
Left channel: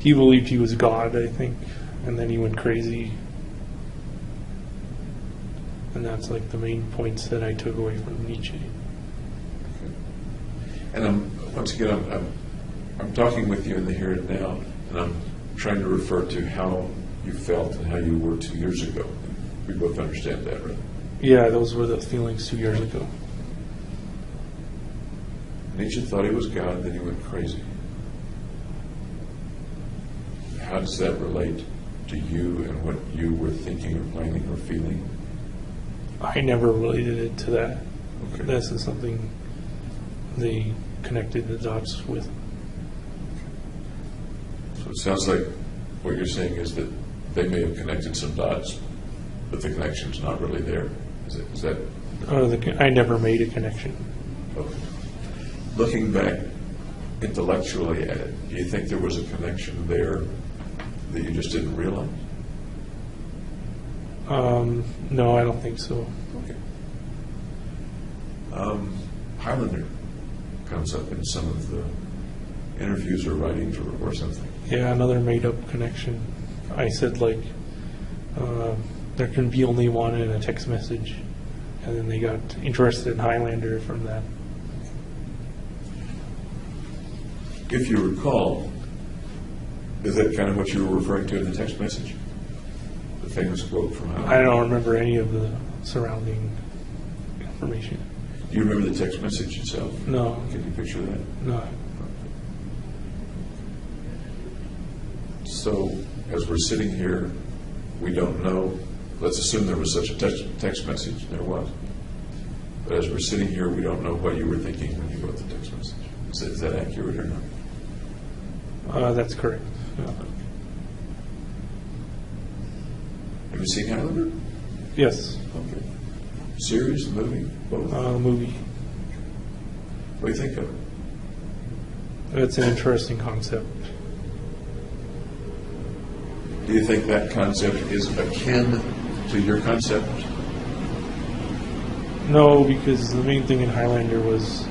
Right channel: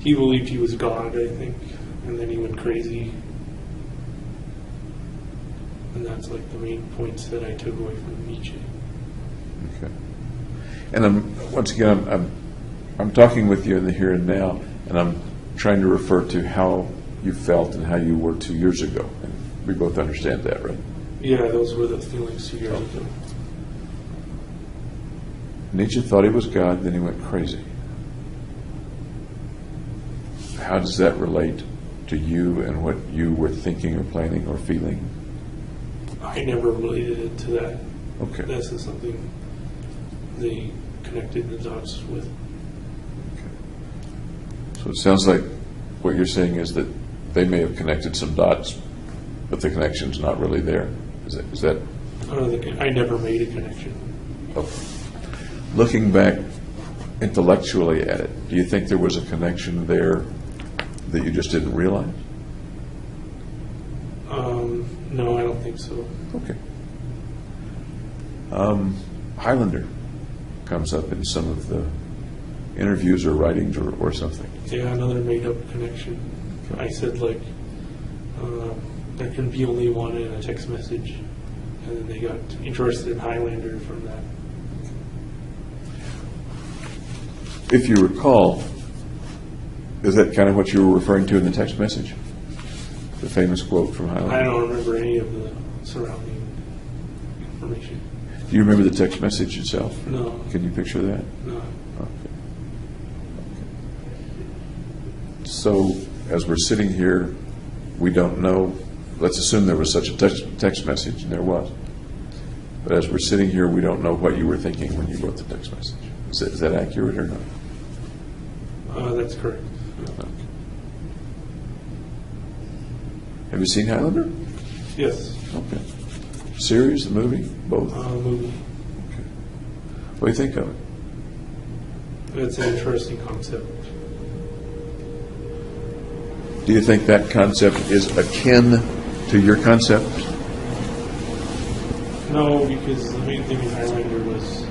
He believed he was God, I think, and then he went crazy. And that's like the main points that I took away from Nietzsche. Okay. And once again, I'm talking with you in the here and now, and I'm trying to refer to how you felt and how you were 2 years ago. And we both understand that, right? Yeah, those were the feelings 2 years ago. Nietzsche thought he was God, then he went crazy. How does that relate to you and what you were thinking or planning or feeling? I never related it to that. Okay. This is something they connected the dots with. So it sounds like what you're saying is that they may have connected some dots, but the connection's not really there. Is that I never made a connection. okay? Looking back intellectually at it, do you think there was a connection there that you just didn't realize? No, I don't think so. Okay. Highlander comes up in some of the interviews or writings or something. Yeah, another made-up connection. I said, like, there can be only one in a text message, and then they got interested in Highlander from that. If you recall, is that kind of what you were referring to in the text message? The famous quote from Highlander? I don't remember any of the surrounding information. Do you remember the text message itself? No. Can you picture that? No. Okay. So, as we're sitting here, we don't know. Let's assume there was such a text message, and there was. But as we're sitting here, we don't know what you were thinking when you wrote the text message. Is that accurate or not? That's correct. Yeah. Okay. Have you seen Highlander? Yes. Okay. Series, the movie, both? Movie. What do you think of it? It's an interesting concept. Do you think that concept is akin to your concept? No, because the main thing in Highlander was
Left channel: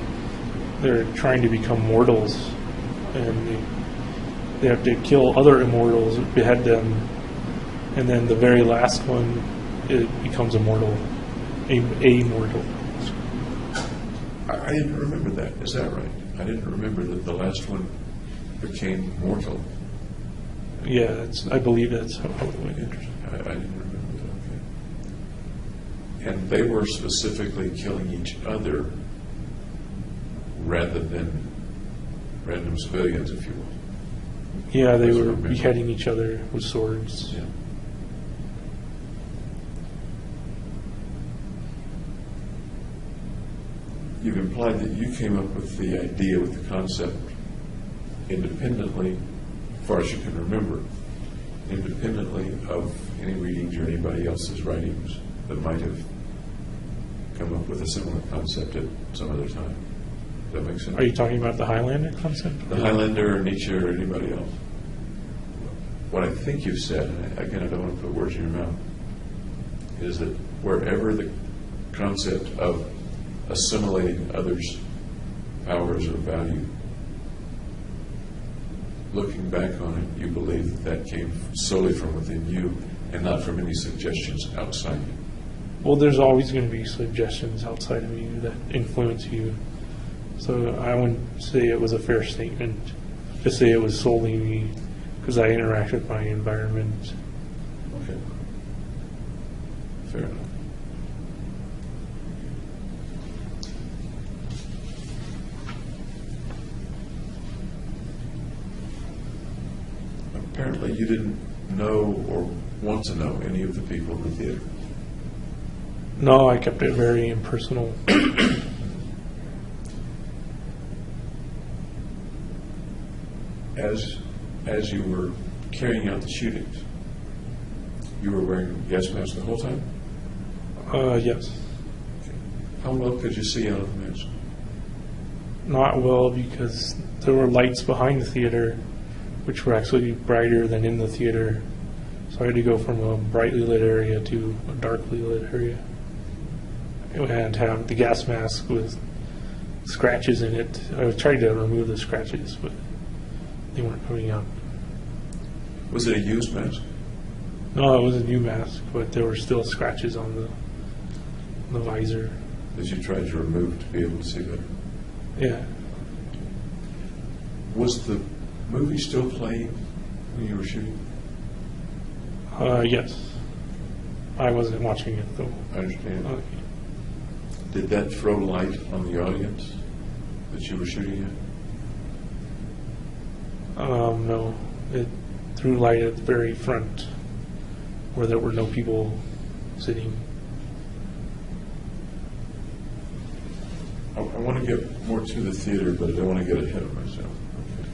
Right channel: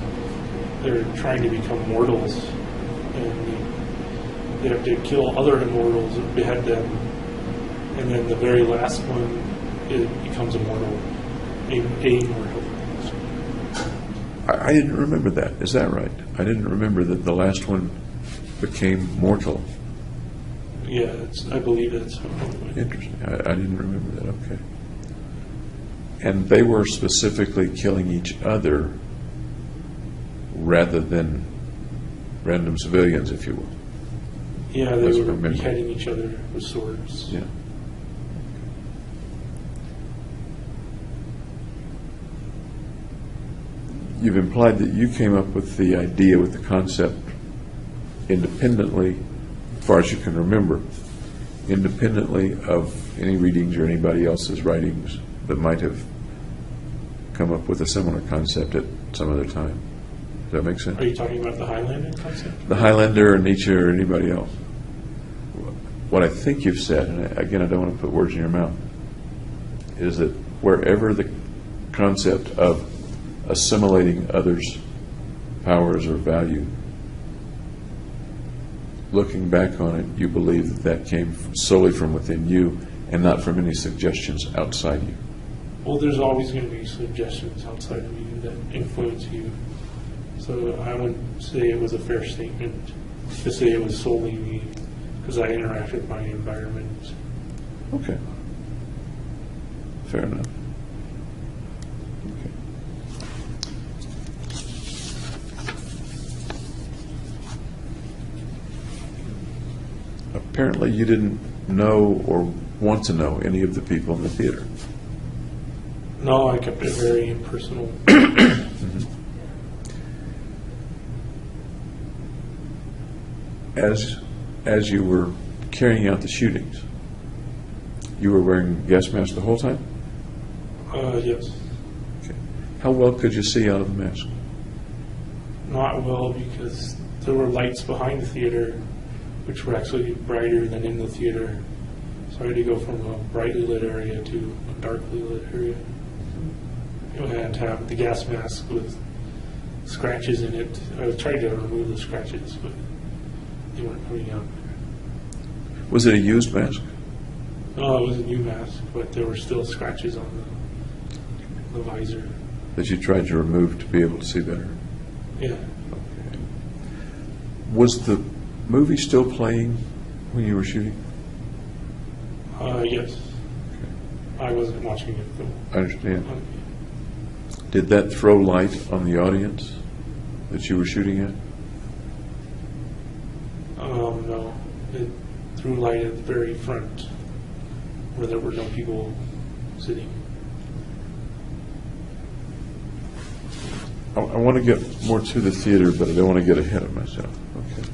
they're trying to become mortals, and they have to kill other immortals, behead them, and then the very last one, it becomes immortal, a mortal. I didn't remember that. Is that right? I didn't remember that the last one became mortal. Yeah, I believe that's how it went. Interesting. I didn't remember that. Okay. And they were specifically killing each other rather than random civilians, if you will. Yeah, they That's were what I remember. beheading each other with swords. Yeah. You've implied that you came up with the idea, with the concept, independently, as far as you can remember, independently of any readings or anybody else's writings that might have come up with a similar concept at some other time. Does that make sense? Are you talking about the Highlander concept? The Highlander or Nietzsche or anybody else. What I think you've said, and again, I don't want to put words in your mouth, is that wherever the concept of assimilating others' powers or value, looking back on it, you believe that that came solely from within you and not from any suggestions outside you. Well, there's always going to be suggestions outside of you that influence you. So I wouldn't say it was a fair statement to say it was solely me, because I interact with my environment. Okay. Fair enough. Apparently you didn't know or want to know any of the people in the theater. No, I kept it very impersonal. As you were carrying out the shootings, you were wearing a gas mask the whole time? Yes. Okay. How well could you see out of the mask? Not well, because there were lights behind the theater, which were actually brighter than in the theater. So I had to go from a brightly lit area to a darkly lit area. it had the gas mask with scratches in it. I tried to remove the scratches, but they weren't coming out. Was it a used mask? No, it was a new mask, but there were still scratches on the visor. That you tried to remove to be able to see better? Yeah. Was the movie still playing when you were shooting? Yes. I wasn't watching it though. I understand. Did that throw light on the audience that you were shooting at? No. It threw light at the very front where there were no people sitting. I want to get more to the theater, but I don't want to get ahead of myself. Okay.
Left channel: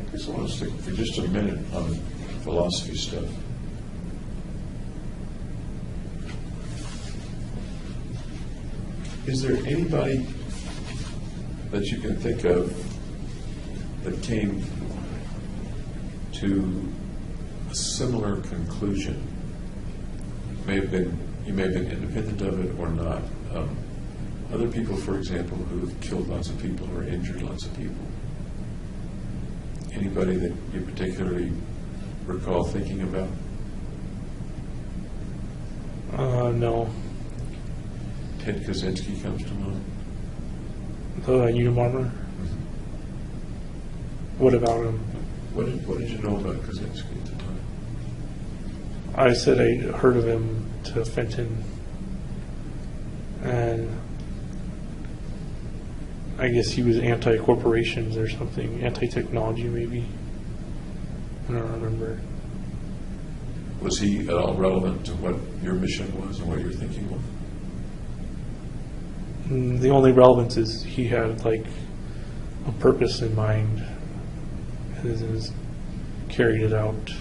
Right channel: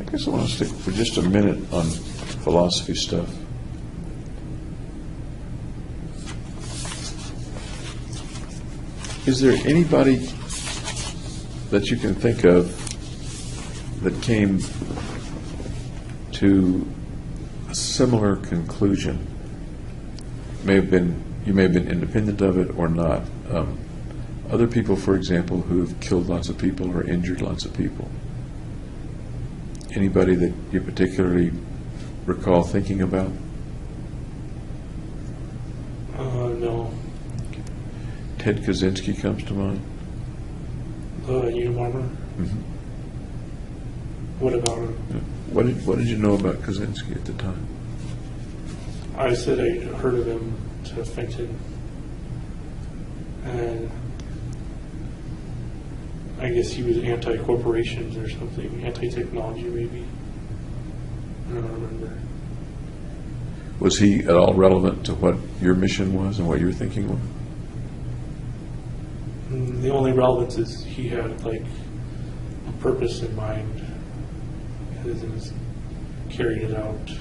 I guess I want to stick for just a minute on philosophy stuff. Is there anybody that you can think of that came to a similar conclusion? You may have been independent of it or not. Other people, for example, who have killed lots of people or injured lots of people. Anybody that you particularly recall thinking about? No. Ted Kaczynski comes to mind. The Unabomber? What about him? What did you know about Kaczynski at the time? I said I heard of him to Fenton, and I guess he was anti-corporations or something, anti-technology maybe. I don't remember. Was he at all relevant to what your mission was and what you were thinking was? The only relevance is he had like a purpose in mind and carried it out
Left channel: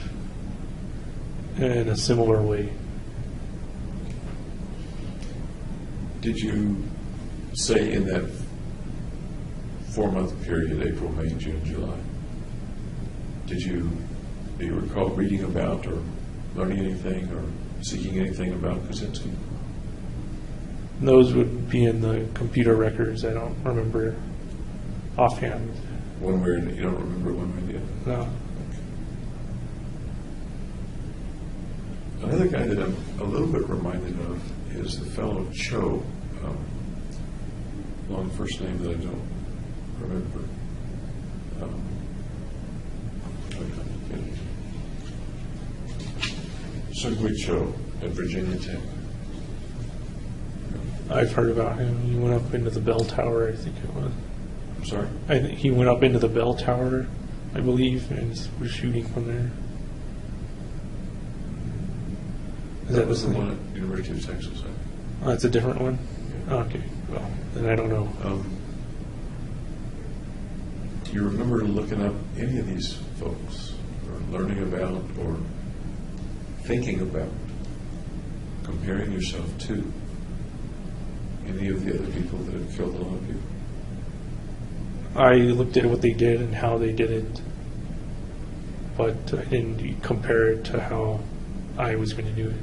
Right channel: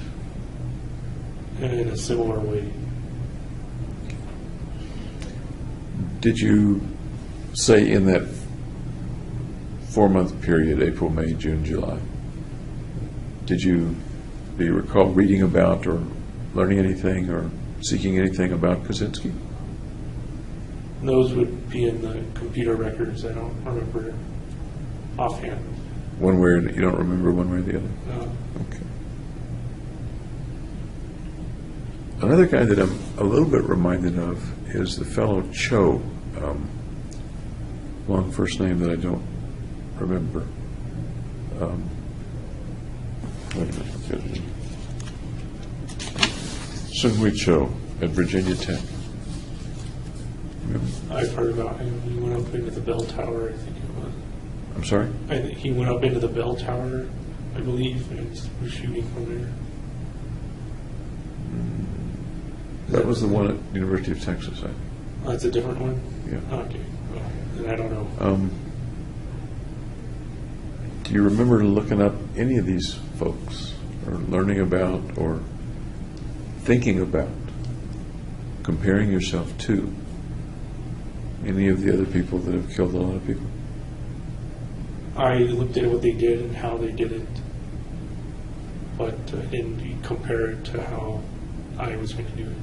in a similar way. Did you say in that 4-month period, April, May, June, July, do you recall reading about or learning anything or seeking anything about Kaczynski? Those would be in the computer records. I don't remember offhand. One way or you don't remember one way or the other? No. Okay. Another guy that I'm a little bit reminded of is the fellow Cho, long first name that I don't remember. Wait a minute. Sung-Hui Cho at Virginia Tech. I've heard about him. He went up into the bell tower, I think it was. I'm sorry? He went up into the bell tower, I believe, and was shooting from there. That was the one at University of Texas, I think. Oh, that's a different one? Yeah. Okay. Well, then I don't know. Do you remember looking up any of these folks, or learning about, or thinking about, comparing yourself to any of the other people that have killed a lot of people? I looked at what they did and how they did it, but I didn't compare it to how I was going to do it.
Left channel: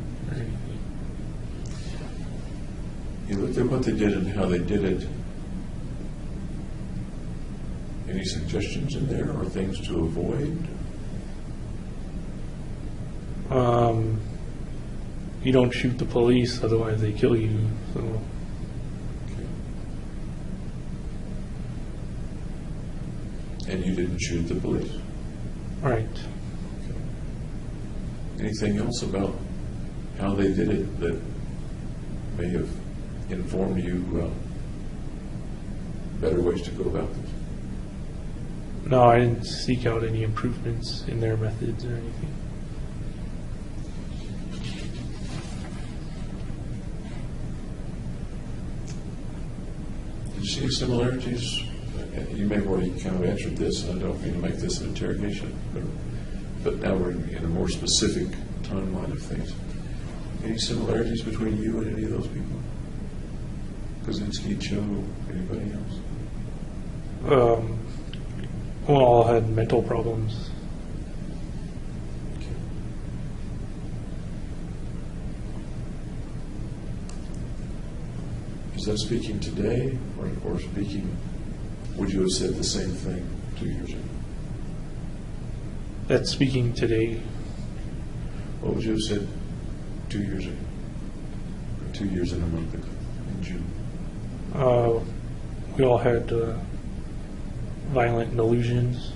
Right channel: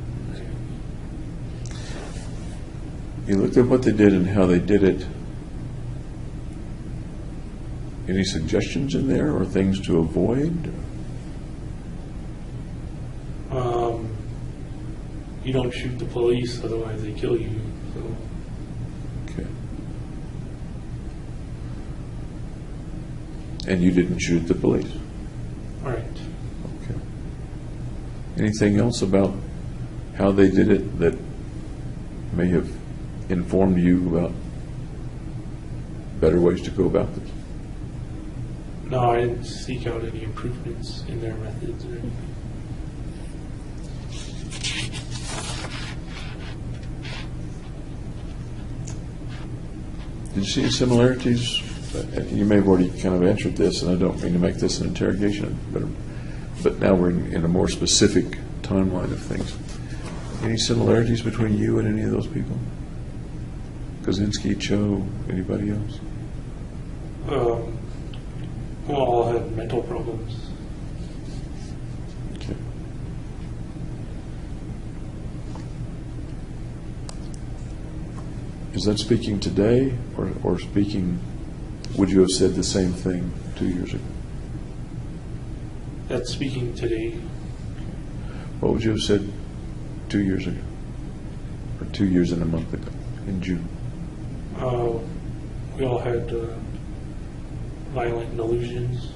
You looked at what they did and how they did it. Any suggestions in there or things to avoid? You don't shoot the police, otherwise they kill you. So Okay. And you didn't shoot the police? right. Okay. Anything else about how they did it that may have informed you about better ways to go about this? No, I didn't seek out any improvements in their methods or anything. Did you see any similarities? You may have already kind of answered this, and I don't mean to make this an interrogation, but now we're in a more specific timeline of things. Any similarities between you and any of those people? Kaczynski, Cho, anybody else? Well, all had mental problems. Is that speaking today, or speaking, would you have said the same thing 2 years ago? That's speaking today. What would you have said 2 years ago? Or 2 years and a month ago, in June? We all had violent delusions.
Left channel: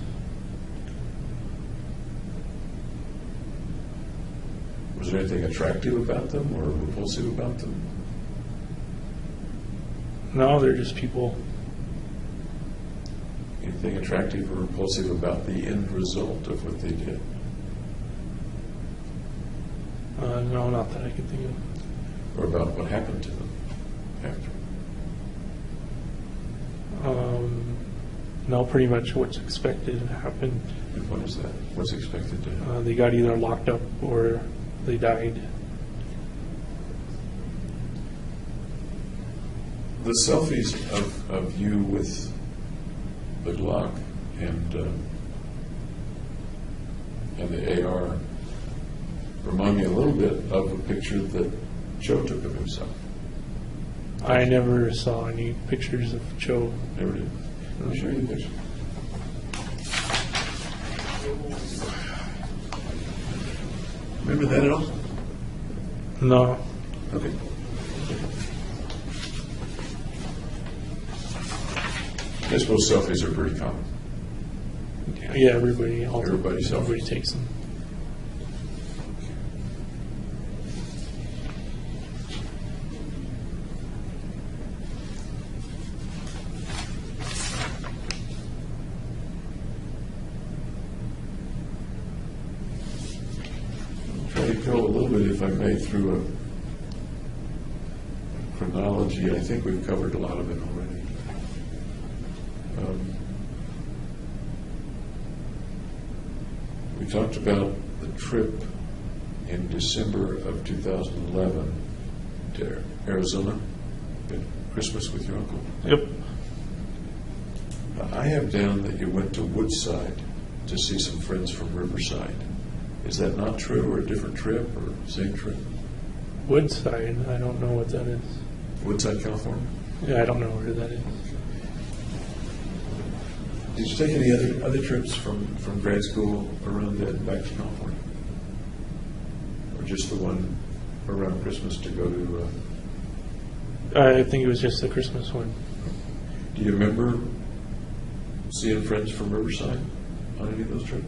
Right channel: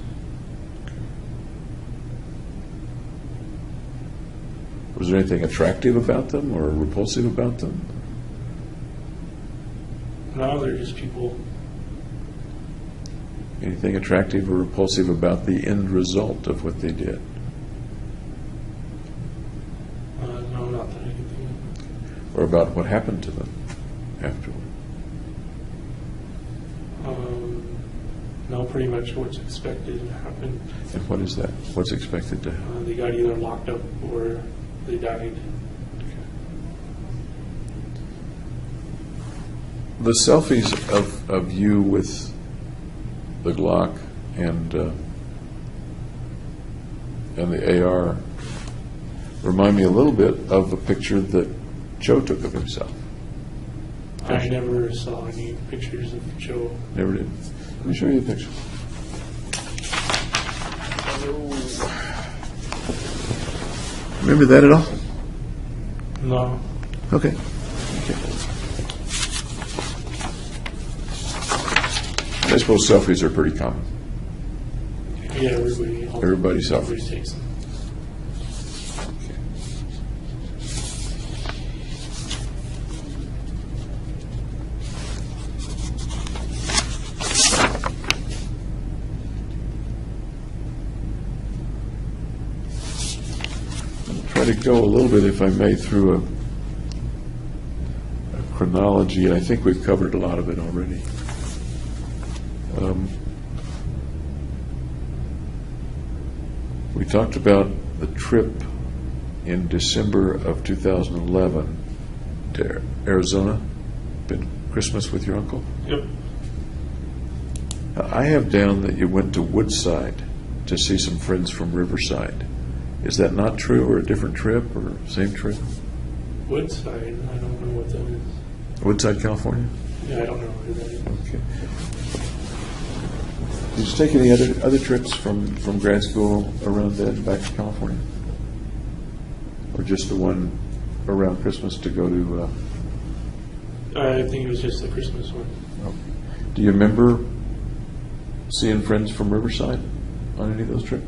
Was there anything attractive about them or repulsive about them? No, they're just people. Anything attractive or repulsive about the end result of what they did? No, not that I can think of. Or about what happened to them afterward? No, pretty much what's expected to happen. And what is that? What's expected to happen? They got either locked up or they died. The selfies of you with the Glock and the AR remind me a little bit of a picture that Joe took of himself. I never saw any pictures of Joe. Never did. Let me show you the picture. Remember that at all? No. Okay. I suppose selfies are pretty common. Yeah, everybody selfies. takes them. Try to go a little bit, if I may, through a chronology, and I think we've covered a lot of it already. We talked about the trip in December of 2011 to Arizona, spent Christmas with your uncle. Yep. I have down that you went to Woodside to see some friends from Riverside. Is that not true, or a different trip, or same trip? Woodside, I don't know what that is. Woodside, California? Yeah, I don't know where that is. Did you take any other trips from grad school around then back to California? Or just the one around Christmas to go to? I think it was just the Christmas one. Do you remember seeing friends from Riverside on any of those trips?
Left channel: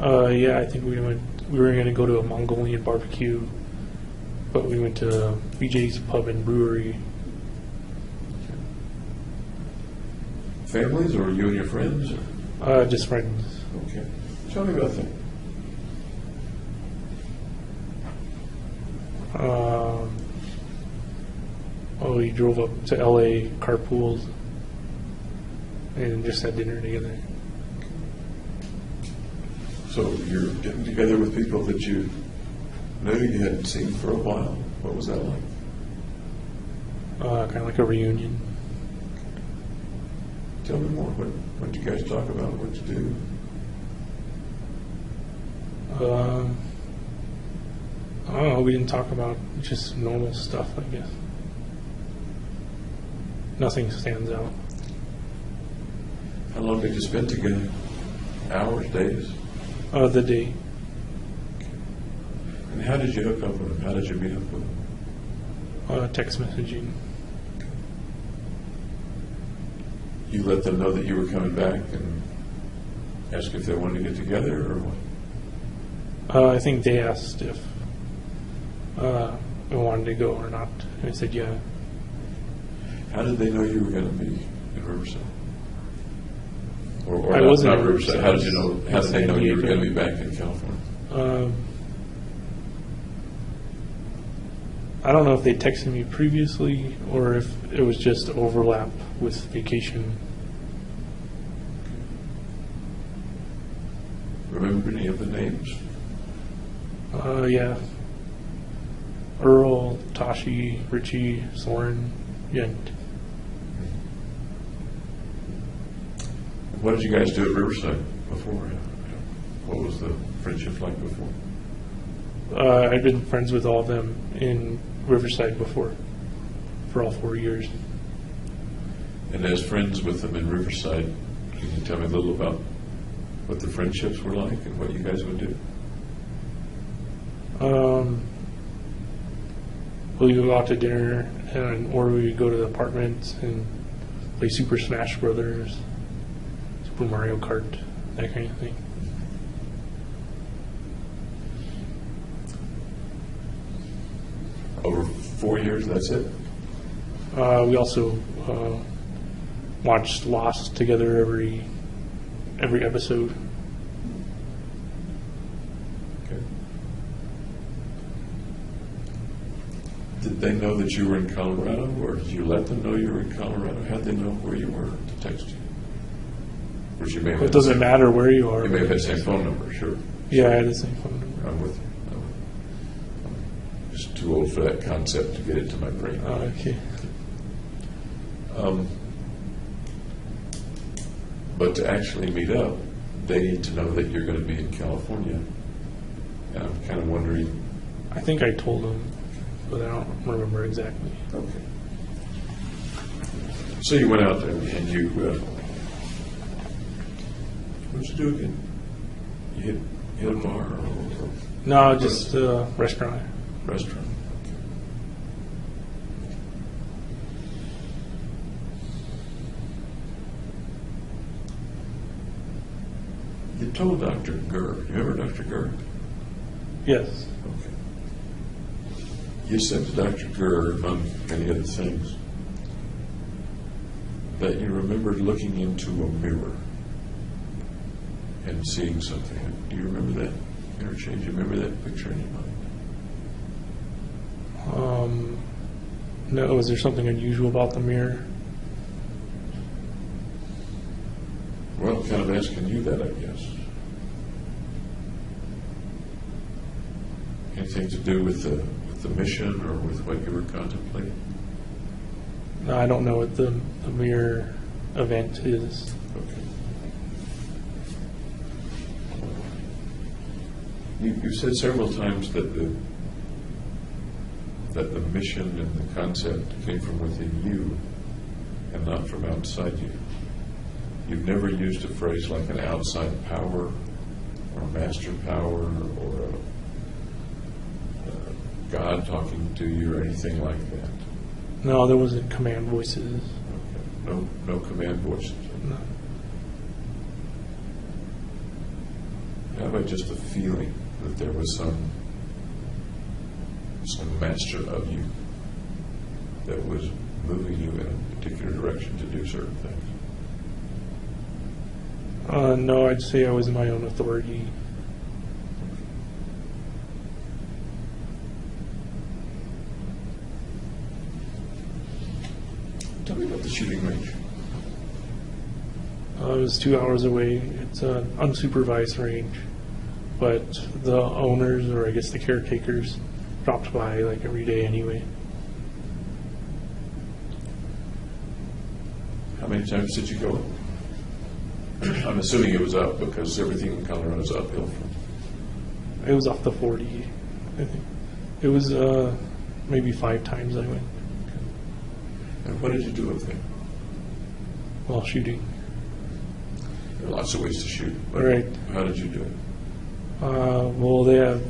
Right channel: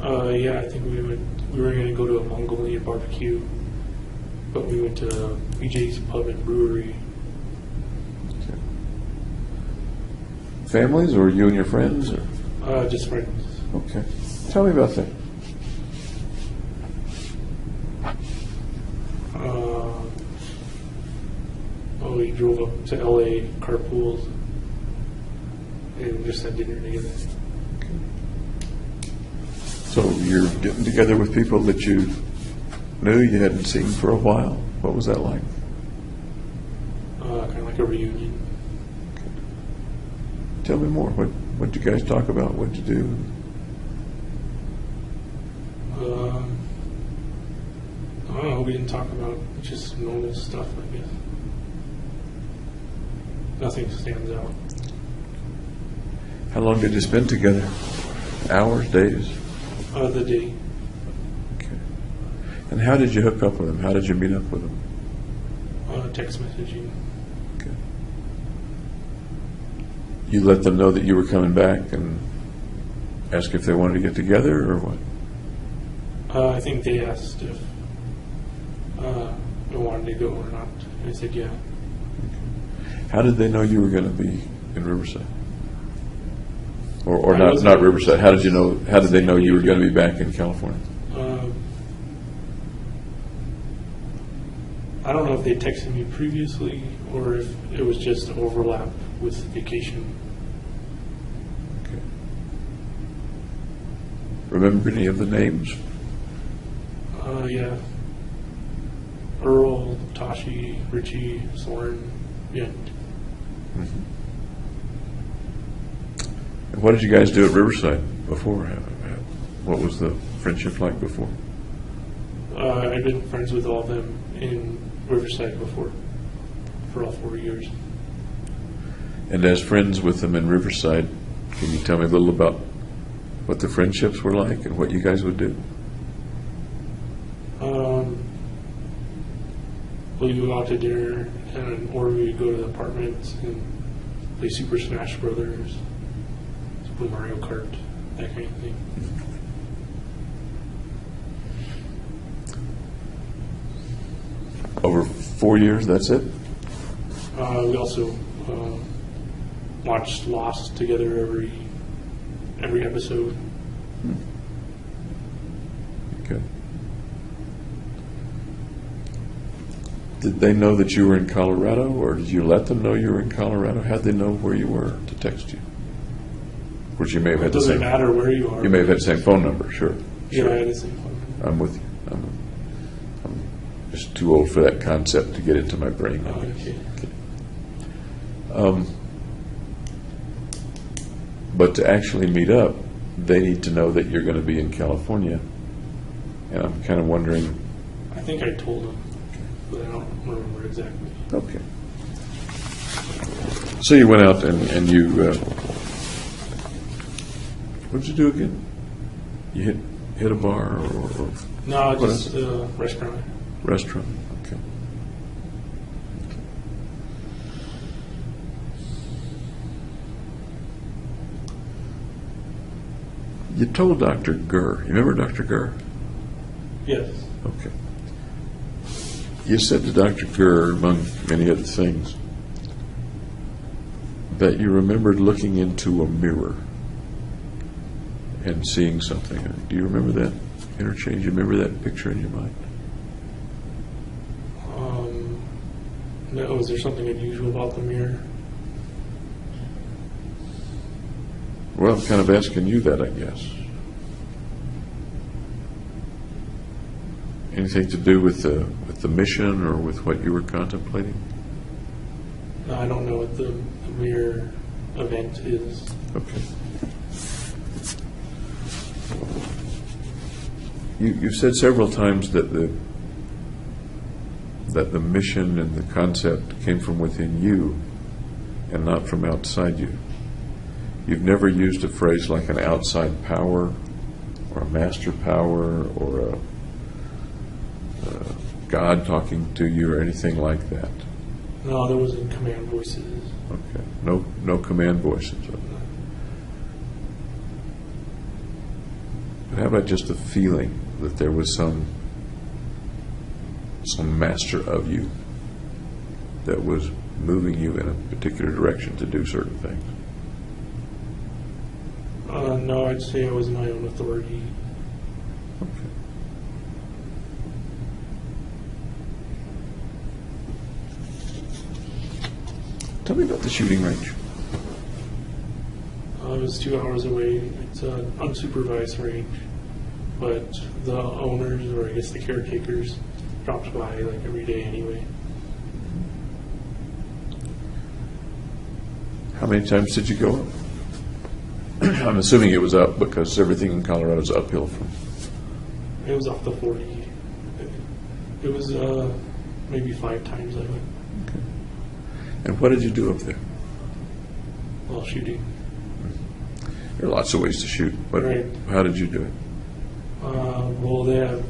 Yeah, I think we were going to go to a Mongolian barbecue, but we went to BJ's Pub and Brewery. Okay. Families, or you and your friends? Or? Just friends. Okay. Tell me about that. We drove up to LA, carpooled, and just had dinner together. So you're getting together with people that you knew you hadn't seen for a while. What was that like? Kind of like a reunion. Tell me more. What did you guys talk about? What to do? I don't know. We didn't talk about just normal stuff, I guess. Nothing stands out. How long did you spend together? Hours, days? The day. Okay. And how did you hook up with them? How did you meet up with them? Text messaging. Okay. You let them know that you were coming back and ask if they wanted to get together, or what? I think they asked if I wanted to go or not. I said yeah. How did they know you were going to be in Riverside? Or I not wasn't- Riverside? How did you know? How did they know you were going to be back in California? I don't know if they texted me previously or if it was just overlap with vacation. Okay. Remember any of the names? Yeah. Earl, Tashi, Richie, Soren, Yent. What did you guys do at Riverside before? What was the friendship like before? I've been friends with all of them in Riverside before. for all 4 years. And as friends with them in Riverside, can you tell me a little about what the friendships were like and what you guys would do? We'll go out to dinner, or we would go to the apartments and play Super Smash Brothers, Super Mario Kart, that kind of thing. Over 4 years, that's it? We also watched Lost together every episode. Okay. Did they know that you were in Colorado, or did you let them know you were in Colorado? How'd they know where you were to text you? Which you may have had It the doesn't same, matter where you are. you may have had the same phone number, sure. Yeah, I had the same phone number. I'm with you. I'm just too old for that concept to get into my brain. Okay. But to actually meet up, they need to know that you're going to be in California. And I'm kind of wondering, I think I told them, but I don't remember exactly. okay. So you went out and you, what did you do again? You hit a bar or No, What just is a restaurant. restaurant? Okay. You told Dr. Gurr. You remember Dr. Gurr? Yes. Okay. You said to Dr. Gurr, among many other things, that you remembered looking into a mirror and seeing something. Do you remember that interchange? You remember that picture in your mind? No, was there something unusual about the mirror? Well, I'm kind of asking you that, I guess. Anything to do with the mission or with what you were contemplating? I don't know what the mirror event is. Okay. You've said several times that the mission and the concept came from within you and not from outside you. You've never used a phrase like an outside power or a master power or a God talking to you or anything like that. No, there wasn't command voices. Okay. No command voices. But how about just the feeling that there was some master of you that was moving you in a particular direction to do certain things? No, I'd say I was my own authority. Tell me about the shooting range. It was 2 hours away. It's an unsupervised range, but the owners, or I guess the caretakers, dropped by like every day anyway. How many times did you go? I'm assuming it was up because everything in Colorado is uphill from. It was off the 40. I think. It was maybe 5 times I went And what did you do up there? while shooting. There are lots of ways to shoot, but Right. how did you do it? Well, they have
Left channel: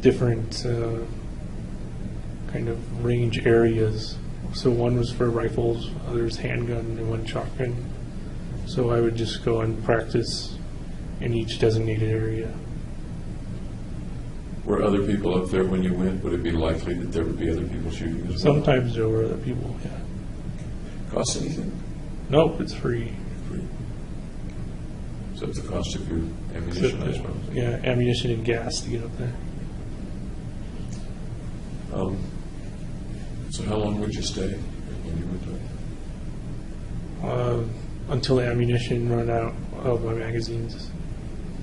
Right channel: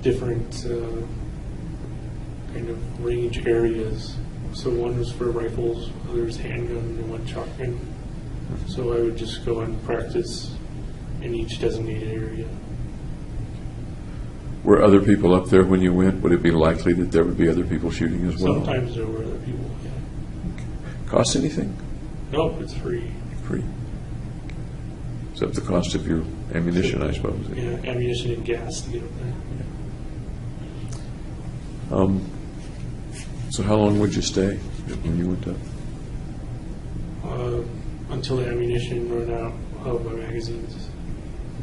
different kind of range areas. So one was for rifles, others handgun, and one shotgun. So I would just go and practice in each designated area. Were other people up there when you went? Would it be likely that there would be other people shooting as well? Sometimes there were other people, yeah. Cost anything? Nope, it's free. Free. Except the cost of your ammunition, I suppose. Yeah, ammunition and gas to get up there. So how long would you stay when you went up? Until the ammunition run out of my magazines.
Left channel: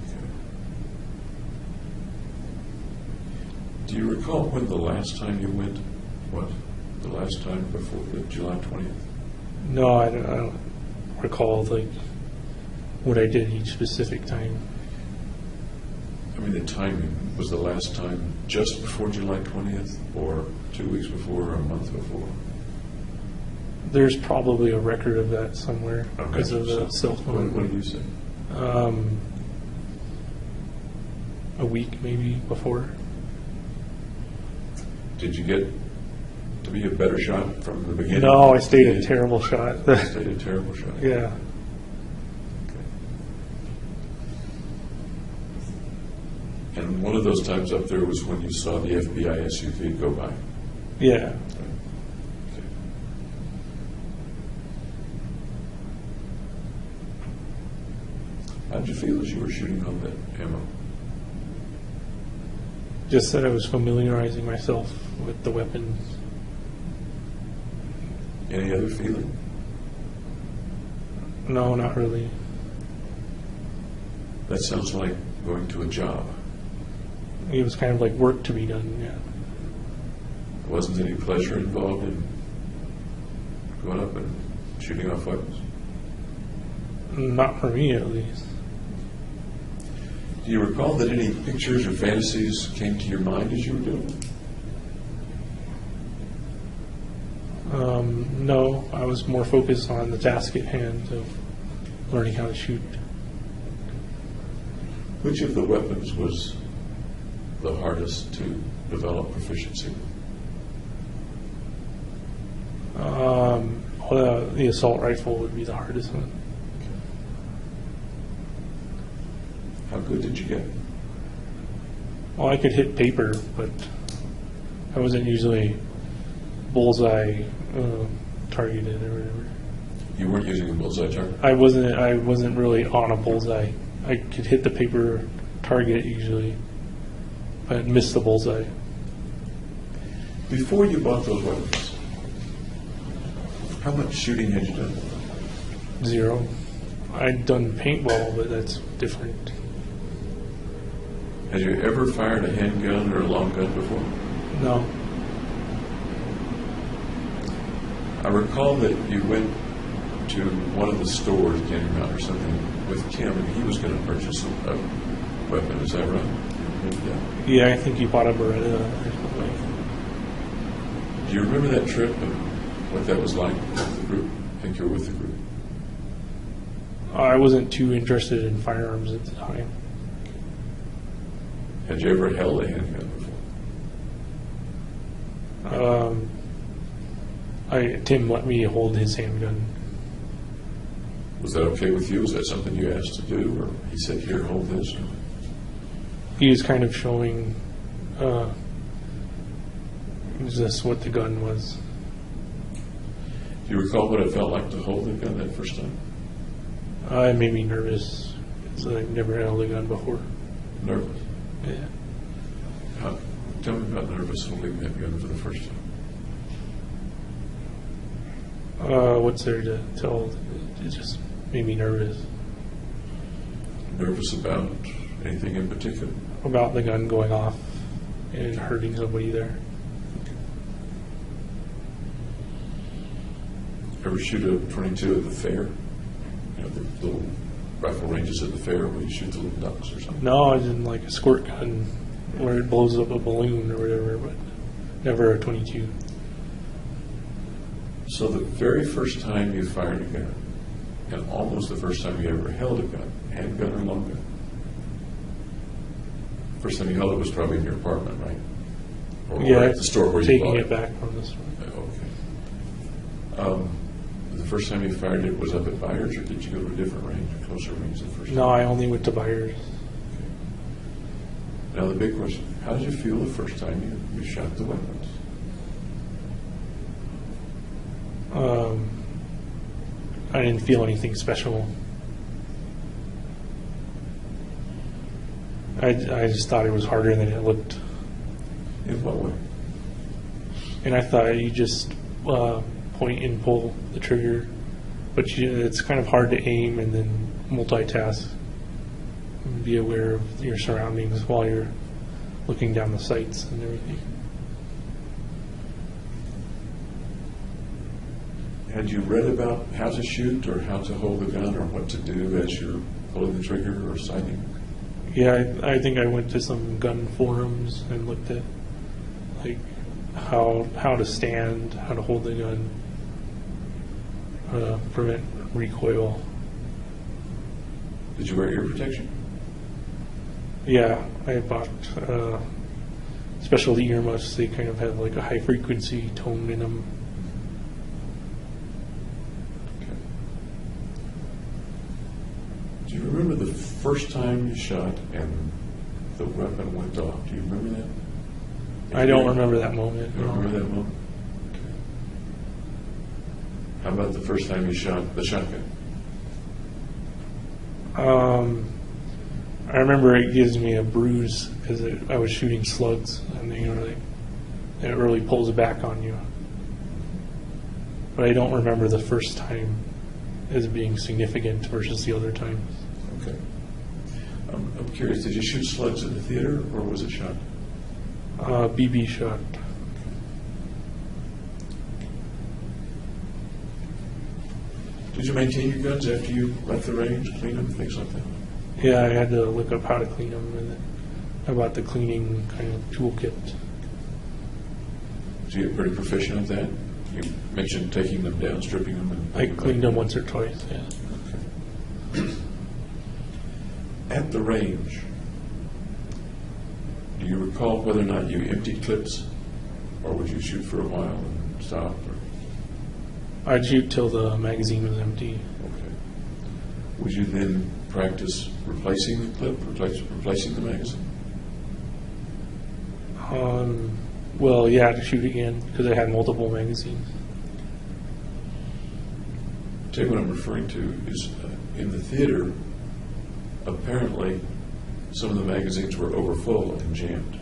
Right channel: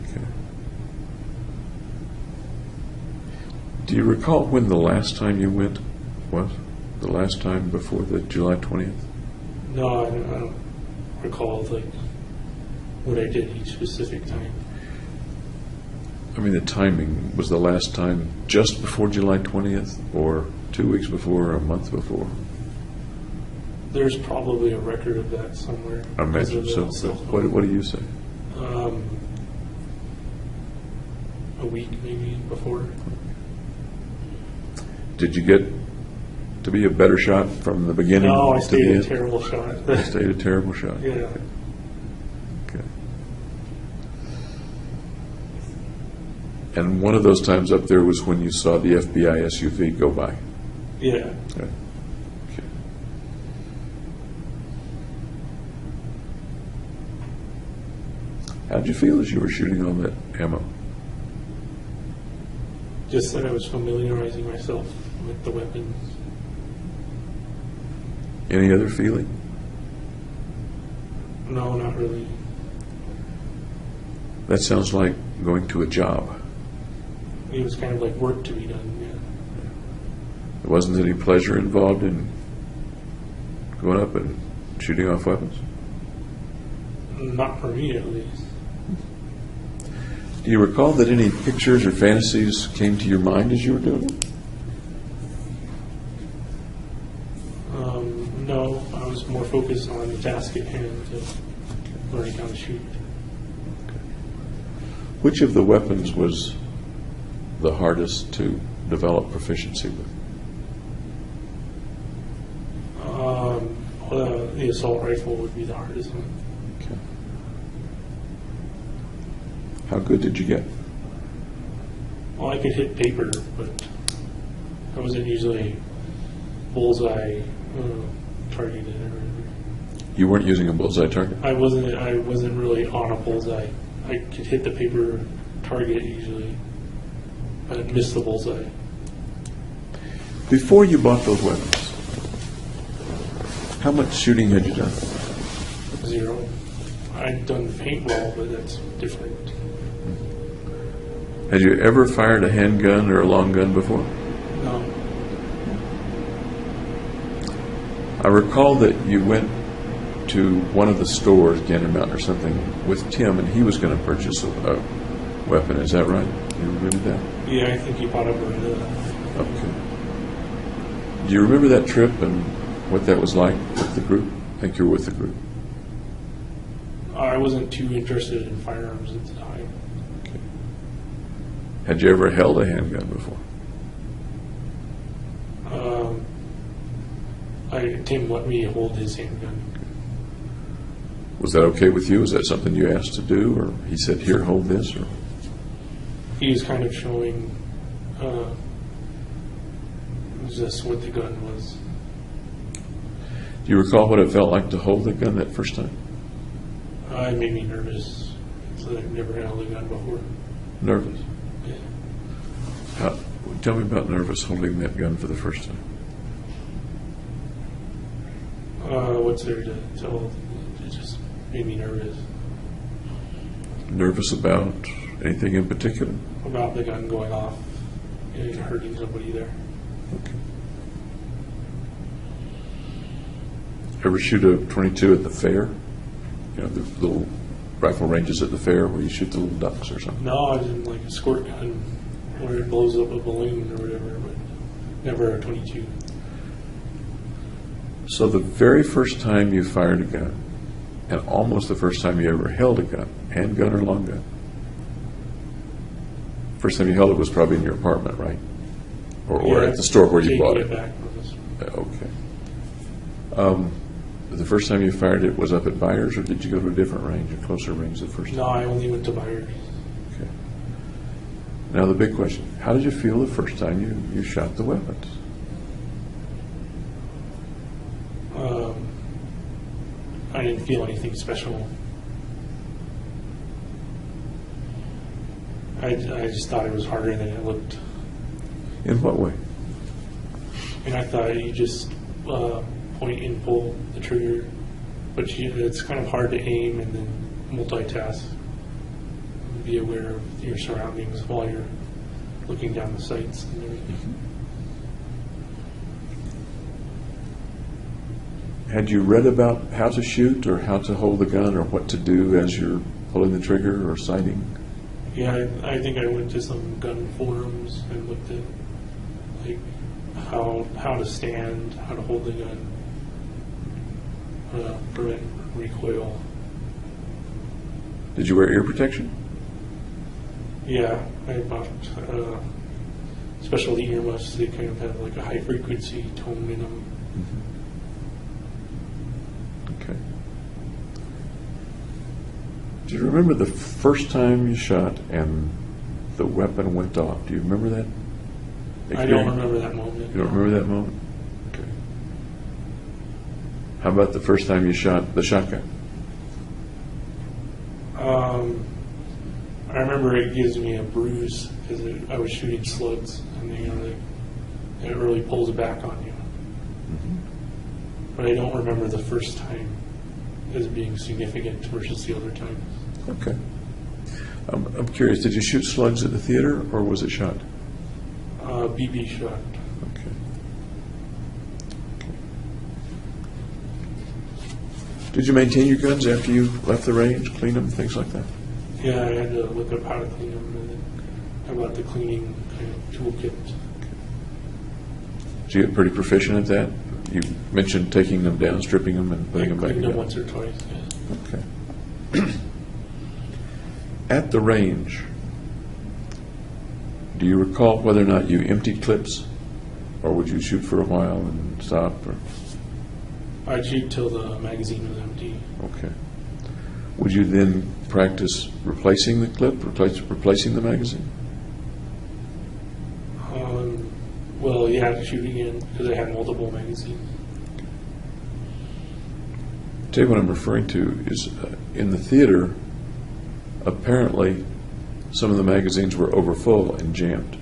Okay. Do you recall when the last time you went was? The last time before the July 20th? No, I don't recall like what I did each specific time. I mean, the timing, was the last time just before July 20th, or 2 weeks before, or a month before? There's probably a record of that somewhere. I because imagine of so. the cell phone. What do you say? A week maybe before. Did you get to be a better shot from the beginning? No, I to stayed the a end? terrible shot. Stayed a terrible shot. Yeah. Okay. And one of those times up there was when you saw the FBI SUV go by. Yeah. Okay. Okay. How did you feel as you were shooting on that ammo? Just that I was familiarizing myself with the weapons. Any other feeling? No, not really. That sounds like going to a job. It was kind of like work to be done, yeah. There wasn't any pleasure involved in going up and shooting off weapons? Not for me, at least. Do you recall that any pictures or fantasies came to your mind as you were doing it? No, I was more focused on the task at hand of learning how to shoot. Which of the weapons was the hardest to develop proficiency with? The assault rifle would be the hardest one. Okay. How good did you get? Well, I could hit paper, but I wasn't usually bullseye targeted or whatever. You weren't using a bullseye target? I wasn't really on a bullseye. I could hit the paper target usually, but miss the bullseye. Before you bought those weapons, how much shooting had you done? 0. I'd done paintball, but that's different. Had you ever fired a handgun or a long gun before? No. I recall that you went to one of the stores, Gander Mountain or something, with Tim, and he was going to purchase a weapon. Is that right? You remember that? Yeah, I think he bought a Beretta. Okay. Do you remember that trip and what that was like with the group? I think you were with the group. I wasn't too interested in firearms at the time. Had you ever held a handgun before? Tim let me hold his handgun. Was that okay with you? Was that something you asked to do, or he said, "Here, hold this"? Or? He was kind of showing just what the gun was. Do you recall what it felt like to hold the gun that first time? It made me nervous. So I've never held a gun before. Nervous. Yeah. Tell me about nervous holding that gun for the first time. What's there to tell? It just made me nervous Nervous about anything in particular? about the gun going off and hurting somebody there. Ever shoot a .22 at the fair? You know, the little rifle ranges at the fair where you shoot the little ducks or something? No, I didn't like a squirt gun where it blows up a balloon or whatever, but never a .22. So the very first time you fired a gun, and almost the first time you ever held a gun, handgun or long gun, first time you held it was probably in your apartment, right? Or at the store where you bought Taking it? it back from this one. Okay. The first time you fired it was up at Byers, or did you go to a different range, a closer range the first time? No, I only went to Byers. Okay. Now the big question, how did you feel the first time you shot the weapons? I didn't feel anything special. I just thought it was harder than it looked. In what way? And I thought you just point and pull the trigger, but it's kind of hard to aim and then multitask and be aware of your surroundings while you're looking down the sights and everything. Had you read about how to shoot or how to hold the gun or what to do as you're pulling the trigger or sighting? Yeah, I think I went to some gun forums and looked at like how to stand, how to hold the gun, prevent recoil. Did you wear ear protection? Yeah, I bought specialty earmuffs. They kind of have like a high frequency tone in them. Okay. Do you remember the first time you shot and the weapon went off? Do you remember that? I don't remember that moment. You don't remember that moment? Okay. How about the first time you shot the shotgun? I remember it gives me a bruise because I was shooting slugs, and it really pulls back on you. But I don't remember the first time as being significant versus the other times. Okay. I'm curious, did you shoot slugs at the theater, or was it shot? BB shot. Okay. Did you maintain your guns after you left the range, clean them, things like that? Yeah, I had to look up how to clean them, and then I bought the cleaning kind of toolkit. Did you get pretty proficient at that? You mentioned taking them down, stripping them, and I putting them back. cleaned them in. once or twice. Yeah. Okay. At the range, do you recall whether or not you emptied clips, or would you shoot for a while and stop? Or? I'd shoot till the magazine was empty. Okay. Would you then practice replacing the clip, replacing the magazine? Well, yeah, to shoot again because I had multiple magazines. Tell you what I'm referring to is in the theater, apparently some of the magazines were overfull and jammed.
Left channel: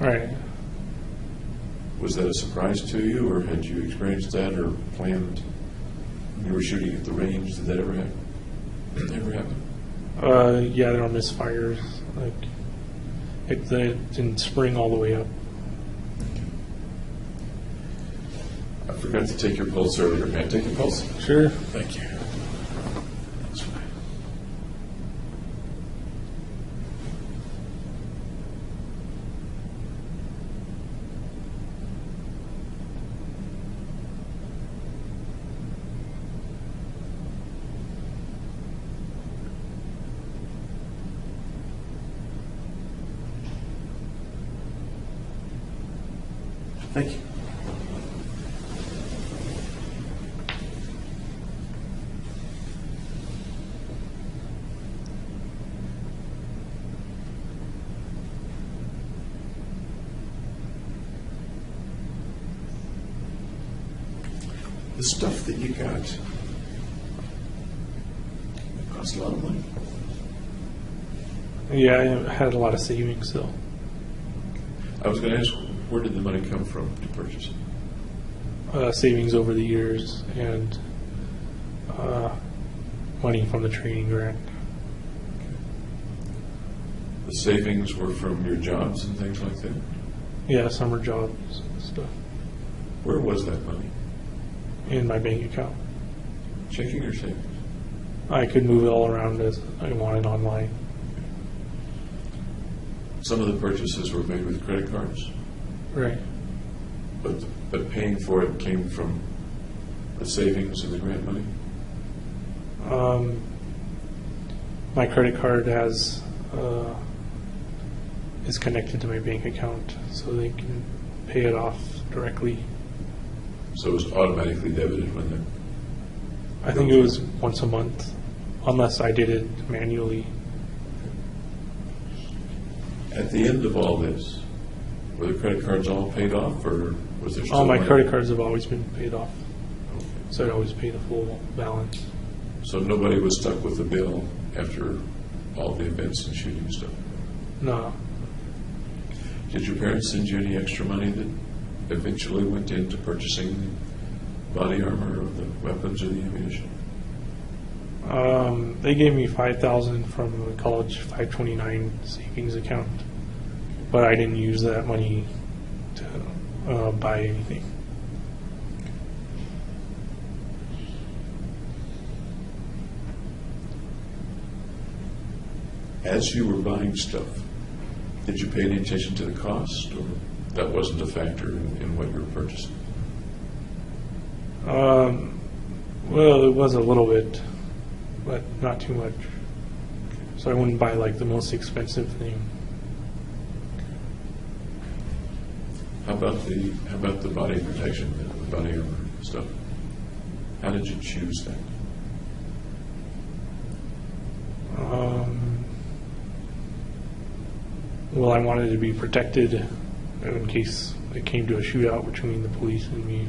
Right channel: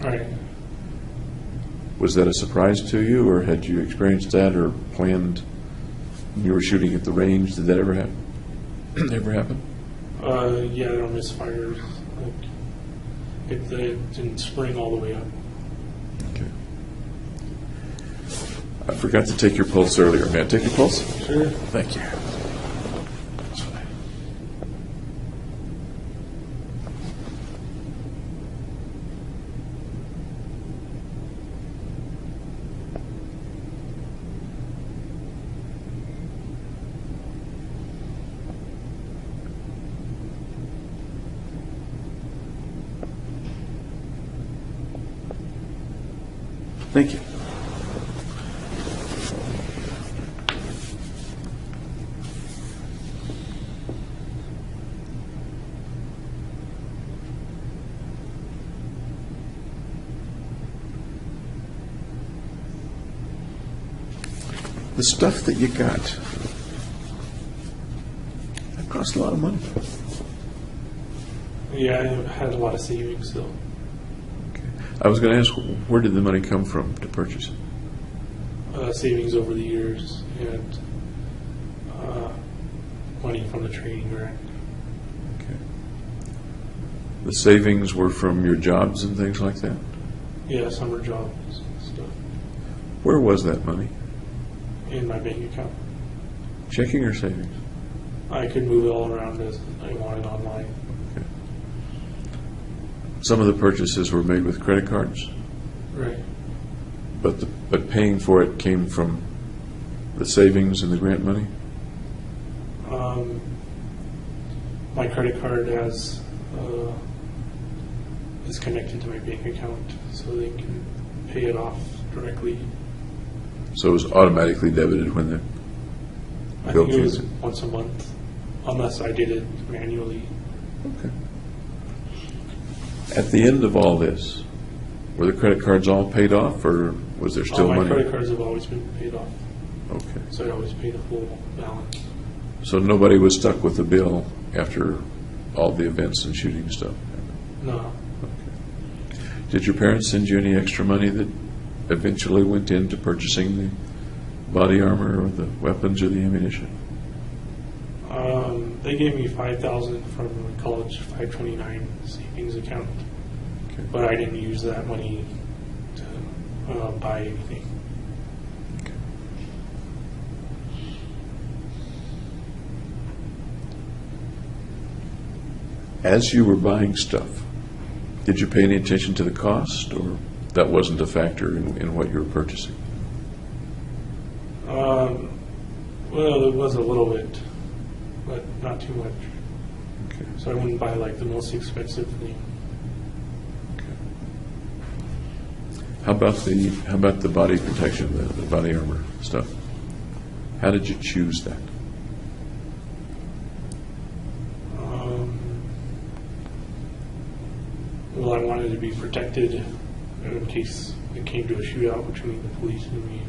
Right. Was that a surprise to you, or had you experienced that or planned when you were shooting at the range? Did that ever happen? Ever happen? Yeah, there were misfires. Like it didn't spring all the way up. Okay. I forgot to take your pulse earlier. May I take your pulse? Sure. Thank you. That's fine. Thank you. The stuff that you got, it cost a lot of money. Yeah, I had a lot of savings, so I was going to ask, where did the money come from to purchase it? savings over the years and money from the training grant. Okay. The savings were from your jobs and things like that? Yeah, summer jobs and stuff Where was that money? in my bank account. Checking or savings? I could move it all around as I wanted online. Okay. Some of the purchases were made with credit cards, Right. but paying for it came from the savings and the grant money? My credit card is connected to my bank account, so they can pay it off directly. So it was automatically debited when the I bill think it came was in? once a month, unless I did it manually. Okay. At the end of all this, were the credit cards all paid off, or was there still All my money? credit cards have always been paid off, Okay. so I always pay the full balance. So nobody was stuck with the bill after all the events and shooting stuff? No, Did your parents send you any extra money that eventually went into purchasing the body armor or the weapons or the ammunition? they gave me $5,000 from the college 529 savings account, but I didn't use that money to buy anything. As you were buying stuff, did you pay any attention to the cost, or that wasn't a factor in what you were purchasing? Well, it was a little bit, but not too much. So I wouldn't buy like the most expensive thing. How about the body protection, the body armor stuff? How did you choose that? Well, I wanted to be protected in case it came to a shootout between the police and me.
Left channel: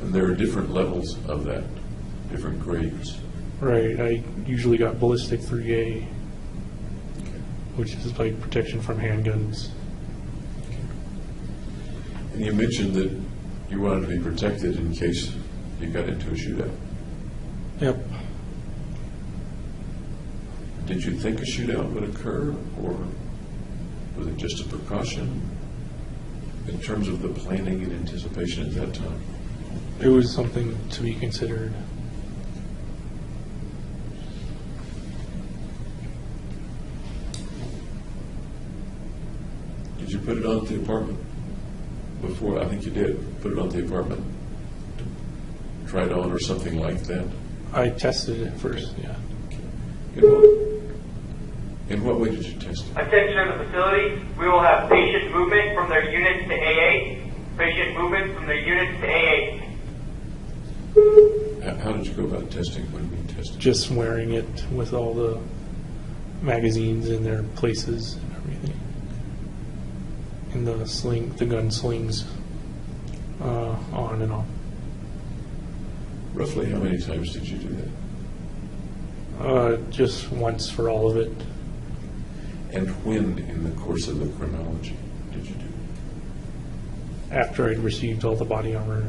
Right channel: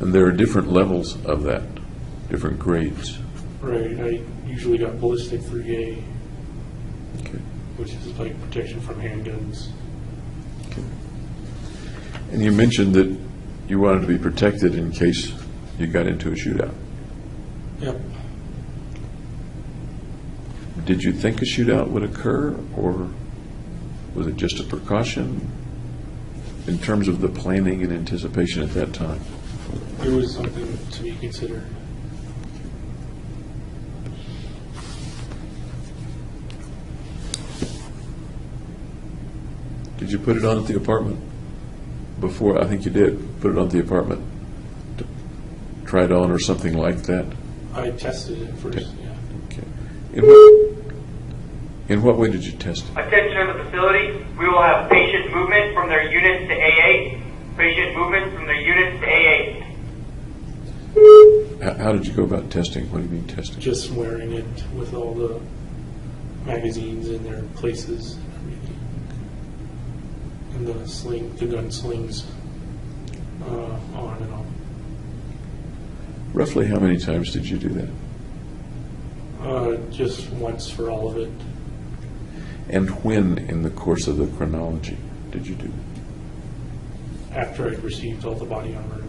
And there are different levels of that, different grades. Right. I usually got ballistic 3A, Okay. which is like protection from handguns. And you mentioned that you wanted to be protected in case you got into a shootout. Yep. Did you think a shootout would occur, or was it just a precaution in terms of the planning and anticipation at that time? It was something to be considered. Did you put it on at the apartment before? I think you did. Put it on at the apartment to try it on or something like that? I tested it first, Okay. yeah. Okay. In what way did you test it? Attention in the facility, we will have patient movement from their units to AA. Patient movement from their units to AA. How did you go about testing? What do you mean testing? Just wearing it with all the magazines in their places and everything. And the gun slings on and on. Roughly how many times did you do that? Just once for all of it. And when in the course of the chronology did you do that? After I'd received all the body armor.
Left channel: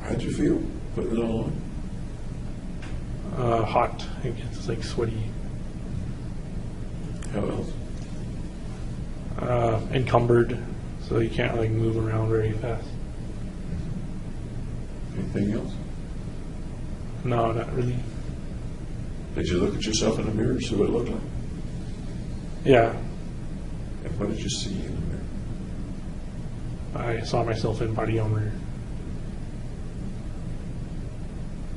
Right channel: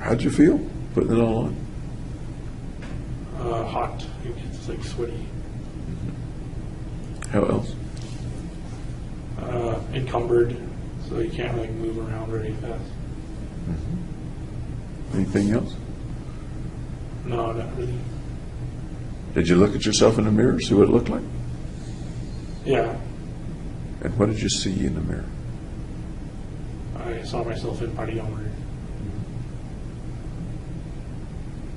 How'd you feel putting it all on? Hot. It gets like sweaty. How else? Encumbered, so you can't like move around very fast. Anything else? No, not really. Did you look at yourself in the mirror, see what it looked like? Yeah, And what did you see in the mirror? I saw myself in body armor.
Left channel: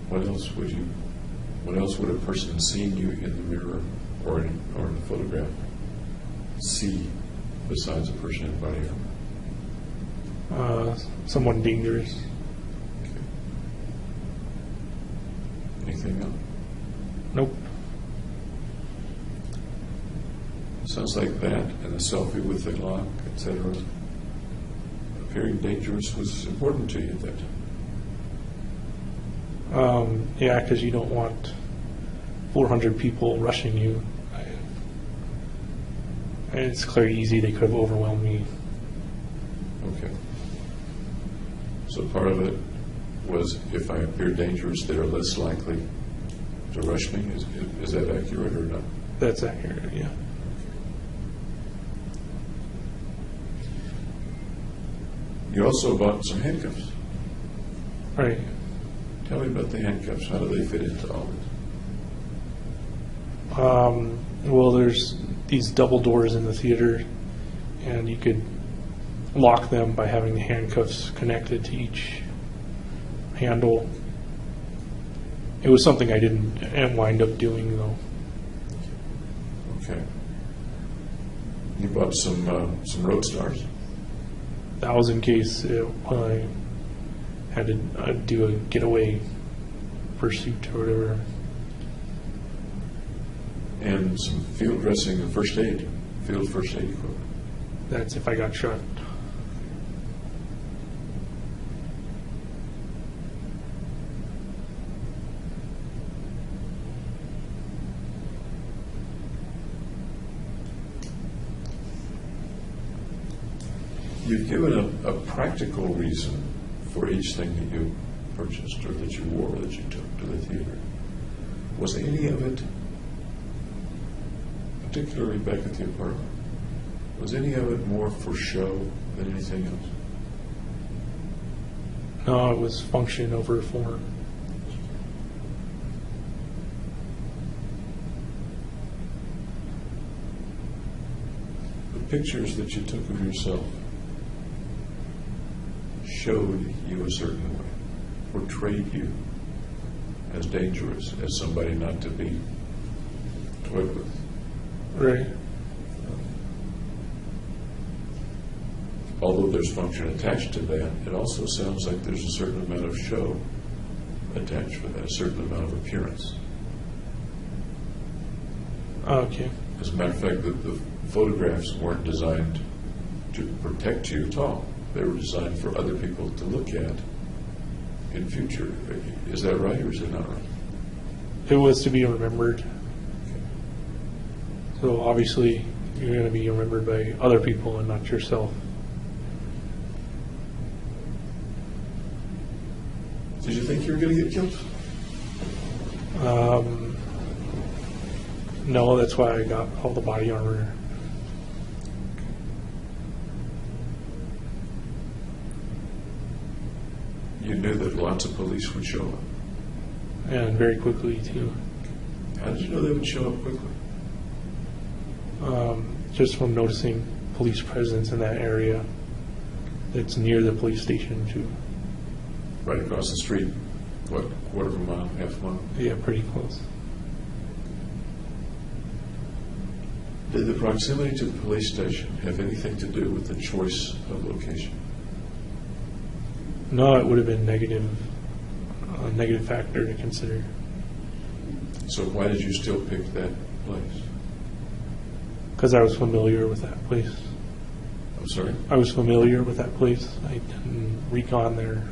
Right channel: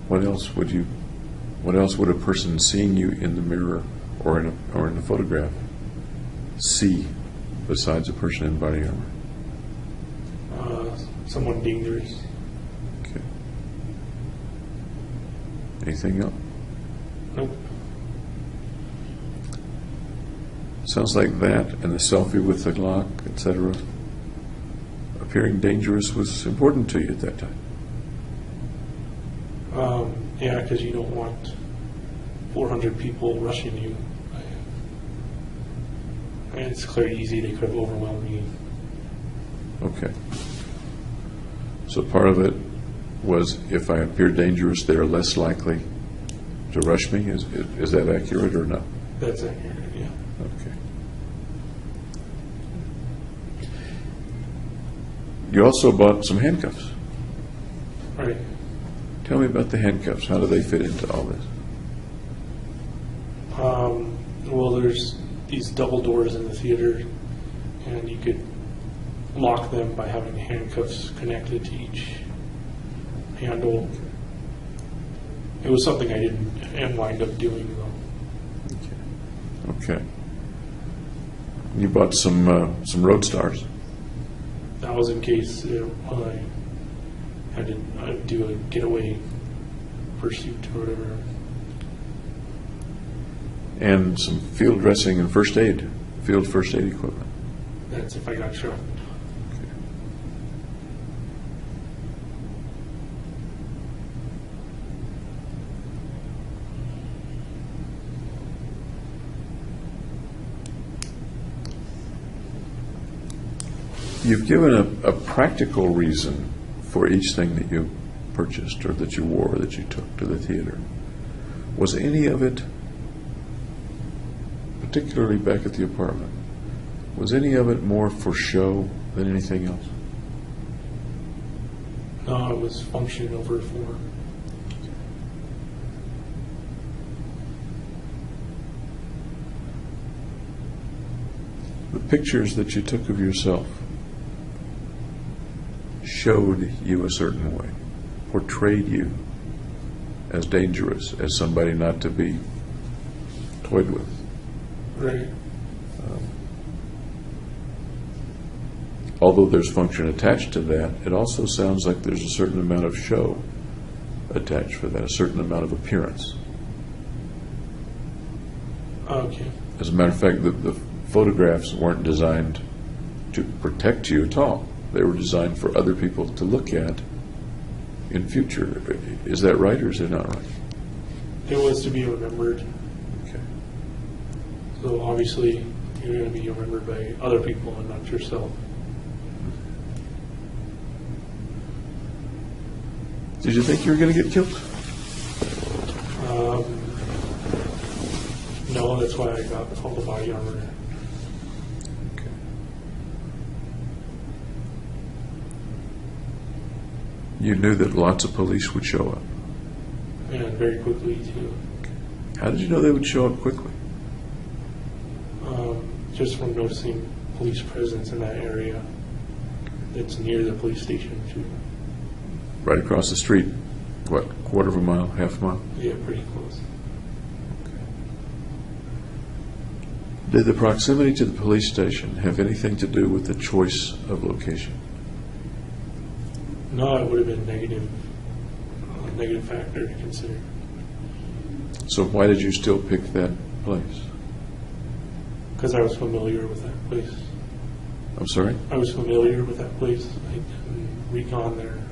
What else would a person seeing you in the mirror or in a photograph see besides a person in body armor? Somewhat dangerous. Okay. Anything else? Nope. Sounds like that and the selfie with the Glock, etc. Appearing dangerous was important to you at that time. Yeah, because you don't want 400 people rushing you. And it's clear easy they could have overwhelmed me. Okay. So part of it was if I appear dangerous, they're less likely to rush me. Is that accurate or not? That's accurate, yeah. Okay. You also bought some handcuffs. Right. Tell me about the handcuffs. How do they fit into all this? Well, there's these double doors in the theater, and you could lock them by having the handcuffs connected to each handle. It was something I didn't wind up doing, though. Okay. You bought some Road Stars. That was in case I had to do a getaway pursuit or whatever. And some field dressing and first aid equipment. That's if I got shot. You've given a practical reason for each thing that you purchased or that you wore, that you took to the theater. Was any of it, particularly back at the apartment, was any of it more for show than anything else? No, it was function over form. pictures that you took of yourself showed you a certain way, portrayed you as dangerous, as somebody not to be toyed with. Right. Although there's function attached to that, it also sounds like there's a certain amount of show attached for that, a certain amount of appearance. Okay. As a matter of fact, the photographs weren't designed to protect you at all. They were designed for other people to look at in future. Is that right, or is it not right? It was to be remembered. Okay. So obviously, you're going to be remembered by other people and not yourself. Did you think you were going to get killed? No, that's why I got all the body armor. You knew that lots of police would show up. And very quickly, too. How did you know they would show up quickly? Just from noticing police presence in that area that's near the police station, too. Right across the street, what, quarter of a mile, half a mile? Yeah, pretty close. Did the proximity to the police station have anything to do with the choice of location? No, it would have been a negative factor to consider. So why did you still pick that place? Because I was familiar with that place. I'm sorry? I was familiar with that place. I can recon there.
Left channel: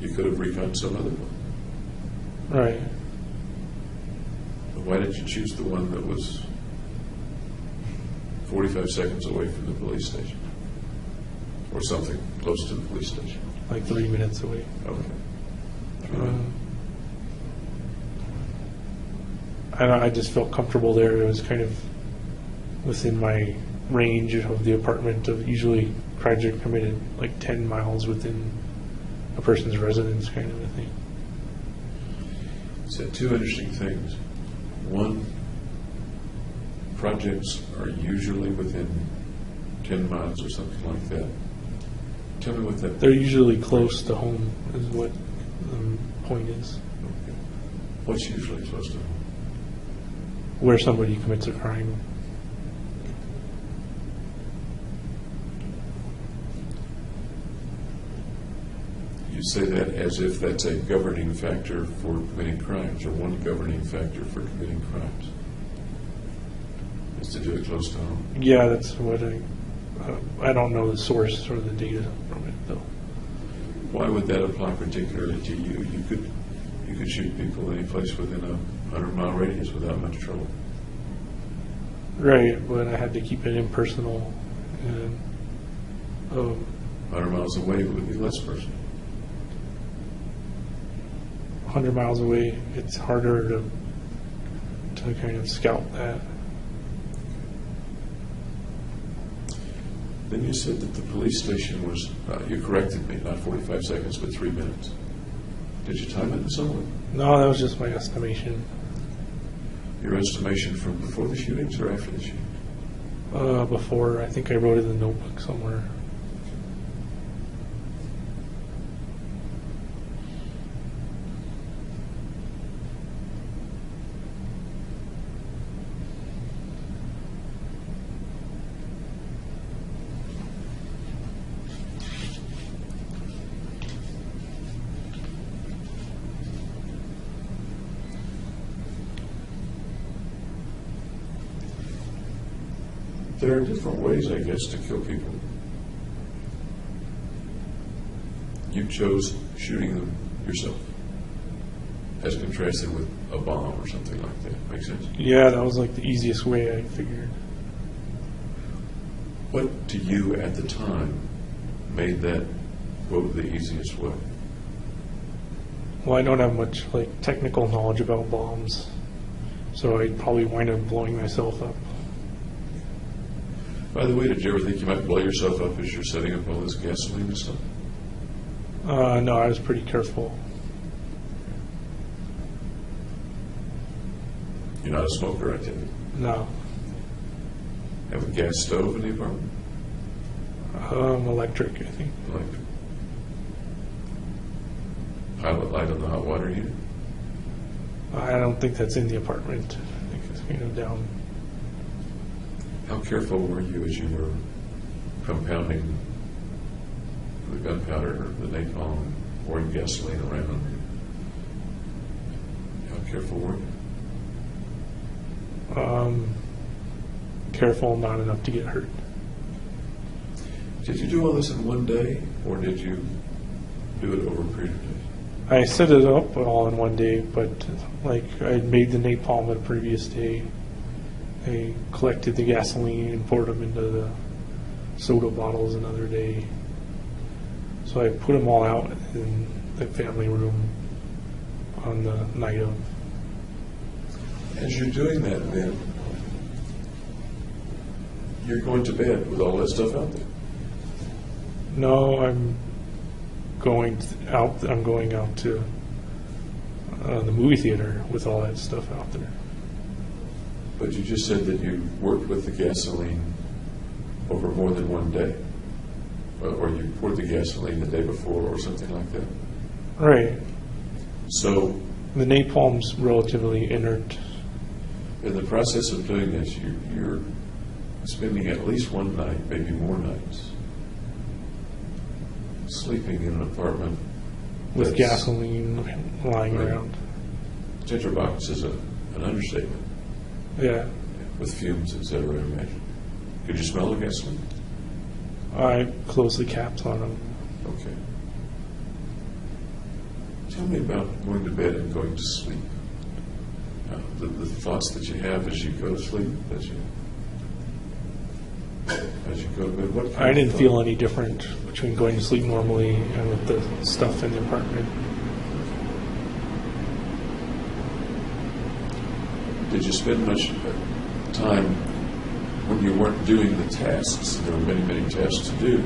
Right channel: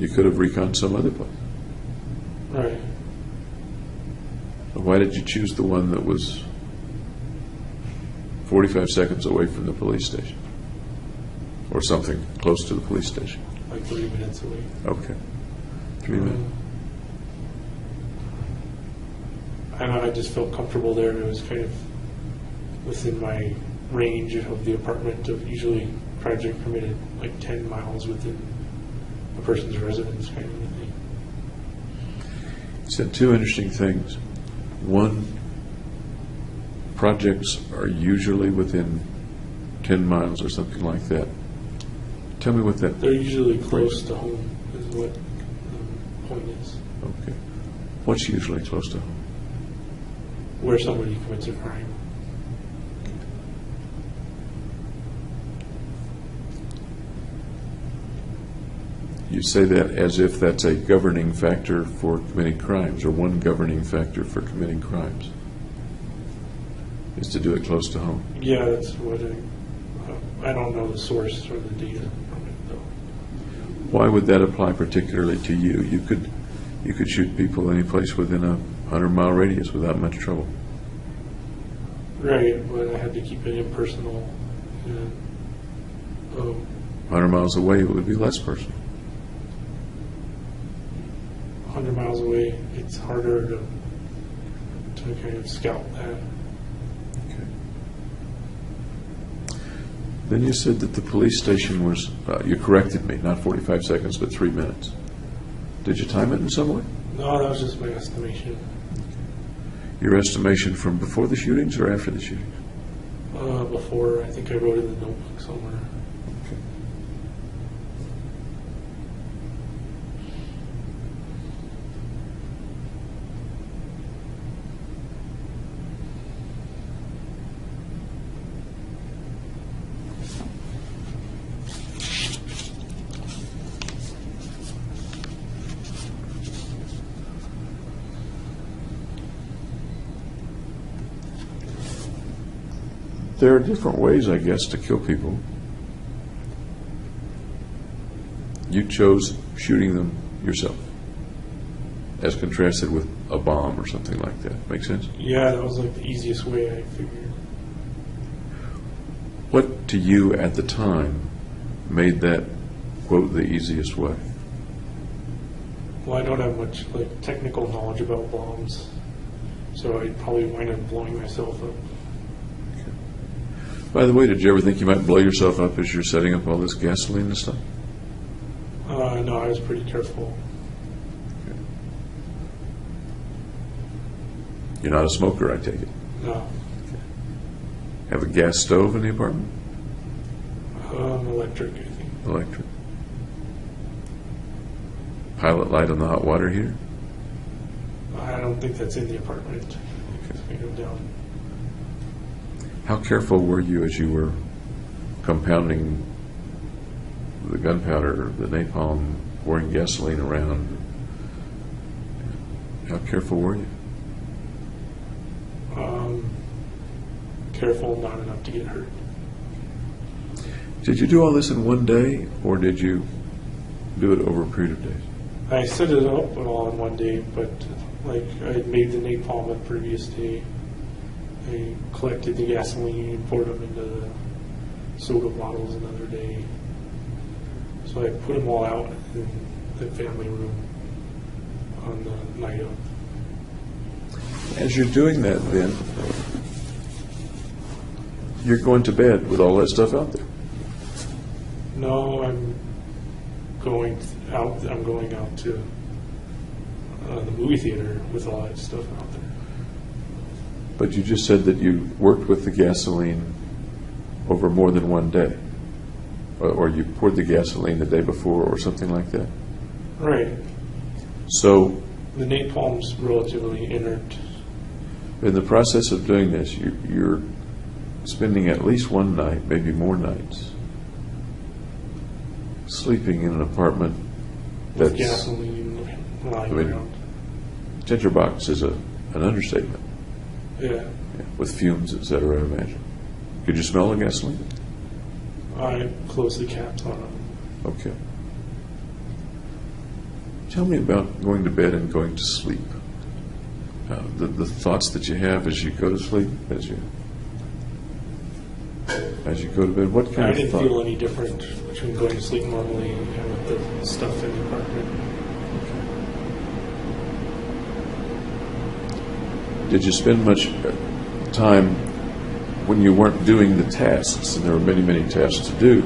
You could have reconned some other place. Right. But why did you choose the one that was 45 seconds away from the police station? Or something close to the police station? Like 3 minutes away. Okay. 3 minutes. And I just felt comfortable there. It was kind of within my range of the apartment. Of usually crimes are committed like 10 miles within a person's residence, kind of a thing. You said two interesting things. One, projects are usually within 10 miles or something like that. Tell me what that... They're usually close to home, is what the point is. Okay. What's usually close to home? Where somebody commits a crime. You say that as if that's a governing factor for committing crimes, or one governing factor for committing crimes, is to do it close to home. Yeah, that's what I don't know the source or the data from it, though. Why would that apply particularly to you? You could shoot people any place within a 100-mile radius without much trouble. Right, but I had to keep it impersonal. And, 100 miles away, it would be less personal. 100 miles away, it's harder to kind of scout that. Then you said that the police station was, you corrected me, not 45 seconds, but 3 minutes. Did you time it in some way? No, that was just my estimation. Your estimation from before the shootings or after the shootings? Before, I think I wrote in the notebook somewhere. There are different ways, I guess, to kill people. You chose shooting them yourself, as contrasted with a bomb or something like that. Make sense? Yeah, that was like the easiest way, I figured. What to you at the time made that, quote, the easiest way? Well, I don't have much like technical knowledge about bombs, so I'd probably wind up blowing myself up. By the way, did you ever think you might blow yourself up as you're setting up all this gasoline and stuff? No, I was pretty careful. You're not a smoker, I take it. No. have a gas stove in the apartment? Electric, I think. Electric. Pilot light on the hot water heater? I don't think that's in the apartment. I think it's going to go down. How careful were you as you were compounding the gunpowder, the napalm, pouring gasoline around? How careful were you? Careful, not enough to get hurt. Did you do all this in one day, or did you do it over a period of days? I set it up all in one day, but like I had made the napalm the previous day. I collected the gasoline and poured them into the soda bottles another day. So I put them all out in the family room on the night of. As you're doing that, then, you're going to bed with all that stuff out there. No, I'm going out. I'm going out to the movie theater with all that stuff out there. But you just said that you worked with the gasoline over more than one day, or you poured the gasoline the day before, or something like that. Right. So, The napalm's relatively inert. in the process of doing this, you're spending at least one night, maybe more nights, sleeping in an apartment With gasoline lying around. Tinderbox is an understatement, Yeah. with fumes, et cetera, I imagine. Could you smell the gasoline? I closely capped on them. Okay. Tell me about going to bed and going to sleep. The thoughts that you have as you go to sleep, as you go to bed. What kind I of didn't thought? feel any different between going to sleep normally and with the stuff in the apartment. Did you spend much time when you weren't doing the tasks, and there were many, many tasks to do,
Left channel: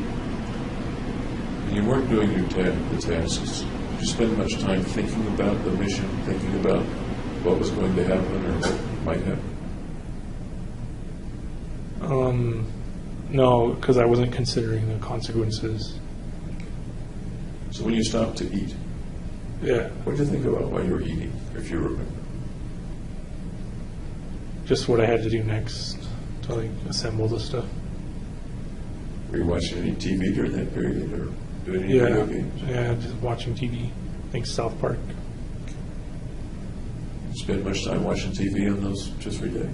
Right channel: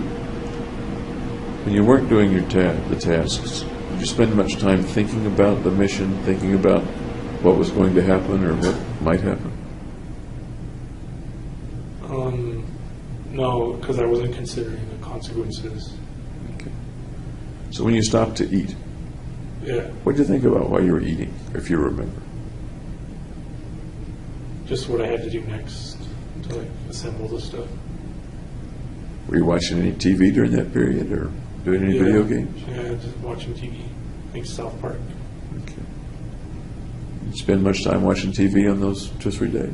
when you weren't doing the tasks, did you spend much time thinking about the mission, thinking about what was going to happen or what might happen? No, because I wasn't considering the consequences. Okay. So when you stopped to eat, Yeah, what did you think about while you were eating, if you remember? just what I had to do next to like assemble the stuff. Were you watching any TV during that period, or doing any video games? Yeah, just watching TV. Like South Park. Okay. Spend much time watching TV on those 2 or 3 days?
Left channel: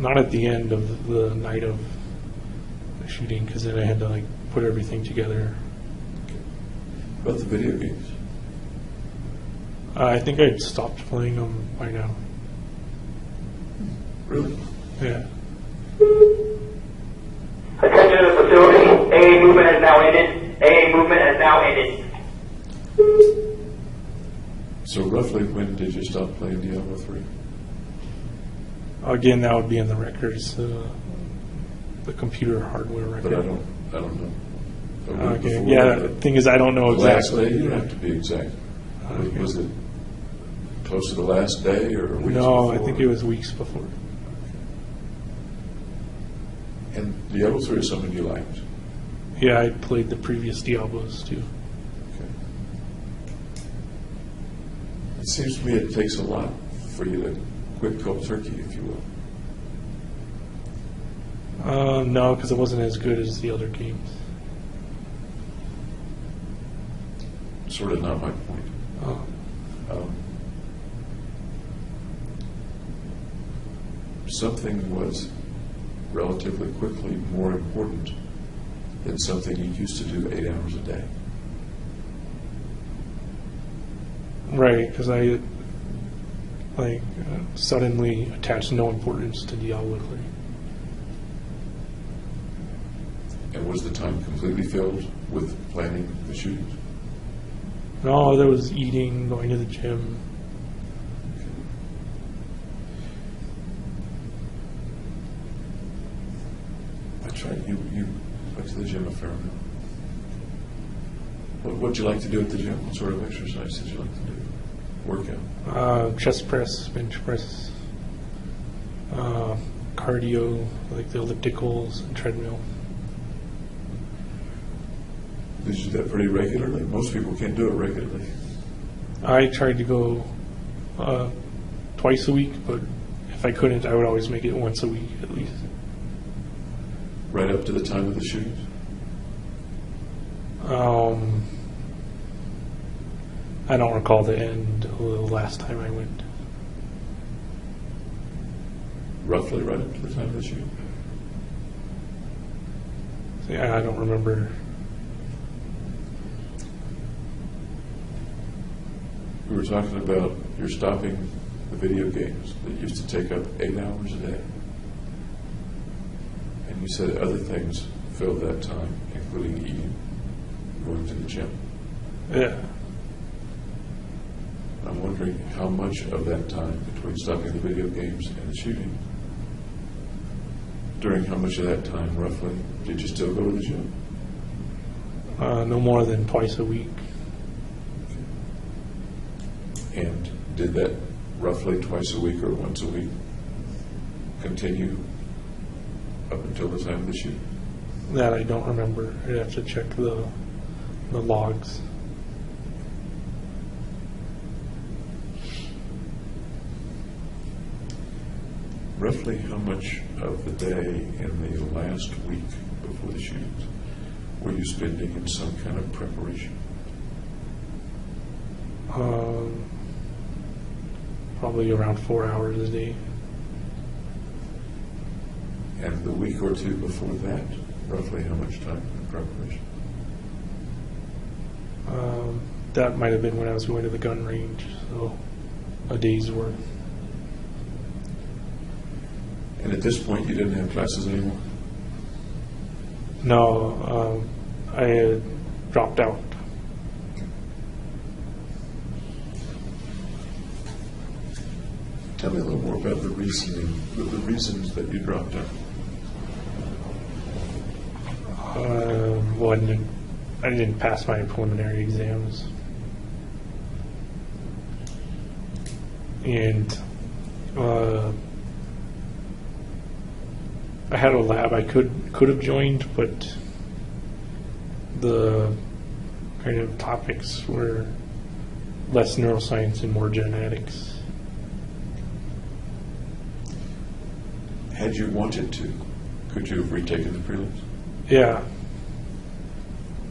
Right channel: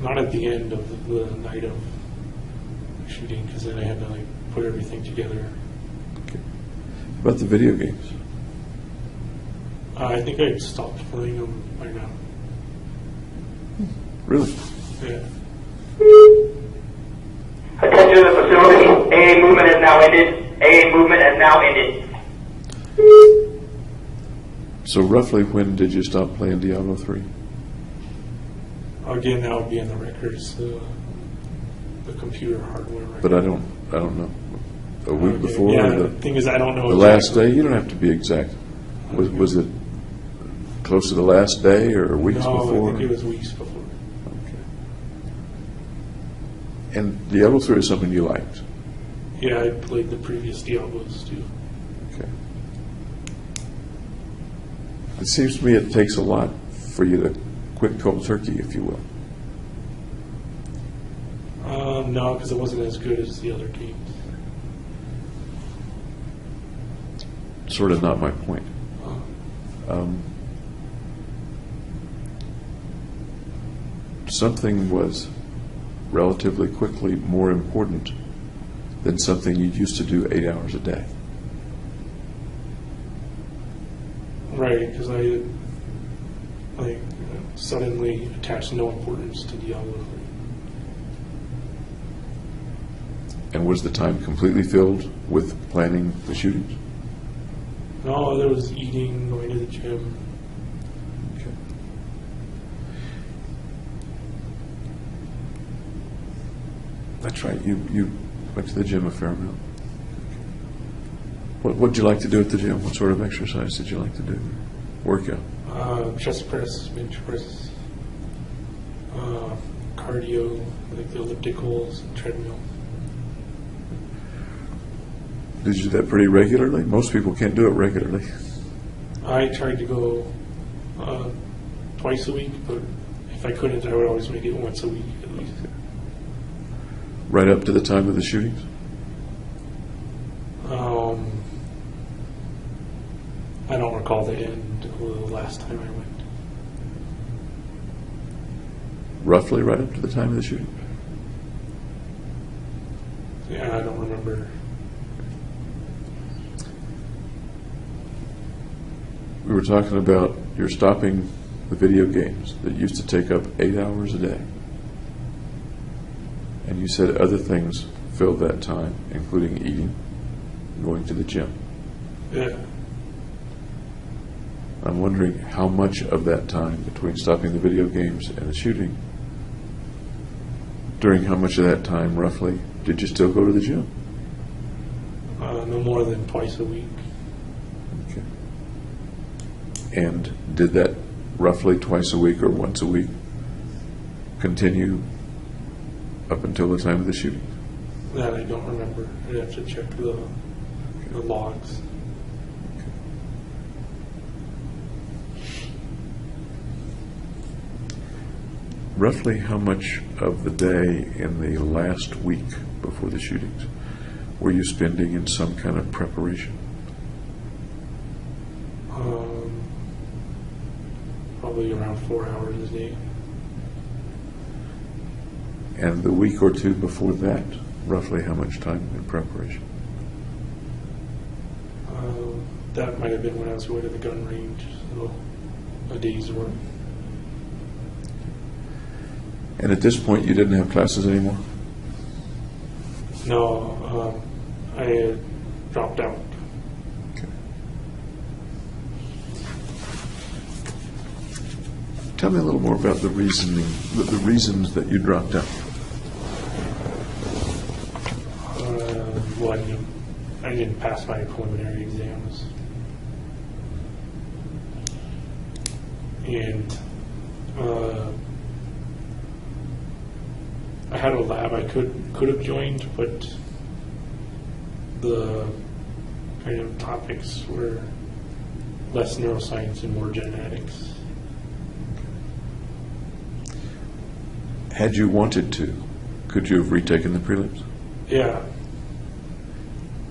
Not at the end of the night of the shooting, because then I had to like put everything together. Okay. What about the video games? I think I stopped playing them by now. Really? Yeah. Attention to the facility. AA movement has now ended. AA movement has now ended. So roughly when did you stop playing Diablo 3? Again, that would be in the records, the computer hardware record. But I don't know. A week Okay. before? Yeah, the the thing is, I don't know the last exactly. day? You don't have to be exact. Was it close to the last day or weeks No, before? I think it was weeks before. Okay. And Diablo 3 is something you liked? Yeah, I played the previous Diablos too. Okay. It seems to me it takes a lot for you to quit cold turkey, if you will. No, because it wasn't as good as the other games. Sort of not my point. Something was relatively quickly more important than something you used to do 8 hours a day. Right, because I suddenly attached no importance to Diablo 3. And was the time completely filled with planning the shootings? No, there was eating, going to the gym. Okay. That's right. You went to the gym a fair amount. What did you like to do at the gym? What sort of exercise did you like to do? Workout. Chest press, bench press. cardio, like the ellipticals, treadmill. Did you do that pretty regularly? Most people can't do it regularly. I tried to go twice a week, but if I couldn't, I would always make it once a week at least. Right up to the time of the shootings? I don't recall the end of the last time I went. Roughly right up to the time of the shooting? Yeah, I don't remember. We were talking about you're stopping the video games that used to take up 8 hours a day. And you said other things filled that time, including eating, going to the gym. Yeah. I'm wondering how much of that time between stopping the video games and the shooting, during how much of that time, roughly, did you still go to the gym? No more than twice a week. Okay. And did that roughly twice a week or once a week continue up until the time of the shooting? That I don't remember. I'd have to check the logs. Roughly how much of the day in the last week before the shootings were you spending in some kind of preparation? Probably around 4 hours a day. And the week or two before that, roughly how much time in preparation? That might have been when I was going to the gun range, so a day's worth. And at this point, you didn't have classes anymore? No, I had dropped out. Okay. Tell me a little more about the reasoning, the reasons that you dropped out. One, I didn't pass my preliminary exams. And I had a lab I could have joined, but the kind of topics were less neuroscience and more genetics. Had you wanted to, could you have retaken the prelims? Yeah,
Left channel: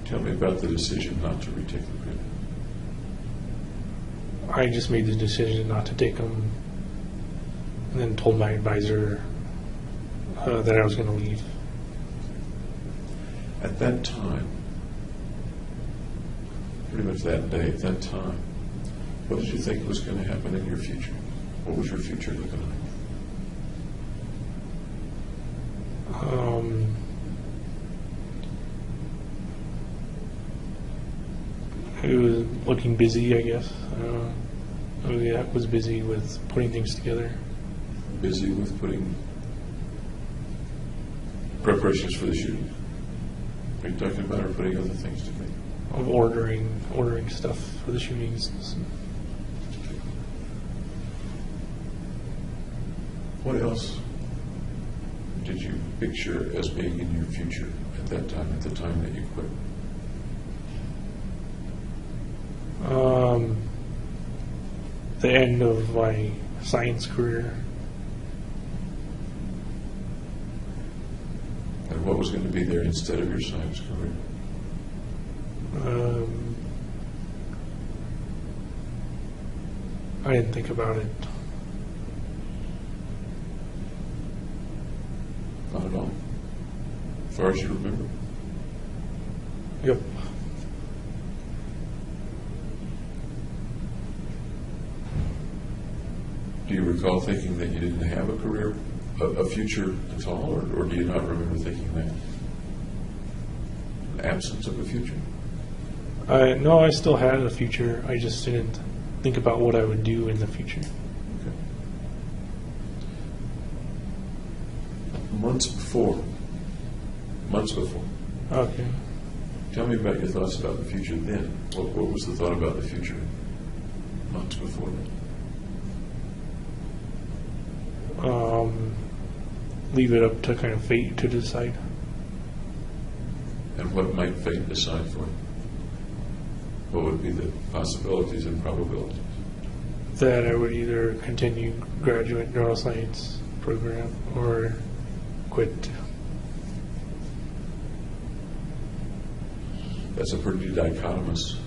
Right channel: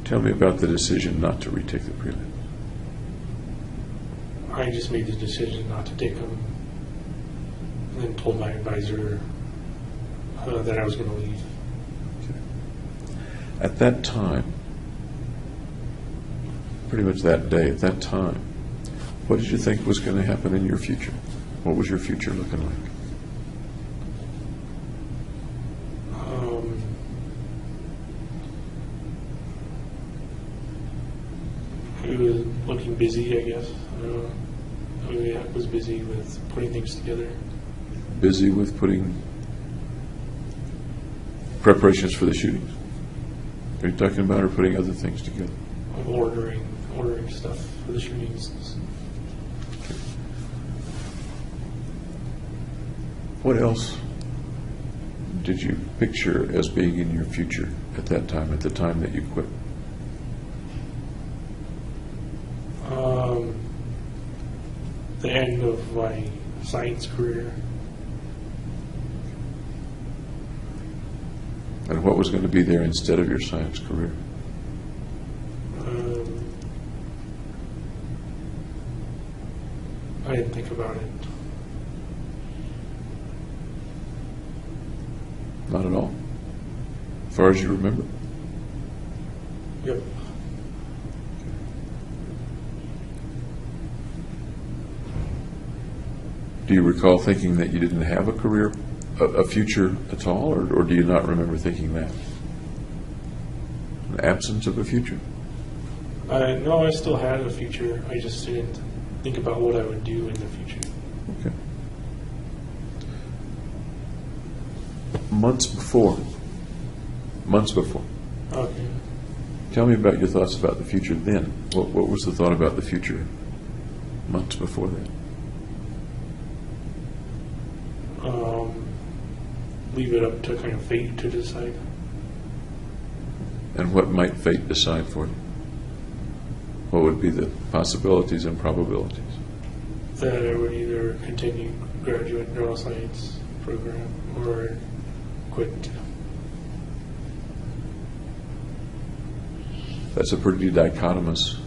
Tell me about the decision not to retake the prelims. I just made the decision not to take them, and then told my advisor that I was going to leave. At that time, pretty much that day, at that time, what did you think was going to happen in your future? What was your future looking like? It was looking busy, I guess. I was busy with putting things together. Busy with putting preparations for the shootings? Are you talking about or putting other things together? I'm ordering stuff for the shootings. What else did you picture as being in your future at that time, at the time that you quit? The end of my science career. And what was going to be there instead of your science career? I didn't think about it. Not at all. As far as you remember? Yep. Do you recall thinking that you didn't have a career, a future at all, or do you not remember thinking that? An absence of a future? No, I still had a future. I just didn't think about what I would do in the future. Okay. Months before. Okay. Tell me about your thoughts about the future then. What was the thought about the future months before that? leave it up to kind of fate to decide. And what might fate decide for you? What would be the possibilities and probabilities? That I would either continue graduate neuroscience program or quit. That's a pretty dichotomous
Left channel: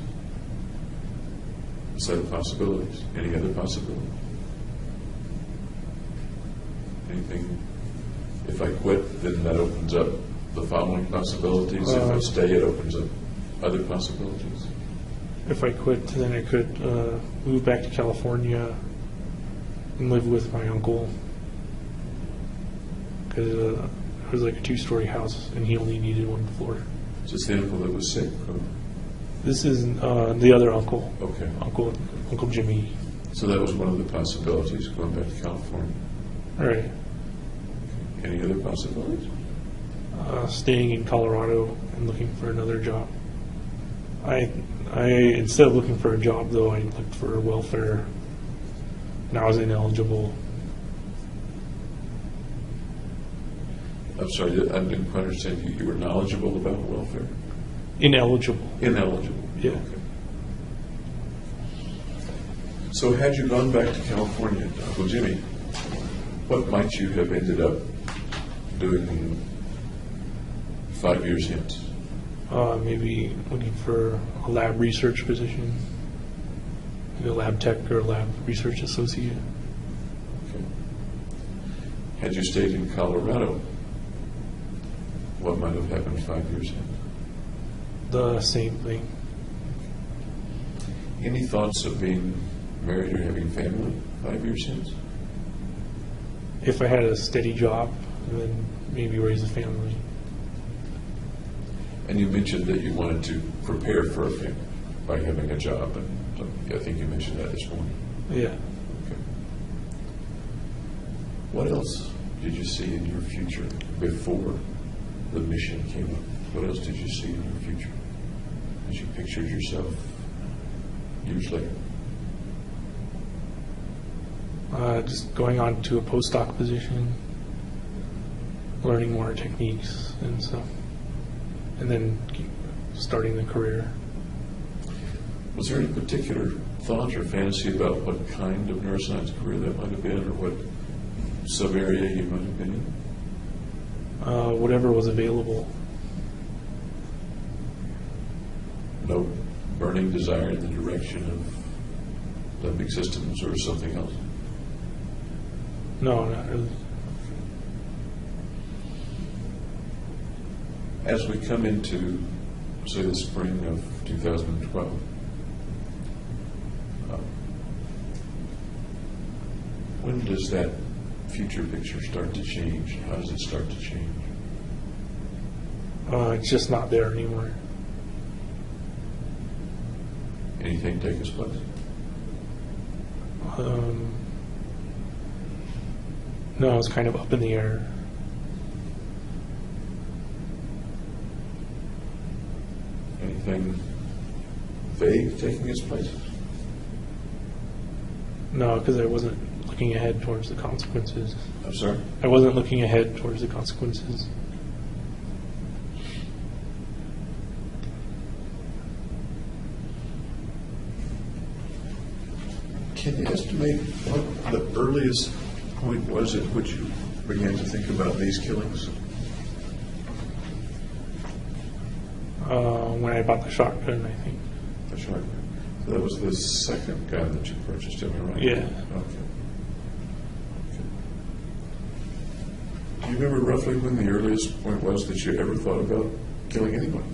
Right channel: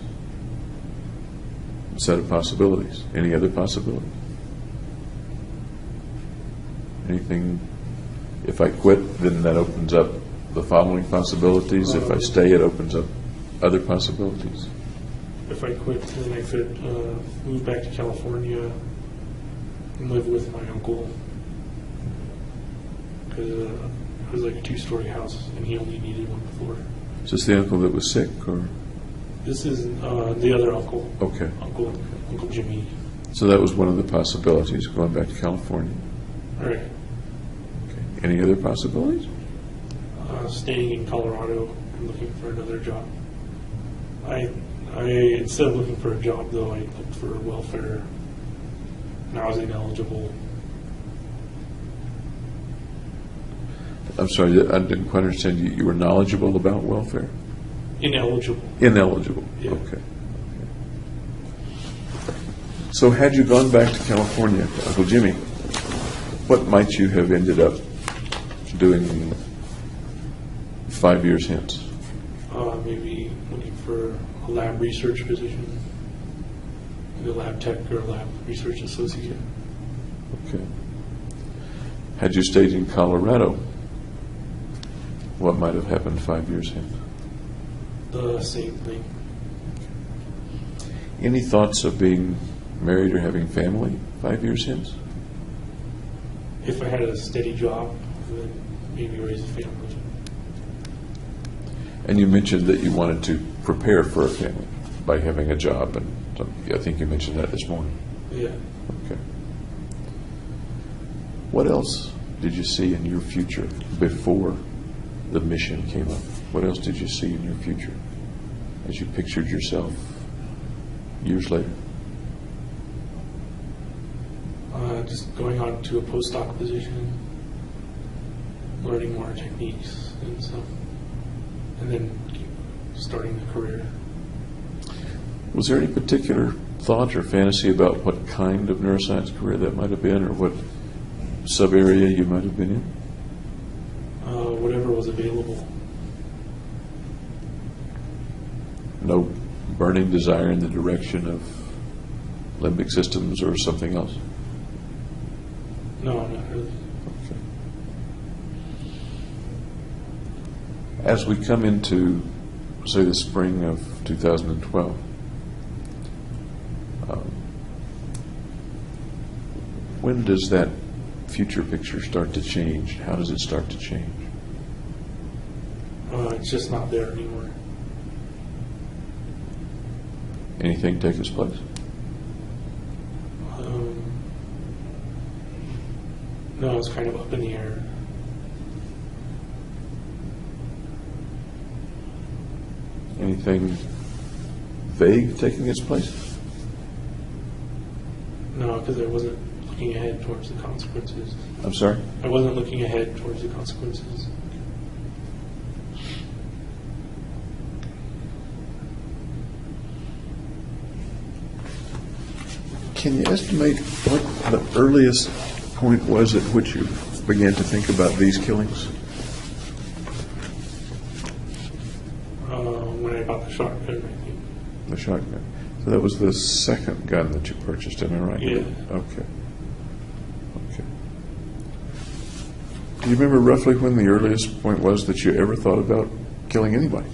set of possibilities. Any other possibility? Anything, if I quit, then that opens up the following possibilities. If I stay, it opens up other possibilities. If I quit, then I could move back to California and live with my uncle. Because it was like a 2-story house, and he only needed 1 floor. Is this the uncle that was sick, or? This is the other uncle. Okay. Uncle Jimmy. So that was one of the possibilities, going back to California. All right. Okay. Any other possibilities? Staying in Colorado and looking for another job. I instead of looking for a job though, I looked for welfare, and I was ineligible. I'm sorry, I didn't quite understand. You were knowledgeable about welfare? Ineligible. Ineligible. Yeah. Okay. So had you gone back to California, Uncle Jimmy, what might you have ended up doing 5 years hence? Maybe looking for a lab research position, maybe a lab tech or a lab research associate. Okay. Had you stayed in Colorado, what might have happened 5 years hence? The same thing. Any thoughts of being married or having family 5 years hence? If I had a steady job, then maybe raise a family. And you mentioned that you wanted to prepare for a family by having a job, and I think you mentioned that this morning. Yeah. Okay. What else did you see in your future before the mission came up? What else did you see in your future as you pictured yourself years later? Just going on to a postdoc position, learning more techniques and stuff, and then starting the career. Was there any particular thought or fantasy about what kind of neuroscience career that might have been, or what sub-area you might have been in? Whatever was available. No burning desire in the direction of limbic systems or something else? No, not really. As we come into, say, the spring of 2012, when does that future picture start to change? How does it start to change? It's just not there anymore. Anything take its place? No, it's kind of up in the air. Anything vague taking its place? No, because I wasn't looking ahead towards the consequences. I'm sorry? I wasn't looking ahead towards the consequences. Can you estimate what the earliest point was at which you began to think about these killings? When I bought the shotgun, I think. The shotgun. So that was the second gun that you purchased, am I right? Yeah. Okay. Okay. Do you remember roughly when the earliest point was that you ever thought about killing anybody?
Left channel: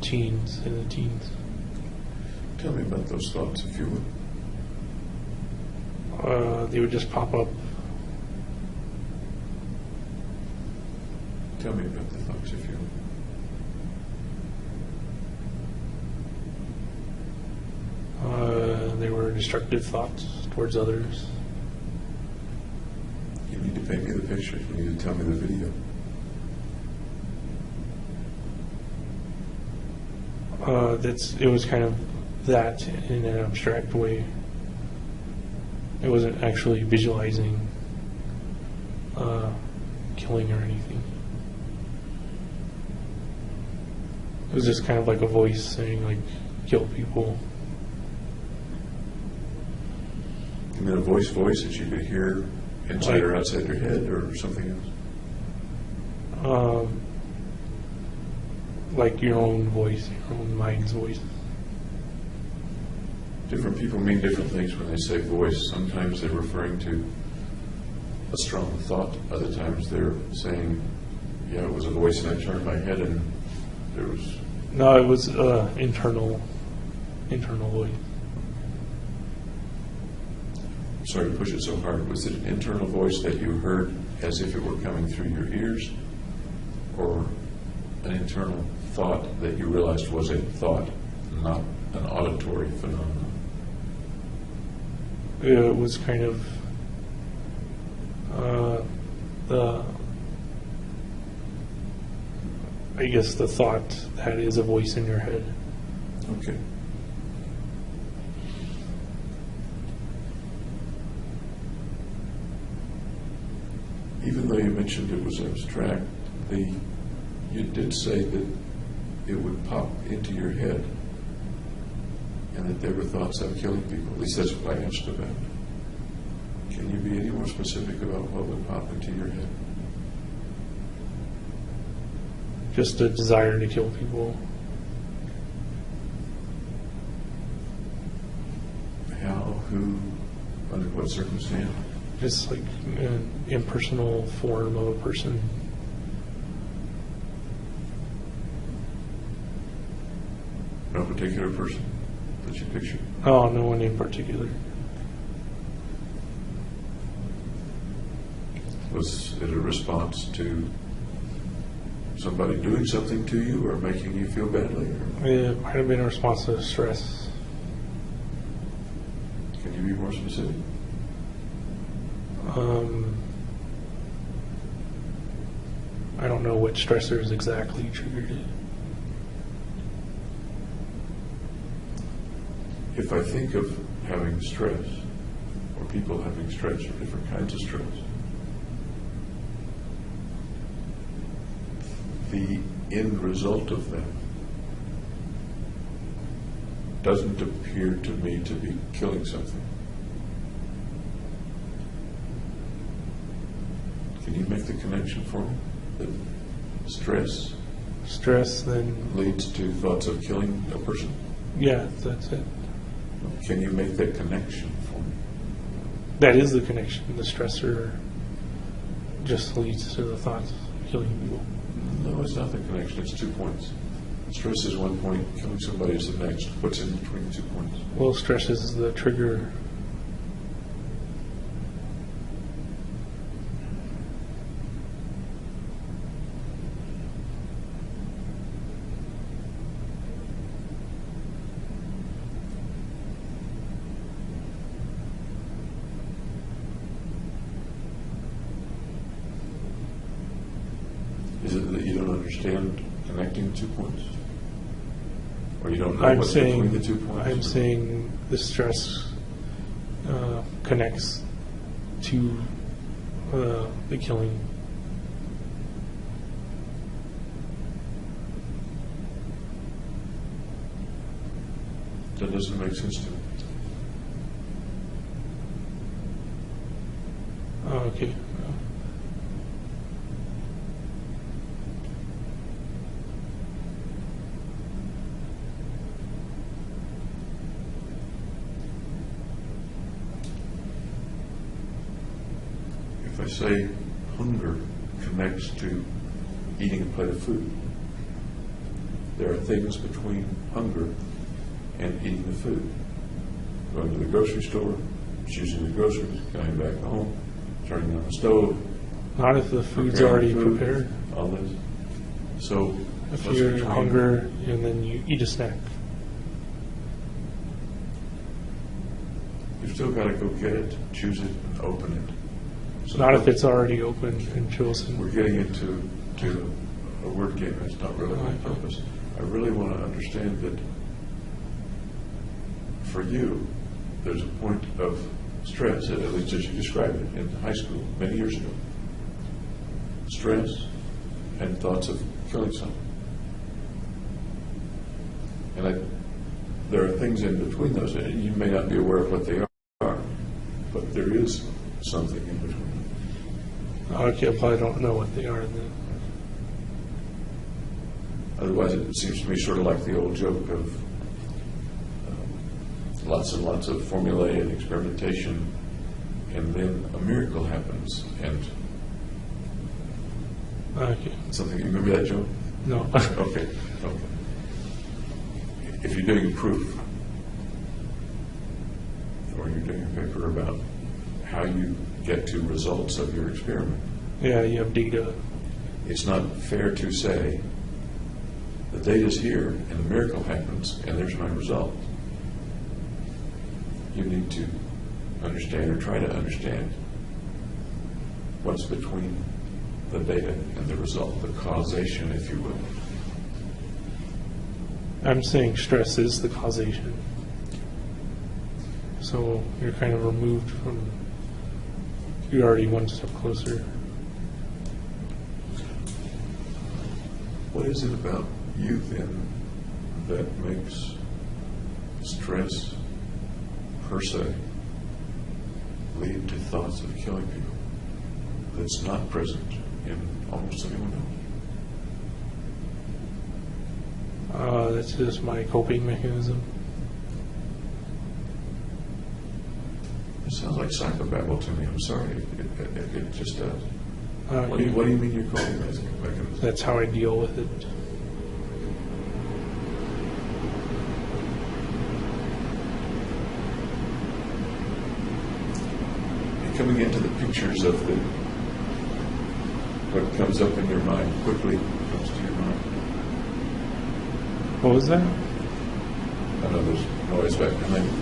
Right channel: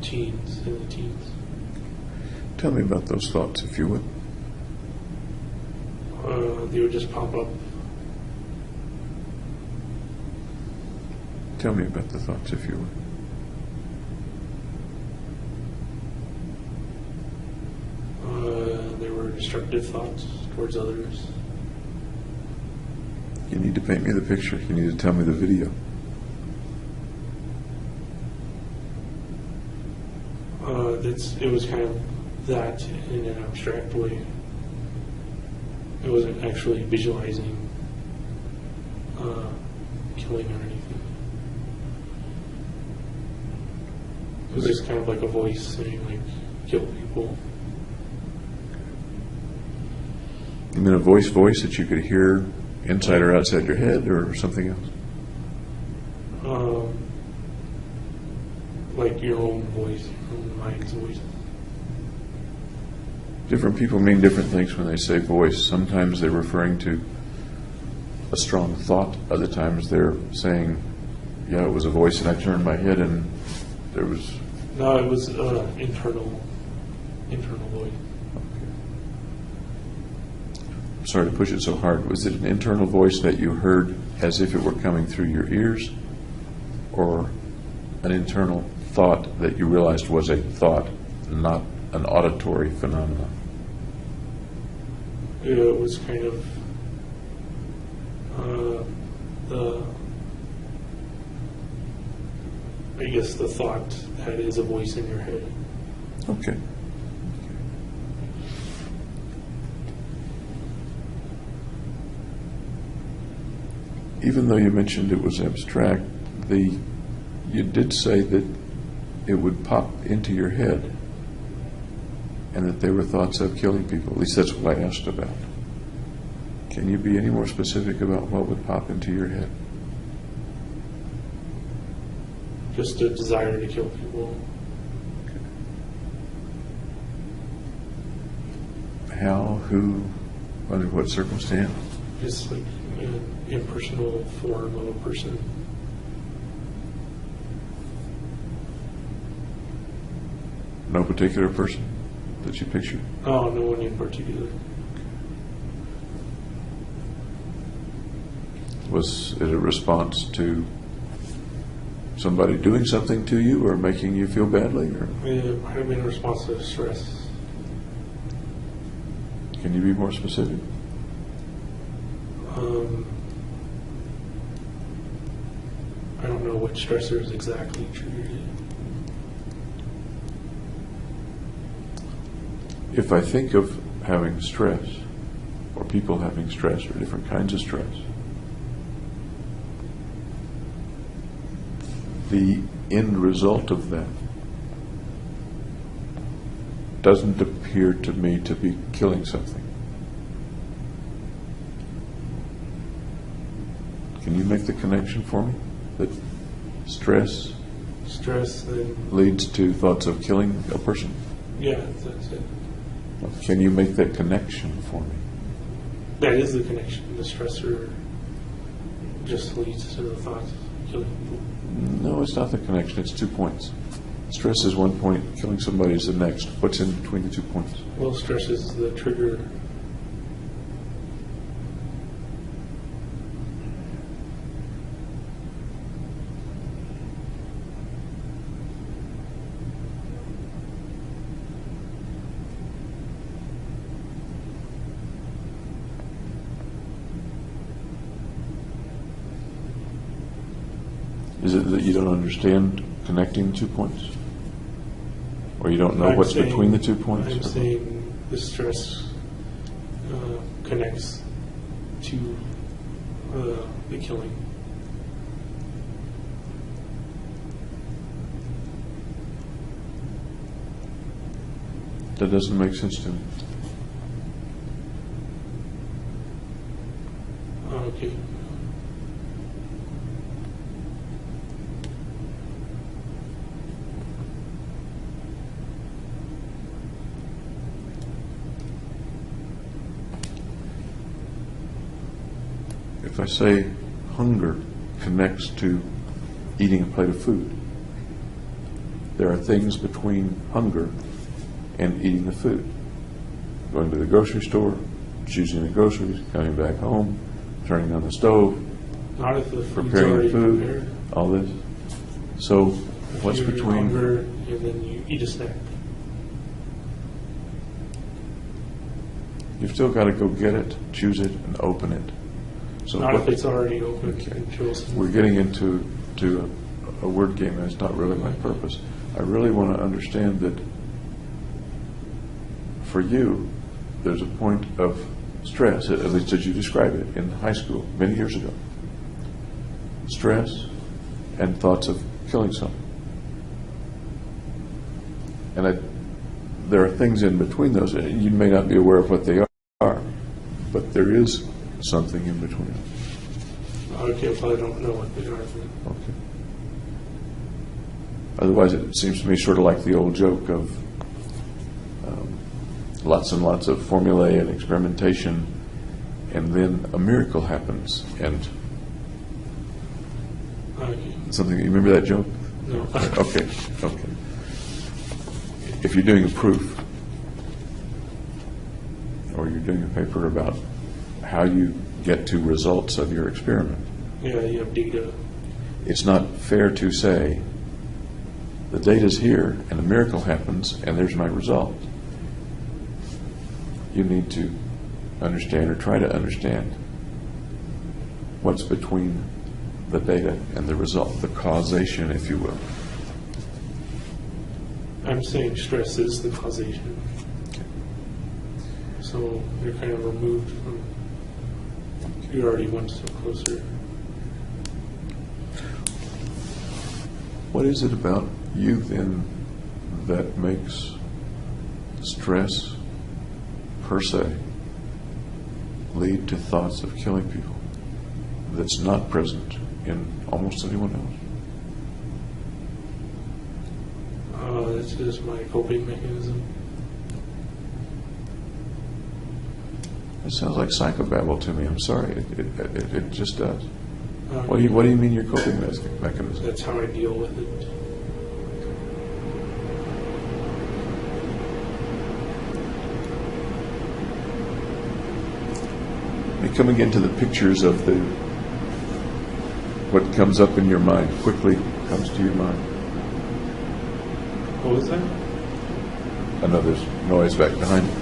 Teens, in the teens. Tell me about those thoughts, if you would. They would just pop up. Tell me about the thoughts, if you would. They were destructive thoughts towards others. You need to paint me the picture. You need to tell me the video. It was kind of that in an abstract way. It wasn't actually visualizing killing or anything. It was just kind of like a voice saying, like, kill people. You mean a voice that you could hear inside or outside your head, or something else? Like your own voice, your own mind's voice. Different people mean different things when they say voice. Sometimes they're referring to a strong thought. Other times they're saying, yeah, it was a voice, and I turned my head and there was... No, it was internal voice. I'm sorry to push it so hard. Was it an internal voice that you heard as if it were coming through your ears, or an internal thought that you realized was a thought, not an auditory phenomenon? It was kind of I guess the thought that is a voice in your head. Okay. Even though you mentioned it was abstract, you did say that it would pop into your head and that there were thoughts of killing people. At least that's what I asked about. Can you be any more specific about what would pop into your head? Just a desire to kill people. How, who, under what circumstance? It's like an impersonal form of a person. No particular person that you picture? Oh, no one in particular. Was it a response to somebody doing something to you or making you feel badly? Or It might have been a response to stress. can you be more specific? I don't know what stressors exactly triggered it. If I think of having stress, or people having stress, or different kinds of stress, the end result of that doesn't appear to me to be killing something. Can you make the connection for me? That stress Stress, then, leads to thoughts of killing a person? yeah, that's it. Can you make that connection for me? That is the connection. The stressor just leads to the thoughts of killing people. No, it's not the connection. It's 2 points. Stress is 1 point, killing somebody is the next. What's in between the 2 points? Well, stress is the trigger. Is it that you don't understand connecting 2 points? Or you don't know I'm what's saying- between the 2 points? I'm saying the stress connects to the killing. That doesn't make sense to me. Okay. If I say hunger connects to eating a plate of food, there are things between hunger and eating the food. Going to the grocery store, choosing the groceries, coming back home, turning on the stove, Not if the food's preparing already food, prepared. all this. So If what's you're between hunger and then you eat a snack. You've still got to go get it, choose it, and open it. So Not if it's already open and chosen. we're getting into a word game, and it's not really my purpose. I really want to understand that for you, there's a point of stress, at least as you described it, in high school many years ago. stress and thoughts of killing someone. And there are things in between those. You may not be aware of what they are, but there is something in between. Okay, if I don't know what they are, then. Okay. Otherwise, it seems to me sort of like the old joke of lots and lots of formulae and experimentation, and then a miracle happens. And Okay. something, you remember that joke? No. Okay. If you're doing a proof, or you're doing a paper about how you get to results of your experiment, Yeah, you have data. it's not fair to say the data's here and the miracle happens and there's my result. You need to understand, or try to understand, what's between the data and the result, the causation, if you will. I'm saying stress is the causation. So you're kind of removed from, you're already one step closer. What is it about you then that makes stress per se lead to thoughts of killing people that's not present in almost anyone else? That's just my coping mechanism. It sounds like psychobabble to me. I'm sorry. It just does. What do you mean your coping mechanism? That's how I deal with it. Coming into the pictures of what comes up in your mind, quickly comes to your mind. What was that? I know there's noise back behind me.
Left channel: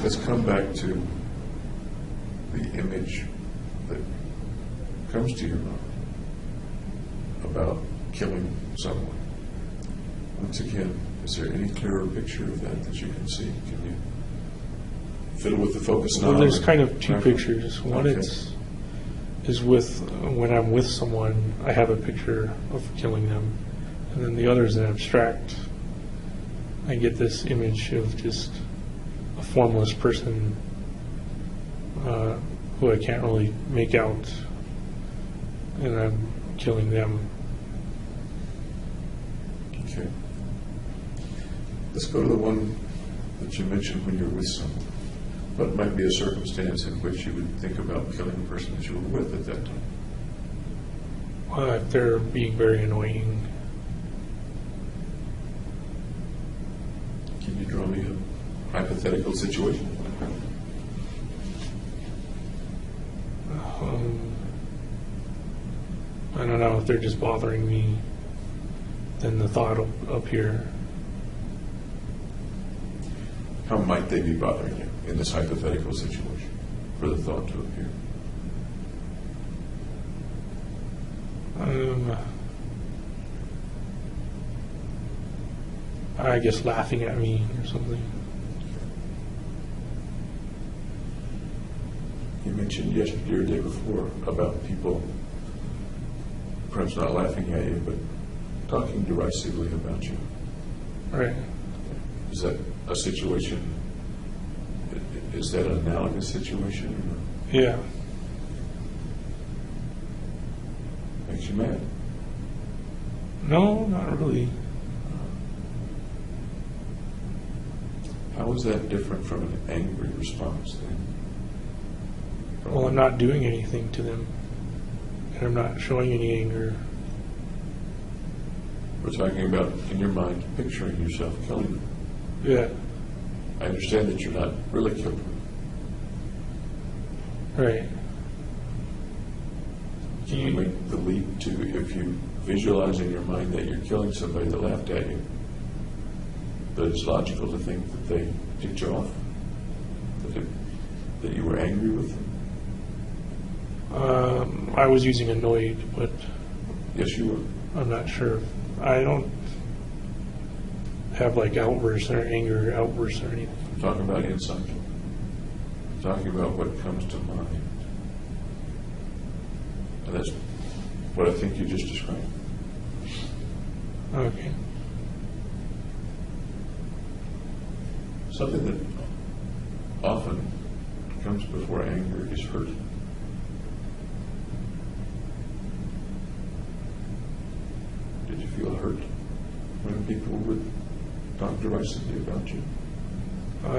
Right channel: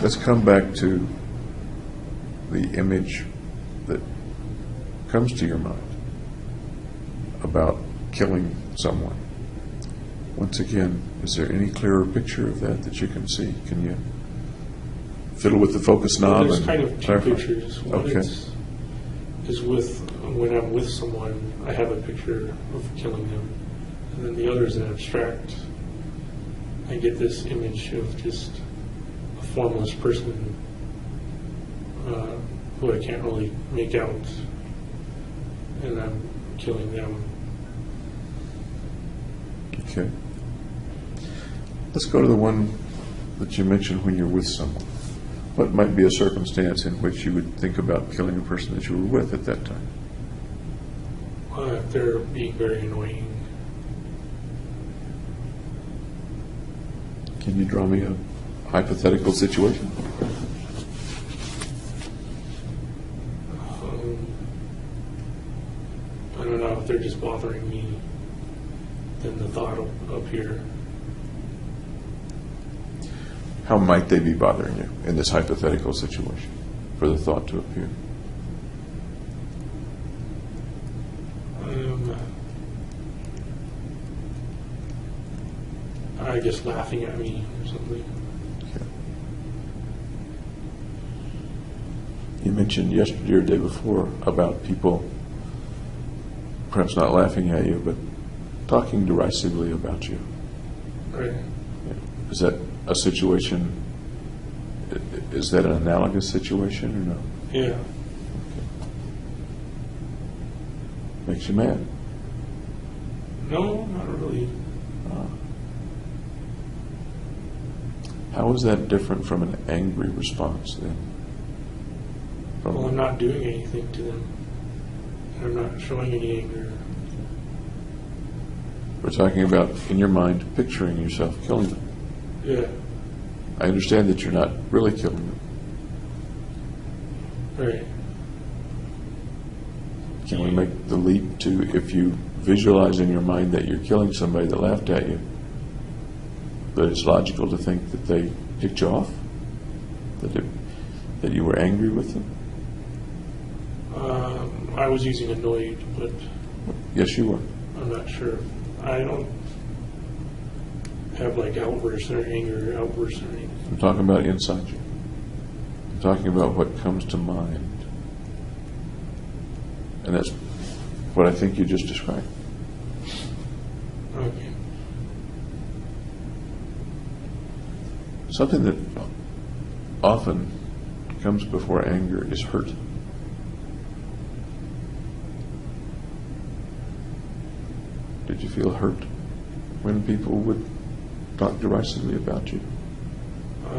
Let's come back to the image that comes to your mind about killing someone. Once again, is there any clearer picture of that you can see? Can you fiddle with the focus knob? Well, there's and kind of two clarify? pictures. One Okay. is with when I'm with someone, I have a picture of killing them, and then the other is an abstract. I get this image of just a formless person who I can't really make out, and I'm killing them. Okay. Let's go to the one that you mentioned when you're with someone. What might be a circumstance in which you would think about killing a person that you were with at that time? If they're being very annoying. Can you draw me a hypothetical situation? I don't know if they're just bothering me, then the thought will appear. How might they be bothering you in this hypothetical situation for the thought to appear? I guess laughing at me or something. Okay. You mentioned yesterday or the day before about people perhaps not laughing at you, but talking derisively about you. Right. Is that a situation, is that an analogous situation or no? Yeah. Makes you mad? No, not really. How is that different from an angry response then? Well, I'm not doing anything to them, and I'm not showing any anger. We're talking about, in your mind, picturing yourself killing them. Yeah. I understand that you're not really killing them. Right. Can we make the leap to, if you visualize in your mind that you're killing somebody that laughed at you, that it's logical to think that they ticked you off? That you were angry with them? I was using annoyed, but Yes, you were. I'm not sure. I don't have like outbursts or anger outbursts or anything. I'm talking about inside you. I'm talking about what comes to mind And that's what I think you just described. Okay. Something that often comes before anger is hurt. Did you feel hurt when people would talk derisively about you,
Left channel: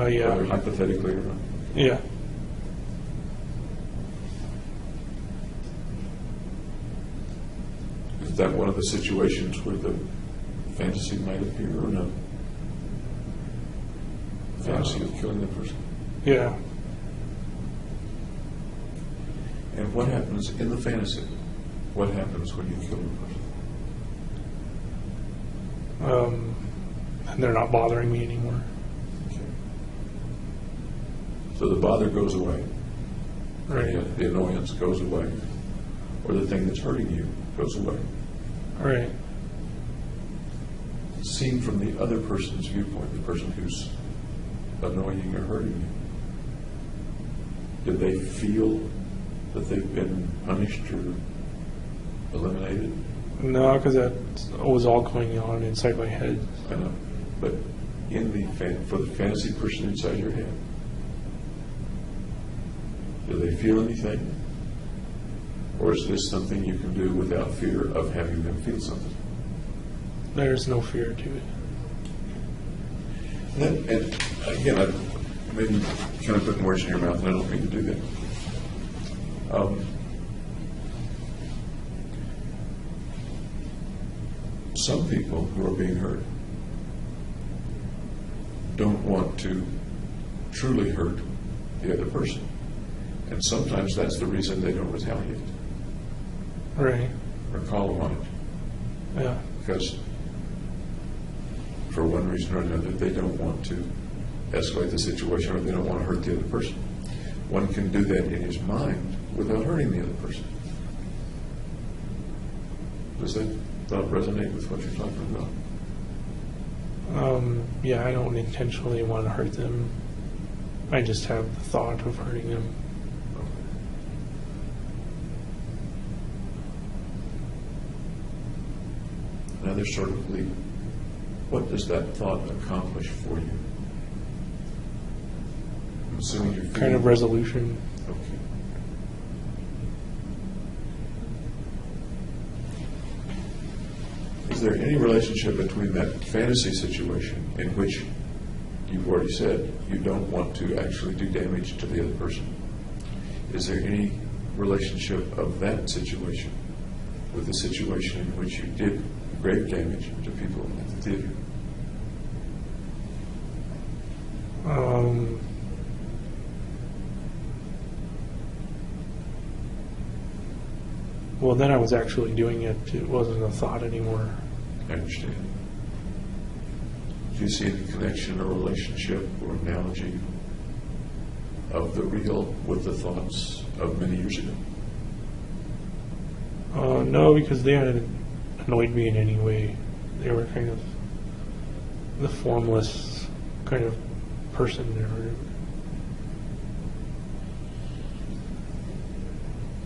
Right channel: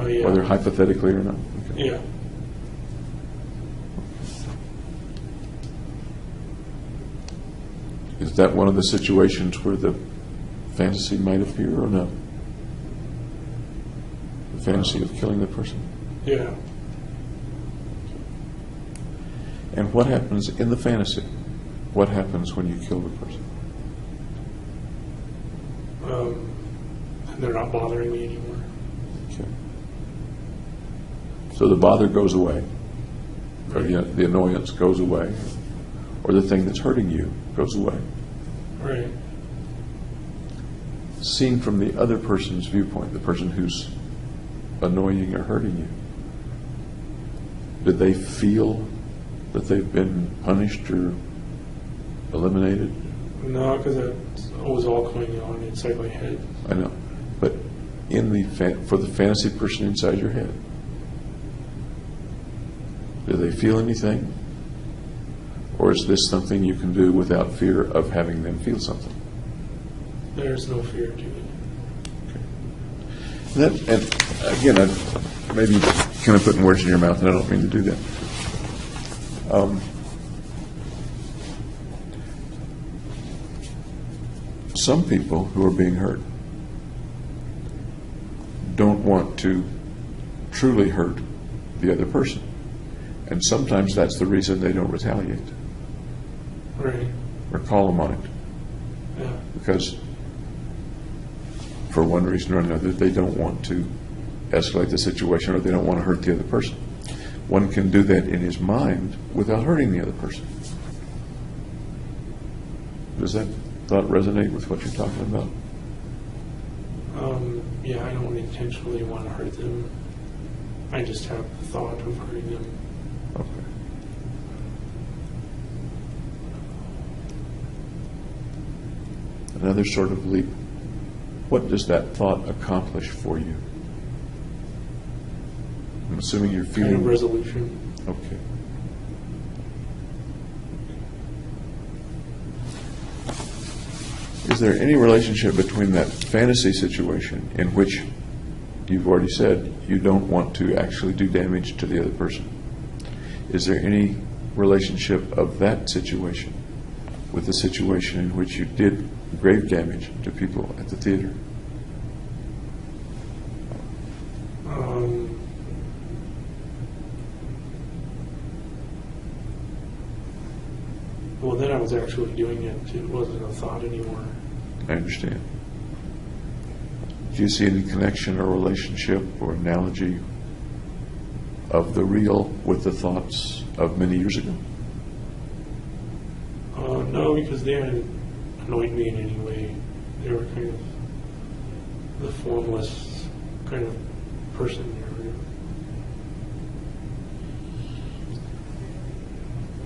Yeah. whether hypothetically or not? Yeah. Is that one of the situations where the fantasy might appear or no? The fantasy of killing the person? Yeah. And what happens in the fantasy? What happens when you kill the person? And they're not bothering me anymore. Okay. So the bother goes away, Right. the annoyance goes away, or the thing that's hurting you goes away. Right. Seen from the other person's viewpoint, the person who's annoying or hurting you, did they feel that they've been punished or eliminated? No, because that was all going on inside my head. I know, but in the for the fantasy person inside your head, do they feel anything? Or is this something you can do without fear of having them feel something? There's no fear to it. And again, I maybe kind of putting words in your mouth, and I don't mean to do that. Some people who are being hurt don't want to truly hurt the other person. And sometimes that's the reason they don't retaliate Right. or call them on it. Yeah. Because for one reason or another, they don't want to escalate the situation or they don't want to hurt the other person. One can do that in his mind without hurting the other person. Does that thought resonate with what you're talking about? Yeah, I don't intentionally want to hurt them. I just have the thought of hurting them. Okay. Another sort of leap. What does that thought accomplish for you? I'm assuming you're feeling... Kind of resolution. Okay. Is there any relationship between that fantasy situation in which you've already said you don't want to actually do damage to the other person? Is there any relationship of that situation with the situation in which you did grave damage to people at the theater? Well, then I was actually doing it. It wasn't a thought anymore. I understand. Do you see any connection or relationship or analogy of the real with the thoughts of many years ago? No, because they hadn't annoyed me in any way. They were kind of the formless kind of person there.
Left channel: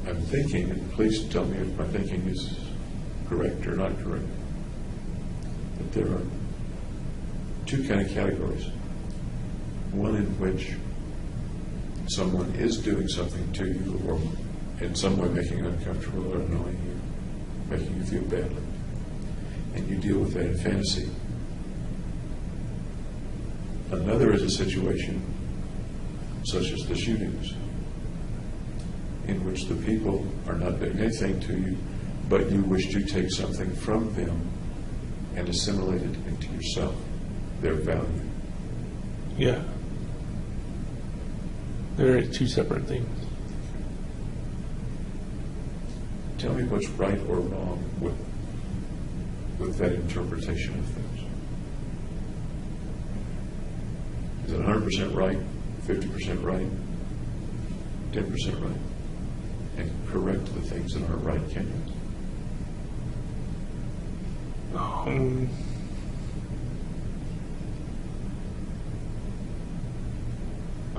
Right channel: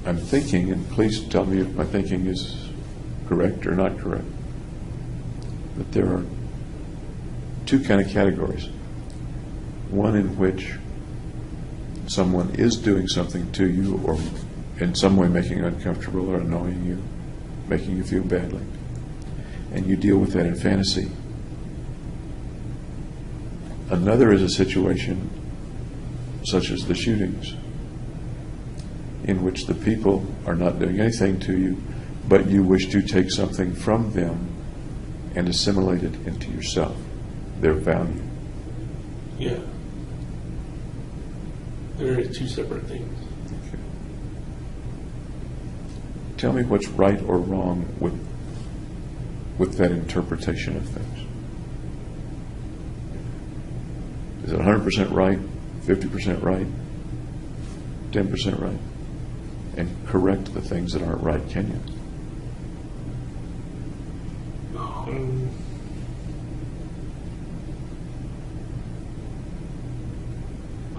I'm thinking, and please tell me if my thinking is correct or not correct, that there are two kind of categories. One in which someone is doing something to you or in some way making you uncomfortable or annoying you, making you feel badly, and you deal with that in fantasy. Another is a situation such as the shootings, in which the people are not doing anything to you, but you wish to take something from them and assimilate it into yourself, their value. Yeah. They're two separate things. Tell me what's right or wrong with that interpretation of things. Is it 100% right, 50% right, 10% right? And correct the things that aren't right, can you?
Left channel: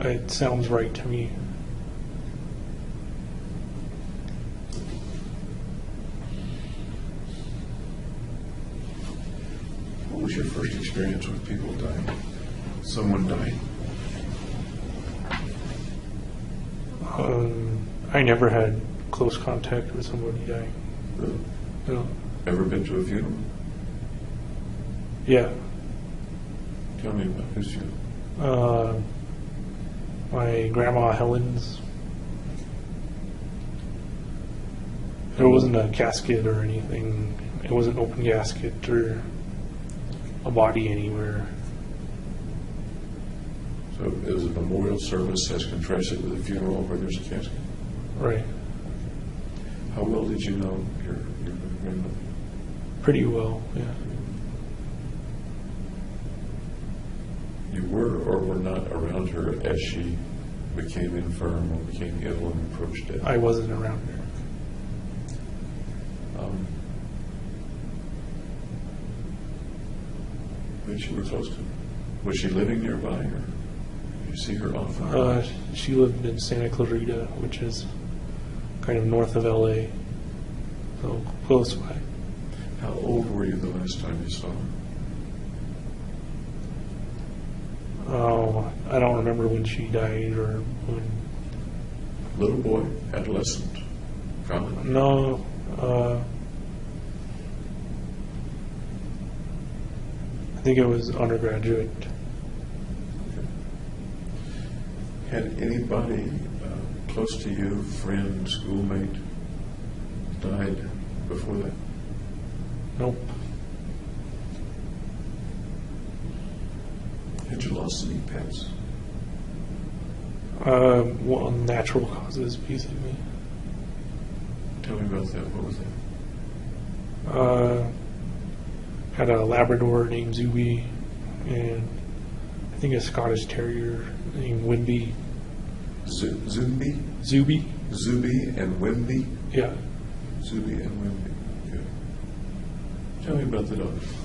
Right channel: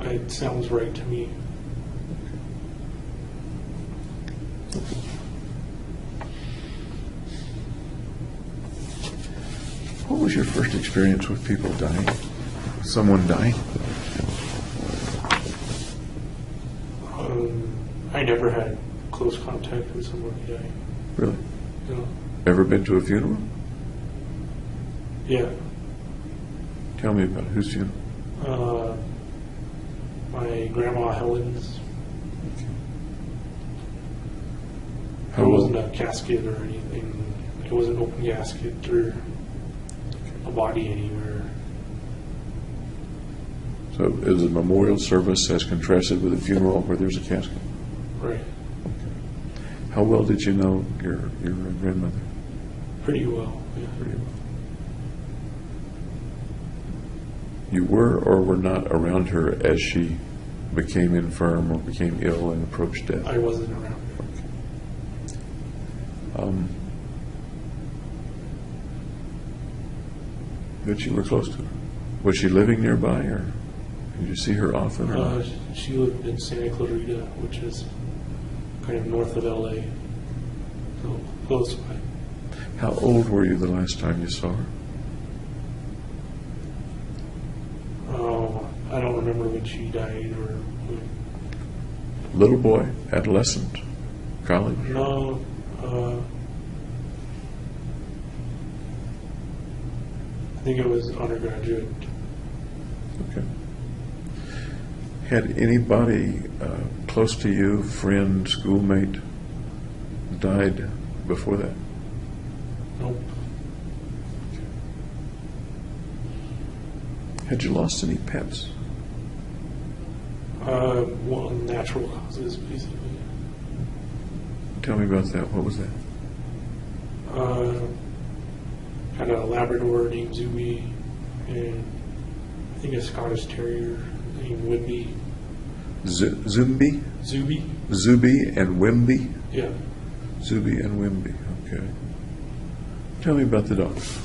It sounds right to me. was your first experience with people dying? Someone dying? I never had close contact with somebody dying. Really? No. Ever been to a funeral? Yeah. Tell me about it. Whose funeral? My grandma Helen's. How It wasn't old? a casket or anything. It wasn't an open casket or a body anywhere. So is a memorial service as contrasted with a funeral where there's a casket? Right. How well did you know your grandmother? Pretty well, yeah. You were or were not around her as she became infirm or became ill and approached death? I wasn't around her. But you were close to her. Was she living nearby, or did you see her often? She lived in Santa Clarita, which is kind of north of LA, so close by. How old were you the last time you saw her? I don't remember when she died or when. Little boy, adolescent, college? No, I think it was undergraduate. Okay. Had anybody close to you, friend, schoolmate, died before that? Nope. Had you lost any pets? Well, natural causes, basically. Tell me about that. What was that? Had a Labrador named Zuby, and I think a Scottish Terrier named Wimby. Zumbi? Zuby? Zuby and Wimby? Yeah. Zuby and Wimby. Okay. Tell me about the dogs.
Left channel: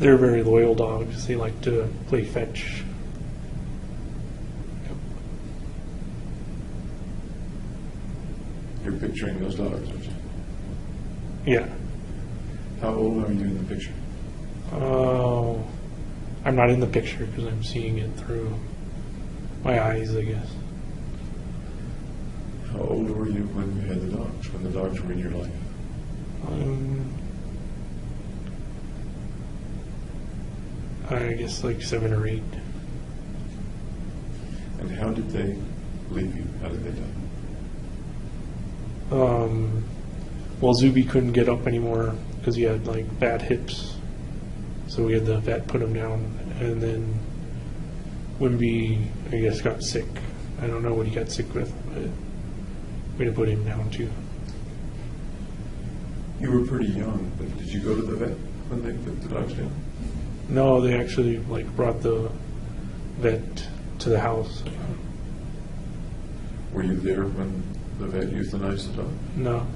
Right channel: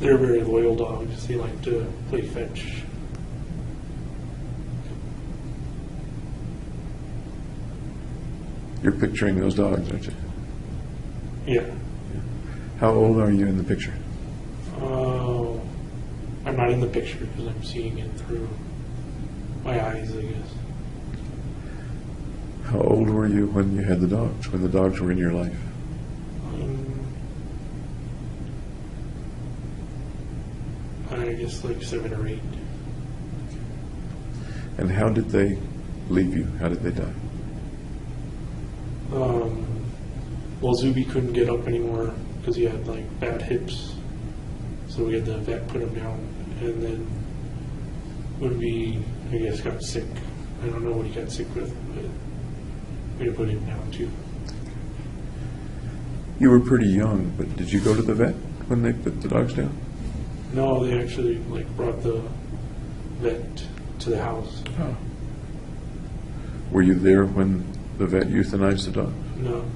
They're very loyal dogs. They like to play fetch. You're picturing those dogs, aren't you? Yeah. How old are you in the picture? I'm not in the picture because I'm seeing it through my eyes, I guess. How old were you when you had the dogs, when the dogs were in your life? I guess like 7 or 8. And how did they leave you? How did they die? Well, Zuby couldn't get up anymore because he had like bad hips, so we had the vet put him down. And then Wimby, I guess, got sick. I don't know what he got sick with, but we had to put him down too. You were pretty young, but did you go to the vet when they put the dogs down? No, they actually like brought the vet to the house. Were you there when the vet euthanized the dog? No.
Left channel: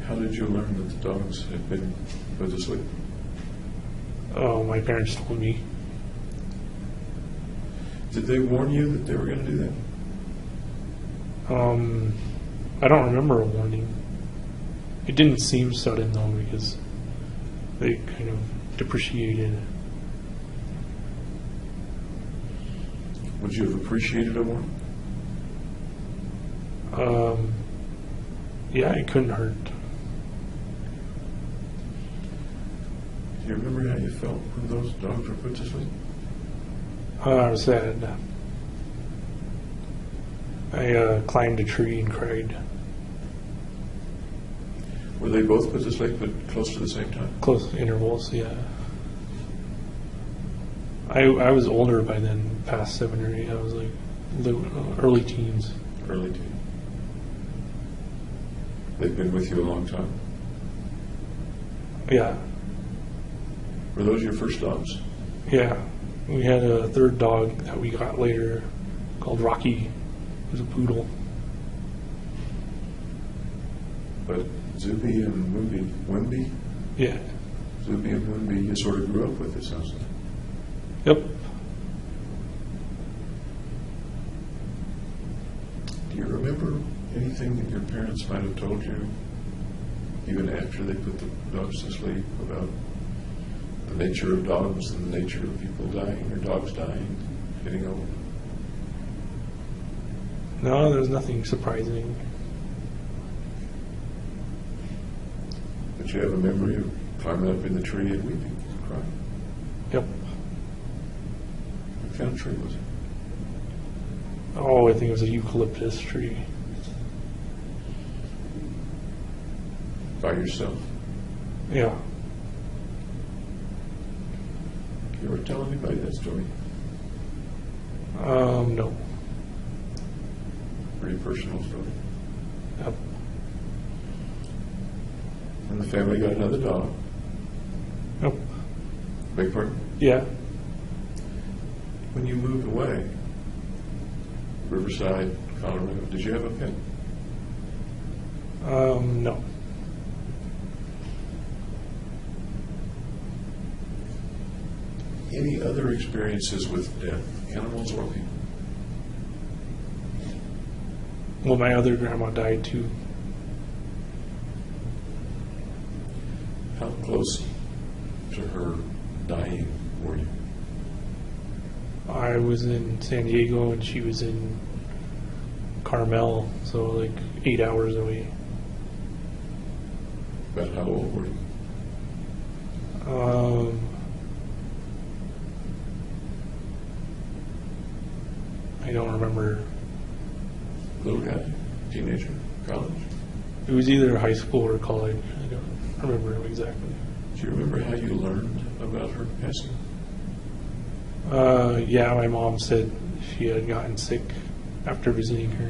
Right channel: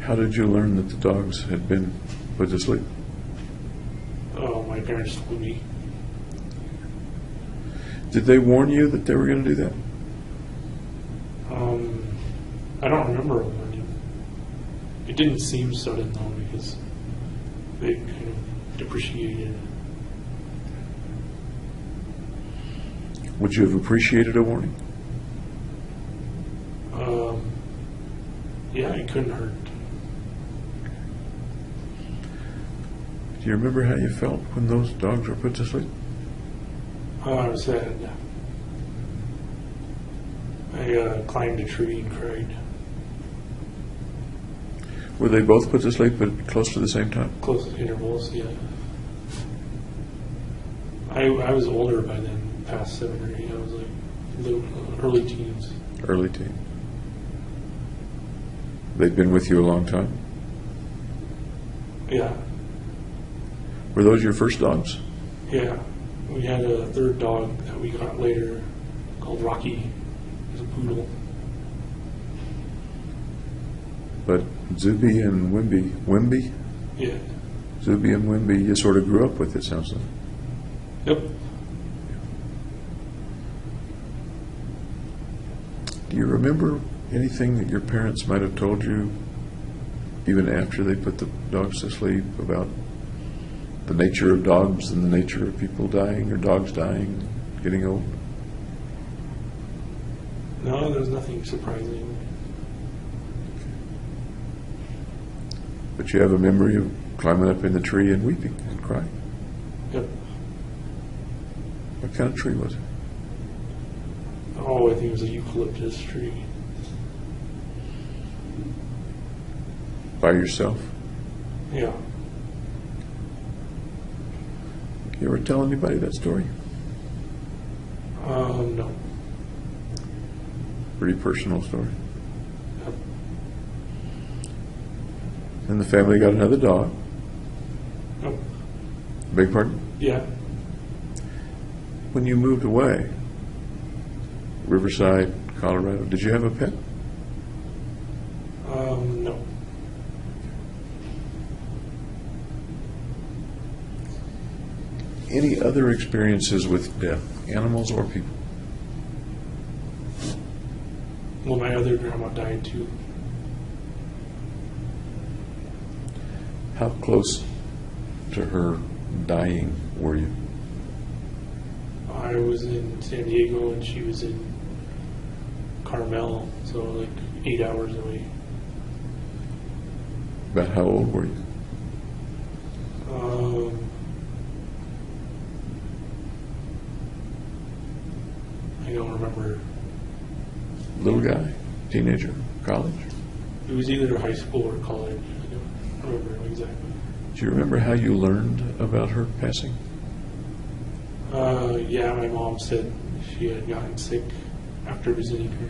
How did you learn that the dogs had been put to sleep? Oh, my parents told me. Did they warn you that they were going to do that? I don't remember a warning. It didn't seem sudden though because they kind of depreciated it. Would you have appreciated a warning? Yeah, it couldn't hurt. Do you remember how you felt when those dogs were put to sleep? I was sad. I climbed a tree and cried. Were they both put to sleep at close to the same time? Close intervals, yeah. I was older by then, past 7 or 8. I was like early teens. Early teen. They've been with you a long time? Yeah, Were those your first dogs? yeah. We had a third dog that we got later called Rocky. He was a poodle. But Zuby and Wimby? Yeah. Zuby and Wimby, you sort of grew up with, it sounds like. Yep. Do you remember anything that your parents might have told you even after they put the dogs to sleep, about the nature of dogs and the nature of people dying or dogs dying, getting old? No, there was nothing surprising. But you have a memory of climbing up in the tree and weeping and crying. Yep. What kind of tree was it? Oh, I think it was a eucalyptus tree. By yourself? Yeah. You ever tell anybody that story? No. Pretty personal story. Yep. And the family got another dog. Nope. Beg pardon? Yeah. When you moved away, Riverside, Colorado, did you have a pet? No. Any other experiences with death, animals or people? Well, my other grandma died too. How close to her dying were you? I was in San Diego and she was in Carmel, so like 8 hours away. About how old were you? I don't remember. Little guy, teenager, college? It was either high school or college. I don't remember exactly. Do you remember how you learned about her passing? Yeah, my mom said she had gotten sick after visiting her.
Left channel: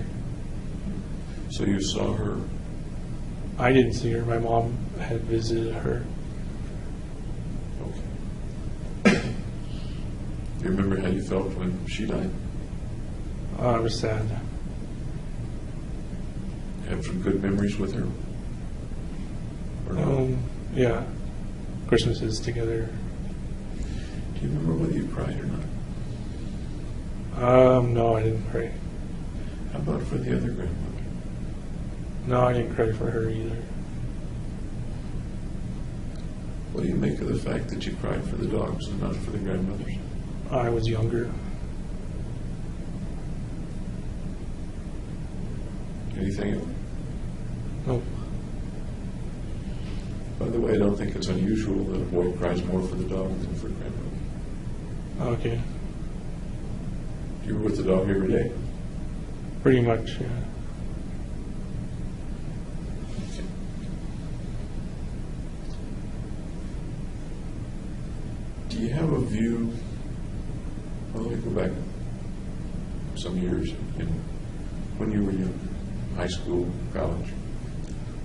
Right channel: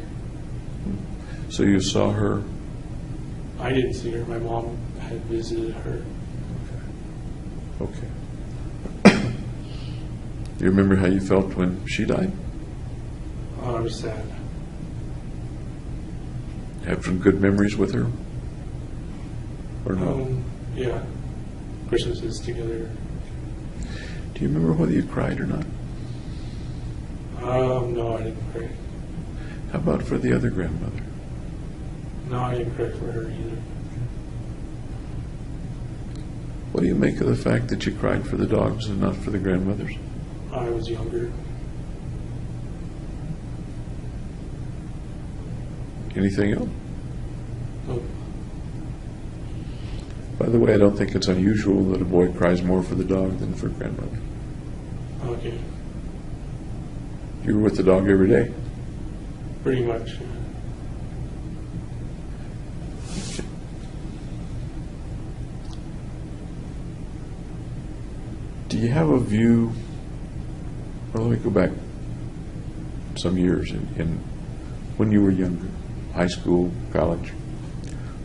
So you saw her, I didn't see her. My mom had visited her. okay. You remember how you felt when she died? I was sad. Have some good memories with her? Or no? Yeah. Christmases together. Do you remember whether you cried or not? No, I didn't cry. How about for the other grandmother? No, I didn't cry for her either. What do you make of the fact that you cried for the dogs and not for the grandmothers? I was younger. Anything else? Oh, By the way, I don't think it's unusual that a boy cries more for the dog than for grandmother. okay. You were with the dog every day? Pretty much, yeah. Do you have a view? Well, let me go back some years in when you were younger, high school, college,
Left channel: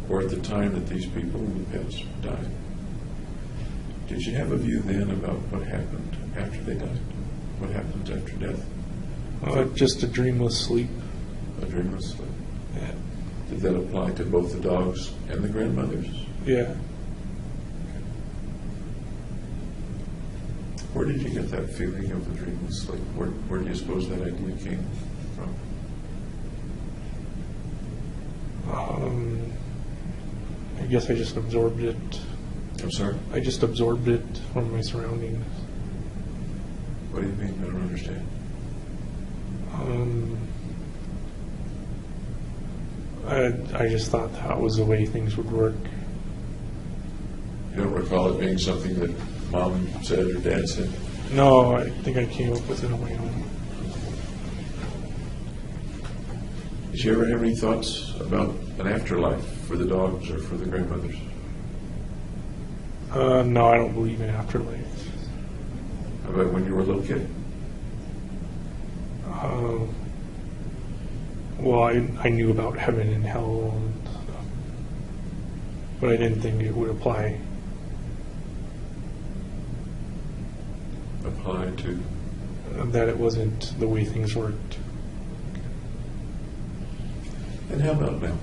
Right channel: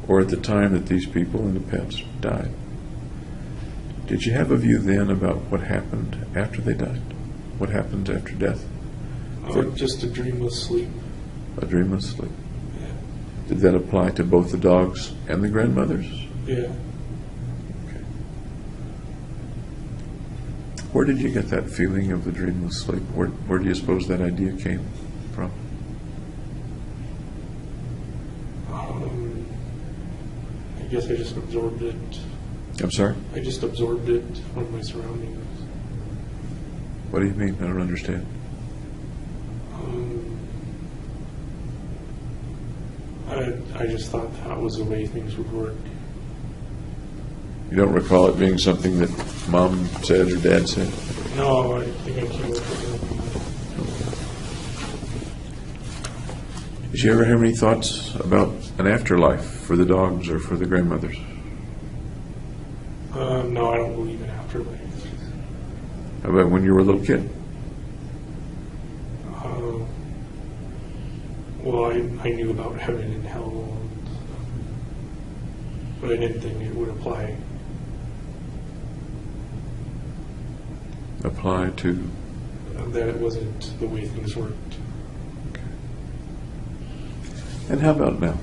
or at the time that these people and the pets died. Did you have a view then about what happened after they died? What happens after death? Just a dreamless sleep. A dreamless sleep. Yeah. Did that apply to both the dogs and the grandmothers? Yeah. Where did you get that feeling of the dreamless sleep? Where do you suppose that idea came from? I guess I just absorbed it. I'm sorry? I just absorbed it from my surroundings. What do you mean? I don't understand. I just thought that was the way things would work. You don't recall it being something that Mom said or Dad said? No, I think I came up with it on my own. Did you ever have any thoughts about an afterlife for the dogs or for the grandmothers? No, I don't believe in afterlife. How about when you were a little kid? Well, I knew about heaven and hell, and stuff, but I didn't think it would apply. Apply to? That it wasn't the way things worked. And how about now?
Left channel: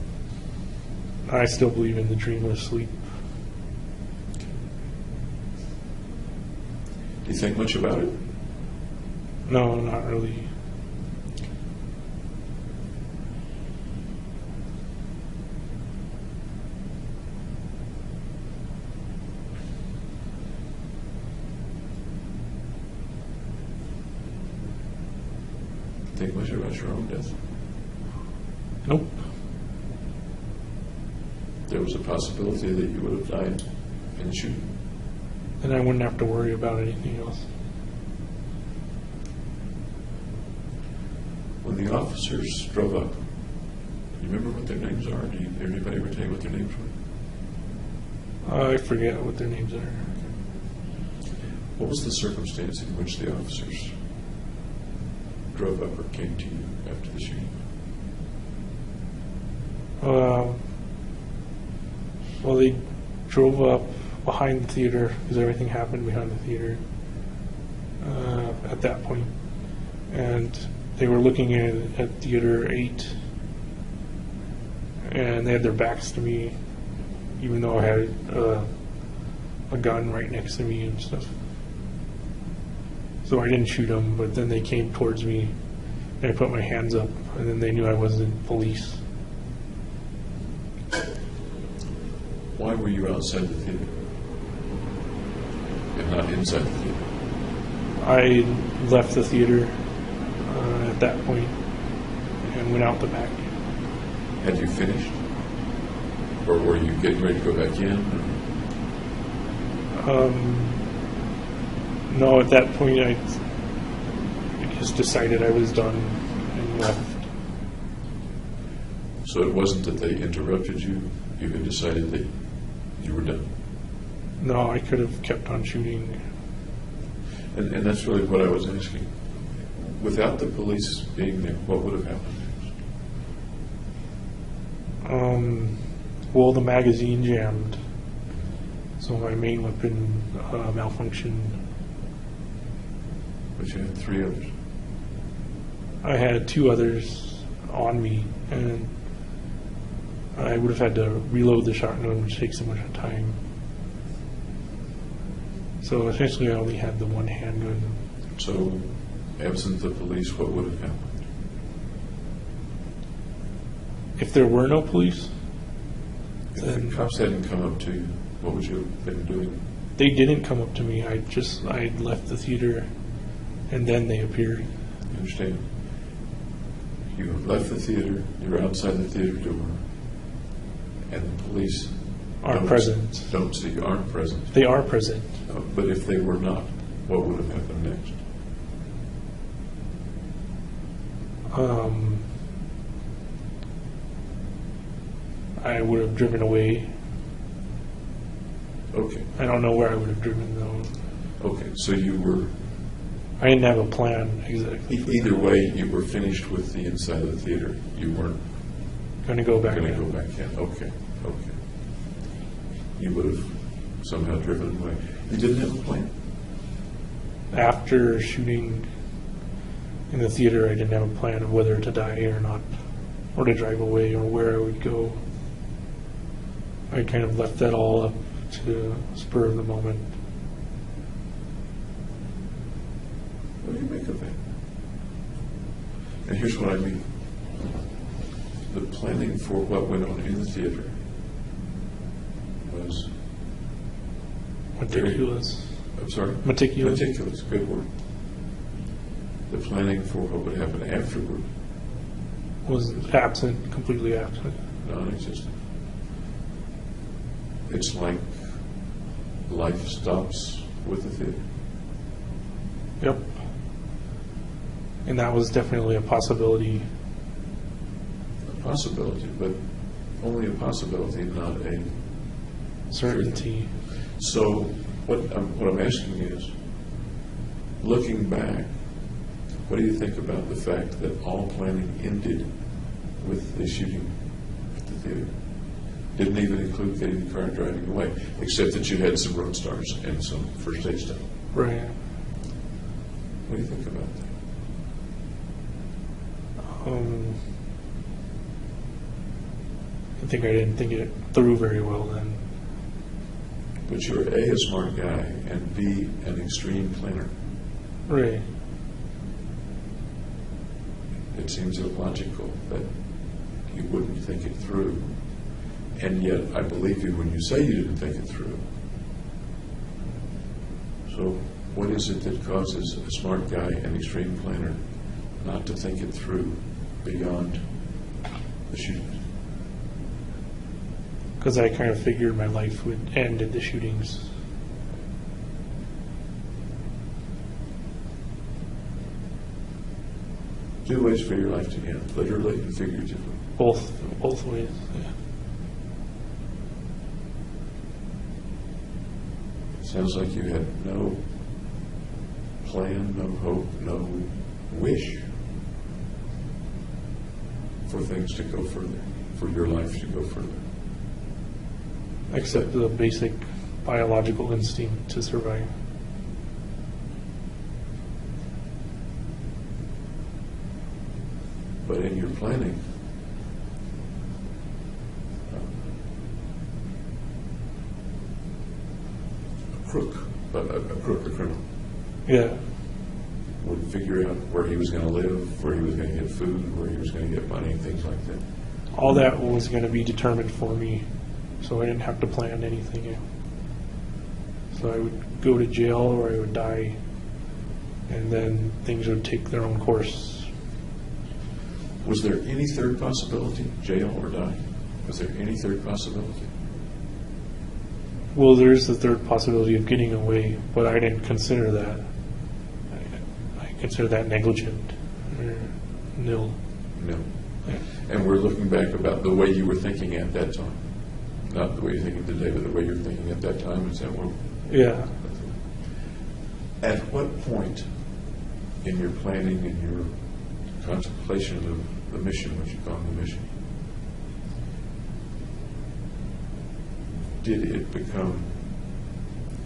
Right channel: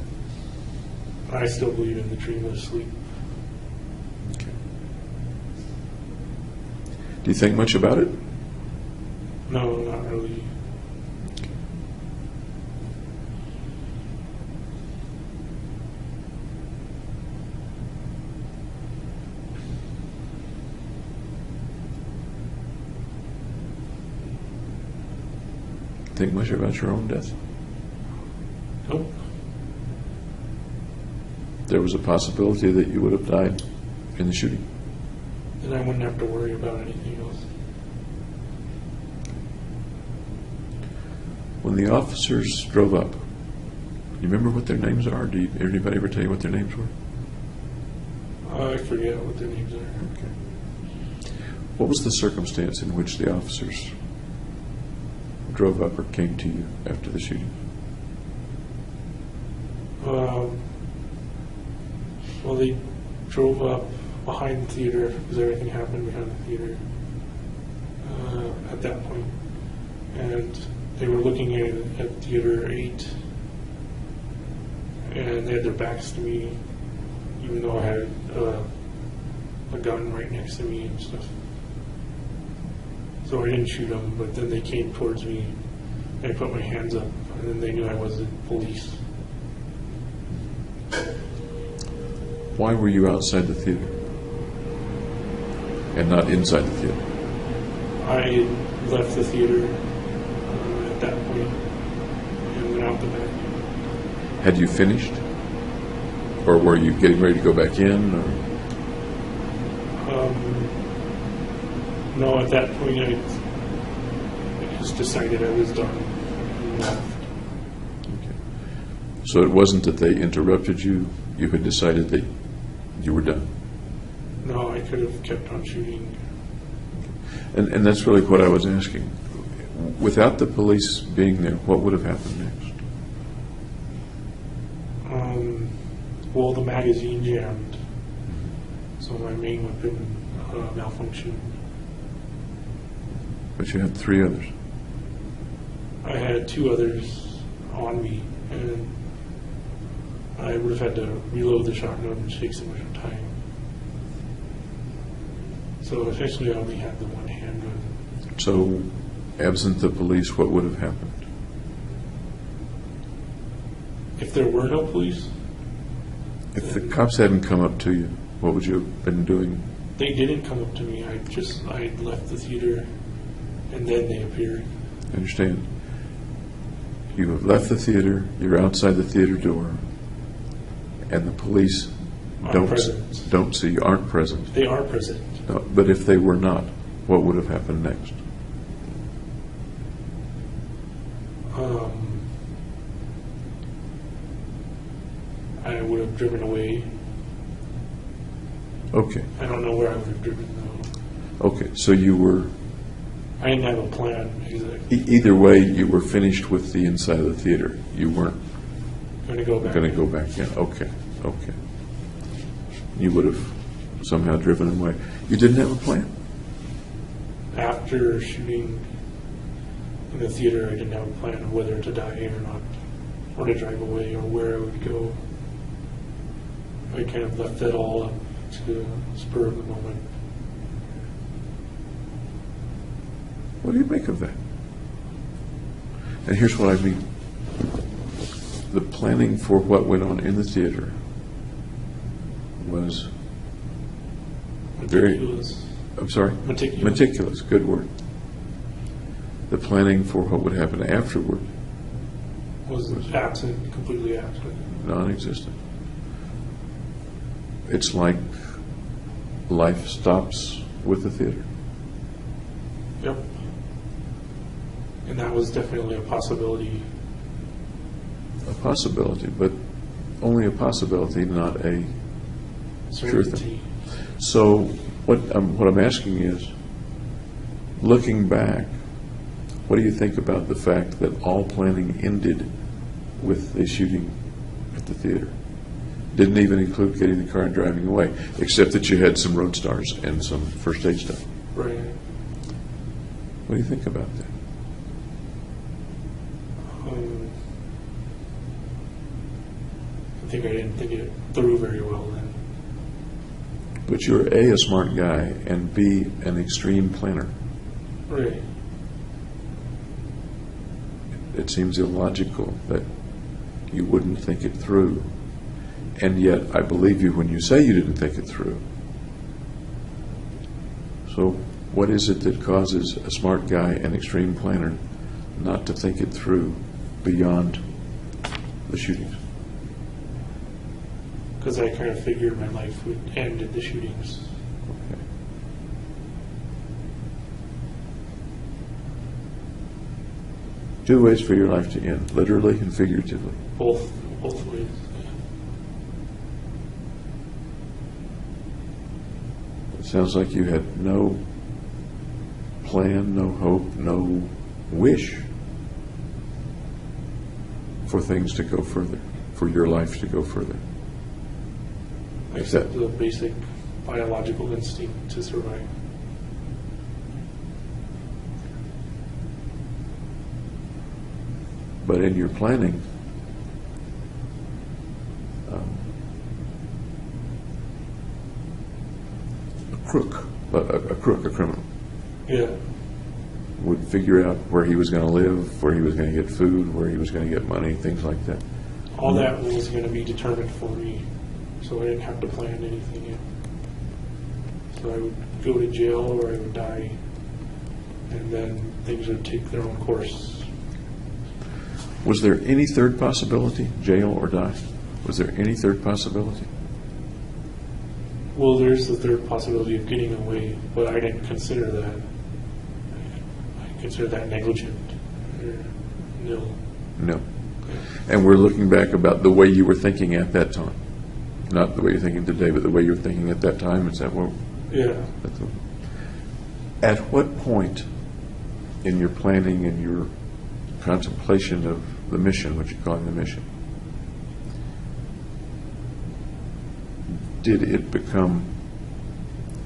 I still believe in the dreamless sleep. Do you think much about it? No, not really. think much about your own death? Nope. There was a possibility that you would have died in the shooting. And I wouldn't have to worry about anything else. When the officers drove up, you remember what their names are? Did anybody ever tell you what their names were? I forget what their names are. What was the circumstance in which the officers drove up or came to you after the shooting? Well, they drove up behind the theater because everything happened behind the theater at that point. And they were looking at Theater 8, and they had their backs to me, even though I had a gun right next to me and stuff. So I didn't shoot them, but then they came towards me, and I put my hands up, and then they knew I wasn't police. Why were you outside the theater and not inside the theater? I left the theater at that point and went out the back. Had you finished? Or were you getting ready to go back in? Or? No, at that point I just decided I was done and left. So it wasn't that they interrupted you, you had decided that you were done. No, I could have kept on shooting. And that's really what I was asking. Without the police being there, what would have happened next? Well, the magazine jammed, so my main weapon malfunctioned. But you had 3 others. I had 2 others on me, and I would have had to reload the shotgun, which takes a bunch of time. So essentially I only had the one handgun. So, absent the police, what would have happened? If there were no police, If the cops hadn't come up to you, what would you have been doing? they didn't come up to me. I left the theater, and then they appeared. I understand. You have left the theater, you're outside the theater door, and the police Aren't present. don't see you, aren't present. They are present. No, but if they were not, what would have happened next? I would have driven away. Okay, I don't know where I would have driven though. okay, so you were, I didn't have a plan exactly. either way, you were finished with the inside of the theater. You weren't Going to go back. going to in. go back in. Okay, okay. You would have somehow driven away. You didn't have a plan. After shooting in the theater, I didn't have a plan of whether to die or not, or to drive away, or where I would go. I kind of left that all up to the spur of the moment. What do you make of that? And here's what I mean. The planning for what went on in the theater was very, Meticulous. I'm sorry? Meticulous. Meticulous, good word. The planning for what would happen afterward, Was absent, completely absent. non-existent. It's like life stops with the theater. Yep. And that was definitely a possibility. A possibility, but only a possibility, not a sure thing. Certainty. So what I'm asking is, looking back, what do you think about the fact that all planning ended with the shooting at the theater? Didn't even include getting the car and driving away, except that you had some road stars and some first aid stuff. Right. What do you think about that? I think I didn't think it through very well then. But you're A, a smart guy, and B, an extreme planner. Right. It seems illogical that you wouldn't think it through. And yet, I believe you when you say you didn't think it through. So, what is it that causes a smart guy, an extreme planner, not to think it through beyond the shootings? Because I kind of figured my life would end at the shootings. Two ways for your life to end, literally and figuratively. Both ways. Yeah. It sounds like you had no plan, no hope, no wish for things to go further, for your life to go further. Except the basic biological instinct to survive. But in your planning, a criminal, Yeah. would figure out where he was going to live, where he was going to get food, where he was going to get money, things like that. All that was going to be determined for me, so I didn't have to plan anything out. So I would go to jail or I would die, and then things would take their own course. Was there any third possibility, jail or die? Was there any third possibility? Well, there's the third possibility of getting away, but I didn't consider that. I consider that negligent or nil. No. Yeah. And we're looking back about the way you were thinking at that time. Not the way you're thinking today, but the way you were thinking at that time. Is that what? Yeah. At what point in your planning and your contemplation of the mission, what you're calling the mission, did it become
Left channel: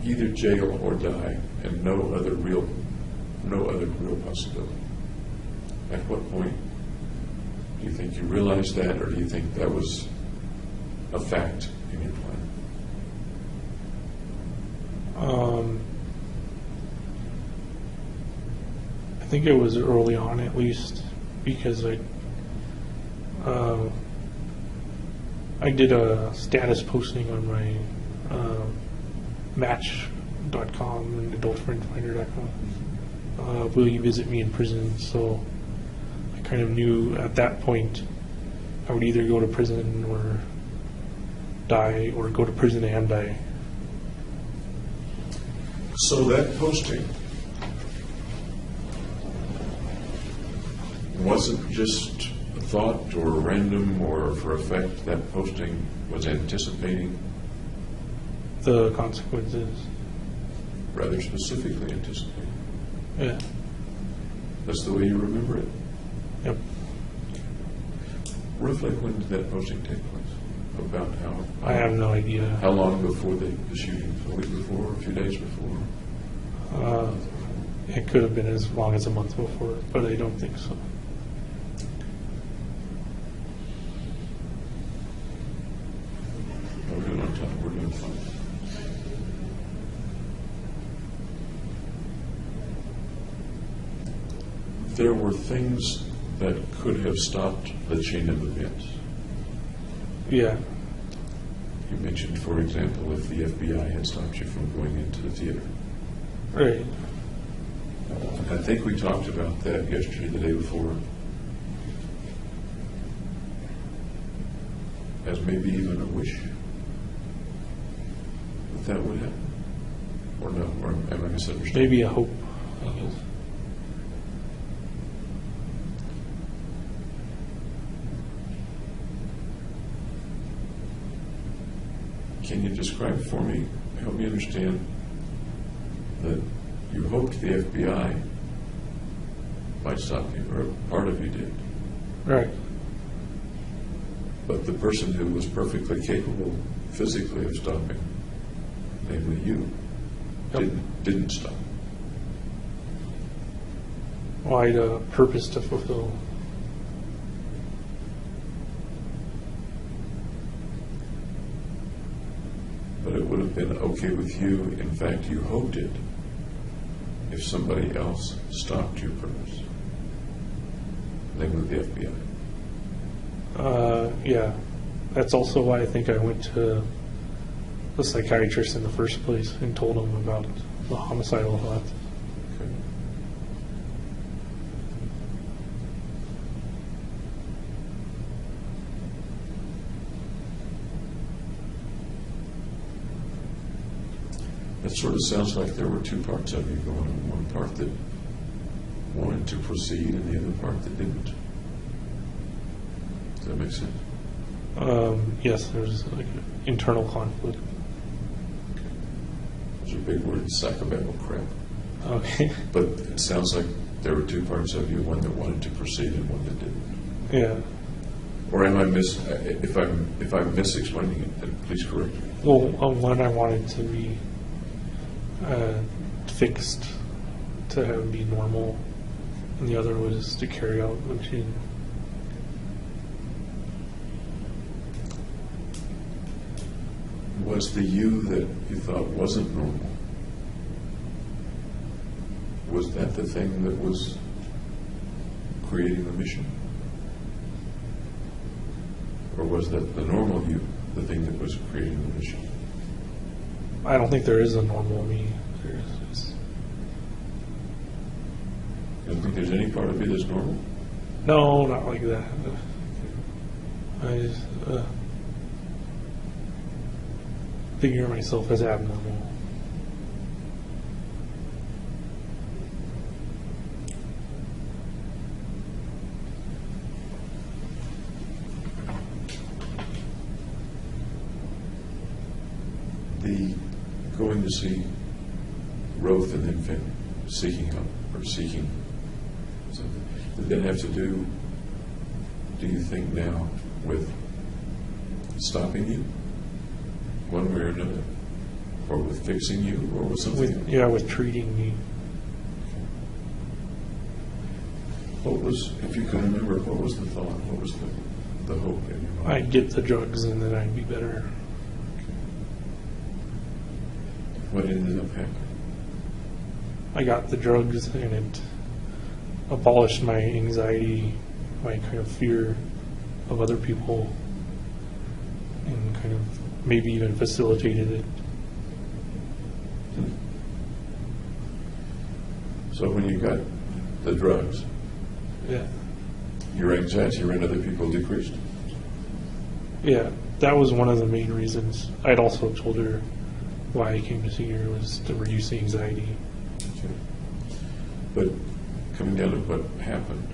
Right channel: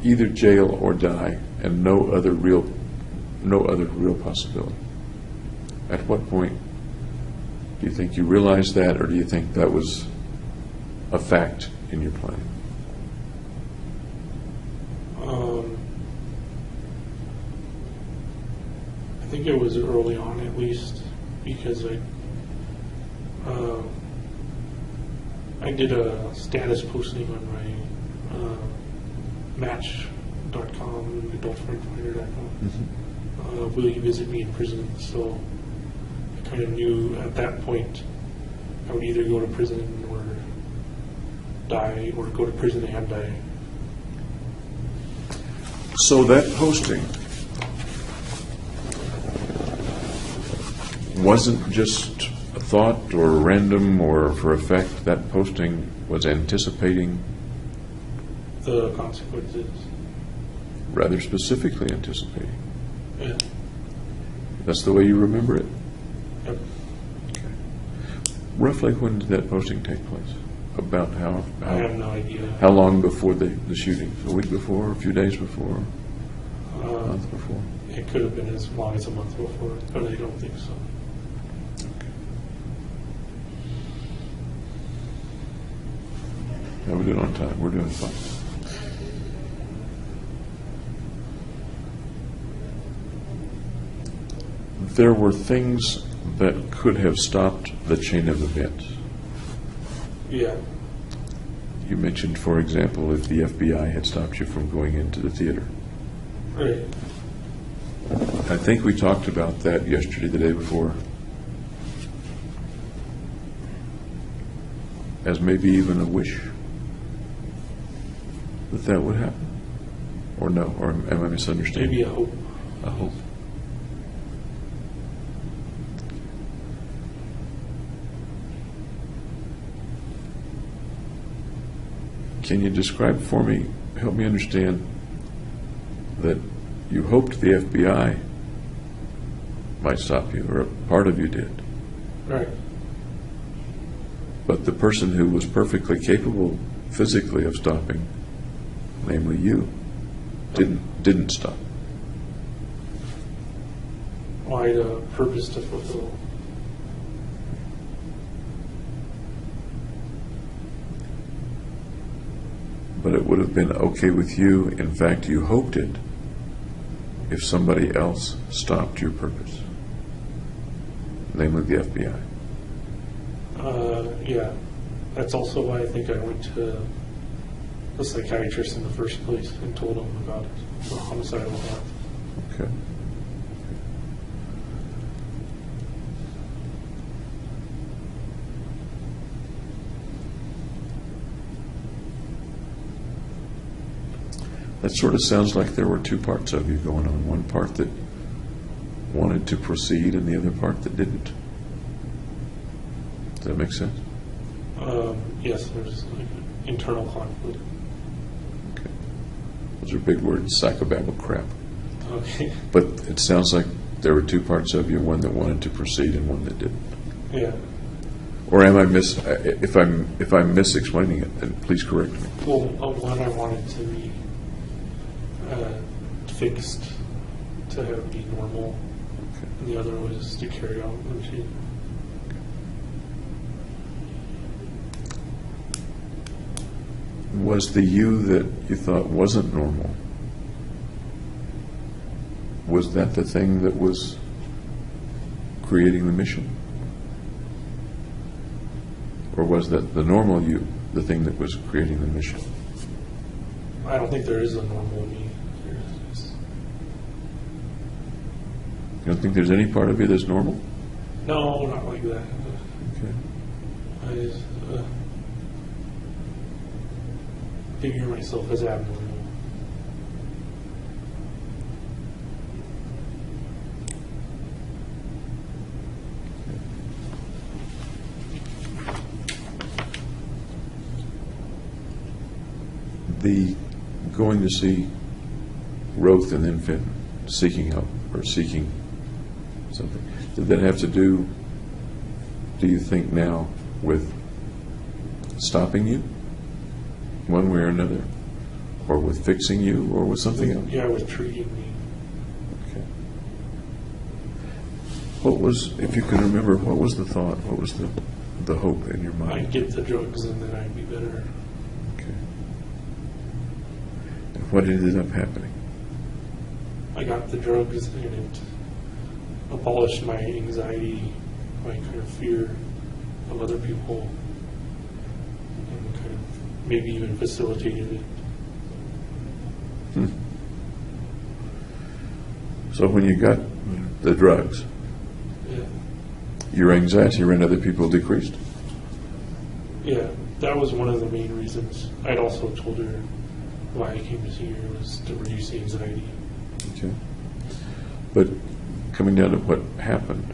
either jail or die and no other real possibility? At what point do you think you realized that, or do you think that was a fact in your planning? I think it was early on, at least, because I did a status posting on my Match.com, AdultFriendFinder.com. Will you visit me in prison? So I kind of knew at that point I would either go to prison or die, or go to prison and die. So that posting wasn't just a thought or random or for effect. That posting was anticipating, The consequences. rather specifically anticipating. Yeah. That's the way you remember it. Yep. Roughly when did that posting take place? About how? I have no idea. How long before the shooting? A week before? A few days before? A month before? It could have been as long as a month before, but I don't think so. Yeah, we're doing on time. We're doing fine. There were things that could have stopped the chain of events. Yeah. You mentioned, for example, if the FBI had stopped you from going into the theater. Right. I think we talked about that yesterday, the day before, as maybe even a wish that would happen. Or no, or am I misunderstanding? Maybe a hope. A hope. Can you describe for me, help me understand, that you hoped the FBI might stop you, or a part of you did, Right. but the person who was perfectly capable physically of stopping, namely you, didn't stop. Well, I had a purpose to fulfill. But it would have been okay with you, in fact you hoped it, if somebody else stopped your purpose, namely the FBI. Yeah. That's also why I think I went to the psychiatrist in the first place and told him about the homicidal thoughts. Okay. That sort of sounds like there were two parts of you going on. One part that wanted to proceed and the other part that didn't. Does that make sense? Yes, there's like internal conflict. Okay. Those are big words, psychobabble crap. Okay. But it sounds like there were two parts of you, one that wanted to proceed and one that didn't. Yeah. Or am I if I'm mis-explaining it, then please correct me. Well, one I wanted to be fixed to be normal, and the other was to carry out the machine. Was the you that you thought wasn't normal, was that the thing that was creating the mission? Or was that the normal you, the thing that was creating the mission? I don't think there is a normal me. You don't think there's any part of you that's normal? No, not like that. Okay. I just figure myself as abnormal. The going to see Roth and then Finn seeking help or seeking something, did that have to do you think now, with stopping you one way or another? Or with fixing you, or with something else? Yeah, with treating me. Okay. What was, if you can remember, what was the thought? What was the hope in your mind? I'd get the drugs and then I'd be better. Okay. And what ended up happening? I got the drugs and it abolished my anxiety, my kind of fear of other people, and kind of maybe even facilitated it. So when you got the drugs, Yeah. your anxiety around other people decreased? Yeah, that was one of the main reasons. I'd also told her why I came to see her was to reduce the anxiety. Okay. But coming down to what happened,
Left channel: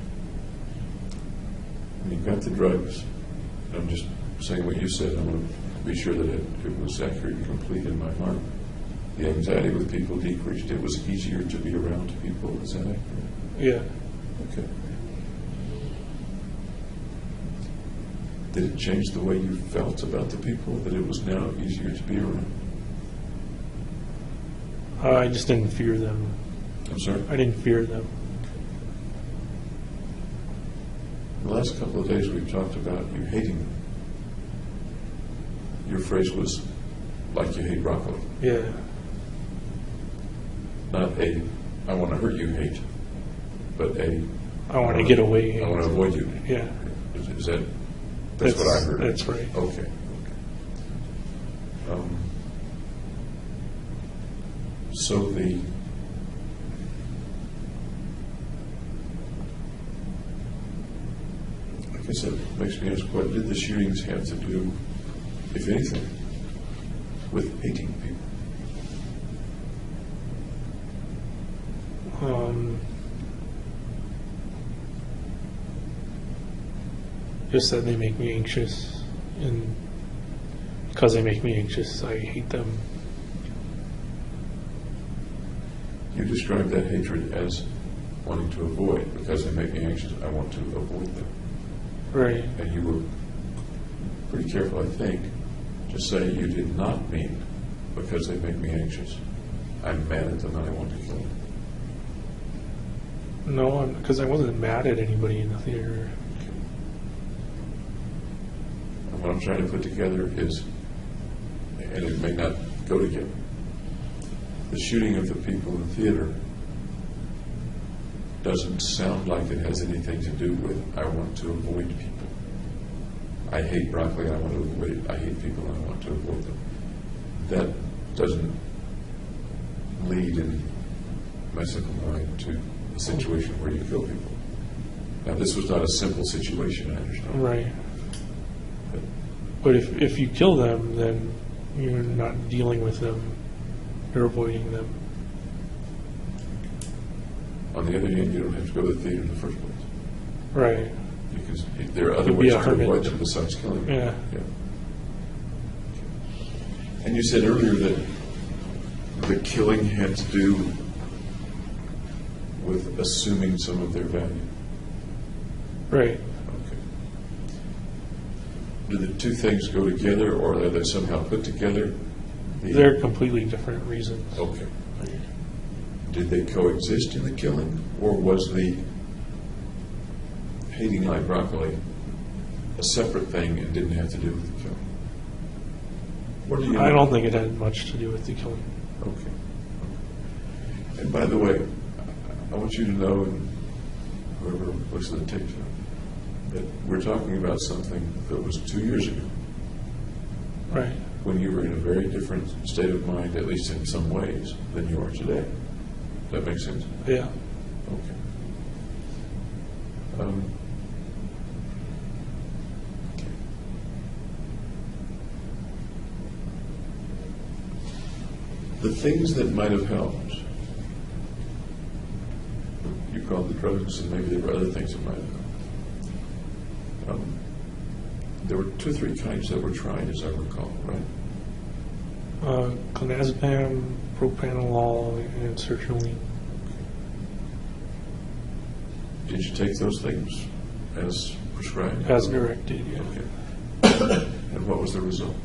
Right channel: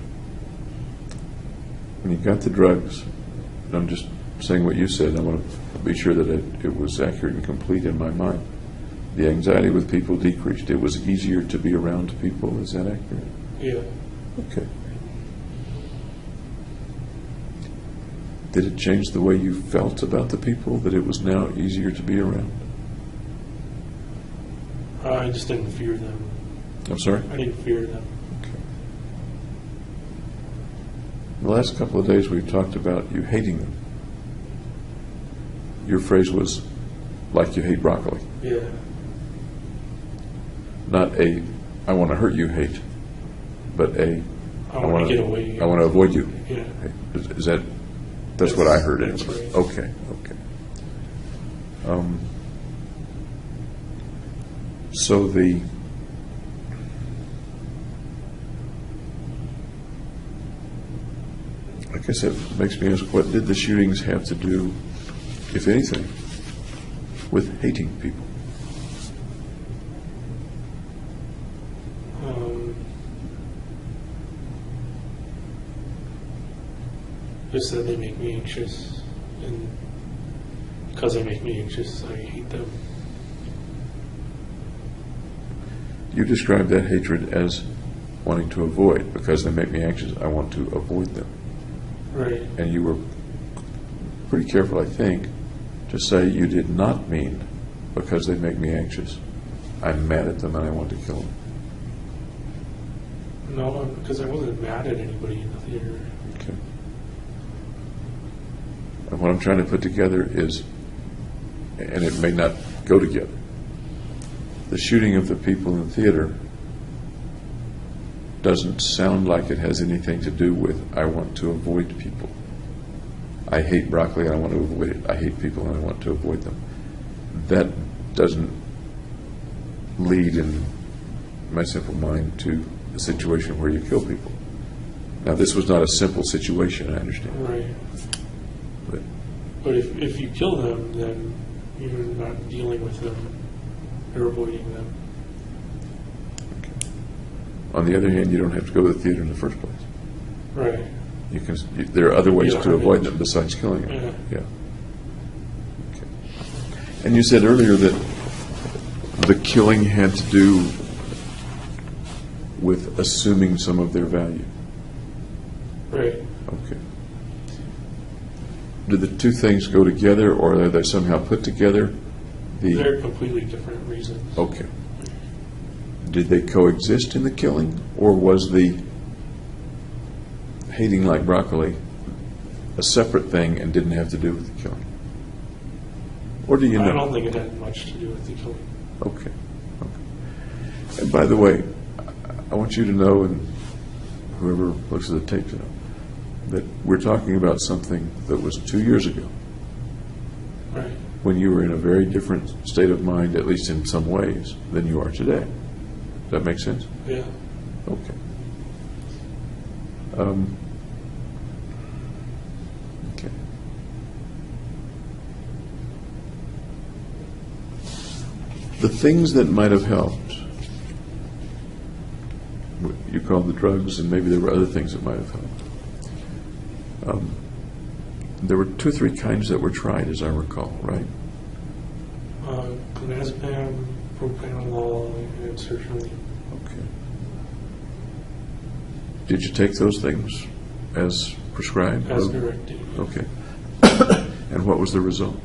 when you got the drugs, and I'm just saying what you said, I want to be sure that it was accurate and complete in my mind. The anxiety with people decreased. It was easier to be around people. Is that accurate? Yeah. Okay. Did it change the way you felt about the people, that it was now easier to be around? I just didn't fear them. I'm sorry? I didn't fear them. Okay. The last couple of days we've talked about you hating them. Your phrase was, like you hate broccoli. Yeah. Not a, I want to hurt you hate, but a, I want to get away. I want to avoid you. Yeah. Is that, that's what I heard. That's right. Okay, okay. So like I said, makes me ask, what did the shootings have to do, if anything, with hating people? Just that they make me anxious, and because they make me anxious, I hate them. You described that hatred as wanting to avoid. Because they make me anxious, I want to avoid them. Right. And you were pretty careful, I think, to say you did not mean because they make me anxious, I'm mad at them and I want to kill them. No, because I wasn't mad at anybody in the theater. Okay. And what I'm trying to put together is, and it may not go together, the shooting of the people in theater doesn't sound like it has anything to do with, I want to avoid people. I hate broccoli and I want to avoid it. I hate people and I want to avoid them. That doesn't lead in my simple mind to a situation where you kill people. Now, this was not a simple situation, I understand. Right. But But if you kill them, then you're not dealing with them You're avoiding them. On the other hand, you don't have to go to the theater in the first place. Right. You can. There are other ways Yeah, to harm avoid it. them besides killing them. Yeah. Okay. And you said earlier that the killing had to do with assuming some of their value. Right. Okay. Do the two things go together, or are they somehow put together? They're completely different reasons. Okay. Did they coexist in the killing, or was the hating like broccoli a separate thing and didn't have to do with the killing? Or do you know? I don't think it had much to do with the killing. Okay. And by the way, I want you to know, and whoever looks at the tape, to know, that we're talking about something that was 2 years ago, Right. when you were in a very different state of mind, at least in some ways, than you are today. Does that make sense? Yeah. Okay. Okay. The things that might have helped, what you called the drugs, and maybe there were other things that might have helped. There were 2 or 3 kinds that were tried, as I recall, right? Clonazepam, propranolol, and sertraline. Okay. Did you take those things as prescribed? As directed. Yeah. Okay. And what was the result?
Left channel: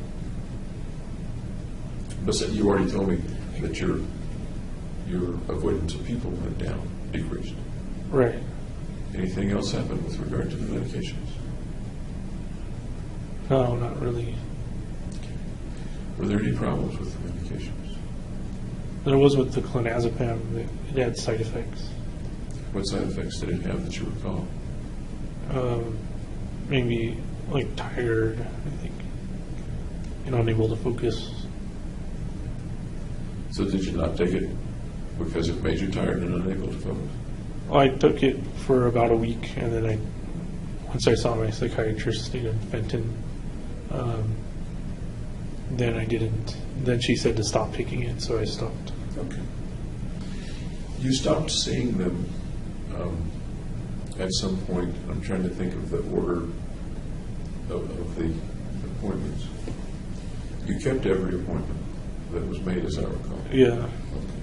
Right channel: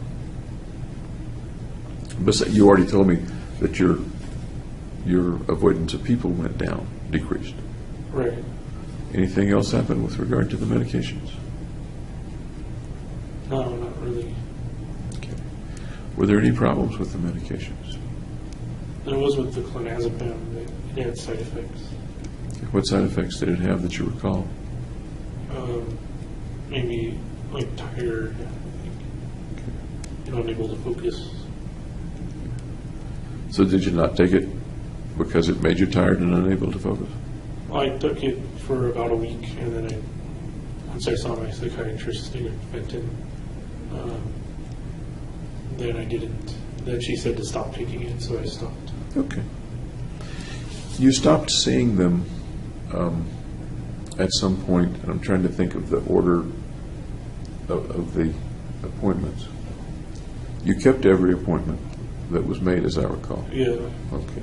But you already told me that your avoidance of people went down, decreased. Right. Anything else happen with regard to the medications? No, not really. Were there any problems with the medications? There was with the clonazepam that it had side effects. What side effects did it have that you recall? Maybe like tired, I think, and unable to focus. So did you not take it because it made you tired and unable to focus? I took it for about a week, and then once I saw my psychiatrist, they Fenton. Then I didn't. Then she said to stop taking it, so I stopped. Okay. You stopped seeing them at some point. I'm trying to think of the order of the appointments. You kept every appointment that was made, as I recall. Yeah. Okay.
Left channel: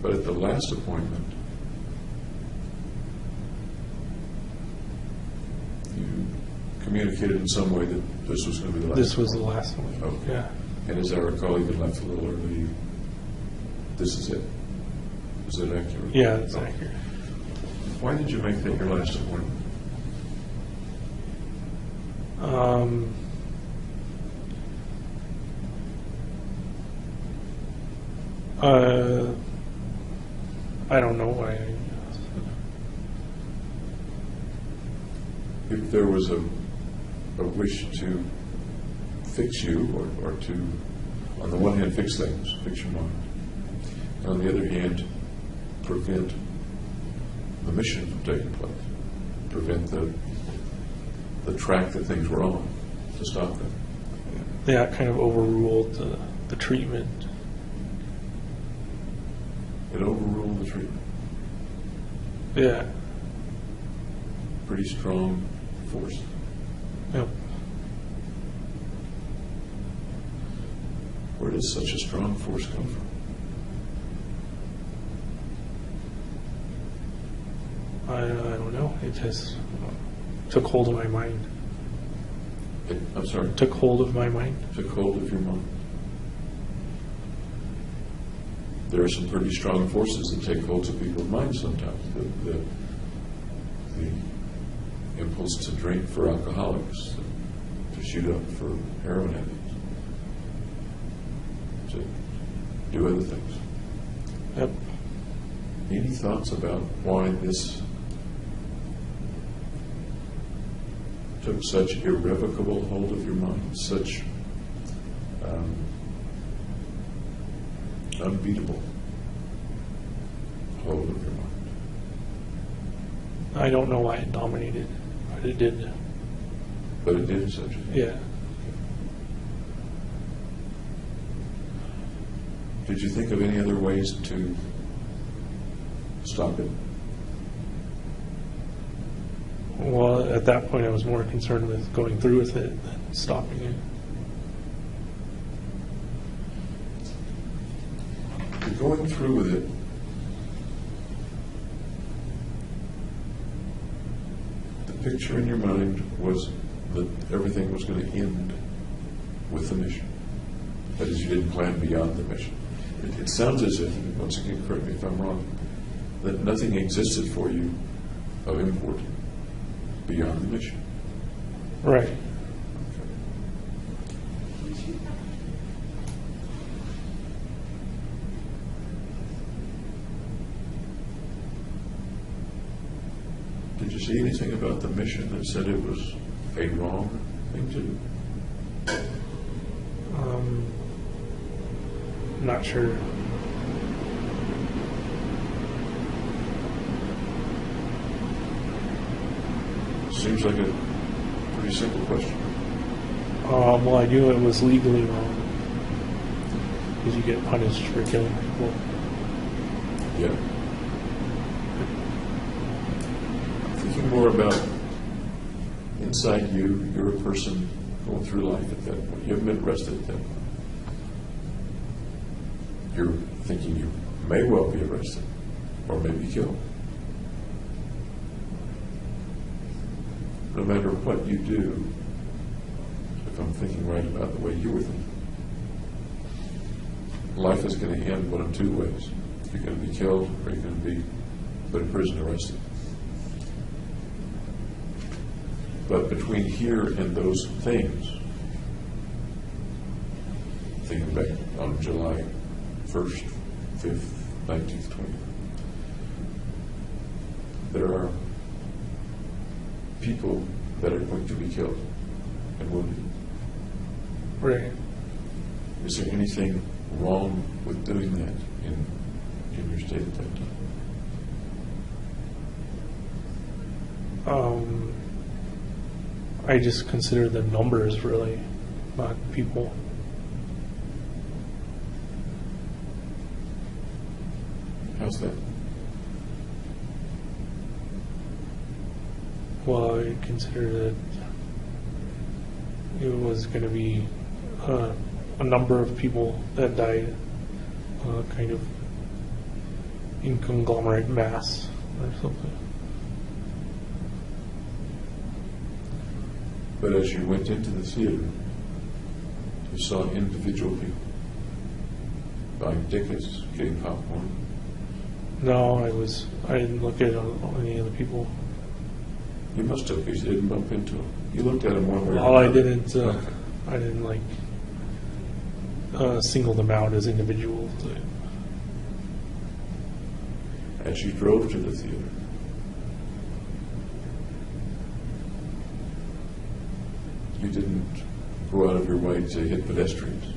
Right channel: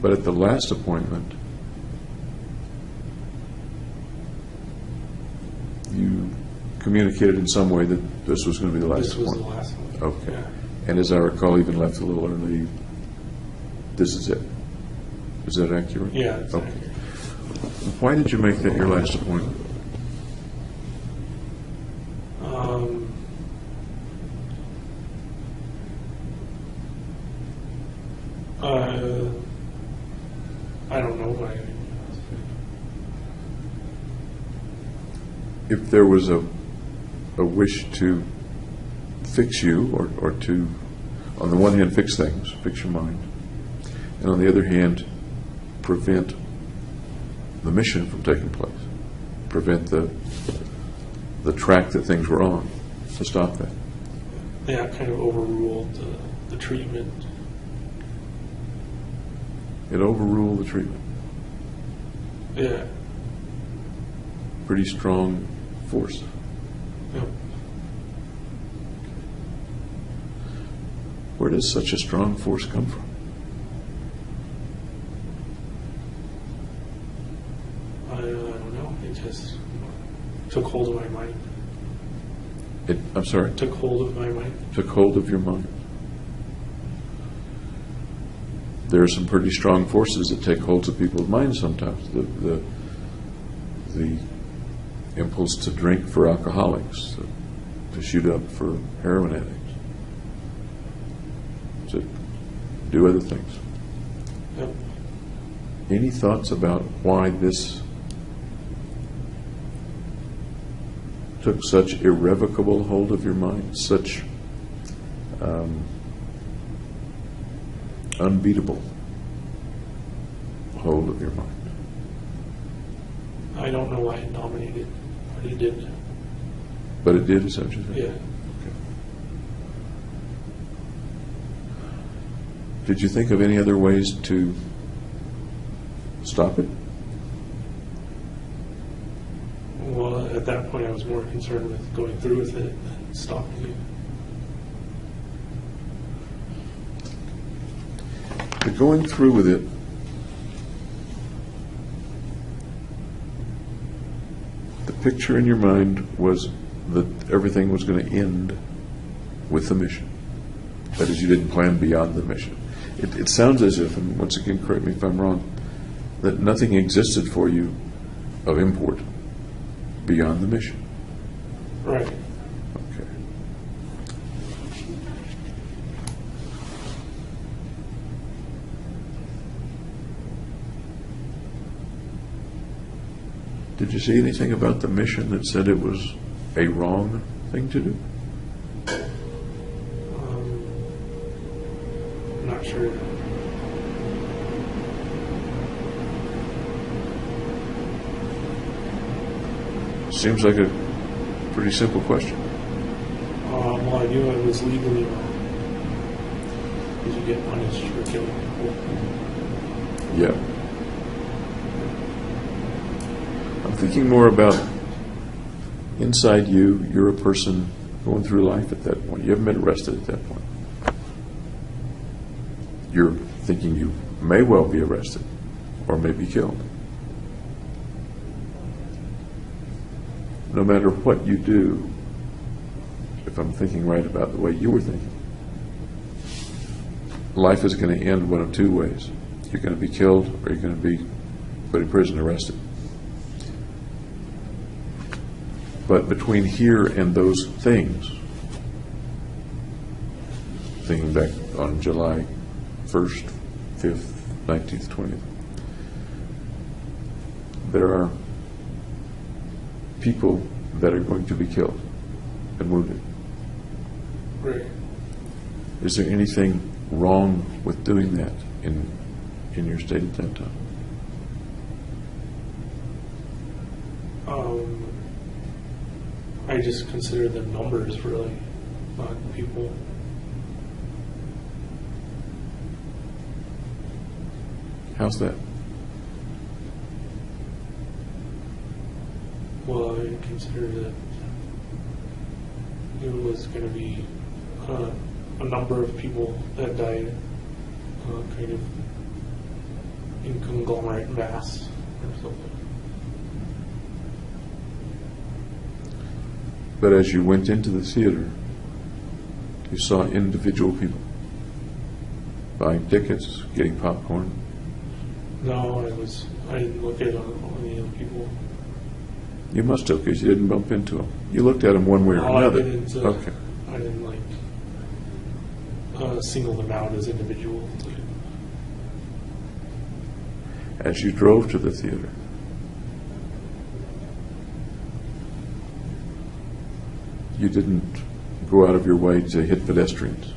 But at the last appointment, you communicated in some way that this was going to be the last This was the appointment. last one. Okay. Yeah. And as I recall, even left a little early. This is it. Is that accurate? Yeah, that's Okay. accurate. Why did you make that your last appointment? I don't know why. If there was a wish to fix you, or to, on the one hand, fix things, fix your mind, and on the other hand, prevent the mission from taking place, prevent the track that things were on, to stop that. Yeah, it kind of overruled the treatment. It overruled the treatment. Yeah. Pretty strong force. Yep. Where does such a strong force come from? I don't know. It just took hold of my mind. I'm sorry? Took hold of my mind. Took hold of your mind. There are some pretty strong forces that take hold of people's minds sometimes. The impulse to drink for alcoholics, to shoot up for heroin addicts, to do other things. Yep. Any thoughts about why this took such irrevocable hold of your mind, such unbeatable hold of your mind? I don't know why it dominated, but it did. But it did such a thing. Yeah. Did you think of any other ways to stop it? Well, at that point, I was more concerned with going through with it than stopping it. But going through with it, the picture in your mind was that everything was going to end with the mission. That is, you didn't plan beyond the mission. It sounds as if, and once again, correct me if I'm wrong, that nothing existed for you of import beyond the mission. Right. Okay. Did you see anything about the mission that said it was a wrong thing to do? Not sure. Seems like a pretty simple question. Well, I knew it was legally wrong. Because you get punished for killing people. Yeah. I'm thinking more about inside you. You're a person going through life at that point. You haven't been arrested at that point. You're thinking you may well be arrested or may be killed. No matter what you do, if I'm thinking right about the way you were thinking, life is going to end one of two ways. You're going to be killed or you're going to be put in prison, arrested. But between here and those things, thinking back on July 1st, 5th, 19th, 20th, there are people that are going to be killed and wounded. Right. Is there anything wrong with doing that in your state at that time? I just consider the numbers really, not people. How's that? Well, I consider that it was going to be a number of people that died, kind of in conglomerate mass or something. But as you went into the theater, you saw individual people buying tickets, getting popcorn. No, I didn't look at any other people. You must have, because you didn't bump into them. You looked at them one way or No, I another. didn't. Okay. I didn't single them out as individuals. As you drove to the theater, you didn't go out of your way to hit pedestrians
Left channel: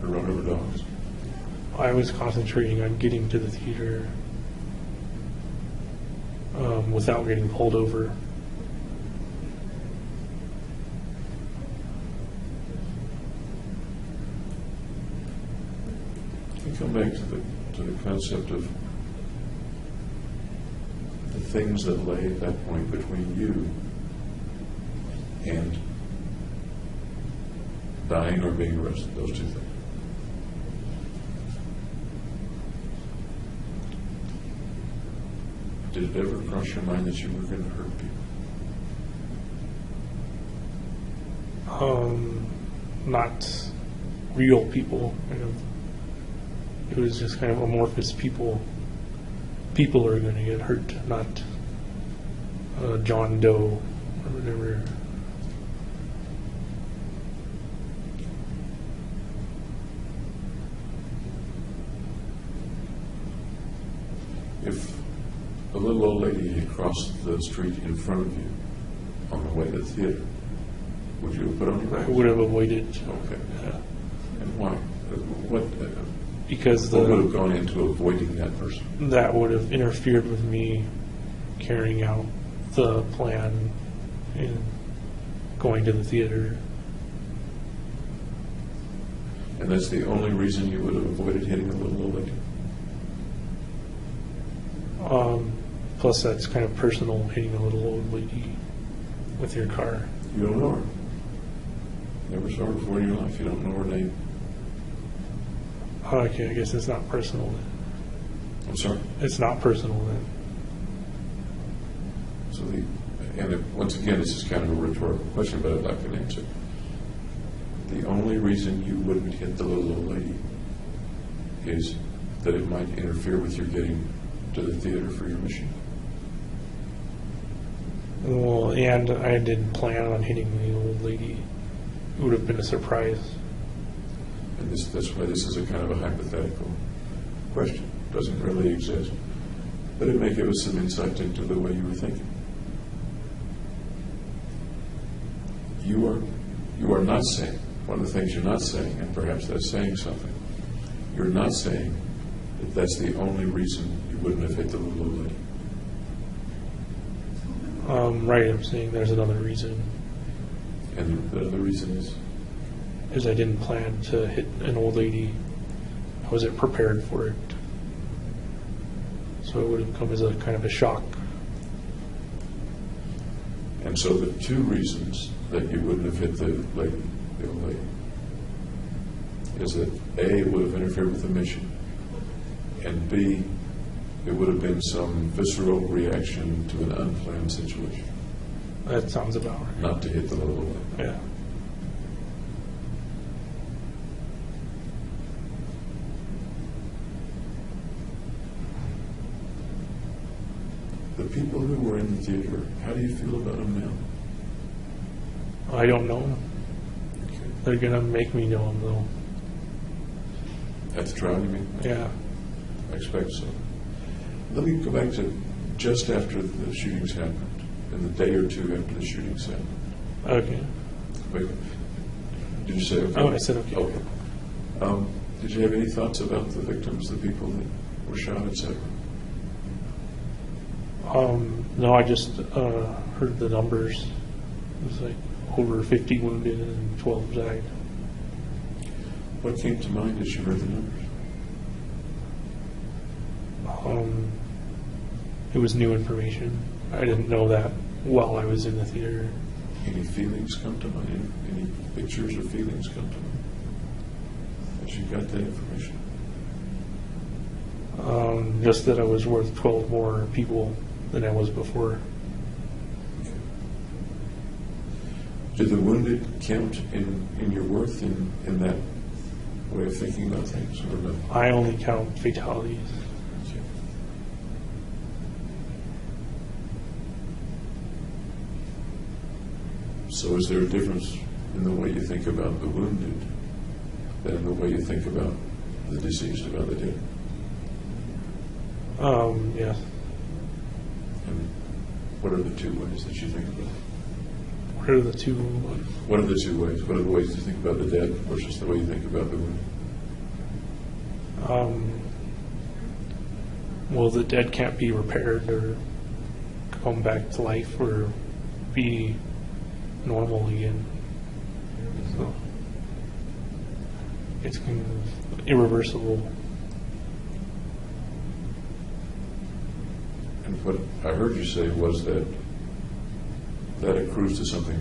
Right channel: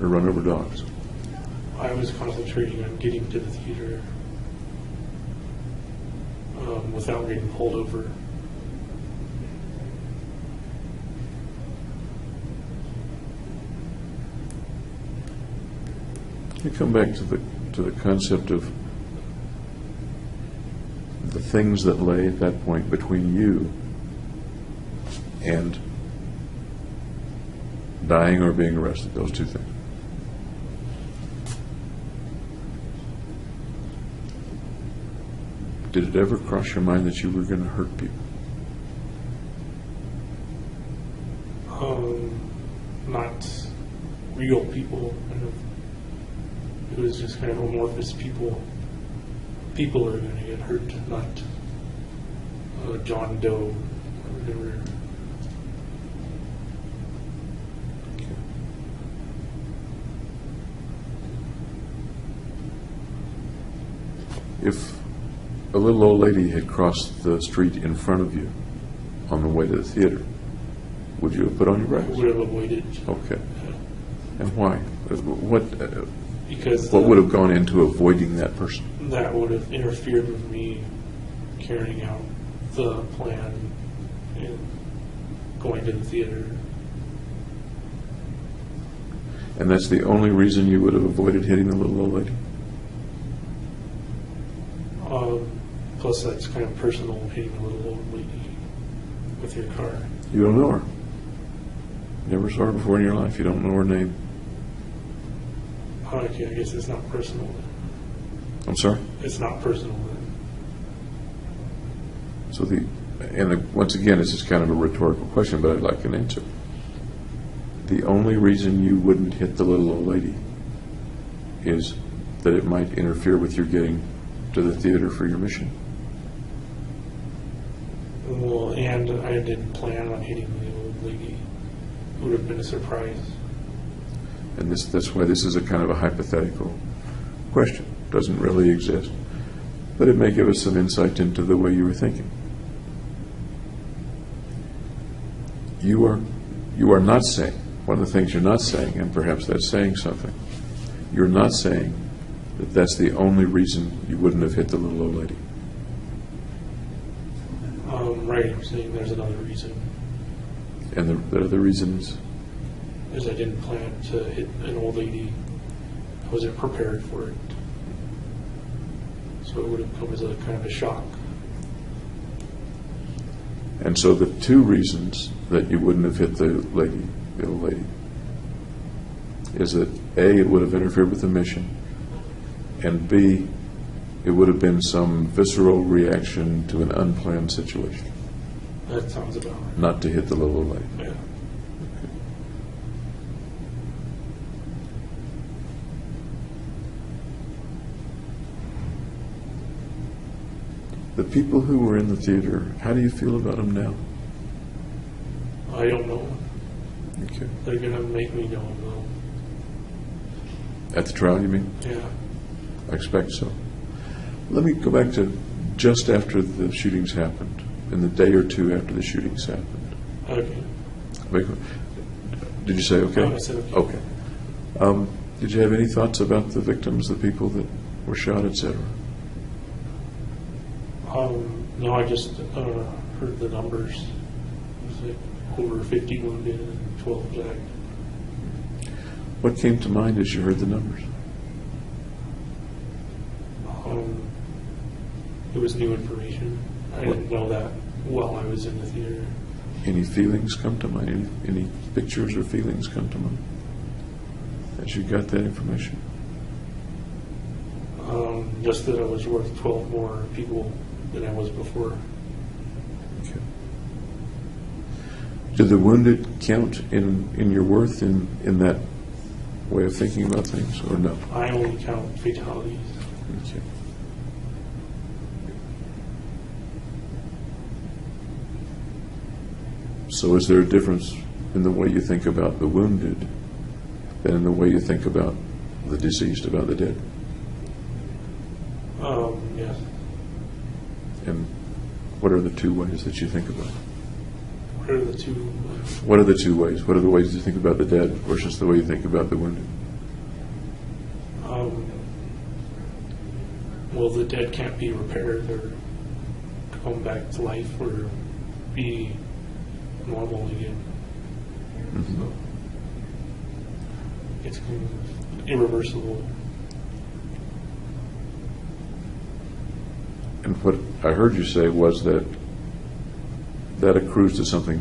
or run over dogs. I was concentrating on getting to the theater without getting pulled over. We come back to the concept of the things that lay at that point between you and dying or being arrested, those two things. Did it ever cross your mind that you were going to hurt people? Not real people, kind of. It was just kind of amorphous people. People are going to get hurt, not John Doe or whatever. If a little old lady had crossed the street in front of you on the way to the theater, would you have put on your I brakes? would have avoided. Okay. Yeah. And why? Because What would have gone into avoiding that person? that would have interfered with me carrying out the plan and going to the theater. And that's the only reason you would have avoided hitting the little old lady? Plus, that's kind of personal, hitting a little old lady with your car. You don't know her. Never saw her before in your life. You don't know her name. Okay, I guess it's not personal then. I'm sorry? It's not personal then. So once again, this is kind of a rhetorical question, but I'd like an answer. The only reason you wouldn't hit the little old lady is that it might interfere with your getting to the theater for your mission. Well, and I didn't plan on hitting the old lady. It would have been a surprise. And that's why this is a kind of a hypothetical question. Doesn't really exist. But it may give us some insight into the way you were thinking. You are not saying, one of the things you're not saying, and perhaps that's saying something, you're not saying that that's the only reason you wouldn't have hit the little old lady. Right, I'm saying there's another reason. And the other reason Is I didn't plan to hit an old lady. I wasn't prepared for it. So it would have come as a kind of a shock. and so the two reasons that you wouldn't have hit the old lady, is that A, it would have interfered with the mission, and B, it would have been some visceral reaction to an unplanned situation, That sounds about right. not to hit the little old lady. Yeah. The people who were in the theater, how do you feel about them now? I don't know. Okay. They're going to make me know them, though. At the trial, you mean? Yeah. I expect so. Let me go back to just after the shootings happened, in the day or two after the shootings happened. Okay. Wait, did you say okay? Oh, I said okay. Okay. Did you have any thoughts about the victims, the people that were shot, etc.? No, I just heard the numbers. It was like over 50 wounded and 12 died. What came to mind as you heard the numbers? It was new information. I didn't know that while I was in the theater. Any feelings come to mind? Any pictures or feelings come to mind as you got that information? Just that I was worth 12 more people than I was before. Okay. Did the wounded count in your worth in that way of thinking about things, or no? I only count fatalities. Okay. So is there a difference in the way you think about the wounded than in the way you think about the deceased, about the dead? Yes. And what are the two ways that you think about it? What are the two? What are the two ways? What are the ways you think about the dead versus the way you think about the wounded? Well, the dead can't be repaired or come back to life or be normal again. So it's kind of irreversible. And what I heard you say was that that accrues to something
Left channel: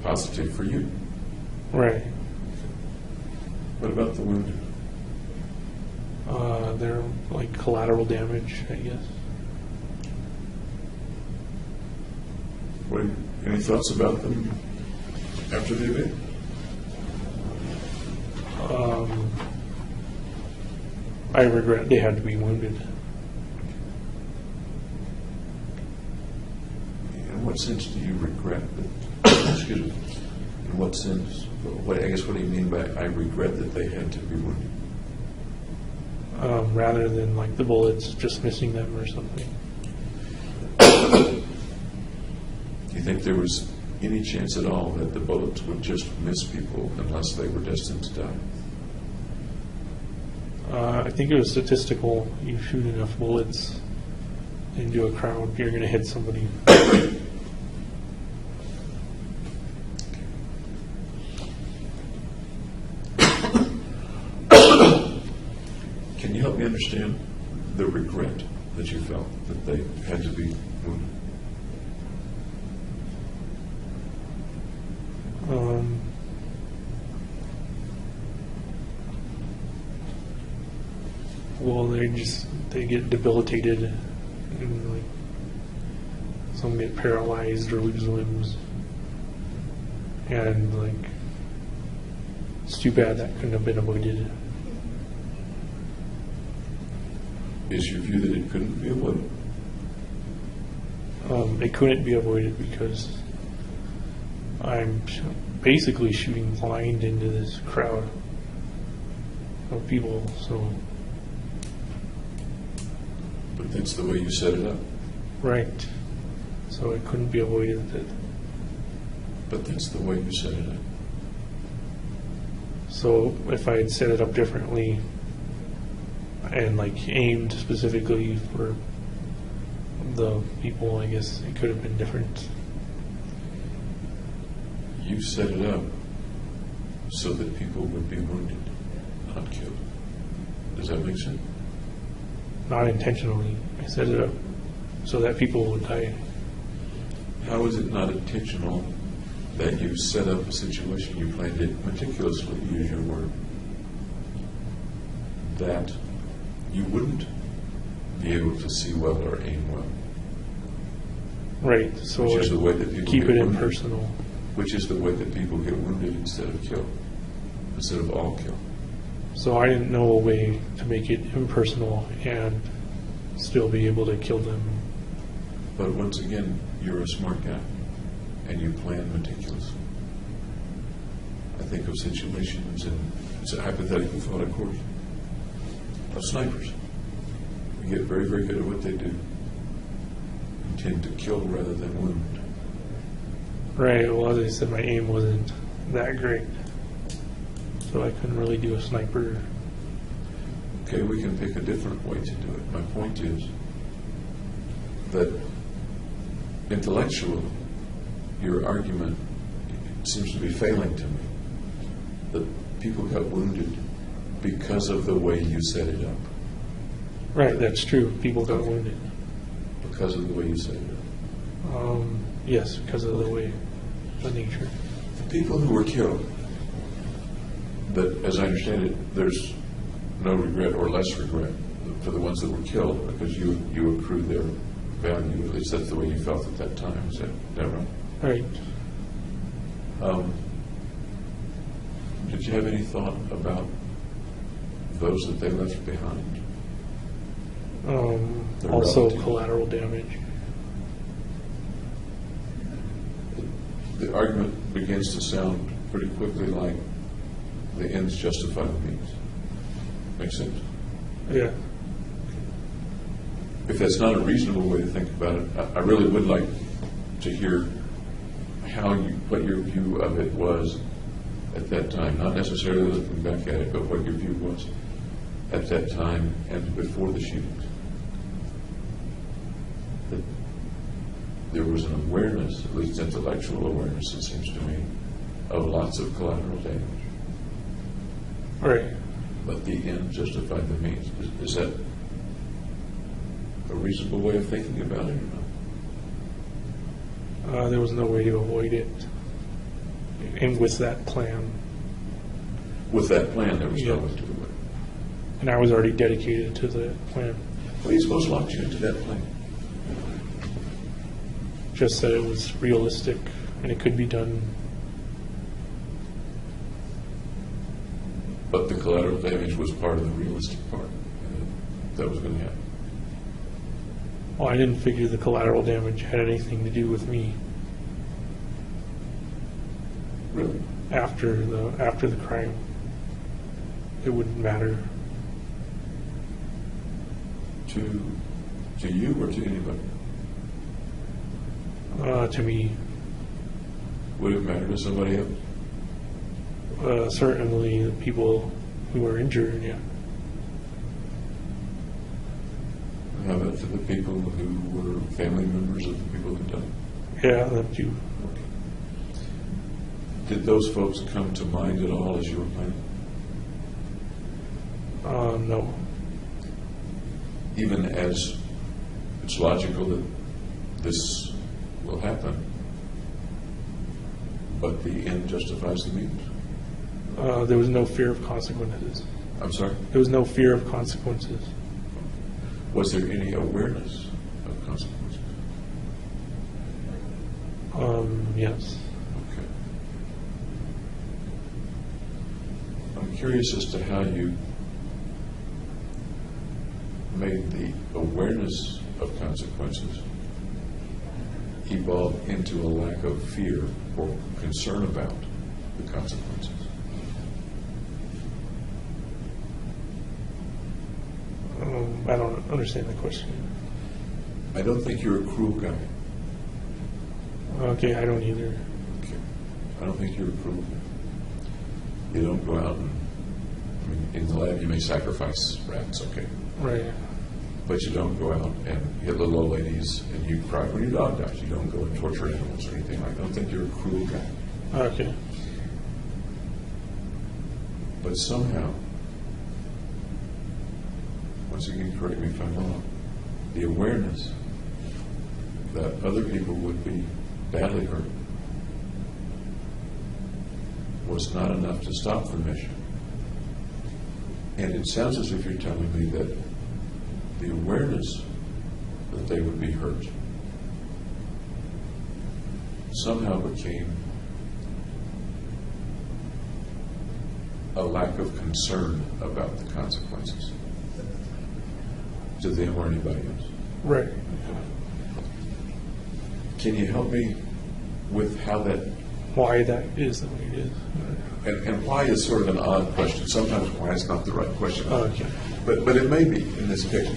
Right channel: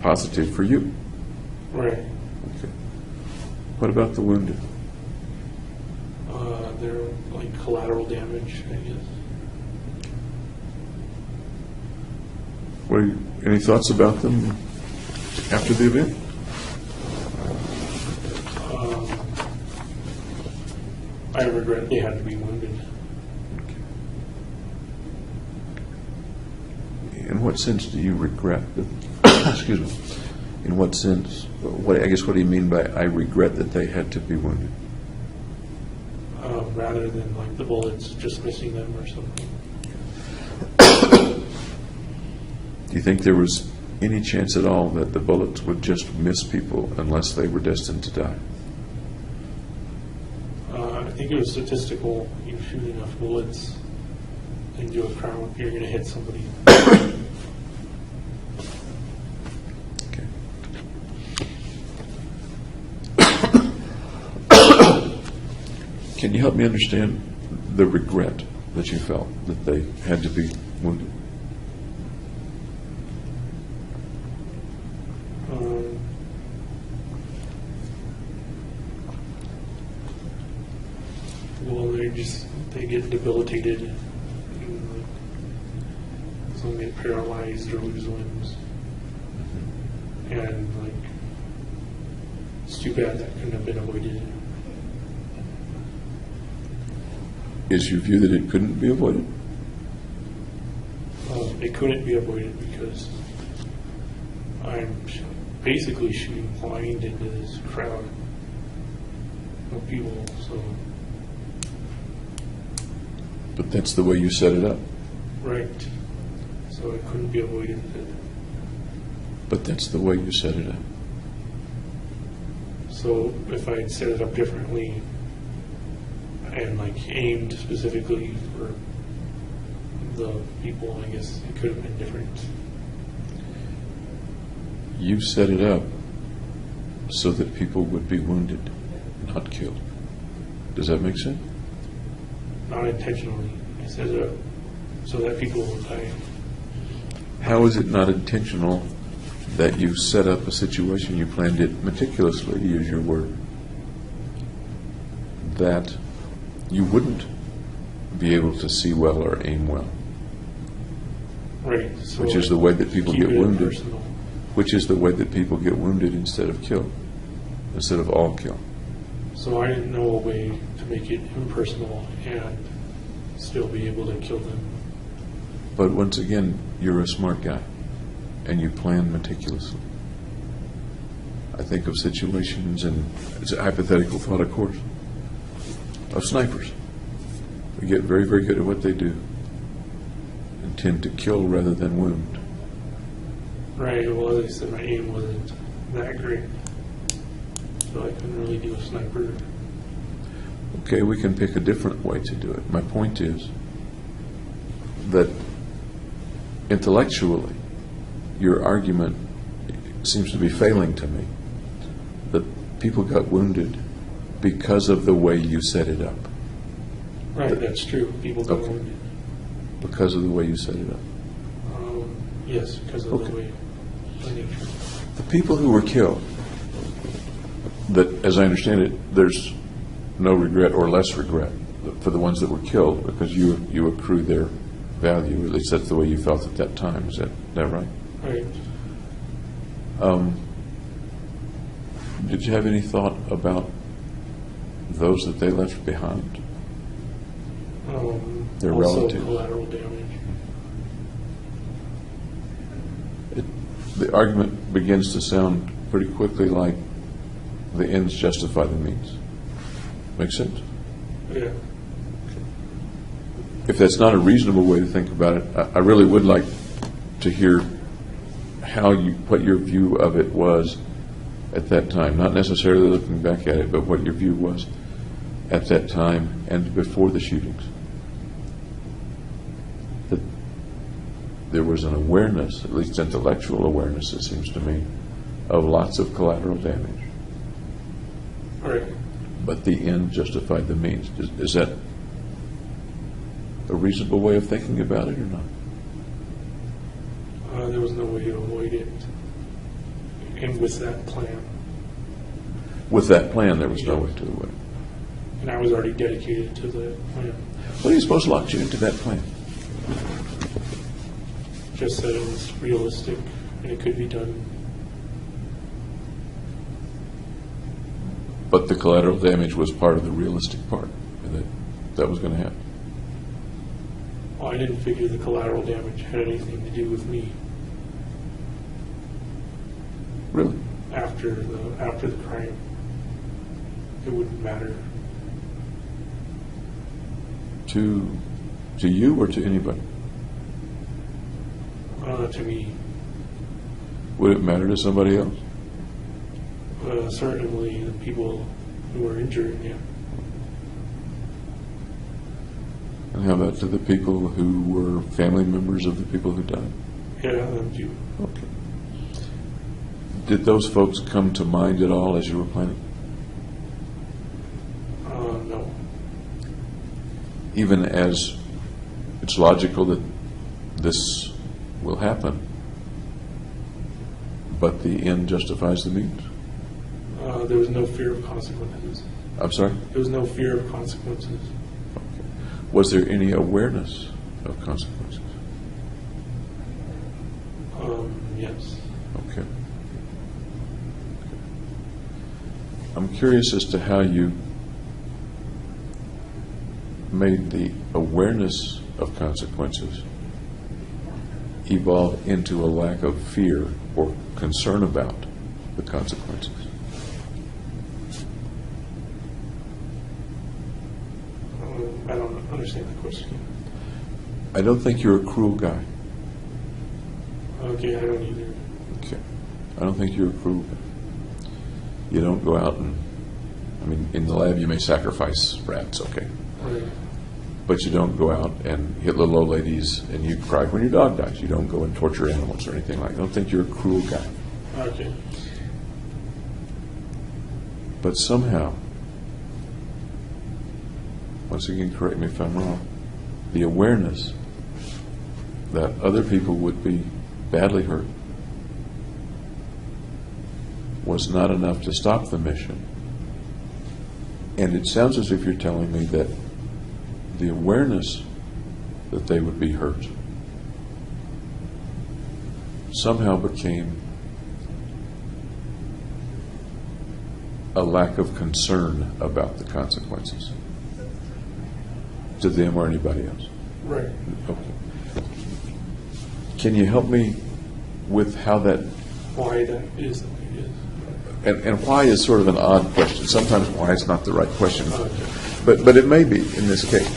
positive for you. Right. Okay. What about the wounded? They're like collateral damage, I guess. Any thoughts about them after the event? I regret they had to be wounded. In what sense do you regret that? Excuse me. In what sense? What do you mean by I regret that they had to be wounded? Rather than like the bullets just missing them or something. Do you think there was any chance at all that the bullets would just miss people unless they were destined to die? I think it was statistical. You shoot enough bullets into a crowd, you're going to hit somebody. Okay. Can you help me understand the regret that you felt that they had to be wounded? Well, they get debilitated, and like, some get paralyzed or lose limbs, and like it's too bad that couldn't have been avoided. Is your view that it couldn't be avoided? It couldn't be avoided because I'm basically shooting blind into this crowd of people. So, But that's the way you set it up. right. So it couldn't be avoided. But that's the way you set it up. So if I had set it up differently and like aimed specifically for the people, I guess it could have been different. You set it up so that people would be wounded, not killed. Does that make sense? Not intentionally. I set it up so that people would die. How is it not intentional that you set up a situation, you planned it meticulously, to use your word, that you wouldn't be able to see well or aim well? Right. So Which is the way that people keep get it wounded. impersonal. Which is the way that people get wounded instead of killed, instead of all killed. So I didn't know a way to make it impersonal and still be able to kill them. But once again, you're a smart guy, and you plan meticulously. I think of situations, and it's a hypothetical thought, of course, of snipers. They get very, very good at what they do, and tend to kill rather than wound. Right. Well, as I said, my aim wasn't that great, so I couldn't really do a sniper. Okay, we can pick a different way to do it. My point is that intellectually, your argument seems to be failing to me. That people got wounded because of the way you set it up. Right. That's true. People got Okay. wounded. Because of the way you set it up. Yes, because of Okay. the way, the nature. The people who were killed, that, as I understand it, there's no regret or less regret for the ones that were killed because you accrued their value, at least that's the way you felt at that time. Is that right? Right. Did you have any thought about those that they left behind? Their Also relatives. collateral damage. The argument begins to sound pretty quickly like the ends justify the means. Make sense? Yeah. If that's not a reasonable way to think about it, I really would like to hear what your view of it was at that time. Not necessarily looking back at it, but what your view was at that time and before the shootings. That there was an awareness, at least intellectual awareness, it seems to me, of lots of collateral damage. Right. But the end justified the means. Is that a reasonable way of thinking about it or not? There was no way to avoid it. And with that plan. With that plan, there was no way to avoid it. And I was already dedicated to the plan. What do you suppose locked you into that plan? Just that it was realistic and it could be done. But the collateral damage was part of the realistic part. That was going to happen. Well, I didn't figure the collateral damage had anything to do with me Really? after the crime. It wouldn't matter. To you or to anybody? To me, Would it matter to somebody else? certainly the people who were injured, yeah. And how about to the people who were family members of the people who died? Yeah, them too. Okay. Did those folks come to mind at all as you were planning? No. even as it's logical that this will happen, but the end justifies the means? There was no fear of consequences. I'm sorry? There was no fear of consequences. Was there any awareness of consequences? Yes. Okay. I'm curious as to how you made the awareness of consequences evolve into a lack of fear or concern about the consequences. I don't understand the question. I don't think you're a cruel guy. Okay, I don't either. Okay. I don't think you're a cruel guy. You don't go out and, I mean, in the lab you may sacrifice rats, okay? Right. But you don't go out and hit little old ladies and you cry when your dog dies. You don't go and torture animals or anything like that. I don't think you're a cruel guy. Okay. But somehow, once again, correct me if I'm wrong, the awareness that other people would be badly hurt was not enough to stop the mission. And it sounds as if you're telling me that the awareness that they would be hurt somehow became a lack of concern about the consequences to them or anybody else. Right. Can you help me with how that, Why that is the way it is. and why is sort of an odd question. Sometimes why is not the right question. Okay. But it may be in this case.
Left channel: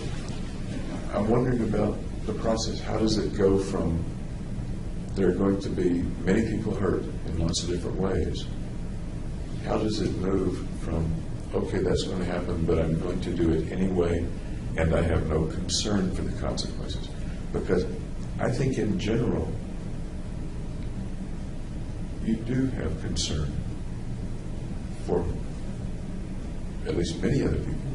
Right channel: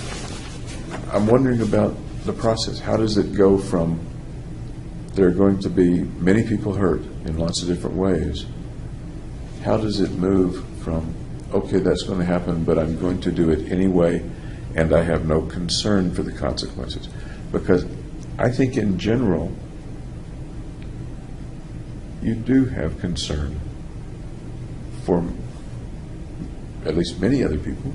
I'm wondering about the process. How does it go from there are going to be many people hurt in lots of different ways? How does it move from, okay, that's going to happen, but I'm going to do it anyway, and I have no concern for the consequences? Because I think in general, you do have concern for at least many other people.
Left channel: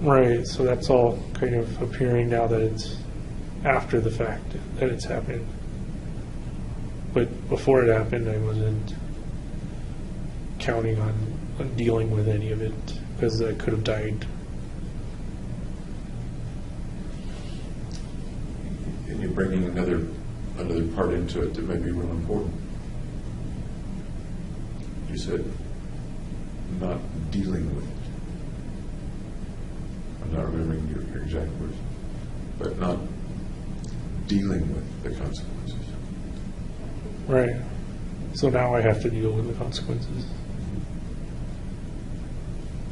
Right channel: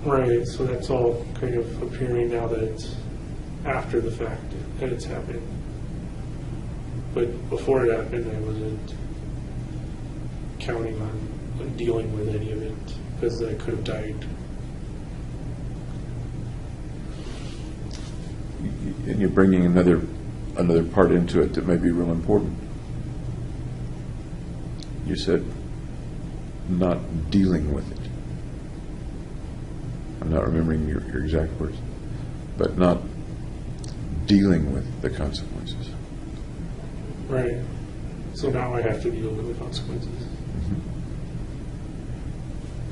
Right, so that's all kind of appearing now that it's after the fact that it's happened. But before it happened, I wasn't counting on dealing with any of it because I could have died. And you're bringing another part into it that may be real important. You said not dealing with it. I'm not remembering your exact words, but not dealing with the consequences. Right. So now I have to deal with the consequences.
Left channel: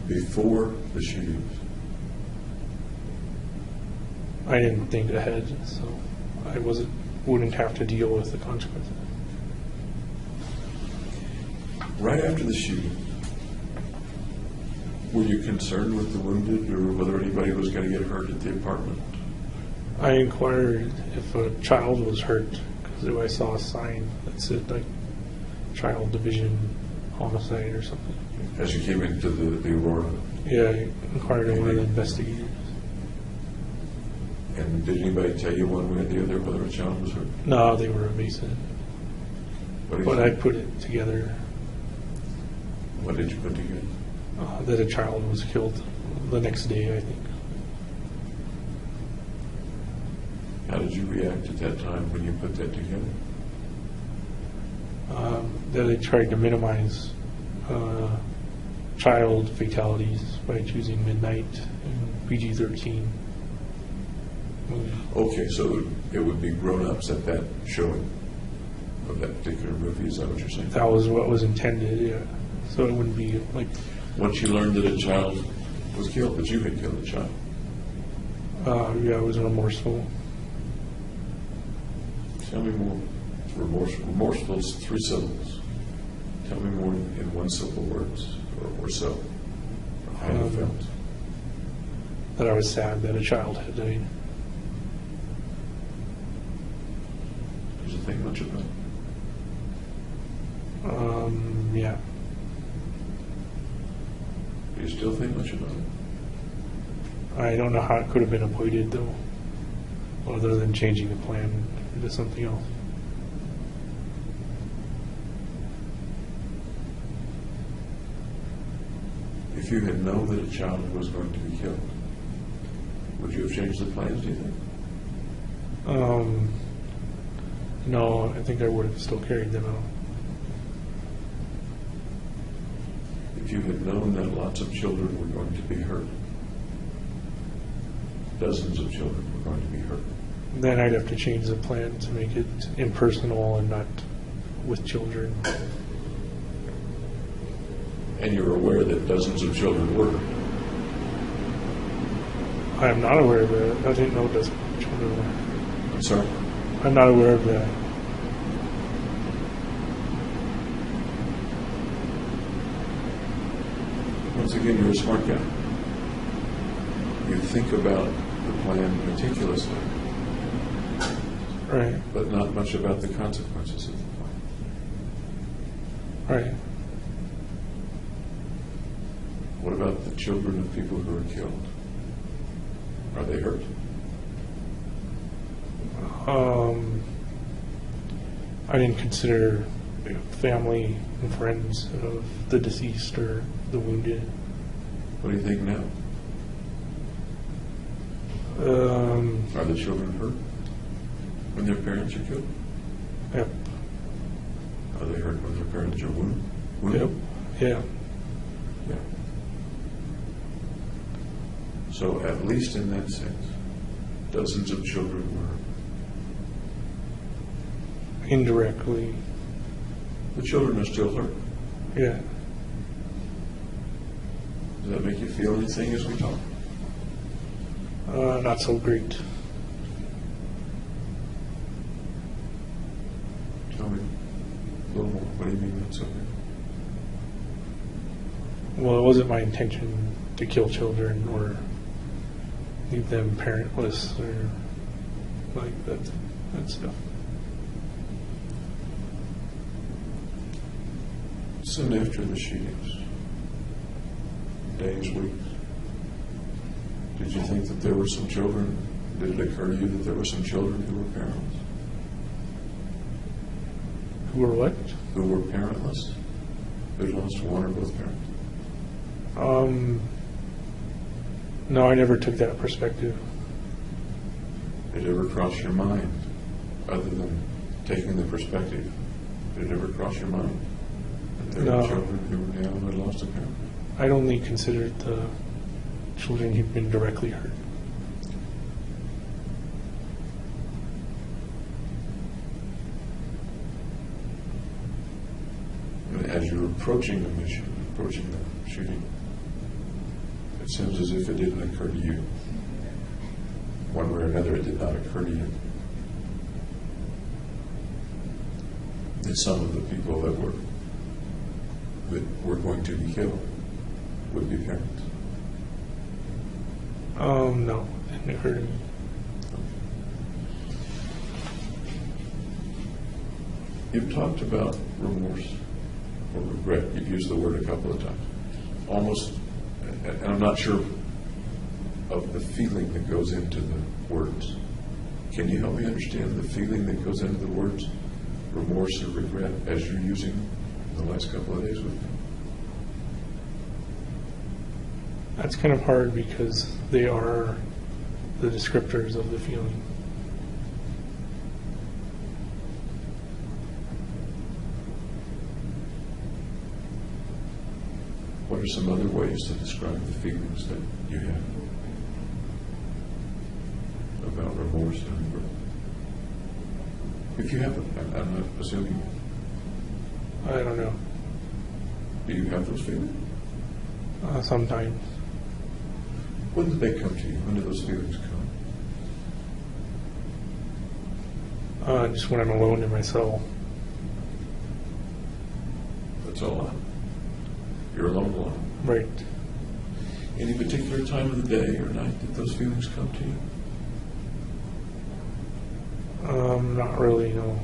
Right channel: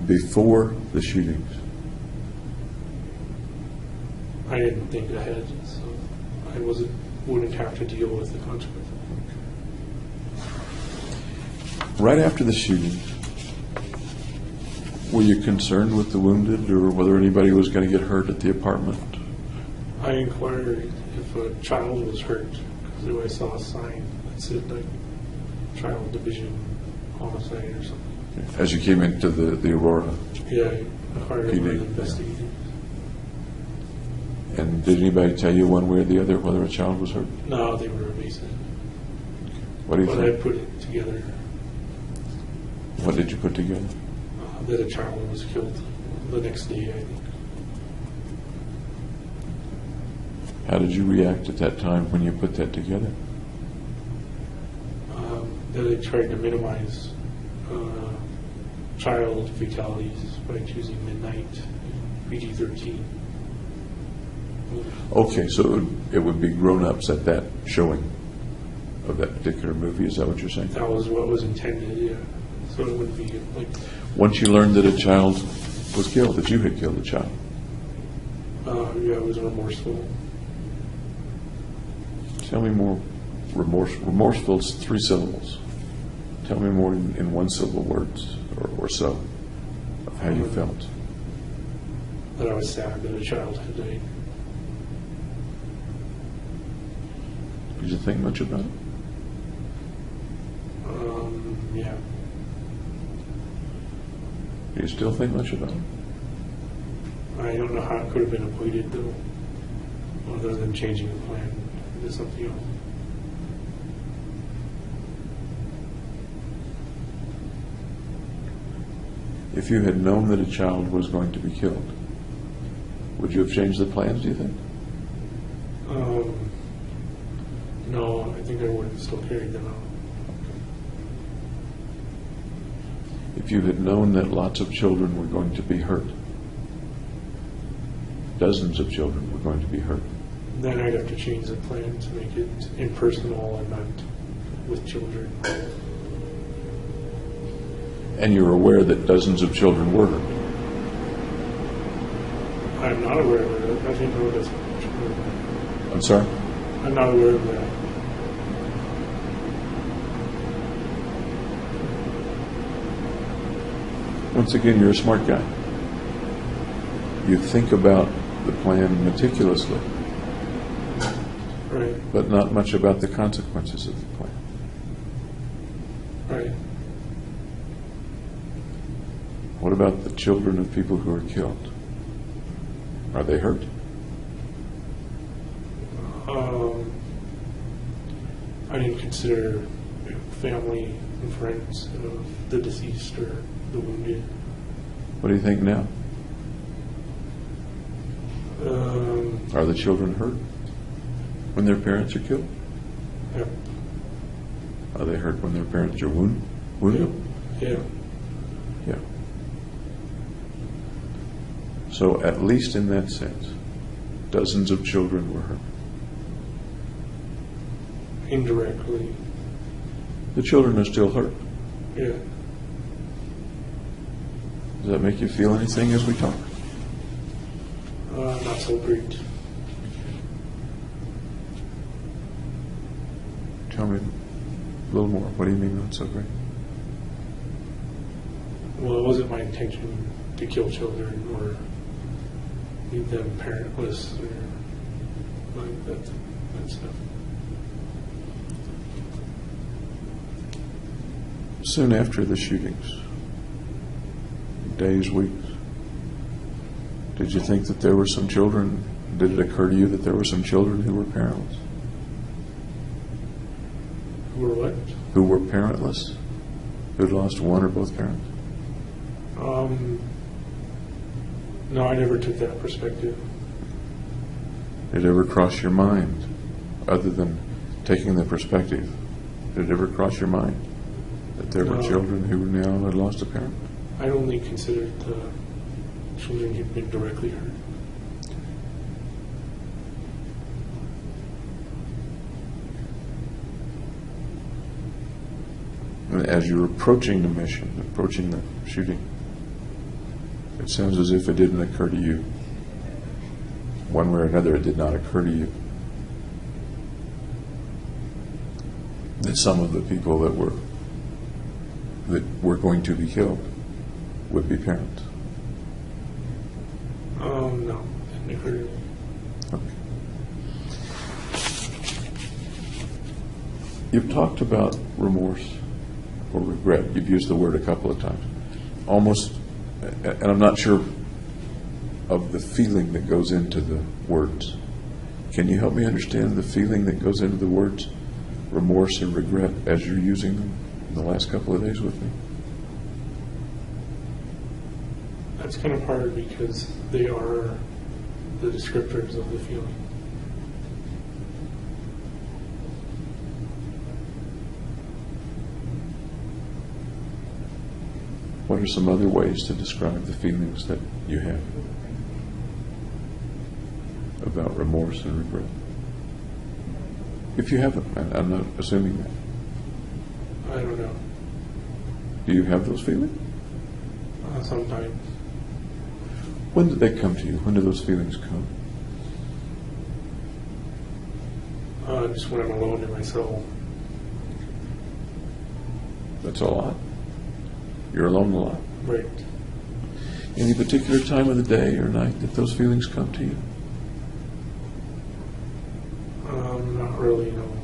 Before the shootings, I didn't think ahead, so I wouldn't have to deal with the consequences. right after the shooting, were you concerned with the wounded or whether anybody was going to get hurt at the apartment? I inquired if a child was hurt because I saw a sign that said like child division homicide or something. As you came into the Aurora? Yeah, I inquired You over did? and investigated. And did anybody tell you one way or the other whether a child was hurt? No, they were evasive. What do you But I think? put it together What did you put together? that a child was killed the next day, I think. How did you react at that time when you put that together? That they tried to minimize child fatalities by choosing midnight and PG-13. Okay, so it would be grown-ups at that showing of that particular movie. Is that what you're saying? That was what was intended, yeah. So it would be like, Once you learned that a child was killed, that you had killed a child, yeah, it was remorseful. tell me more. Remorseful is 3 syllables. Tell me more in 1 syllable words or so of how you felt. That I was sad that a child had died. Did you think much about it? Yeah. Do you still think much about it? I don't know how it could have been avoided though, other than changing the plan into something else. If you had known that a child was going to be killed, would you have changed the plans, do you think? No, I think I would have still carried them out. If you had known that lots of children were going to be hurt, dozens of children were going to be hurt, Then I'd have to change the plan to make it impersonal and not with children. and you're aware that dozens of children were hurt, I'm not aware of that. I didn't know this. I'm sorry? I'm not aware of that. Once again, you're a smart guy. You think about the plan meticulously, Right, but not much about the consequences of the plan. right. What about the children of people who are killed? Are they hurt? I didn't consider family and friends of the deceased or the wounded. What do you think now? Are the children hurt when their parents are killed? Yep. Are they hurt when their parents are wounded? Yeah. Yeah. So at least in that sense, dozens of children were hurt. Indirectly. The children are still hurt. Yeah. Does that make you feel anything as we talk? Not so great. Tell me a little more. What do you mean not so great? Well, it wasn't my intention to kill children or leave them parentless or like that stuff. Soon after the shootings, days, weeks, did you think that there were some children? Did it occur to you that there were some children who were parentless? Who or what? Who were parentless? Who had lost one or both parents? No, I never took that perspective. Did it ever cross your mind, other than taking the perspective, did it ever cross your mind that there were No. children who now had lost a parent? I'd only considered the children who'd been directly hurt. And as you're approaching the mission, approaching the shooting, it sounds as if it didn't occur to you. One way or another, it did not occur to you that some of the people that were going to be killed would be parents. No, it never. Okay. You've talked about remorse or regret. You've used the word a couple of times. Almost, and I'm not sure of the feeling that goes into the words. Can you help me understand the feeling that goes into the words remorse and regret as you're using them the last couple of days with me? That's kind of hard because they are the descriptors of the feeling. What are some other ways to describe the feelings that you have about remorse and regret? If you haven't, I'm not assuming that. I don't know. Do you have those feelings? Sometimes. When did they come to you? When do those feelings come? Just when I'm alone in my cell. That's a lot. You're alone a lot. Right. Any particular time of the day or night that those feelings come to you? Not really, no.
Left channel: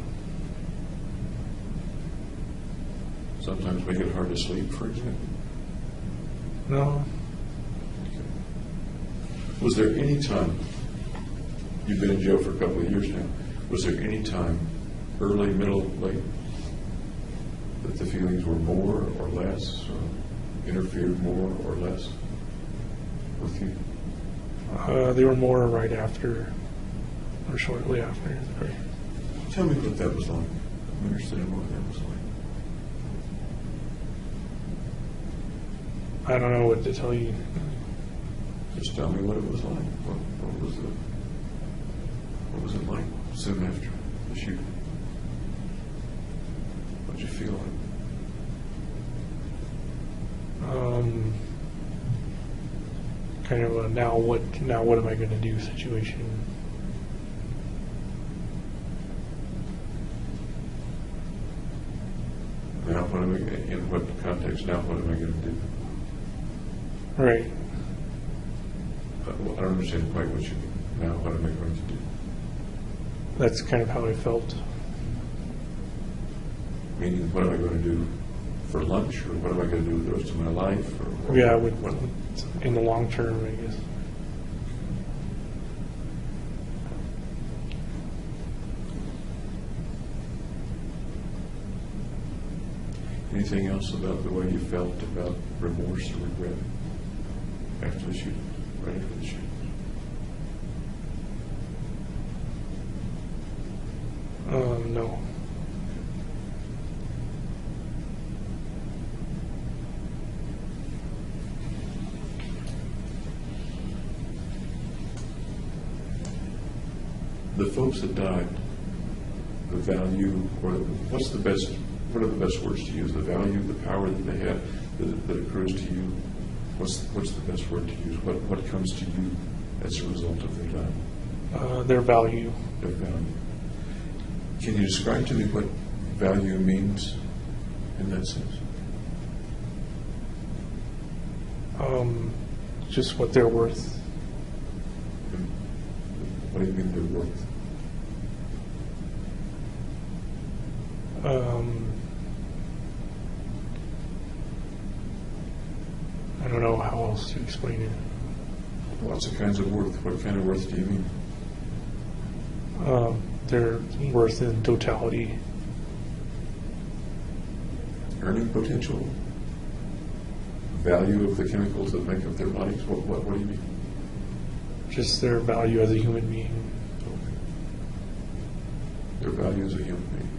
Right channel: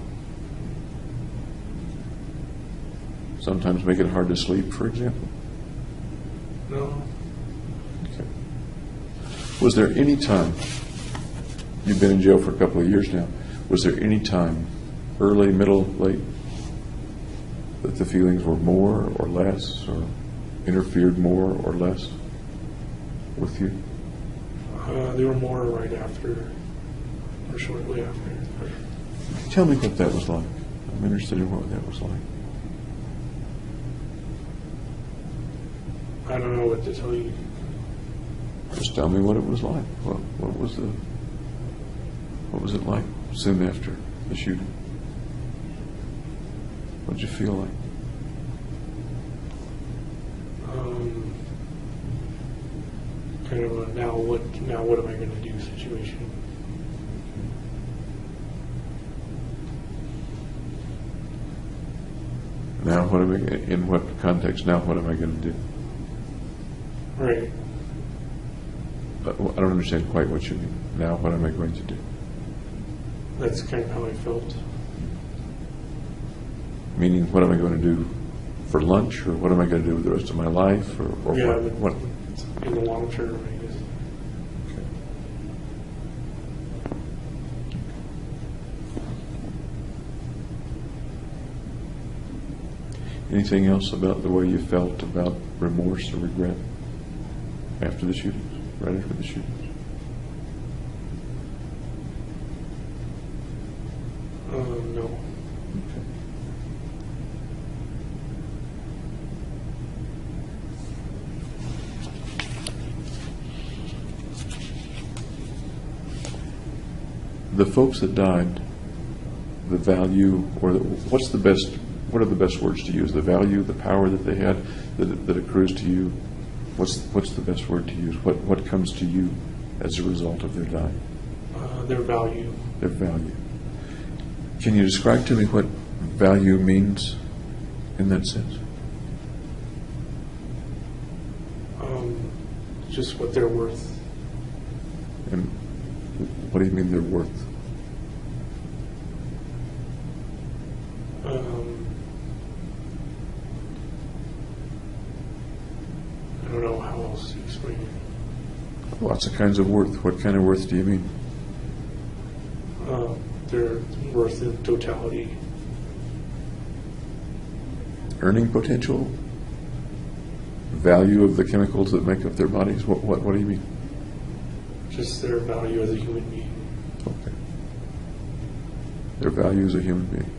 Sometimes make it hard to sleep, for example. No. Okay. Was there any time, you've been in jail for a couple of years now, was there any time, early, middle, late, that the feelings were more or less, or interfered more or less with you? They were more right after, or shortly after. Tell me what that was like. I'm interested in what that was like. I don't know what to tell you. Just tell me what it was like. What was it like soon after the shooting? What did you feel like? Kind of a now what am I going to do situation. Now what am I, in what context, now what am I going to do? Right. But I don't understand quite what you mean. Now what am I going to do? That's kind of how I felt. Meaning, what am I going to do for lunch, or what am I going to do with the rest of my life, or Yeah, what? in the long term, I guess. Anything else about the way you felt about remorse or regret after the shootings, right after the shootings? No. The folks that died, the value, or what are the best words to use? The value, the power that they had, that accrues to you. What's the best word to use? What comes to you as a result of their dying? Their value. Their value. Can you describe to me what value means in that sense? Just what they're worth. And what do you mean they're worth? I don't know how else to explain it. Lots of kinds of worth. What kind of worth do you mean? Their worth in totality. Earning potential? Value of the chemicals that make up their bodies? What do you mean? Just their value as a human being. Okay. Their value as a human being.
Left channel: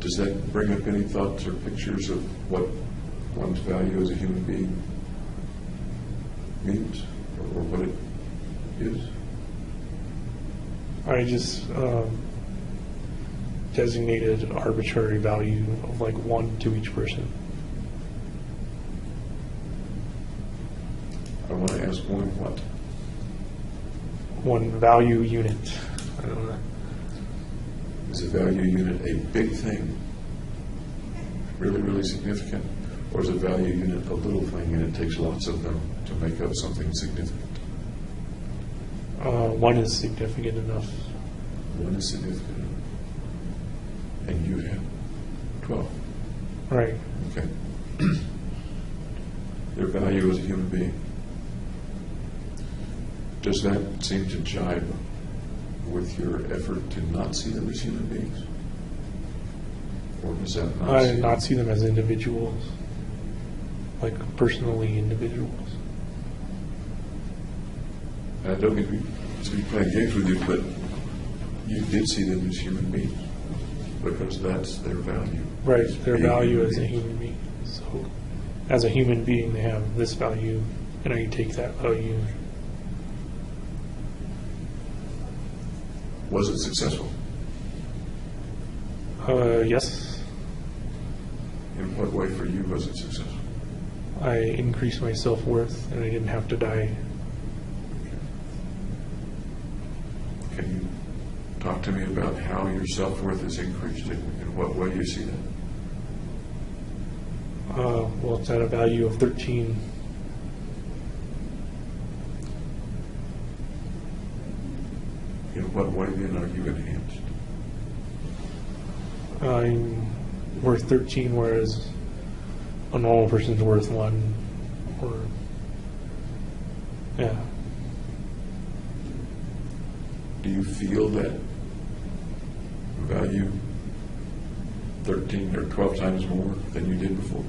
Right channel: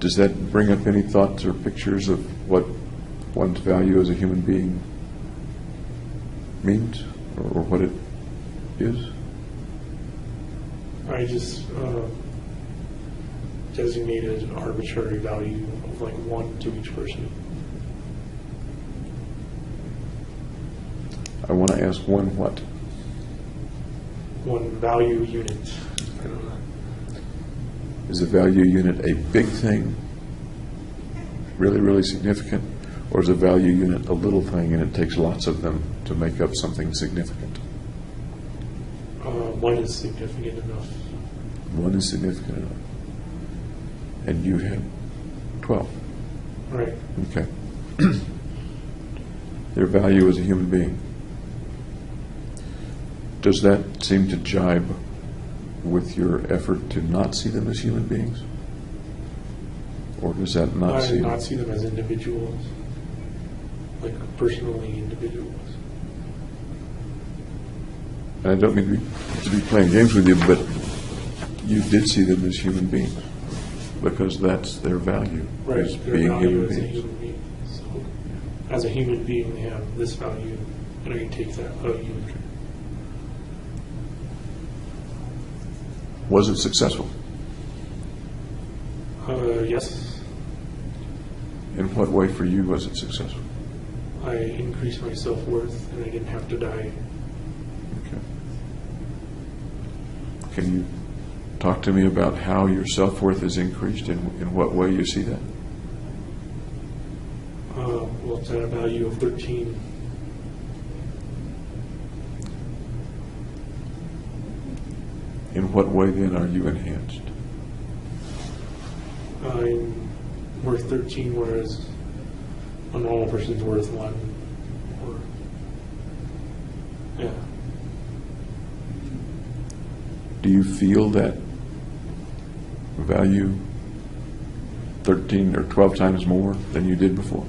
Does that bring up any thoughts or pictures of what one's value as a human being means, or what it is? I just designated an arbitrary value of like 1 to each person. I want to ask one what? 1 value unit. I don't know. Is a value unit a big thing, really, really significant, or is a value unit a little thing and it takes lots of them to make up something significant? 1 is significant enough. 1 is significant enough. And you had 12. Right. Okay. Their value as a human being. Does that seem to jibe with your effort to not see them as human beings? Or does that not I see did not see them as individuals, like personally individuals. And I don't mean to be playing games with you, but you did see them as human beings because that's their value. Right, is their being value human as a beings. human being. So, as a human being, they have this value, and I can take that value. Was it successful? Yes, In what way for you was it successful? I increased my self-worth, and I didn't have to die. Okay. Can you talk to me about how your self-worth is increased, in what way you see that? Well, it's at a value of 13. In what way then are you enhanced? I'm worth 13, whereas a normal person's worth 1, or Yeah. Do you feel that value 13 or 12 times more than you did before?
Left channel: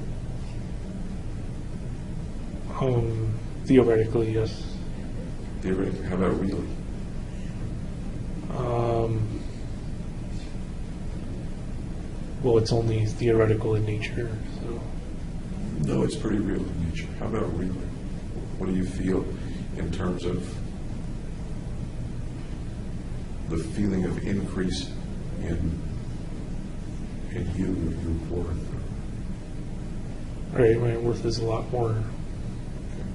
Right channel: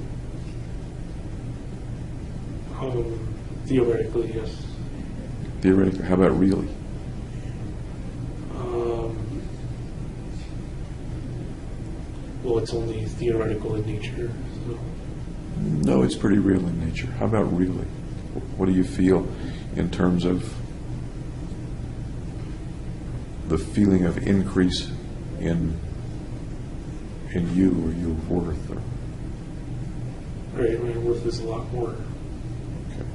Theoretically, yes. Theoretically, how about really? Well, it's only theoretical in nature, so. No, it's pretty real in nature. How about really? What do you feel in terms of the feeling of increase in you or your worth? Right, my worth is a lot more. Okay.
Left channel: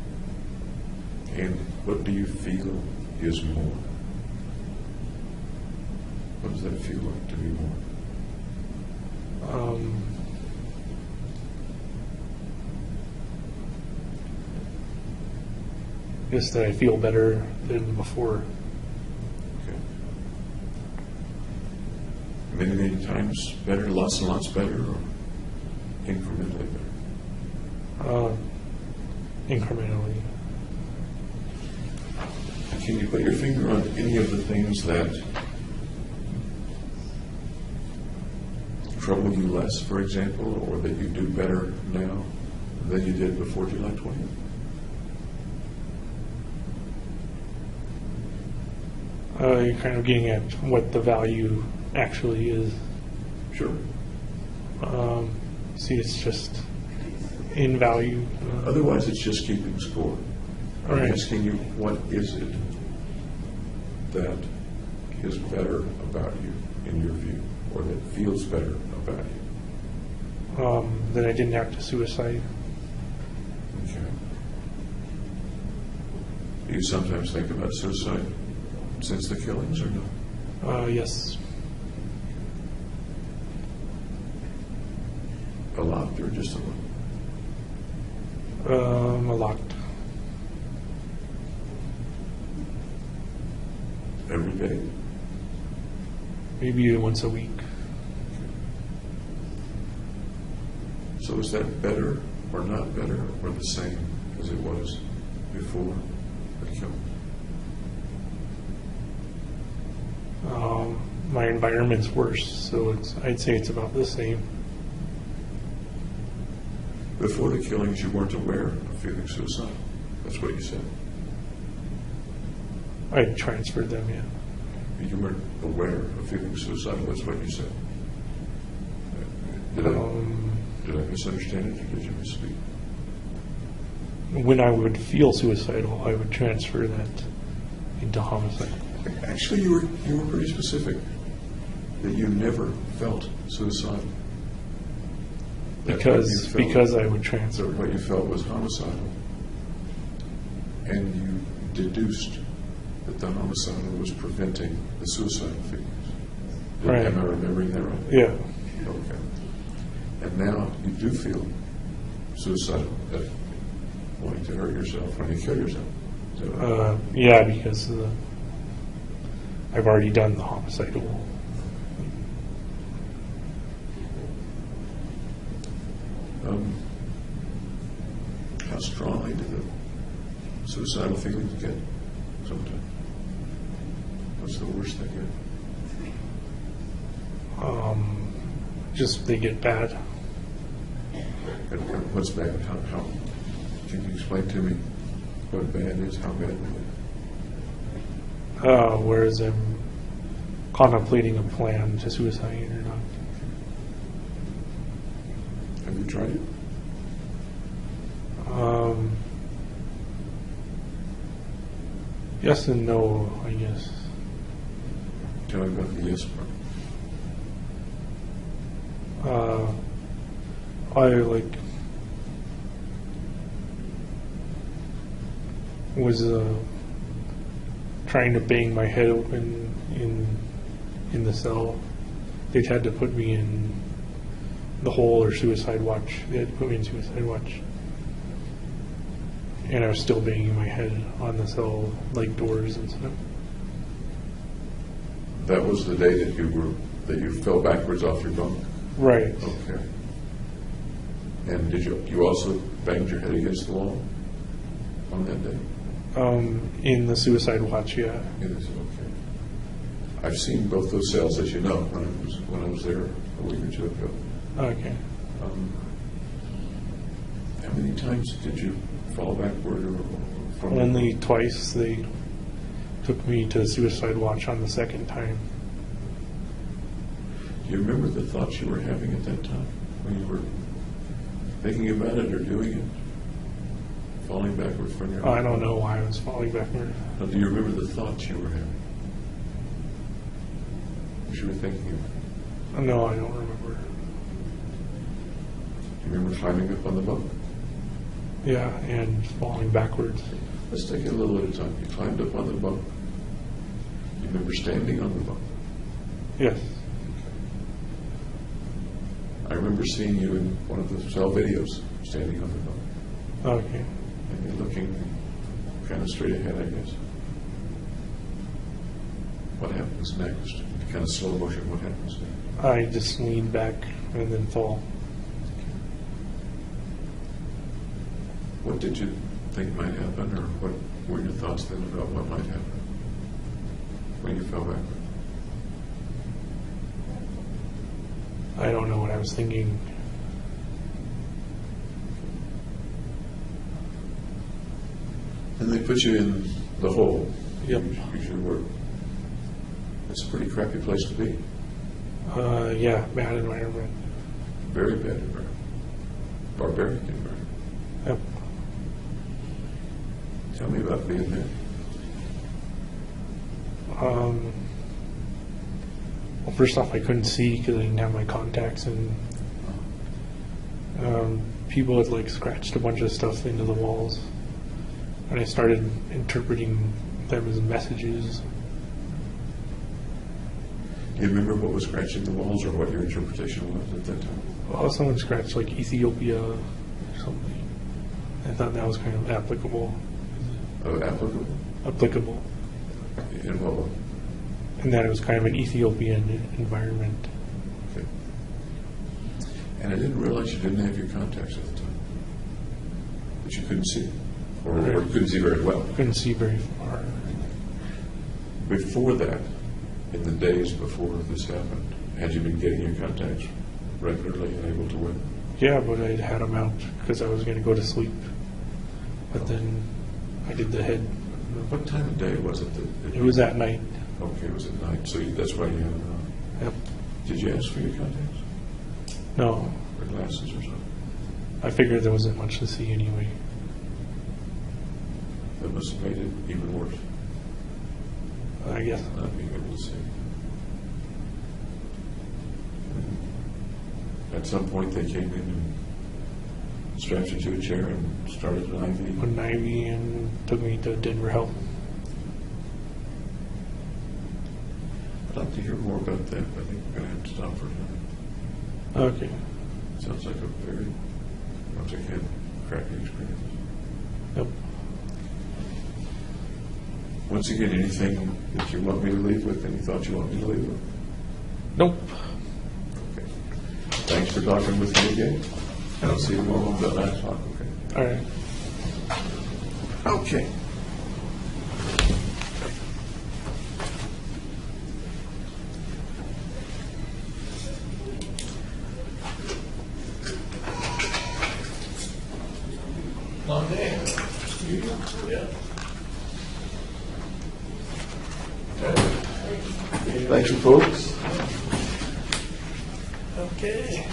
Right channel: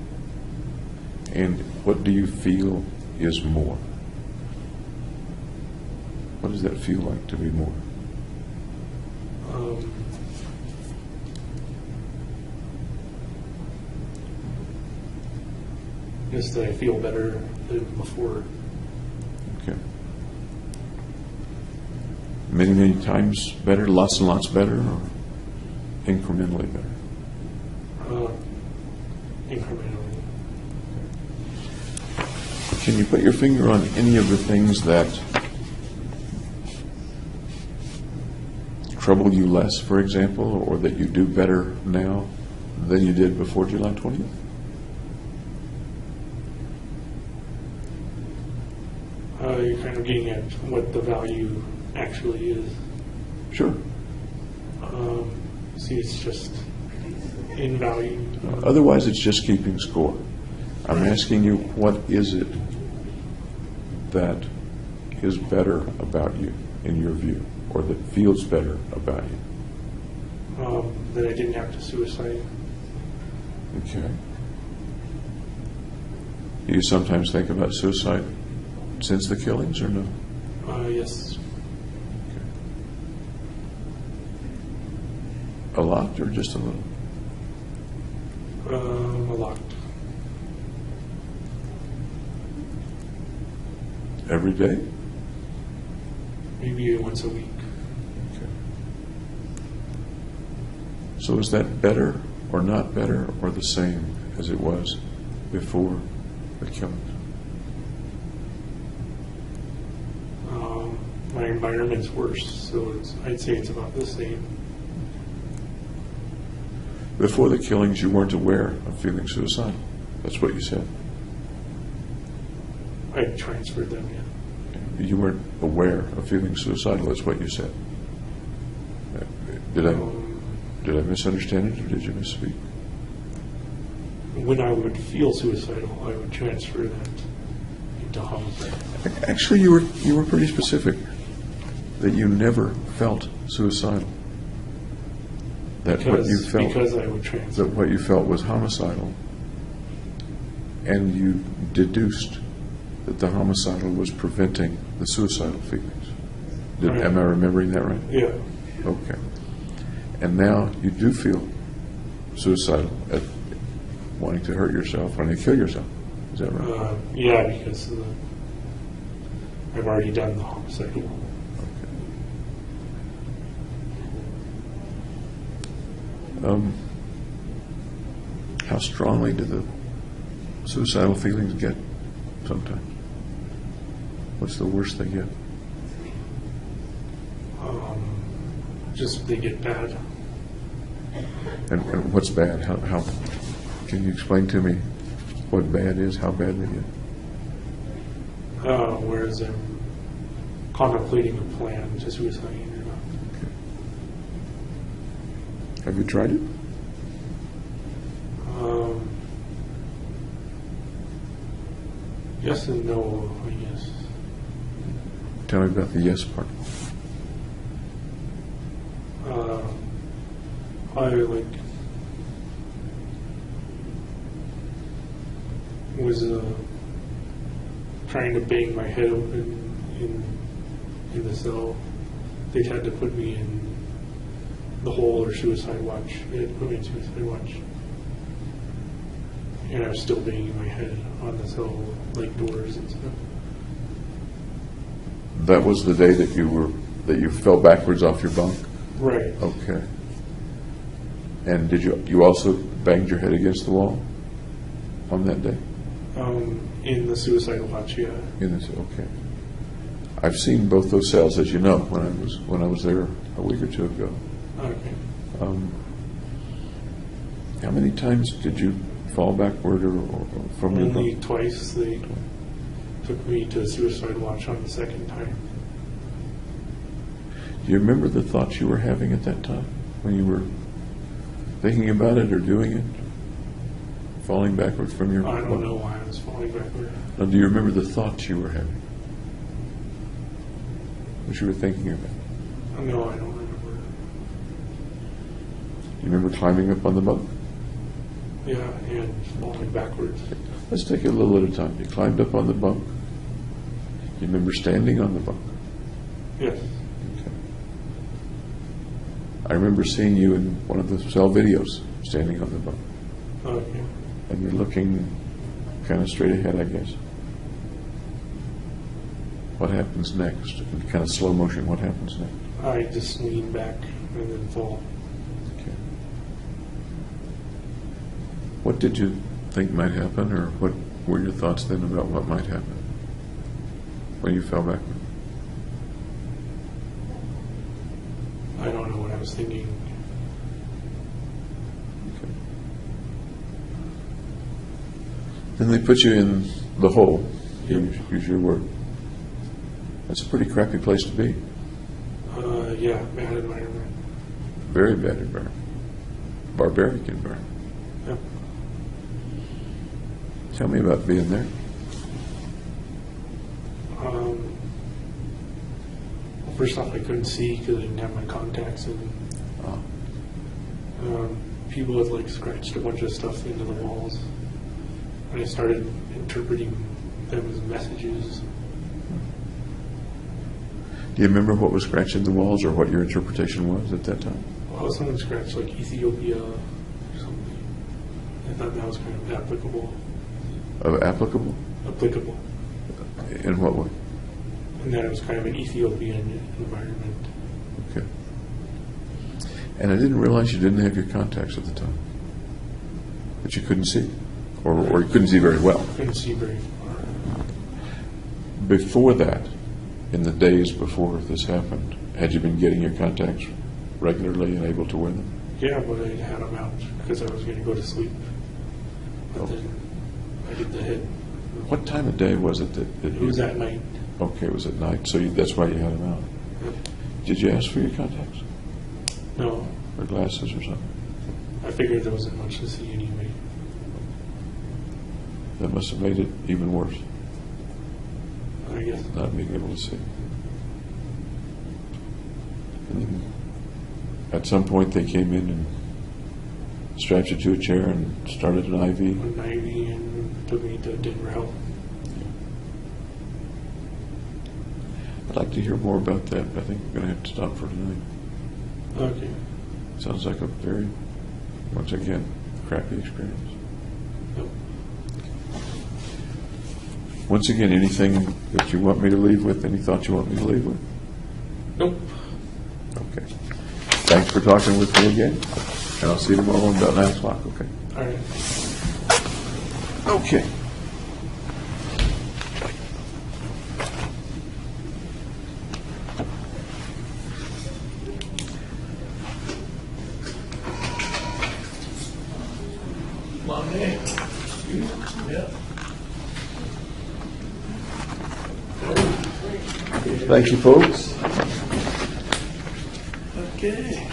And what do you feel is more? What does that feel like to be more? Just that I feel better than before. Okay. Many, many times better, lots and lots better, or incrementally better? Incrementally. Can you put your finger on any of the things that trouble you less, for example, or that you do better now than you did before July 20th? You're kind of getting at what the value actually is. Sure. See, it's just in value. Otherwise, it's just keeping score. I'm Right. asking you, what is it that is better about you, in your view, or that feels better about you? That I didn't act to suicide. Okay. Do you sometimes think about suicide since the killings, or no? Yes. A lot, or just a little? A lot. Every day? Maybe once a week. Okay. So is that better or not better or the same as it was before the killing? My environment's worse, so I'd say it's about the same. Before the killings, you weren't aware of feeling suicidal. That's what you said. I transferred them in. You weren't aware of feeling suicidal. That's what you said. Did I misunderstand it, or did you misspeak? When I would feel suicidal, I would transfer that into homicide. Actually, you were pretty specific that you never felt suicidal. That what you felt, Because I would transfer. that what you felt was homicidal, and you deduced that the homicidal was preventing the suicidal feelings. Right. Am I remembering that right? Yeah. Okay. And now you do feel suicidal, at wanting to hurt yourself, wanting to kill yourself. Is that right? Yeah, because I've already done the homicidal. How strongly do the suicidal feelings get sometimes? What's the worst they get? Just they get bad. And what's bad? How can you explain to me what bad is? How bad they get? Whereas I'm contemplating a plan to suicide. Have you tried it? Yes and no, I guess. Tell me about the yes part. I was trying to bang my head open in the cell. They had to put me in the hole or suicide watch. They had to put me in suicide watch. And I was still banging my head on the cell, like doors and stuff. That was the day that you fell backwards off your bunk? Right. Okay. And did you also banged your head against the wall on that day? In the suicide watch, yeah. Okay. I've seen both those cells, as you know, when I was there a week or two ago. Okay. How many times did you fall backward or from your Only bunk? twice. They took me to suicide watch on the second time. Do you remember the thoughts you were having at that time when you were thinking about it or doing it? Falling backward from your I don't know why I was falling backward. Now, do you remember the thoughts you were having? What you were thinking about? No, I don't remember. You remember climbing up on the bunk? Yeah, and falling backwards. Let's take it a little at a time. You climbed up on the bunk. You remember standing on the bunk? Yes. I remember seeing you in one of the cell videos standing on the bunk. Okay. And you're looking kind of straight ahead, I guess. What happens next? In kind of slow motion, what happens next? I just lean back and then fall. Okay. What did you think might happen, or what were your thoughts then about what might happen when you fell back? I don't know what I was thinking. Then they put you in the hole. Yep. Use your word. That's a pretty crappy place to be. Yeah, bad environment. Very bad environment. Barbaric environment. Yep. Tell me about being there. Well, first off, I couldn't see because I didn't have my contacts, and people had like scratched a bunch of stuff into the walls, and I started interpreting them as messages. Do you remember what was scratching the walls or what your interpretation was at that time? Well, someone scratched like Ethiopia or something. I thought that was kind of applicable. Applicable? Applicable. In what way? And that it was kind of an Ethiopian environment. Okay. And I didn't realize you didn't have your contacts at the time. That you couldn't see. Or you couldn't see very well. Couldn't see very far. Before that, in the days before this happened, had you been getting your contacts regularly and able to wear them? Yeah, but I'd had them out because I was going to go to sleep. But then I did the head. What time of day was it that It was at night. Okay, it was at night, so that's why you had them out. Yep. Did you ask for your contacts? No, Or glasses or something? I figured there wasn't much to see anyway. That must have made it even worse, I guess. not being able to see. And at some point, they came in and strapped you to a chair and started an IV. Put an IV and took me to Denver Health. I'd like to hear more about that. I think we're going to have to stop for tonight. Okay. Sounds like a very, once again, crappy experience. Yep. Once again, anything that you want me to leave with? Any thoughts you want me to leave with? Nope. Okay. Thanks for talking with me again. And I'll see you tomorrow about 9 o'clock, okay? All right. Okay. Long day. Yeah. Thank you, folks. Okay.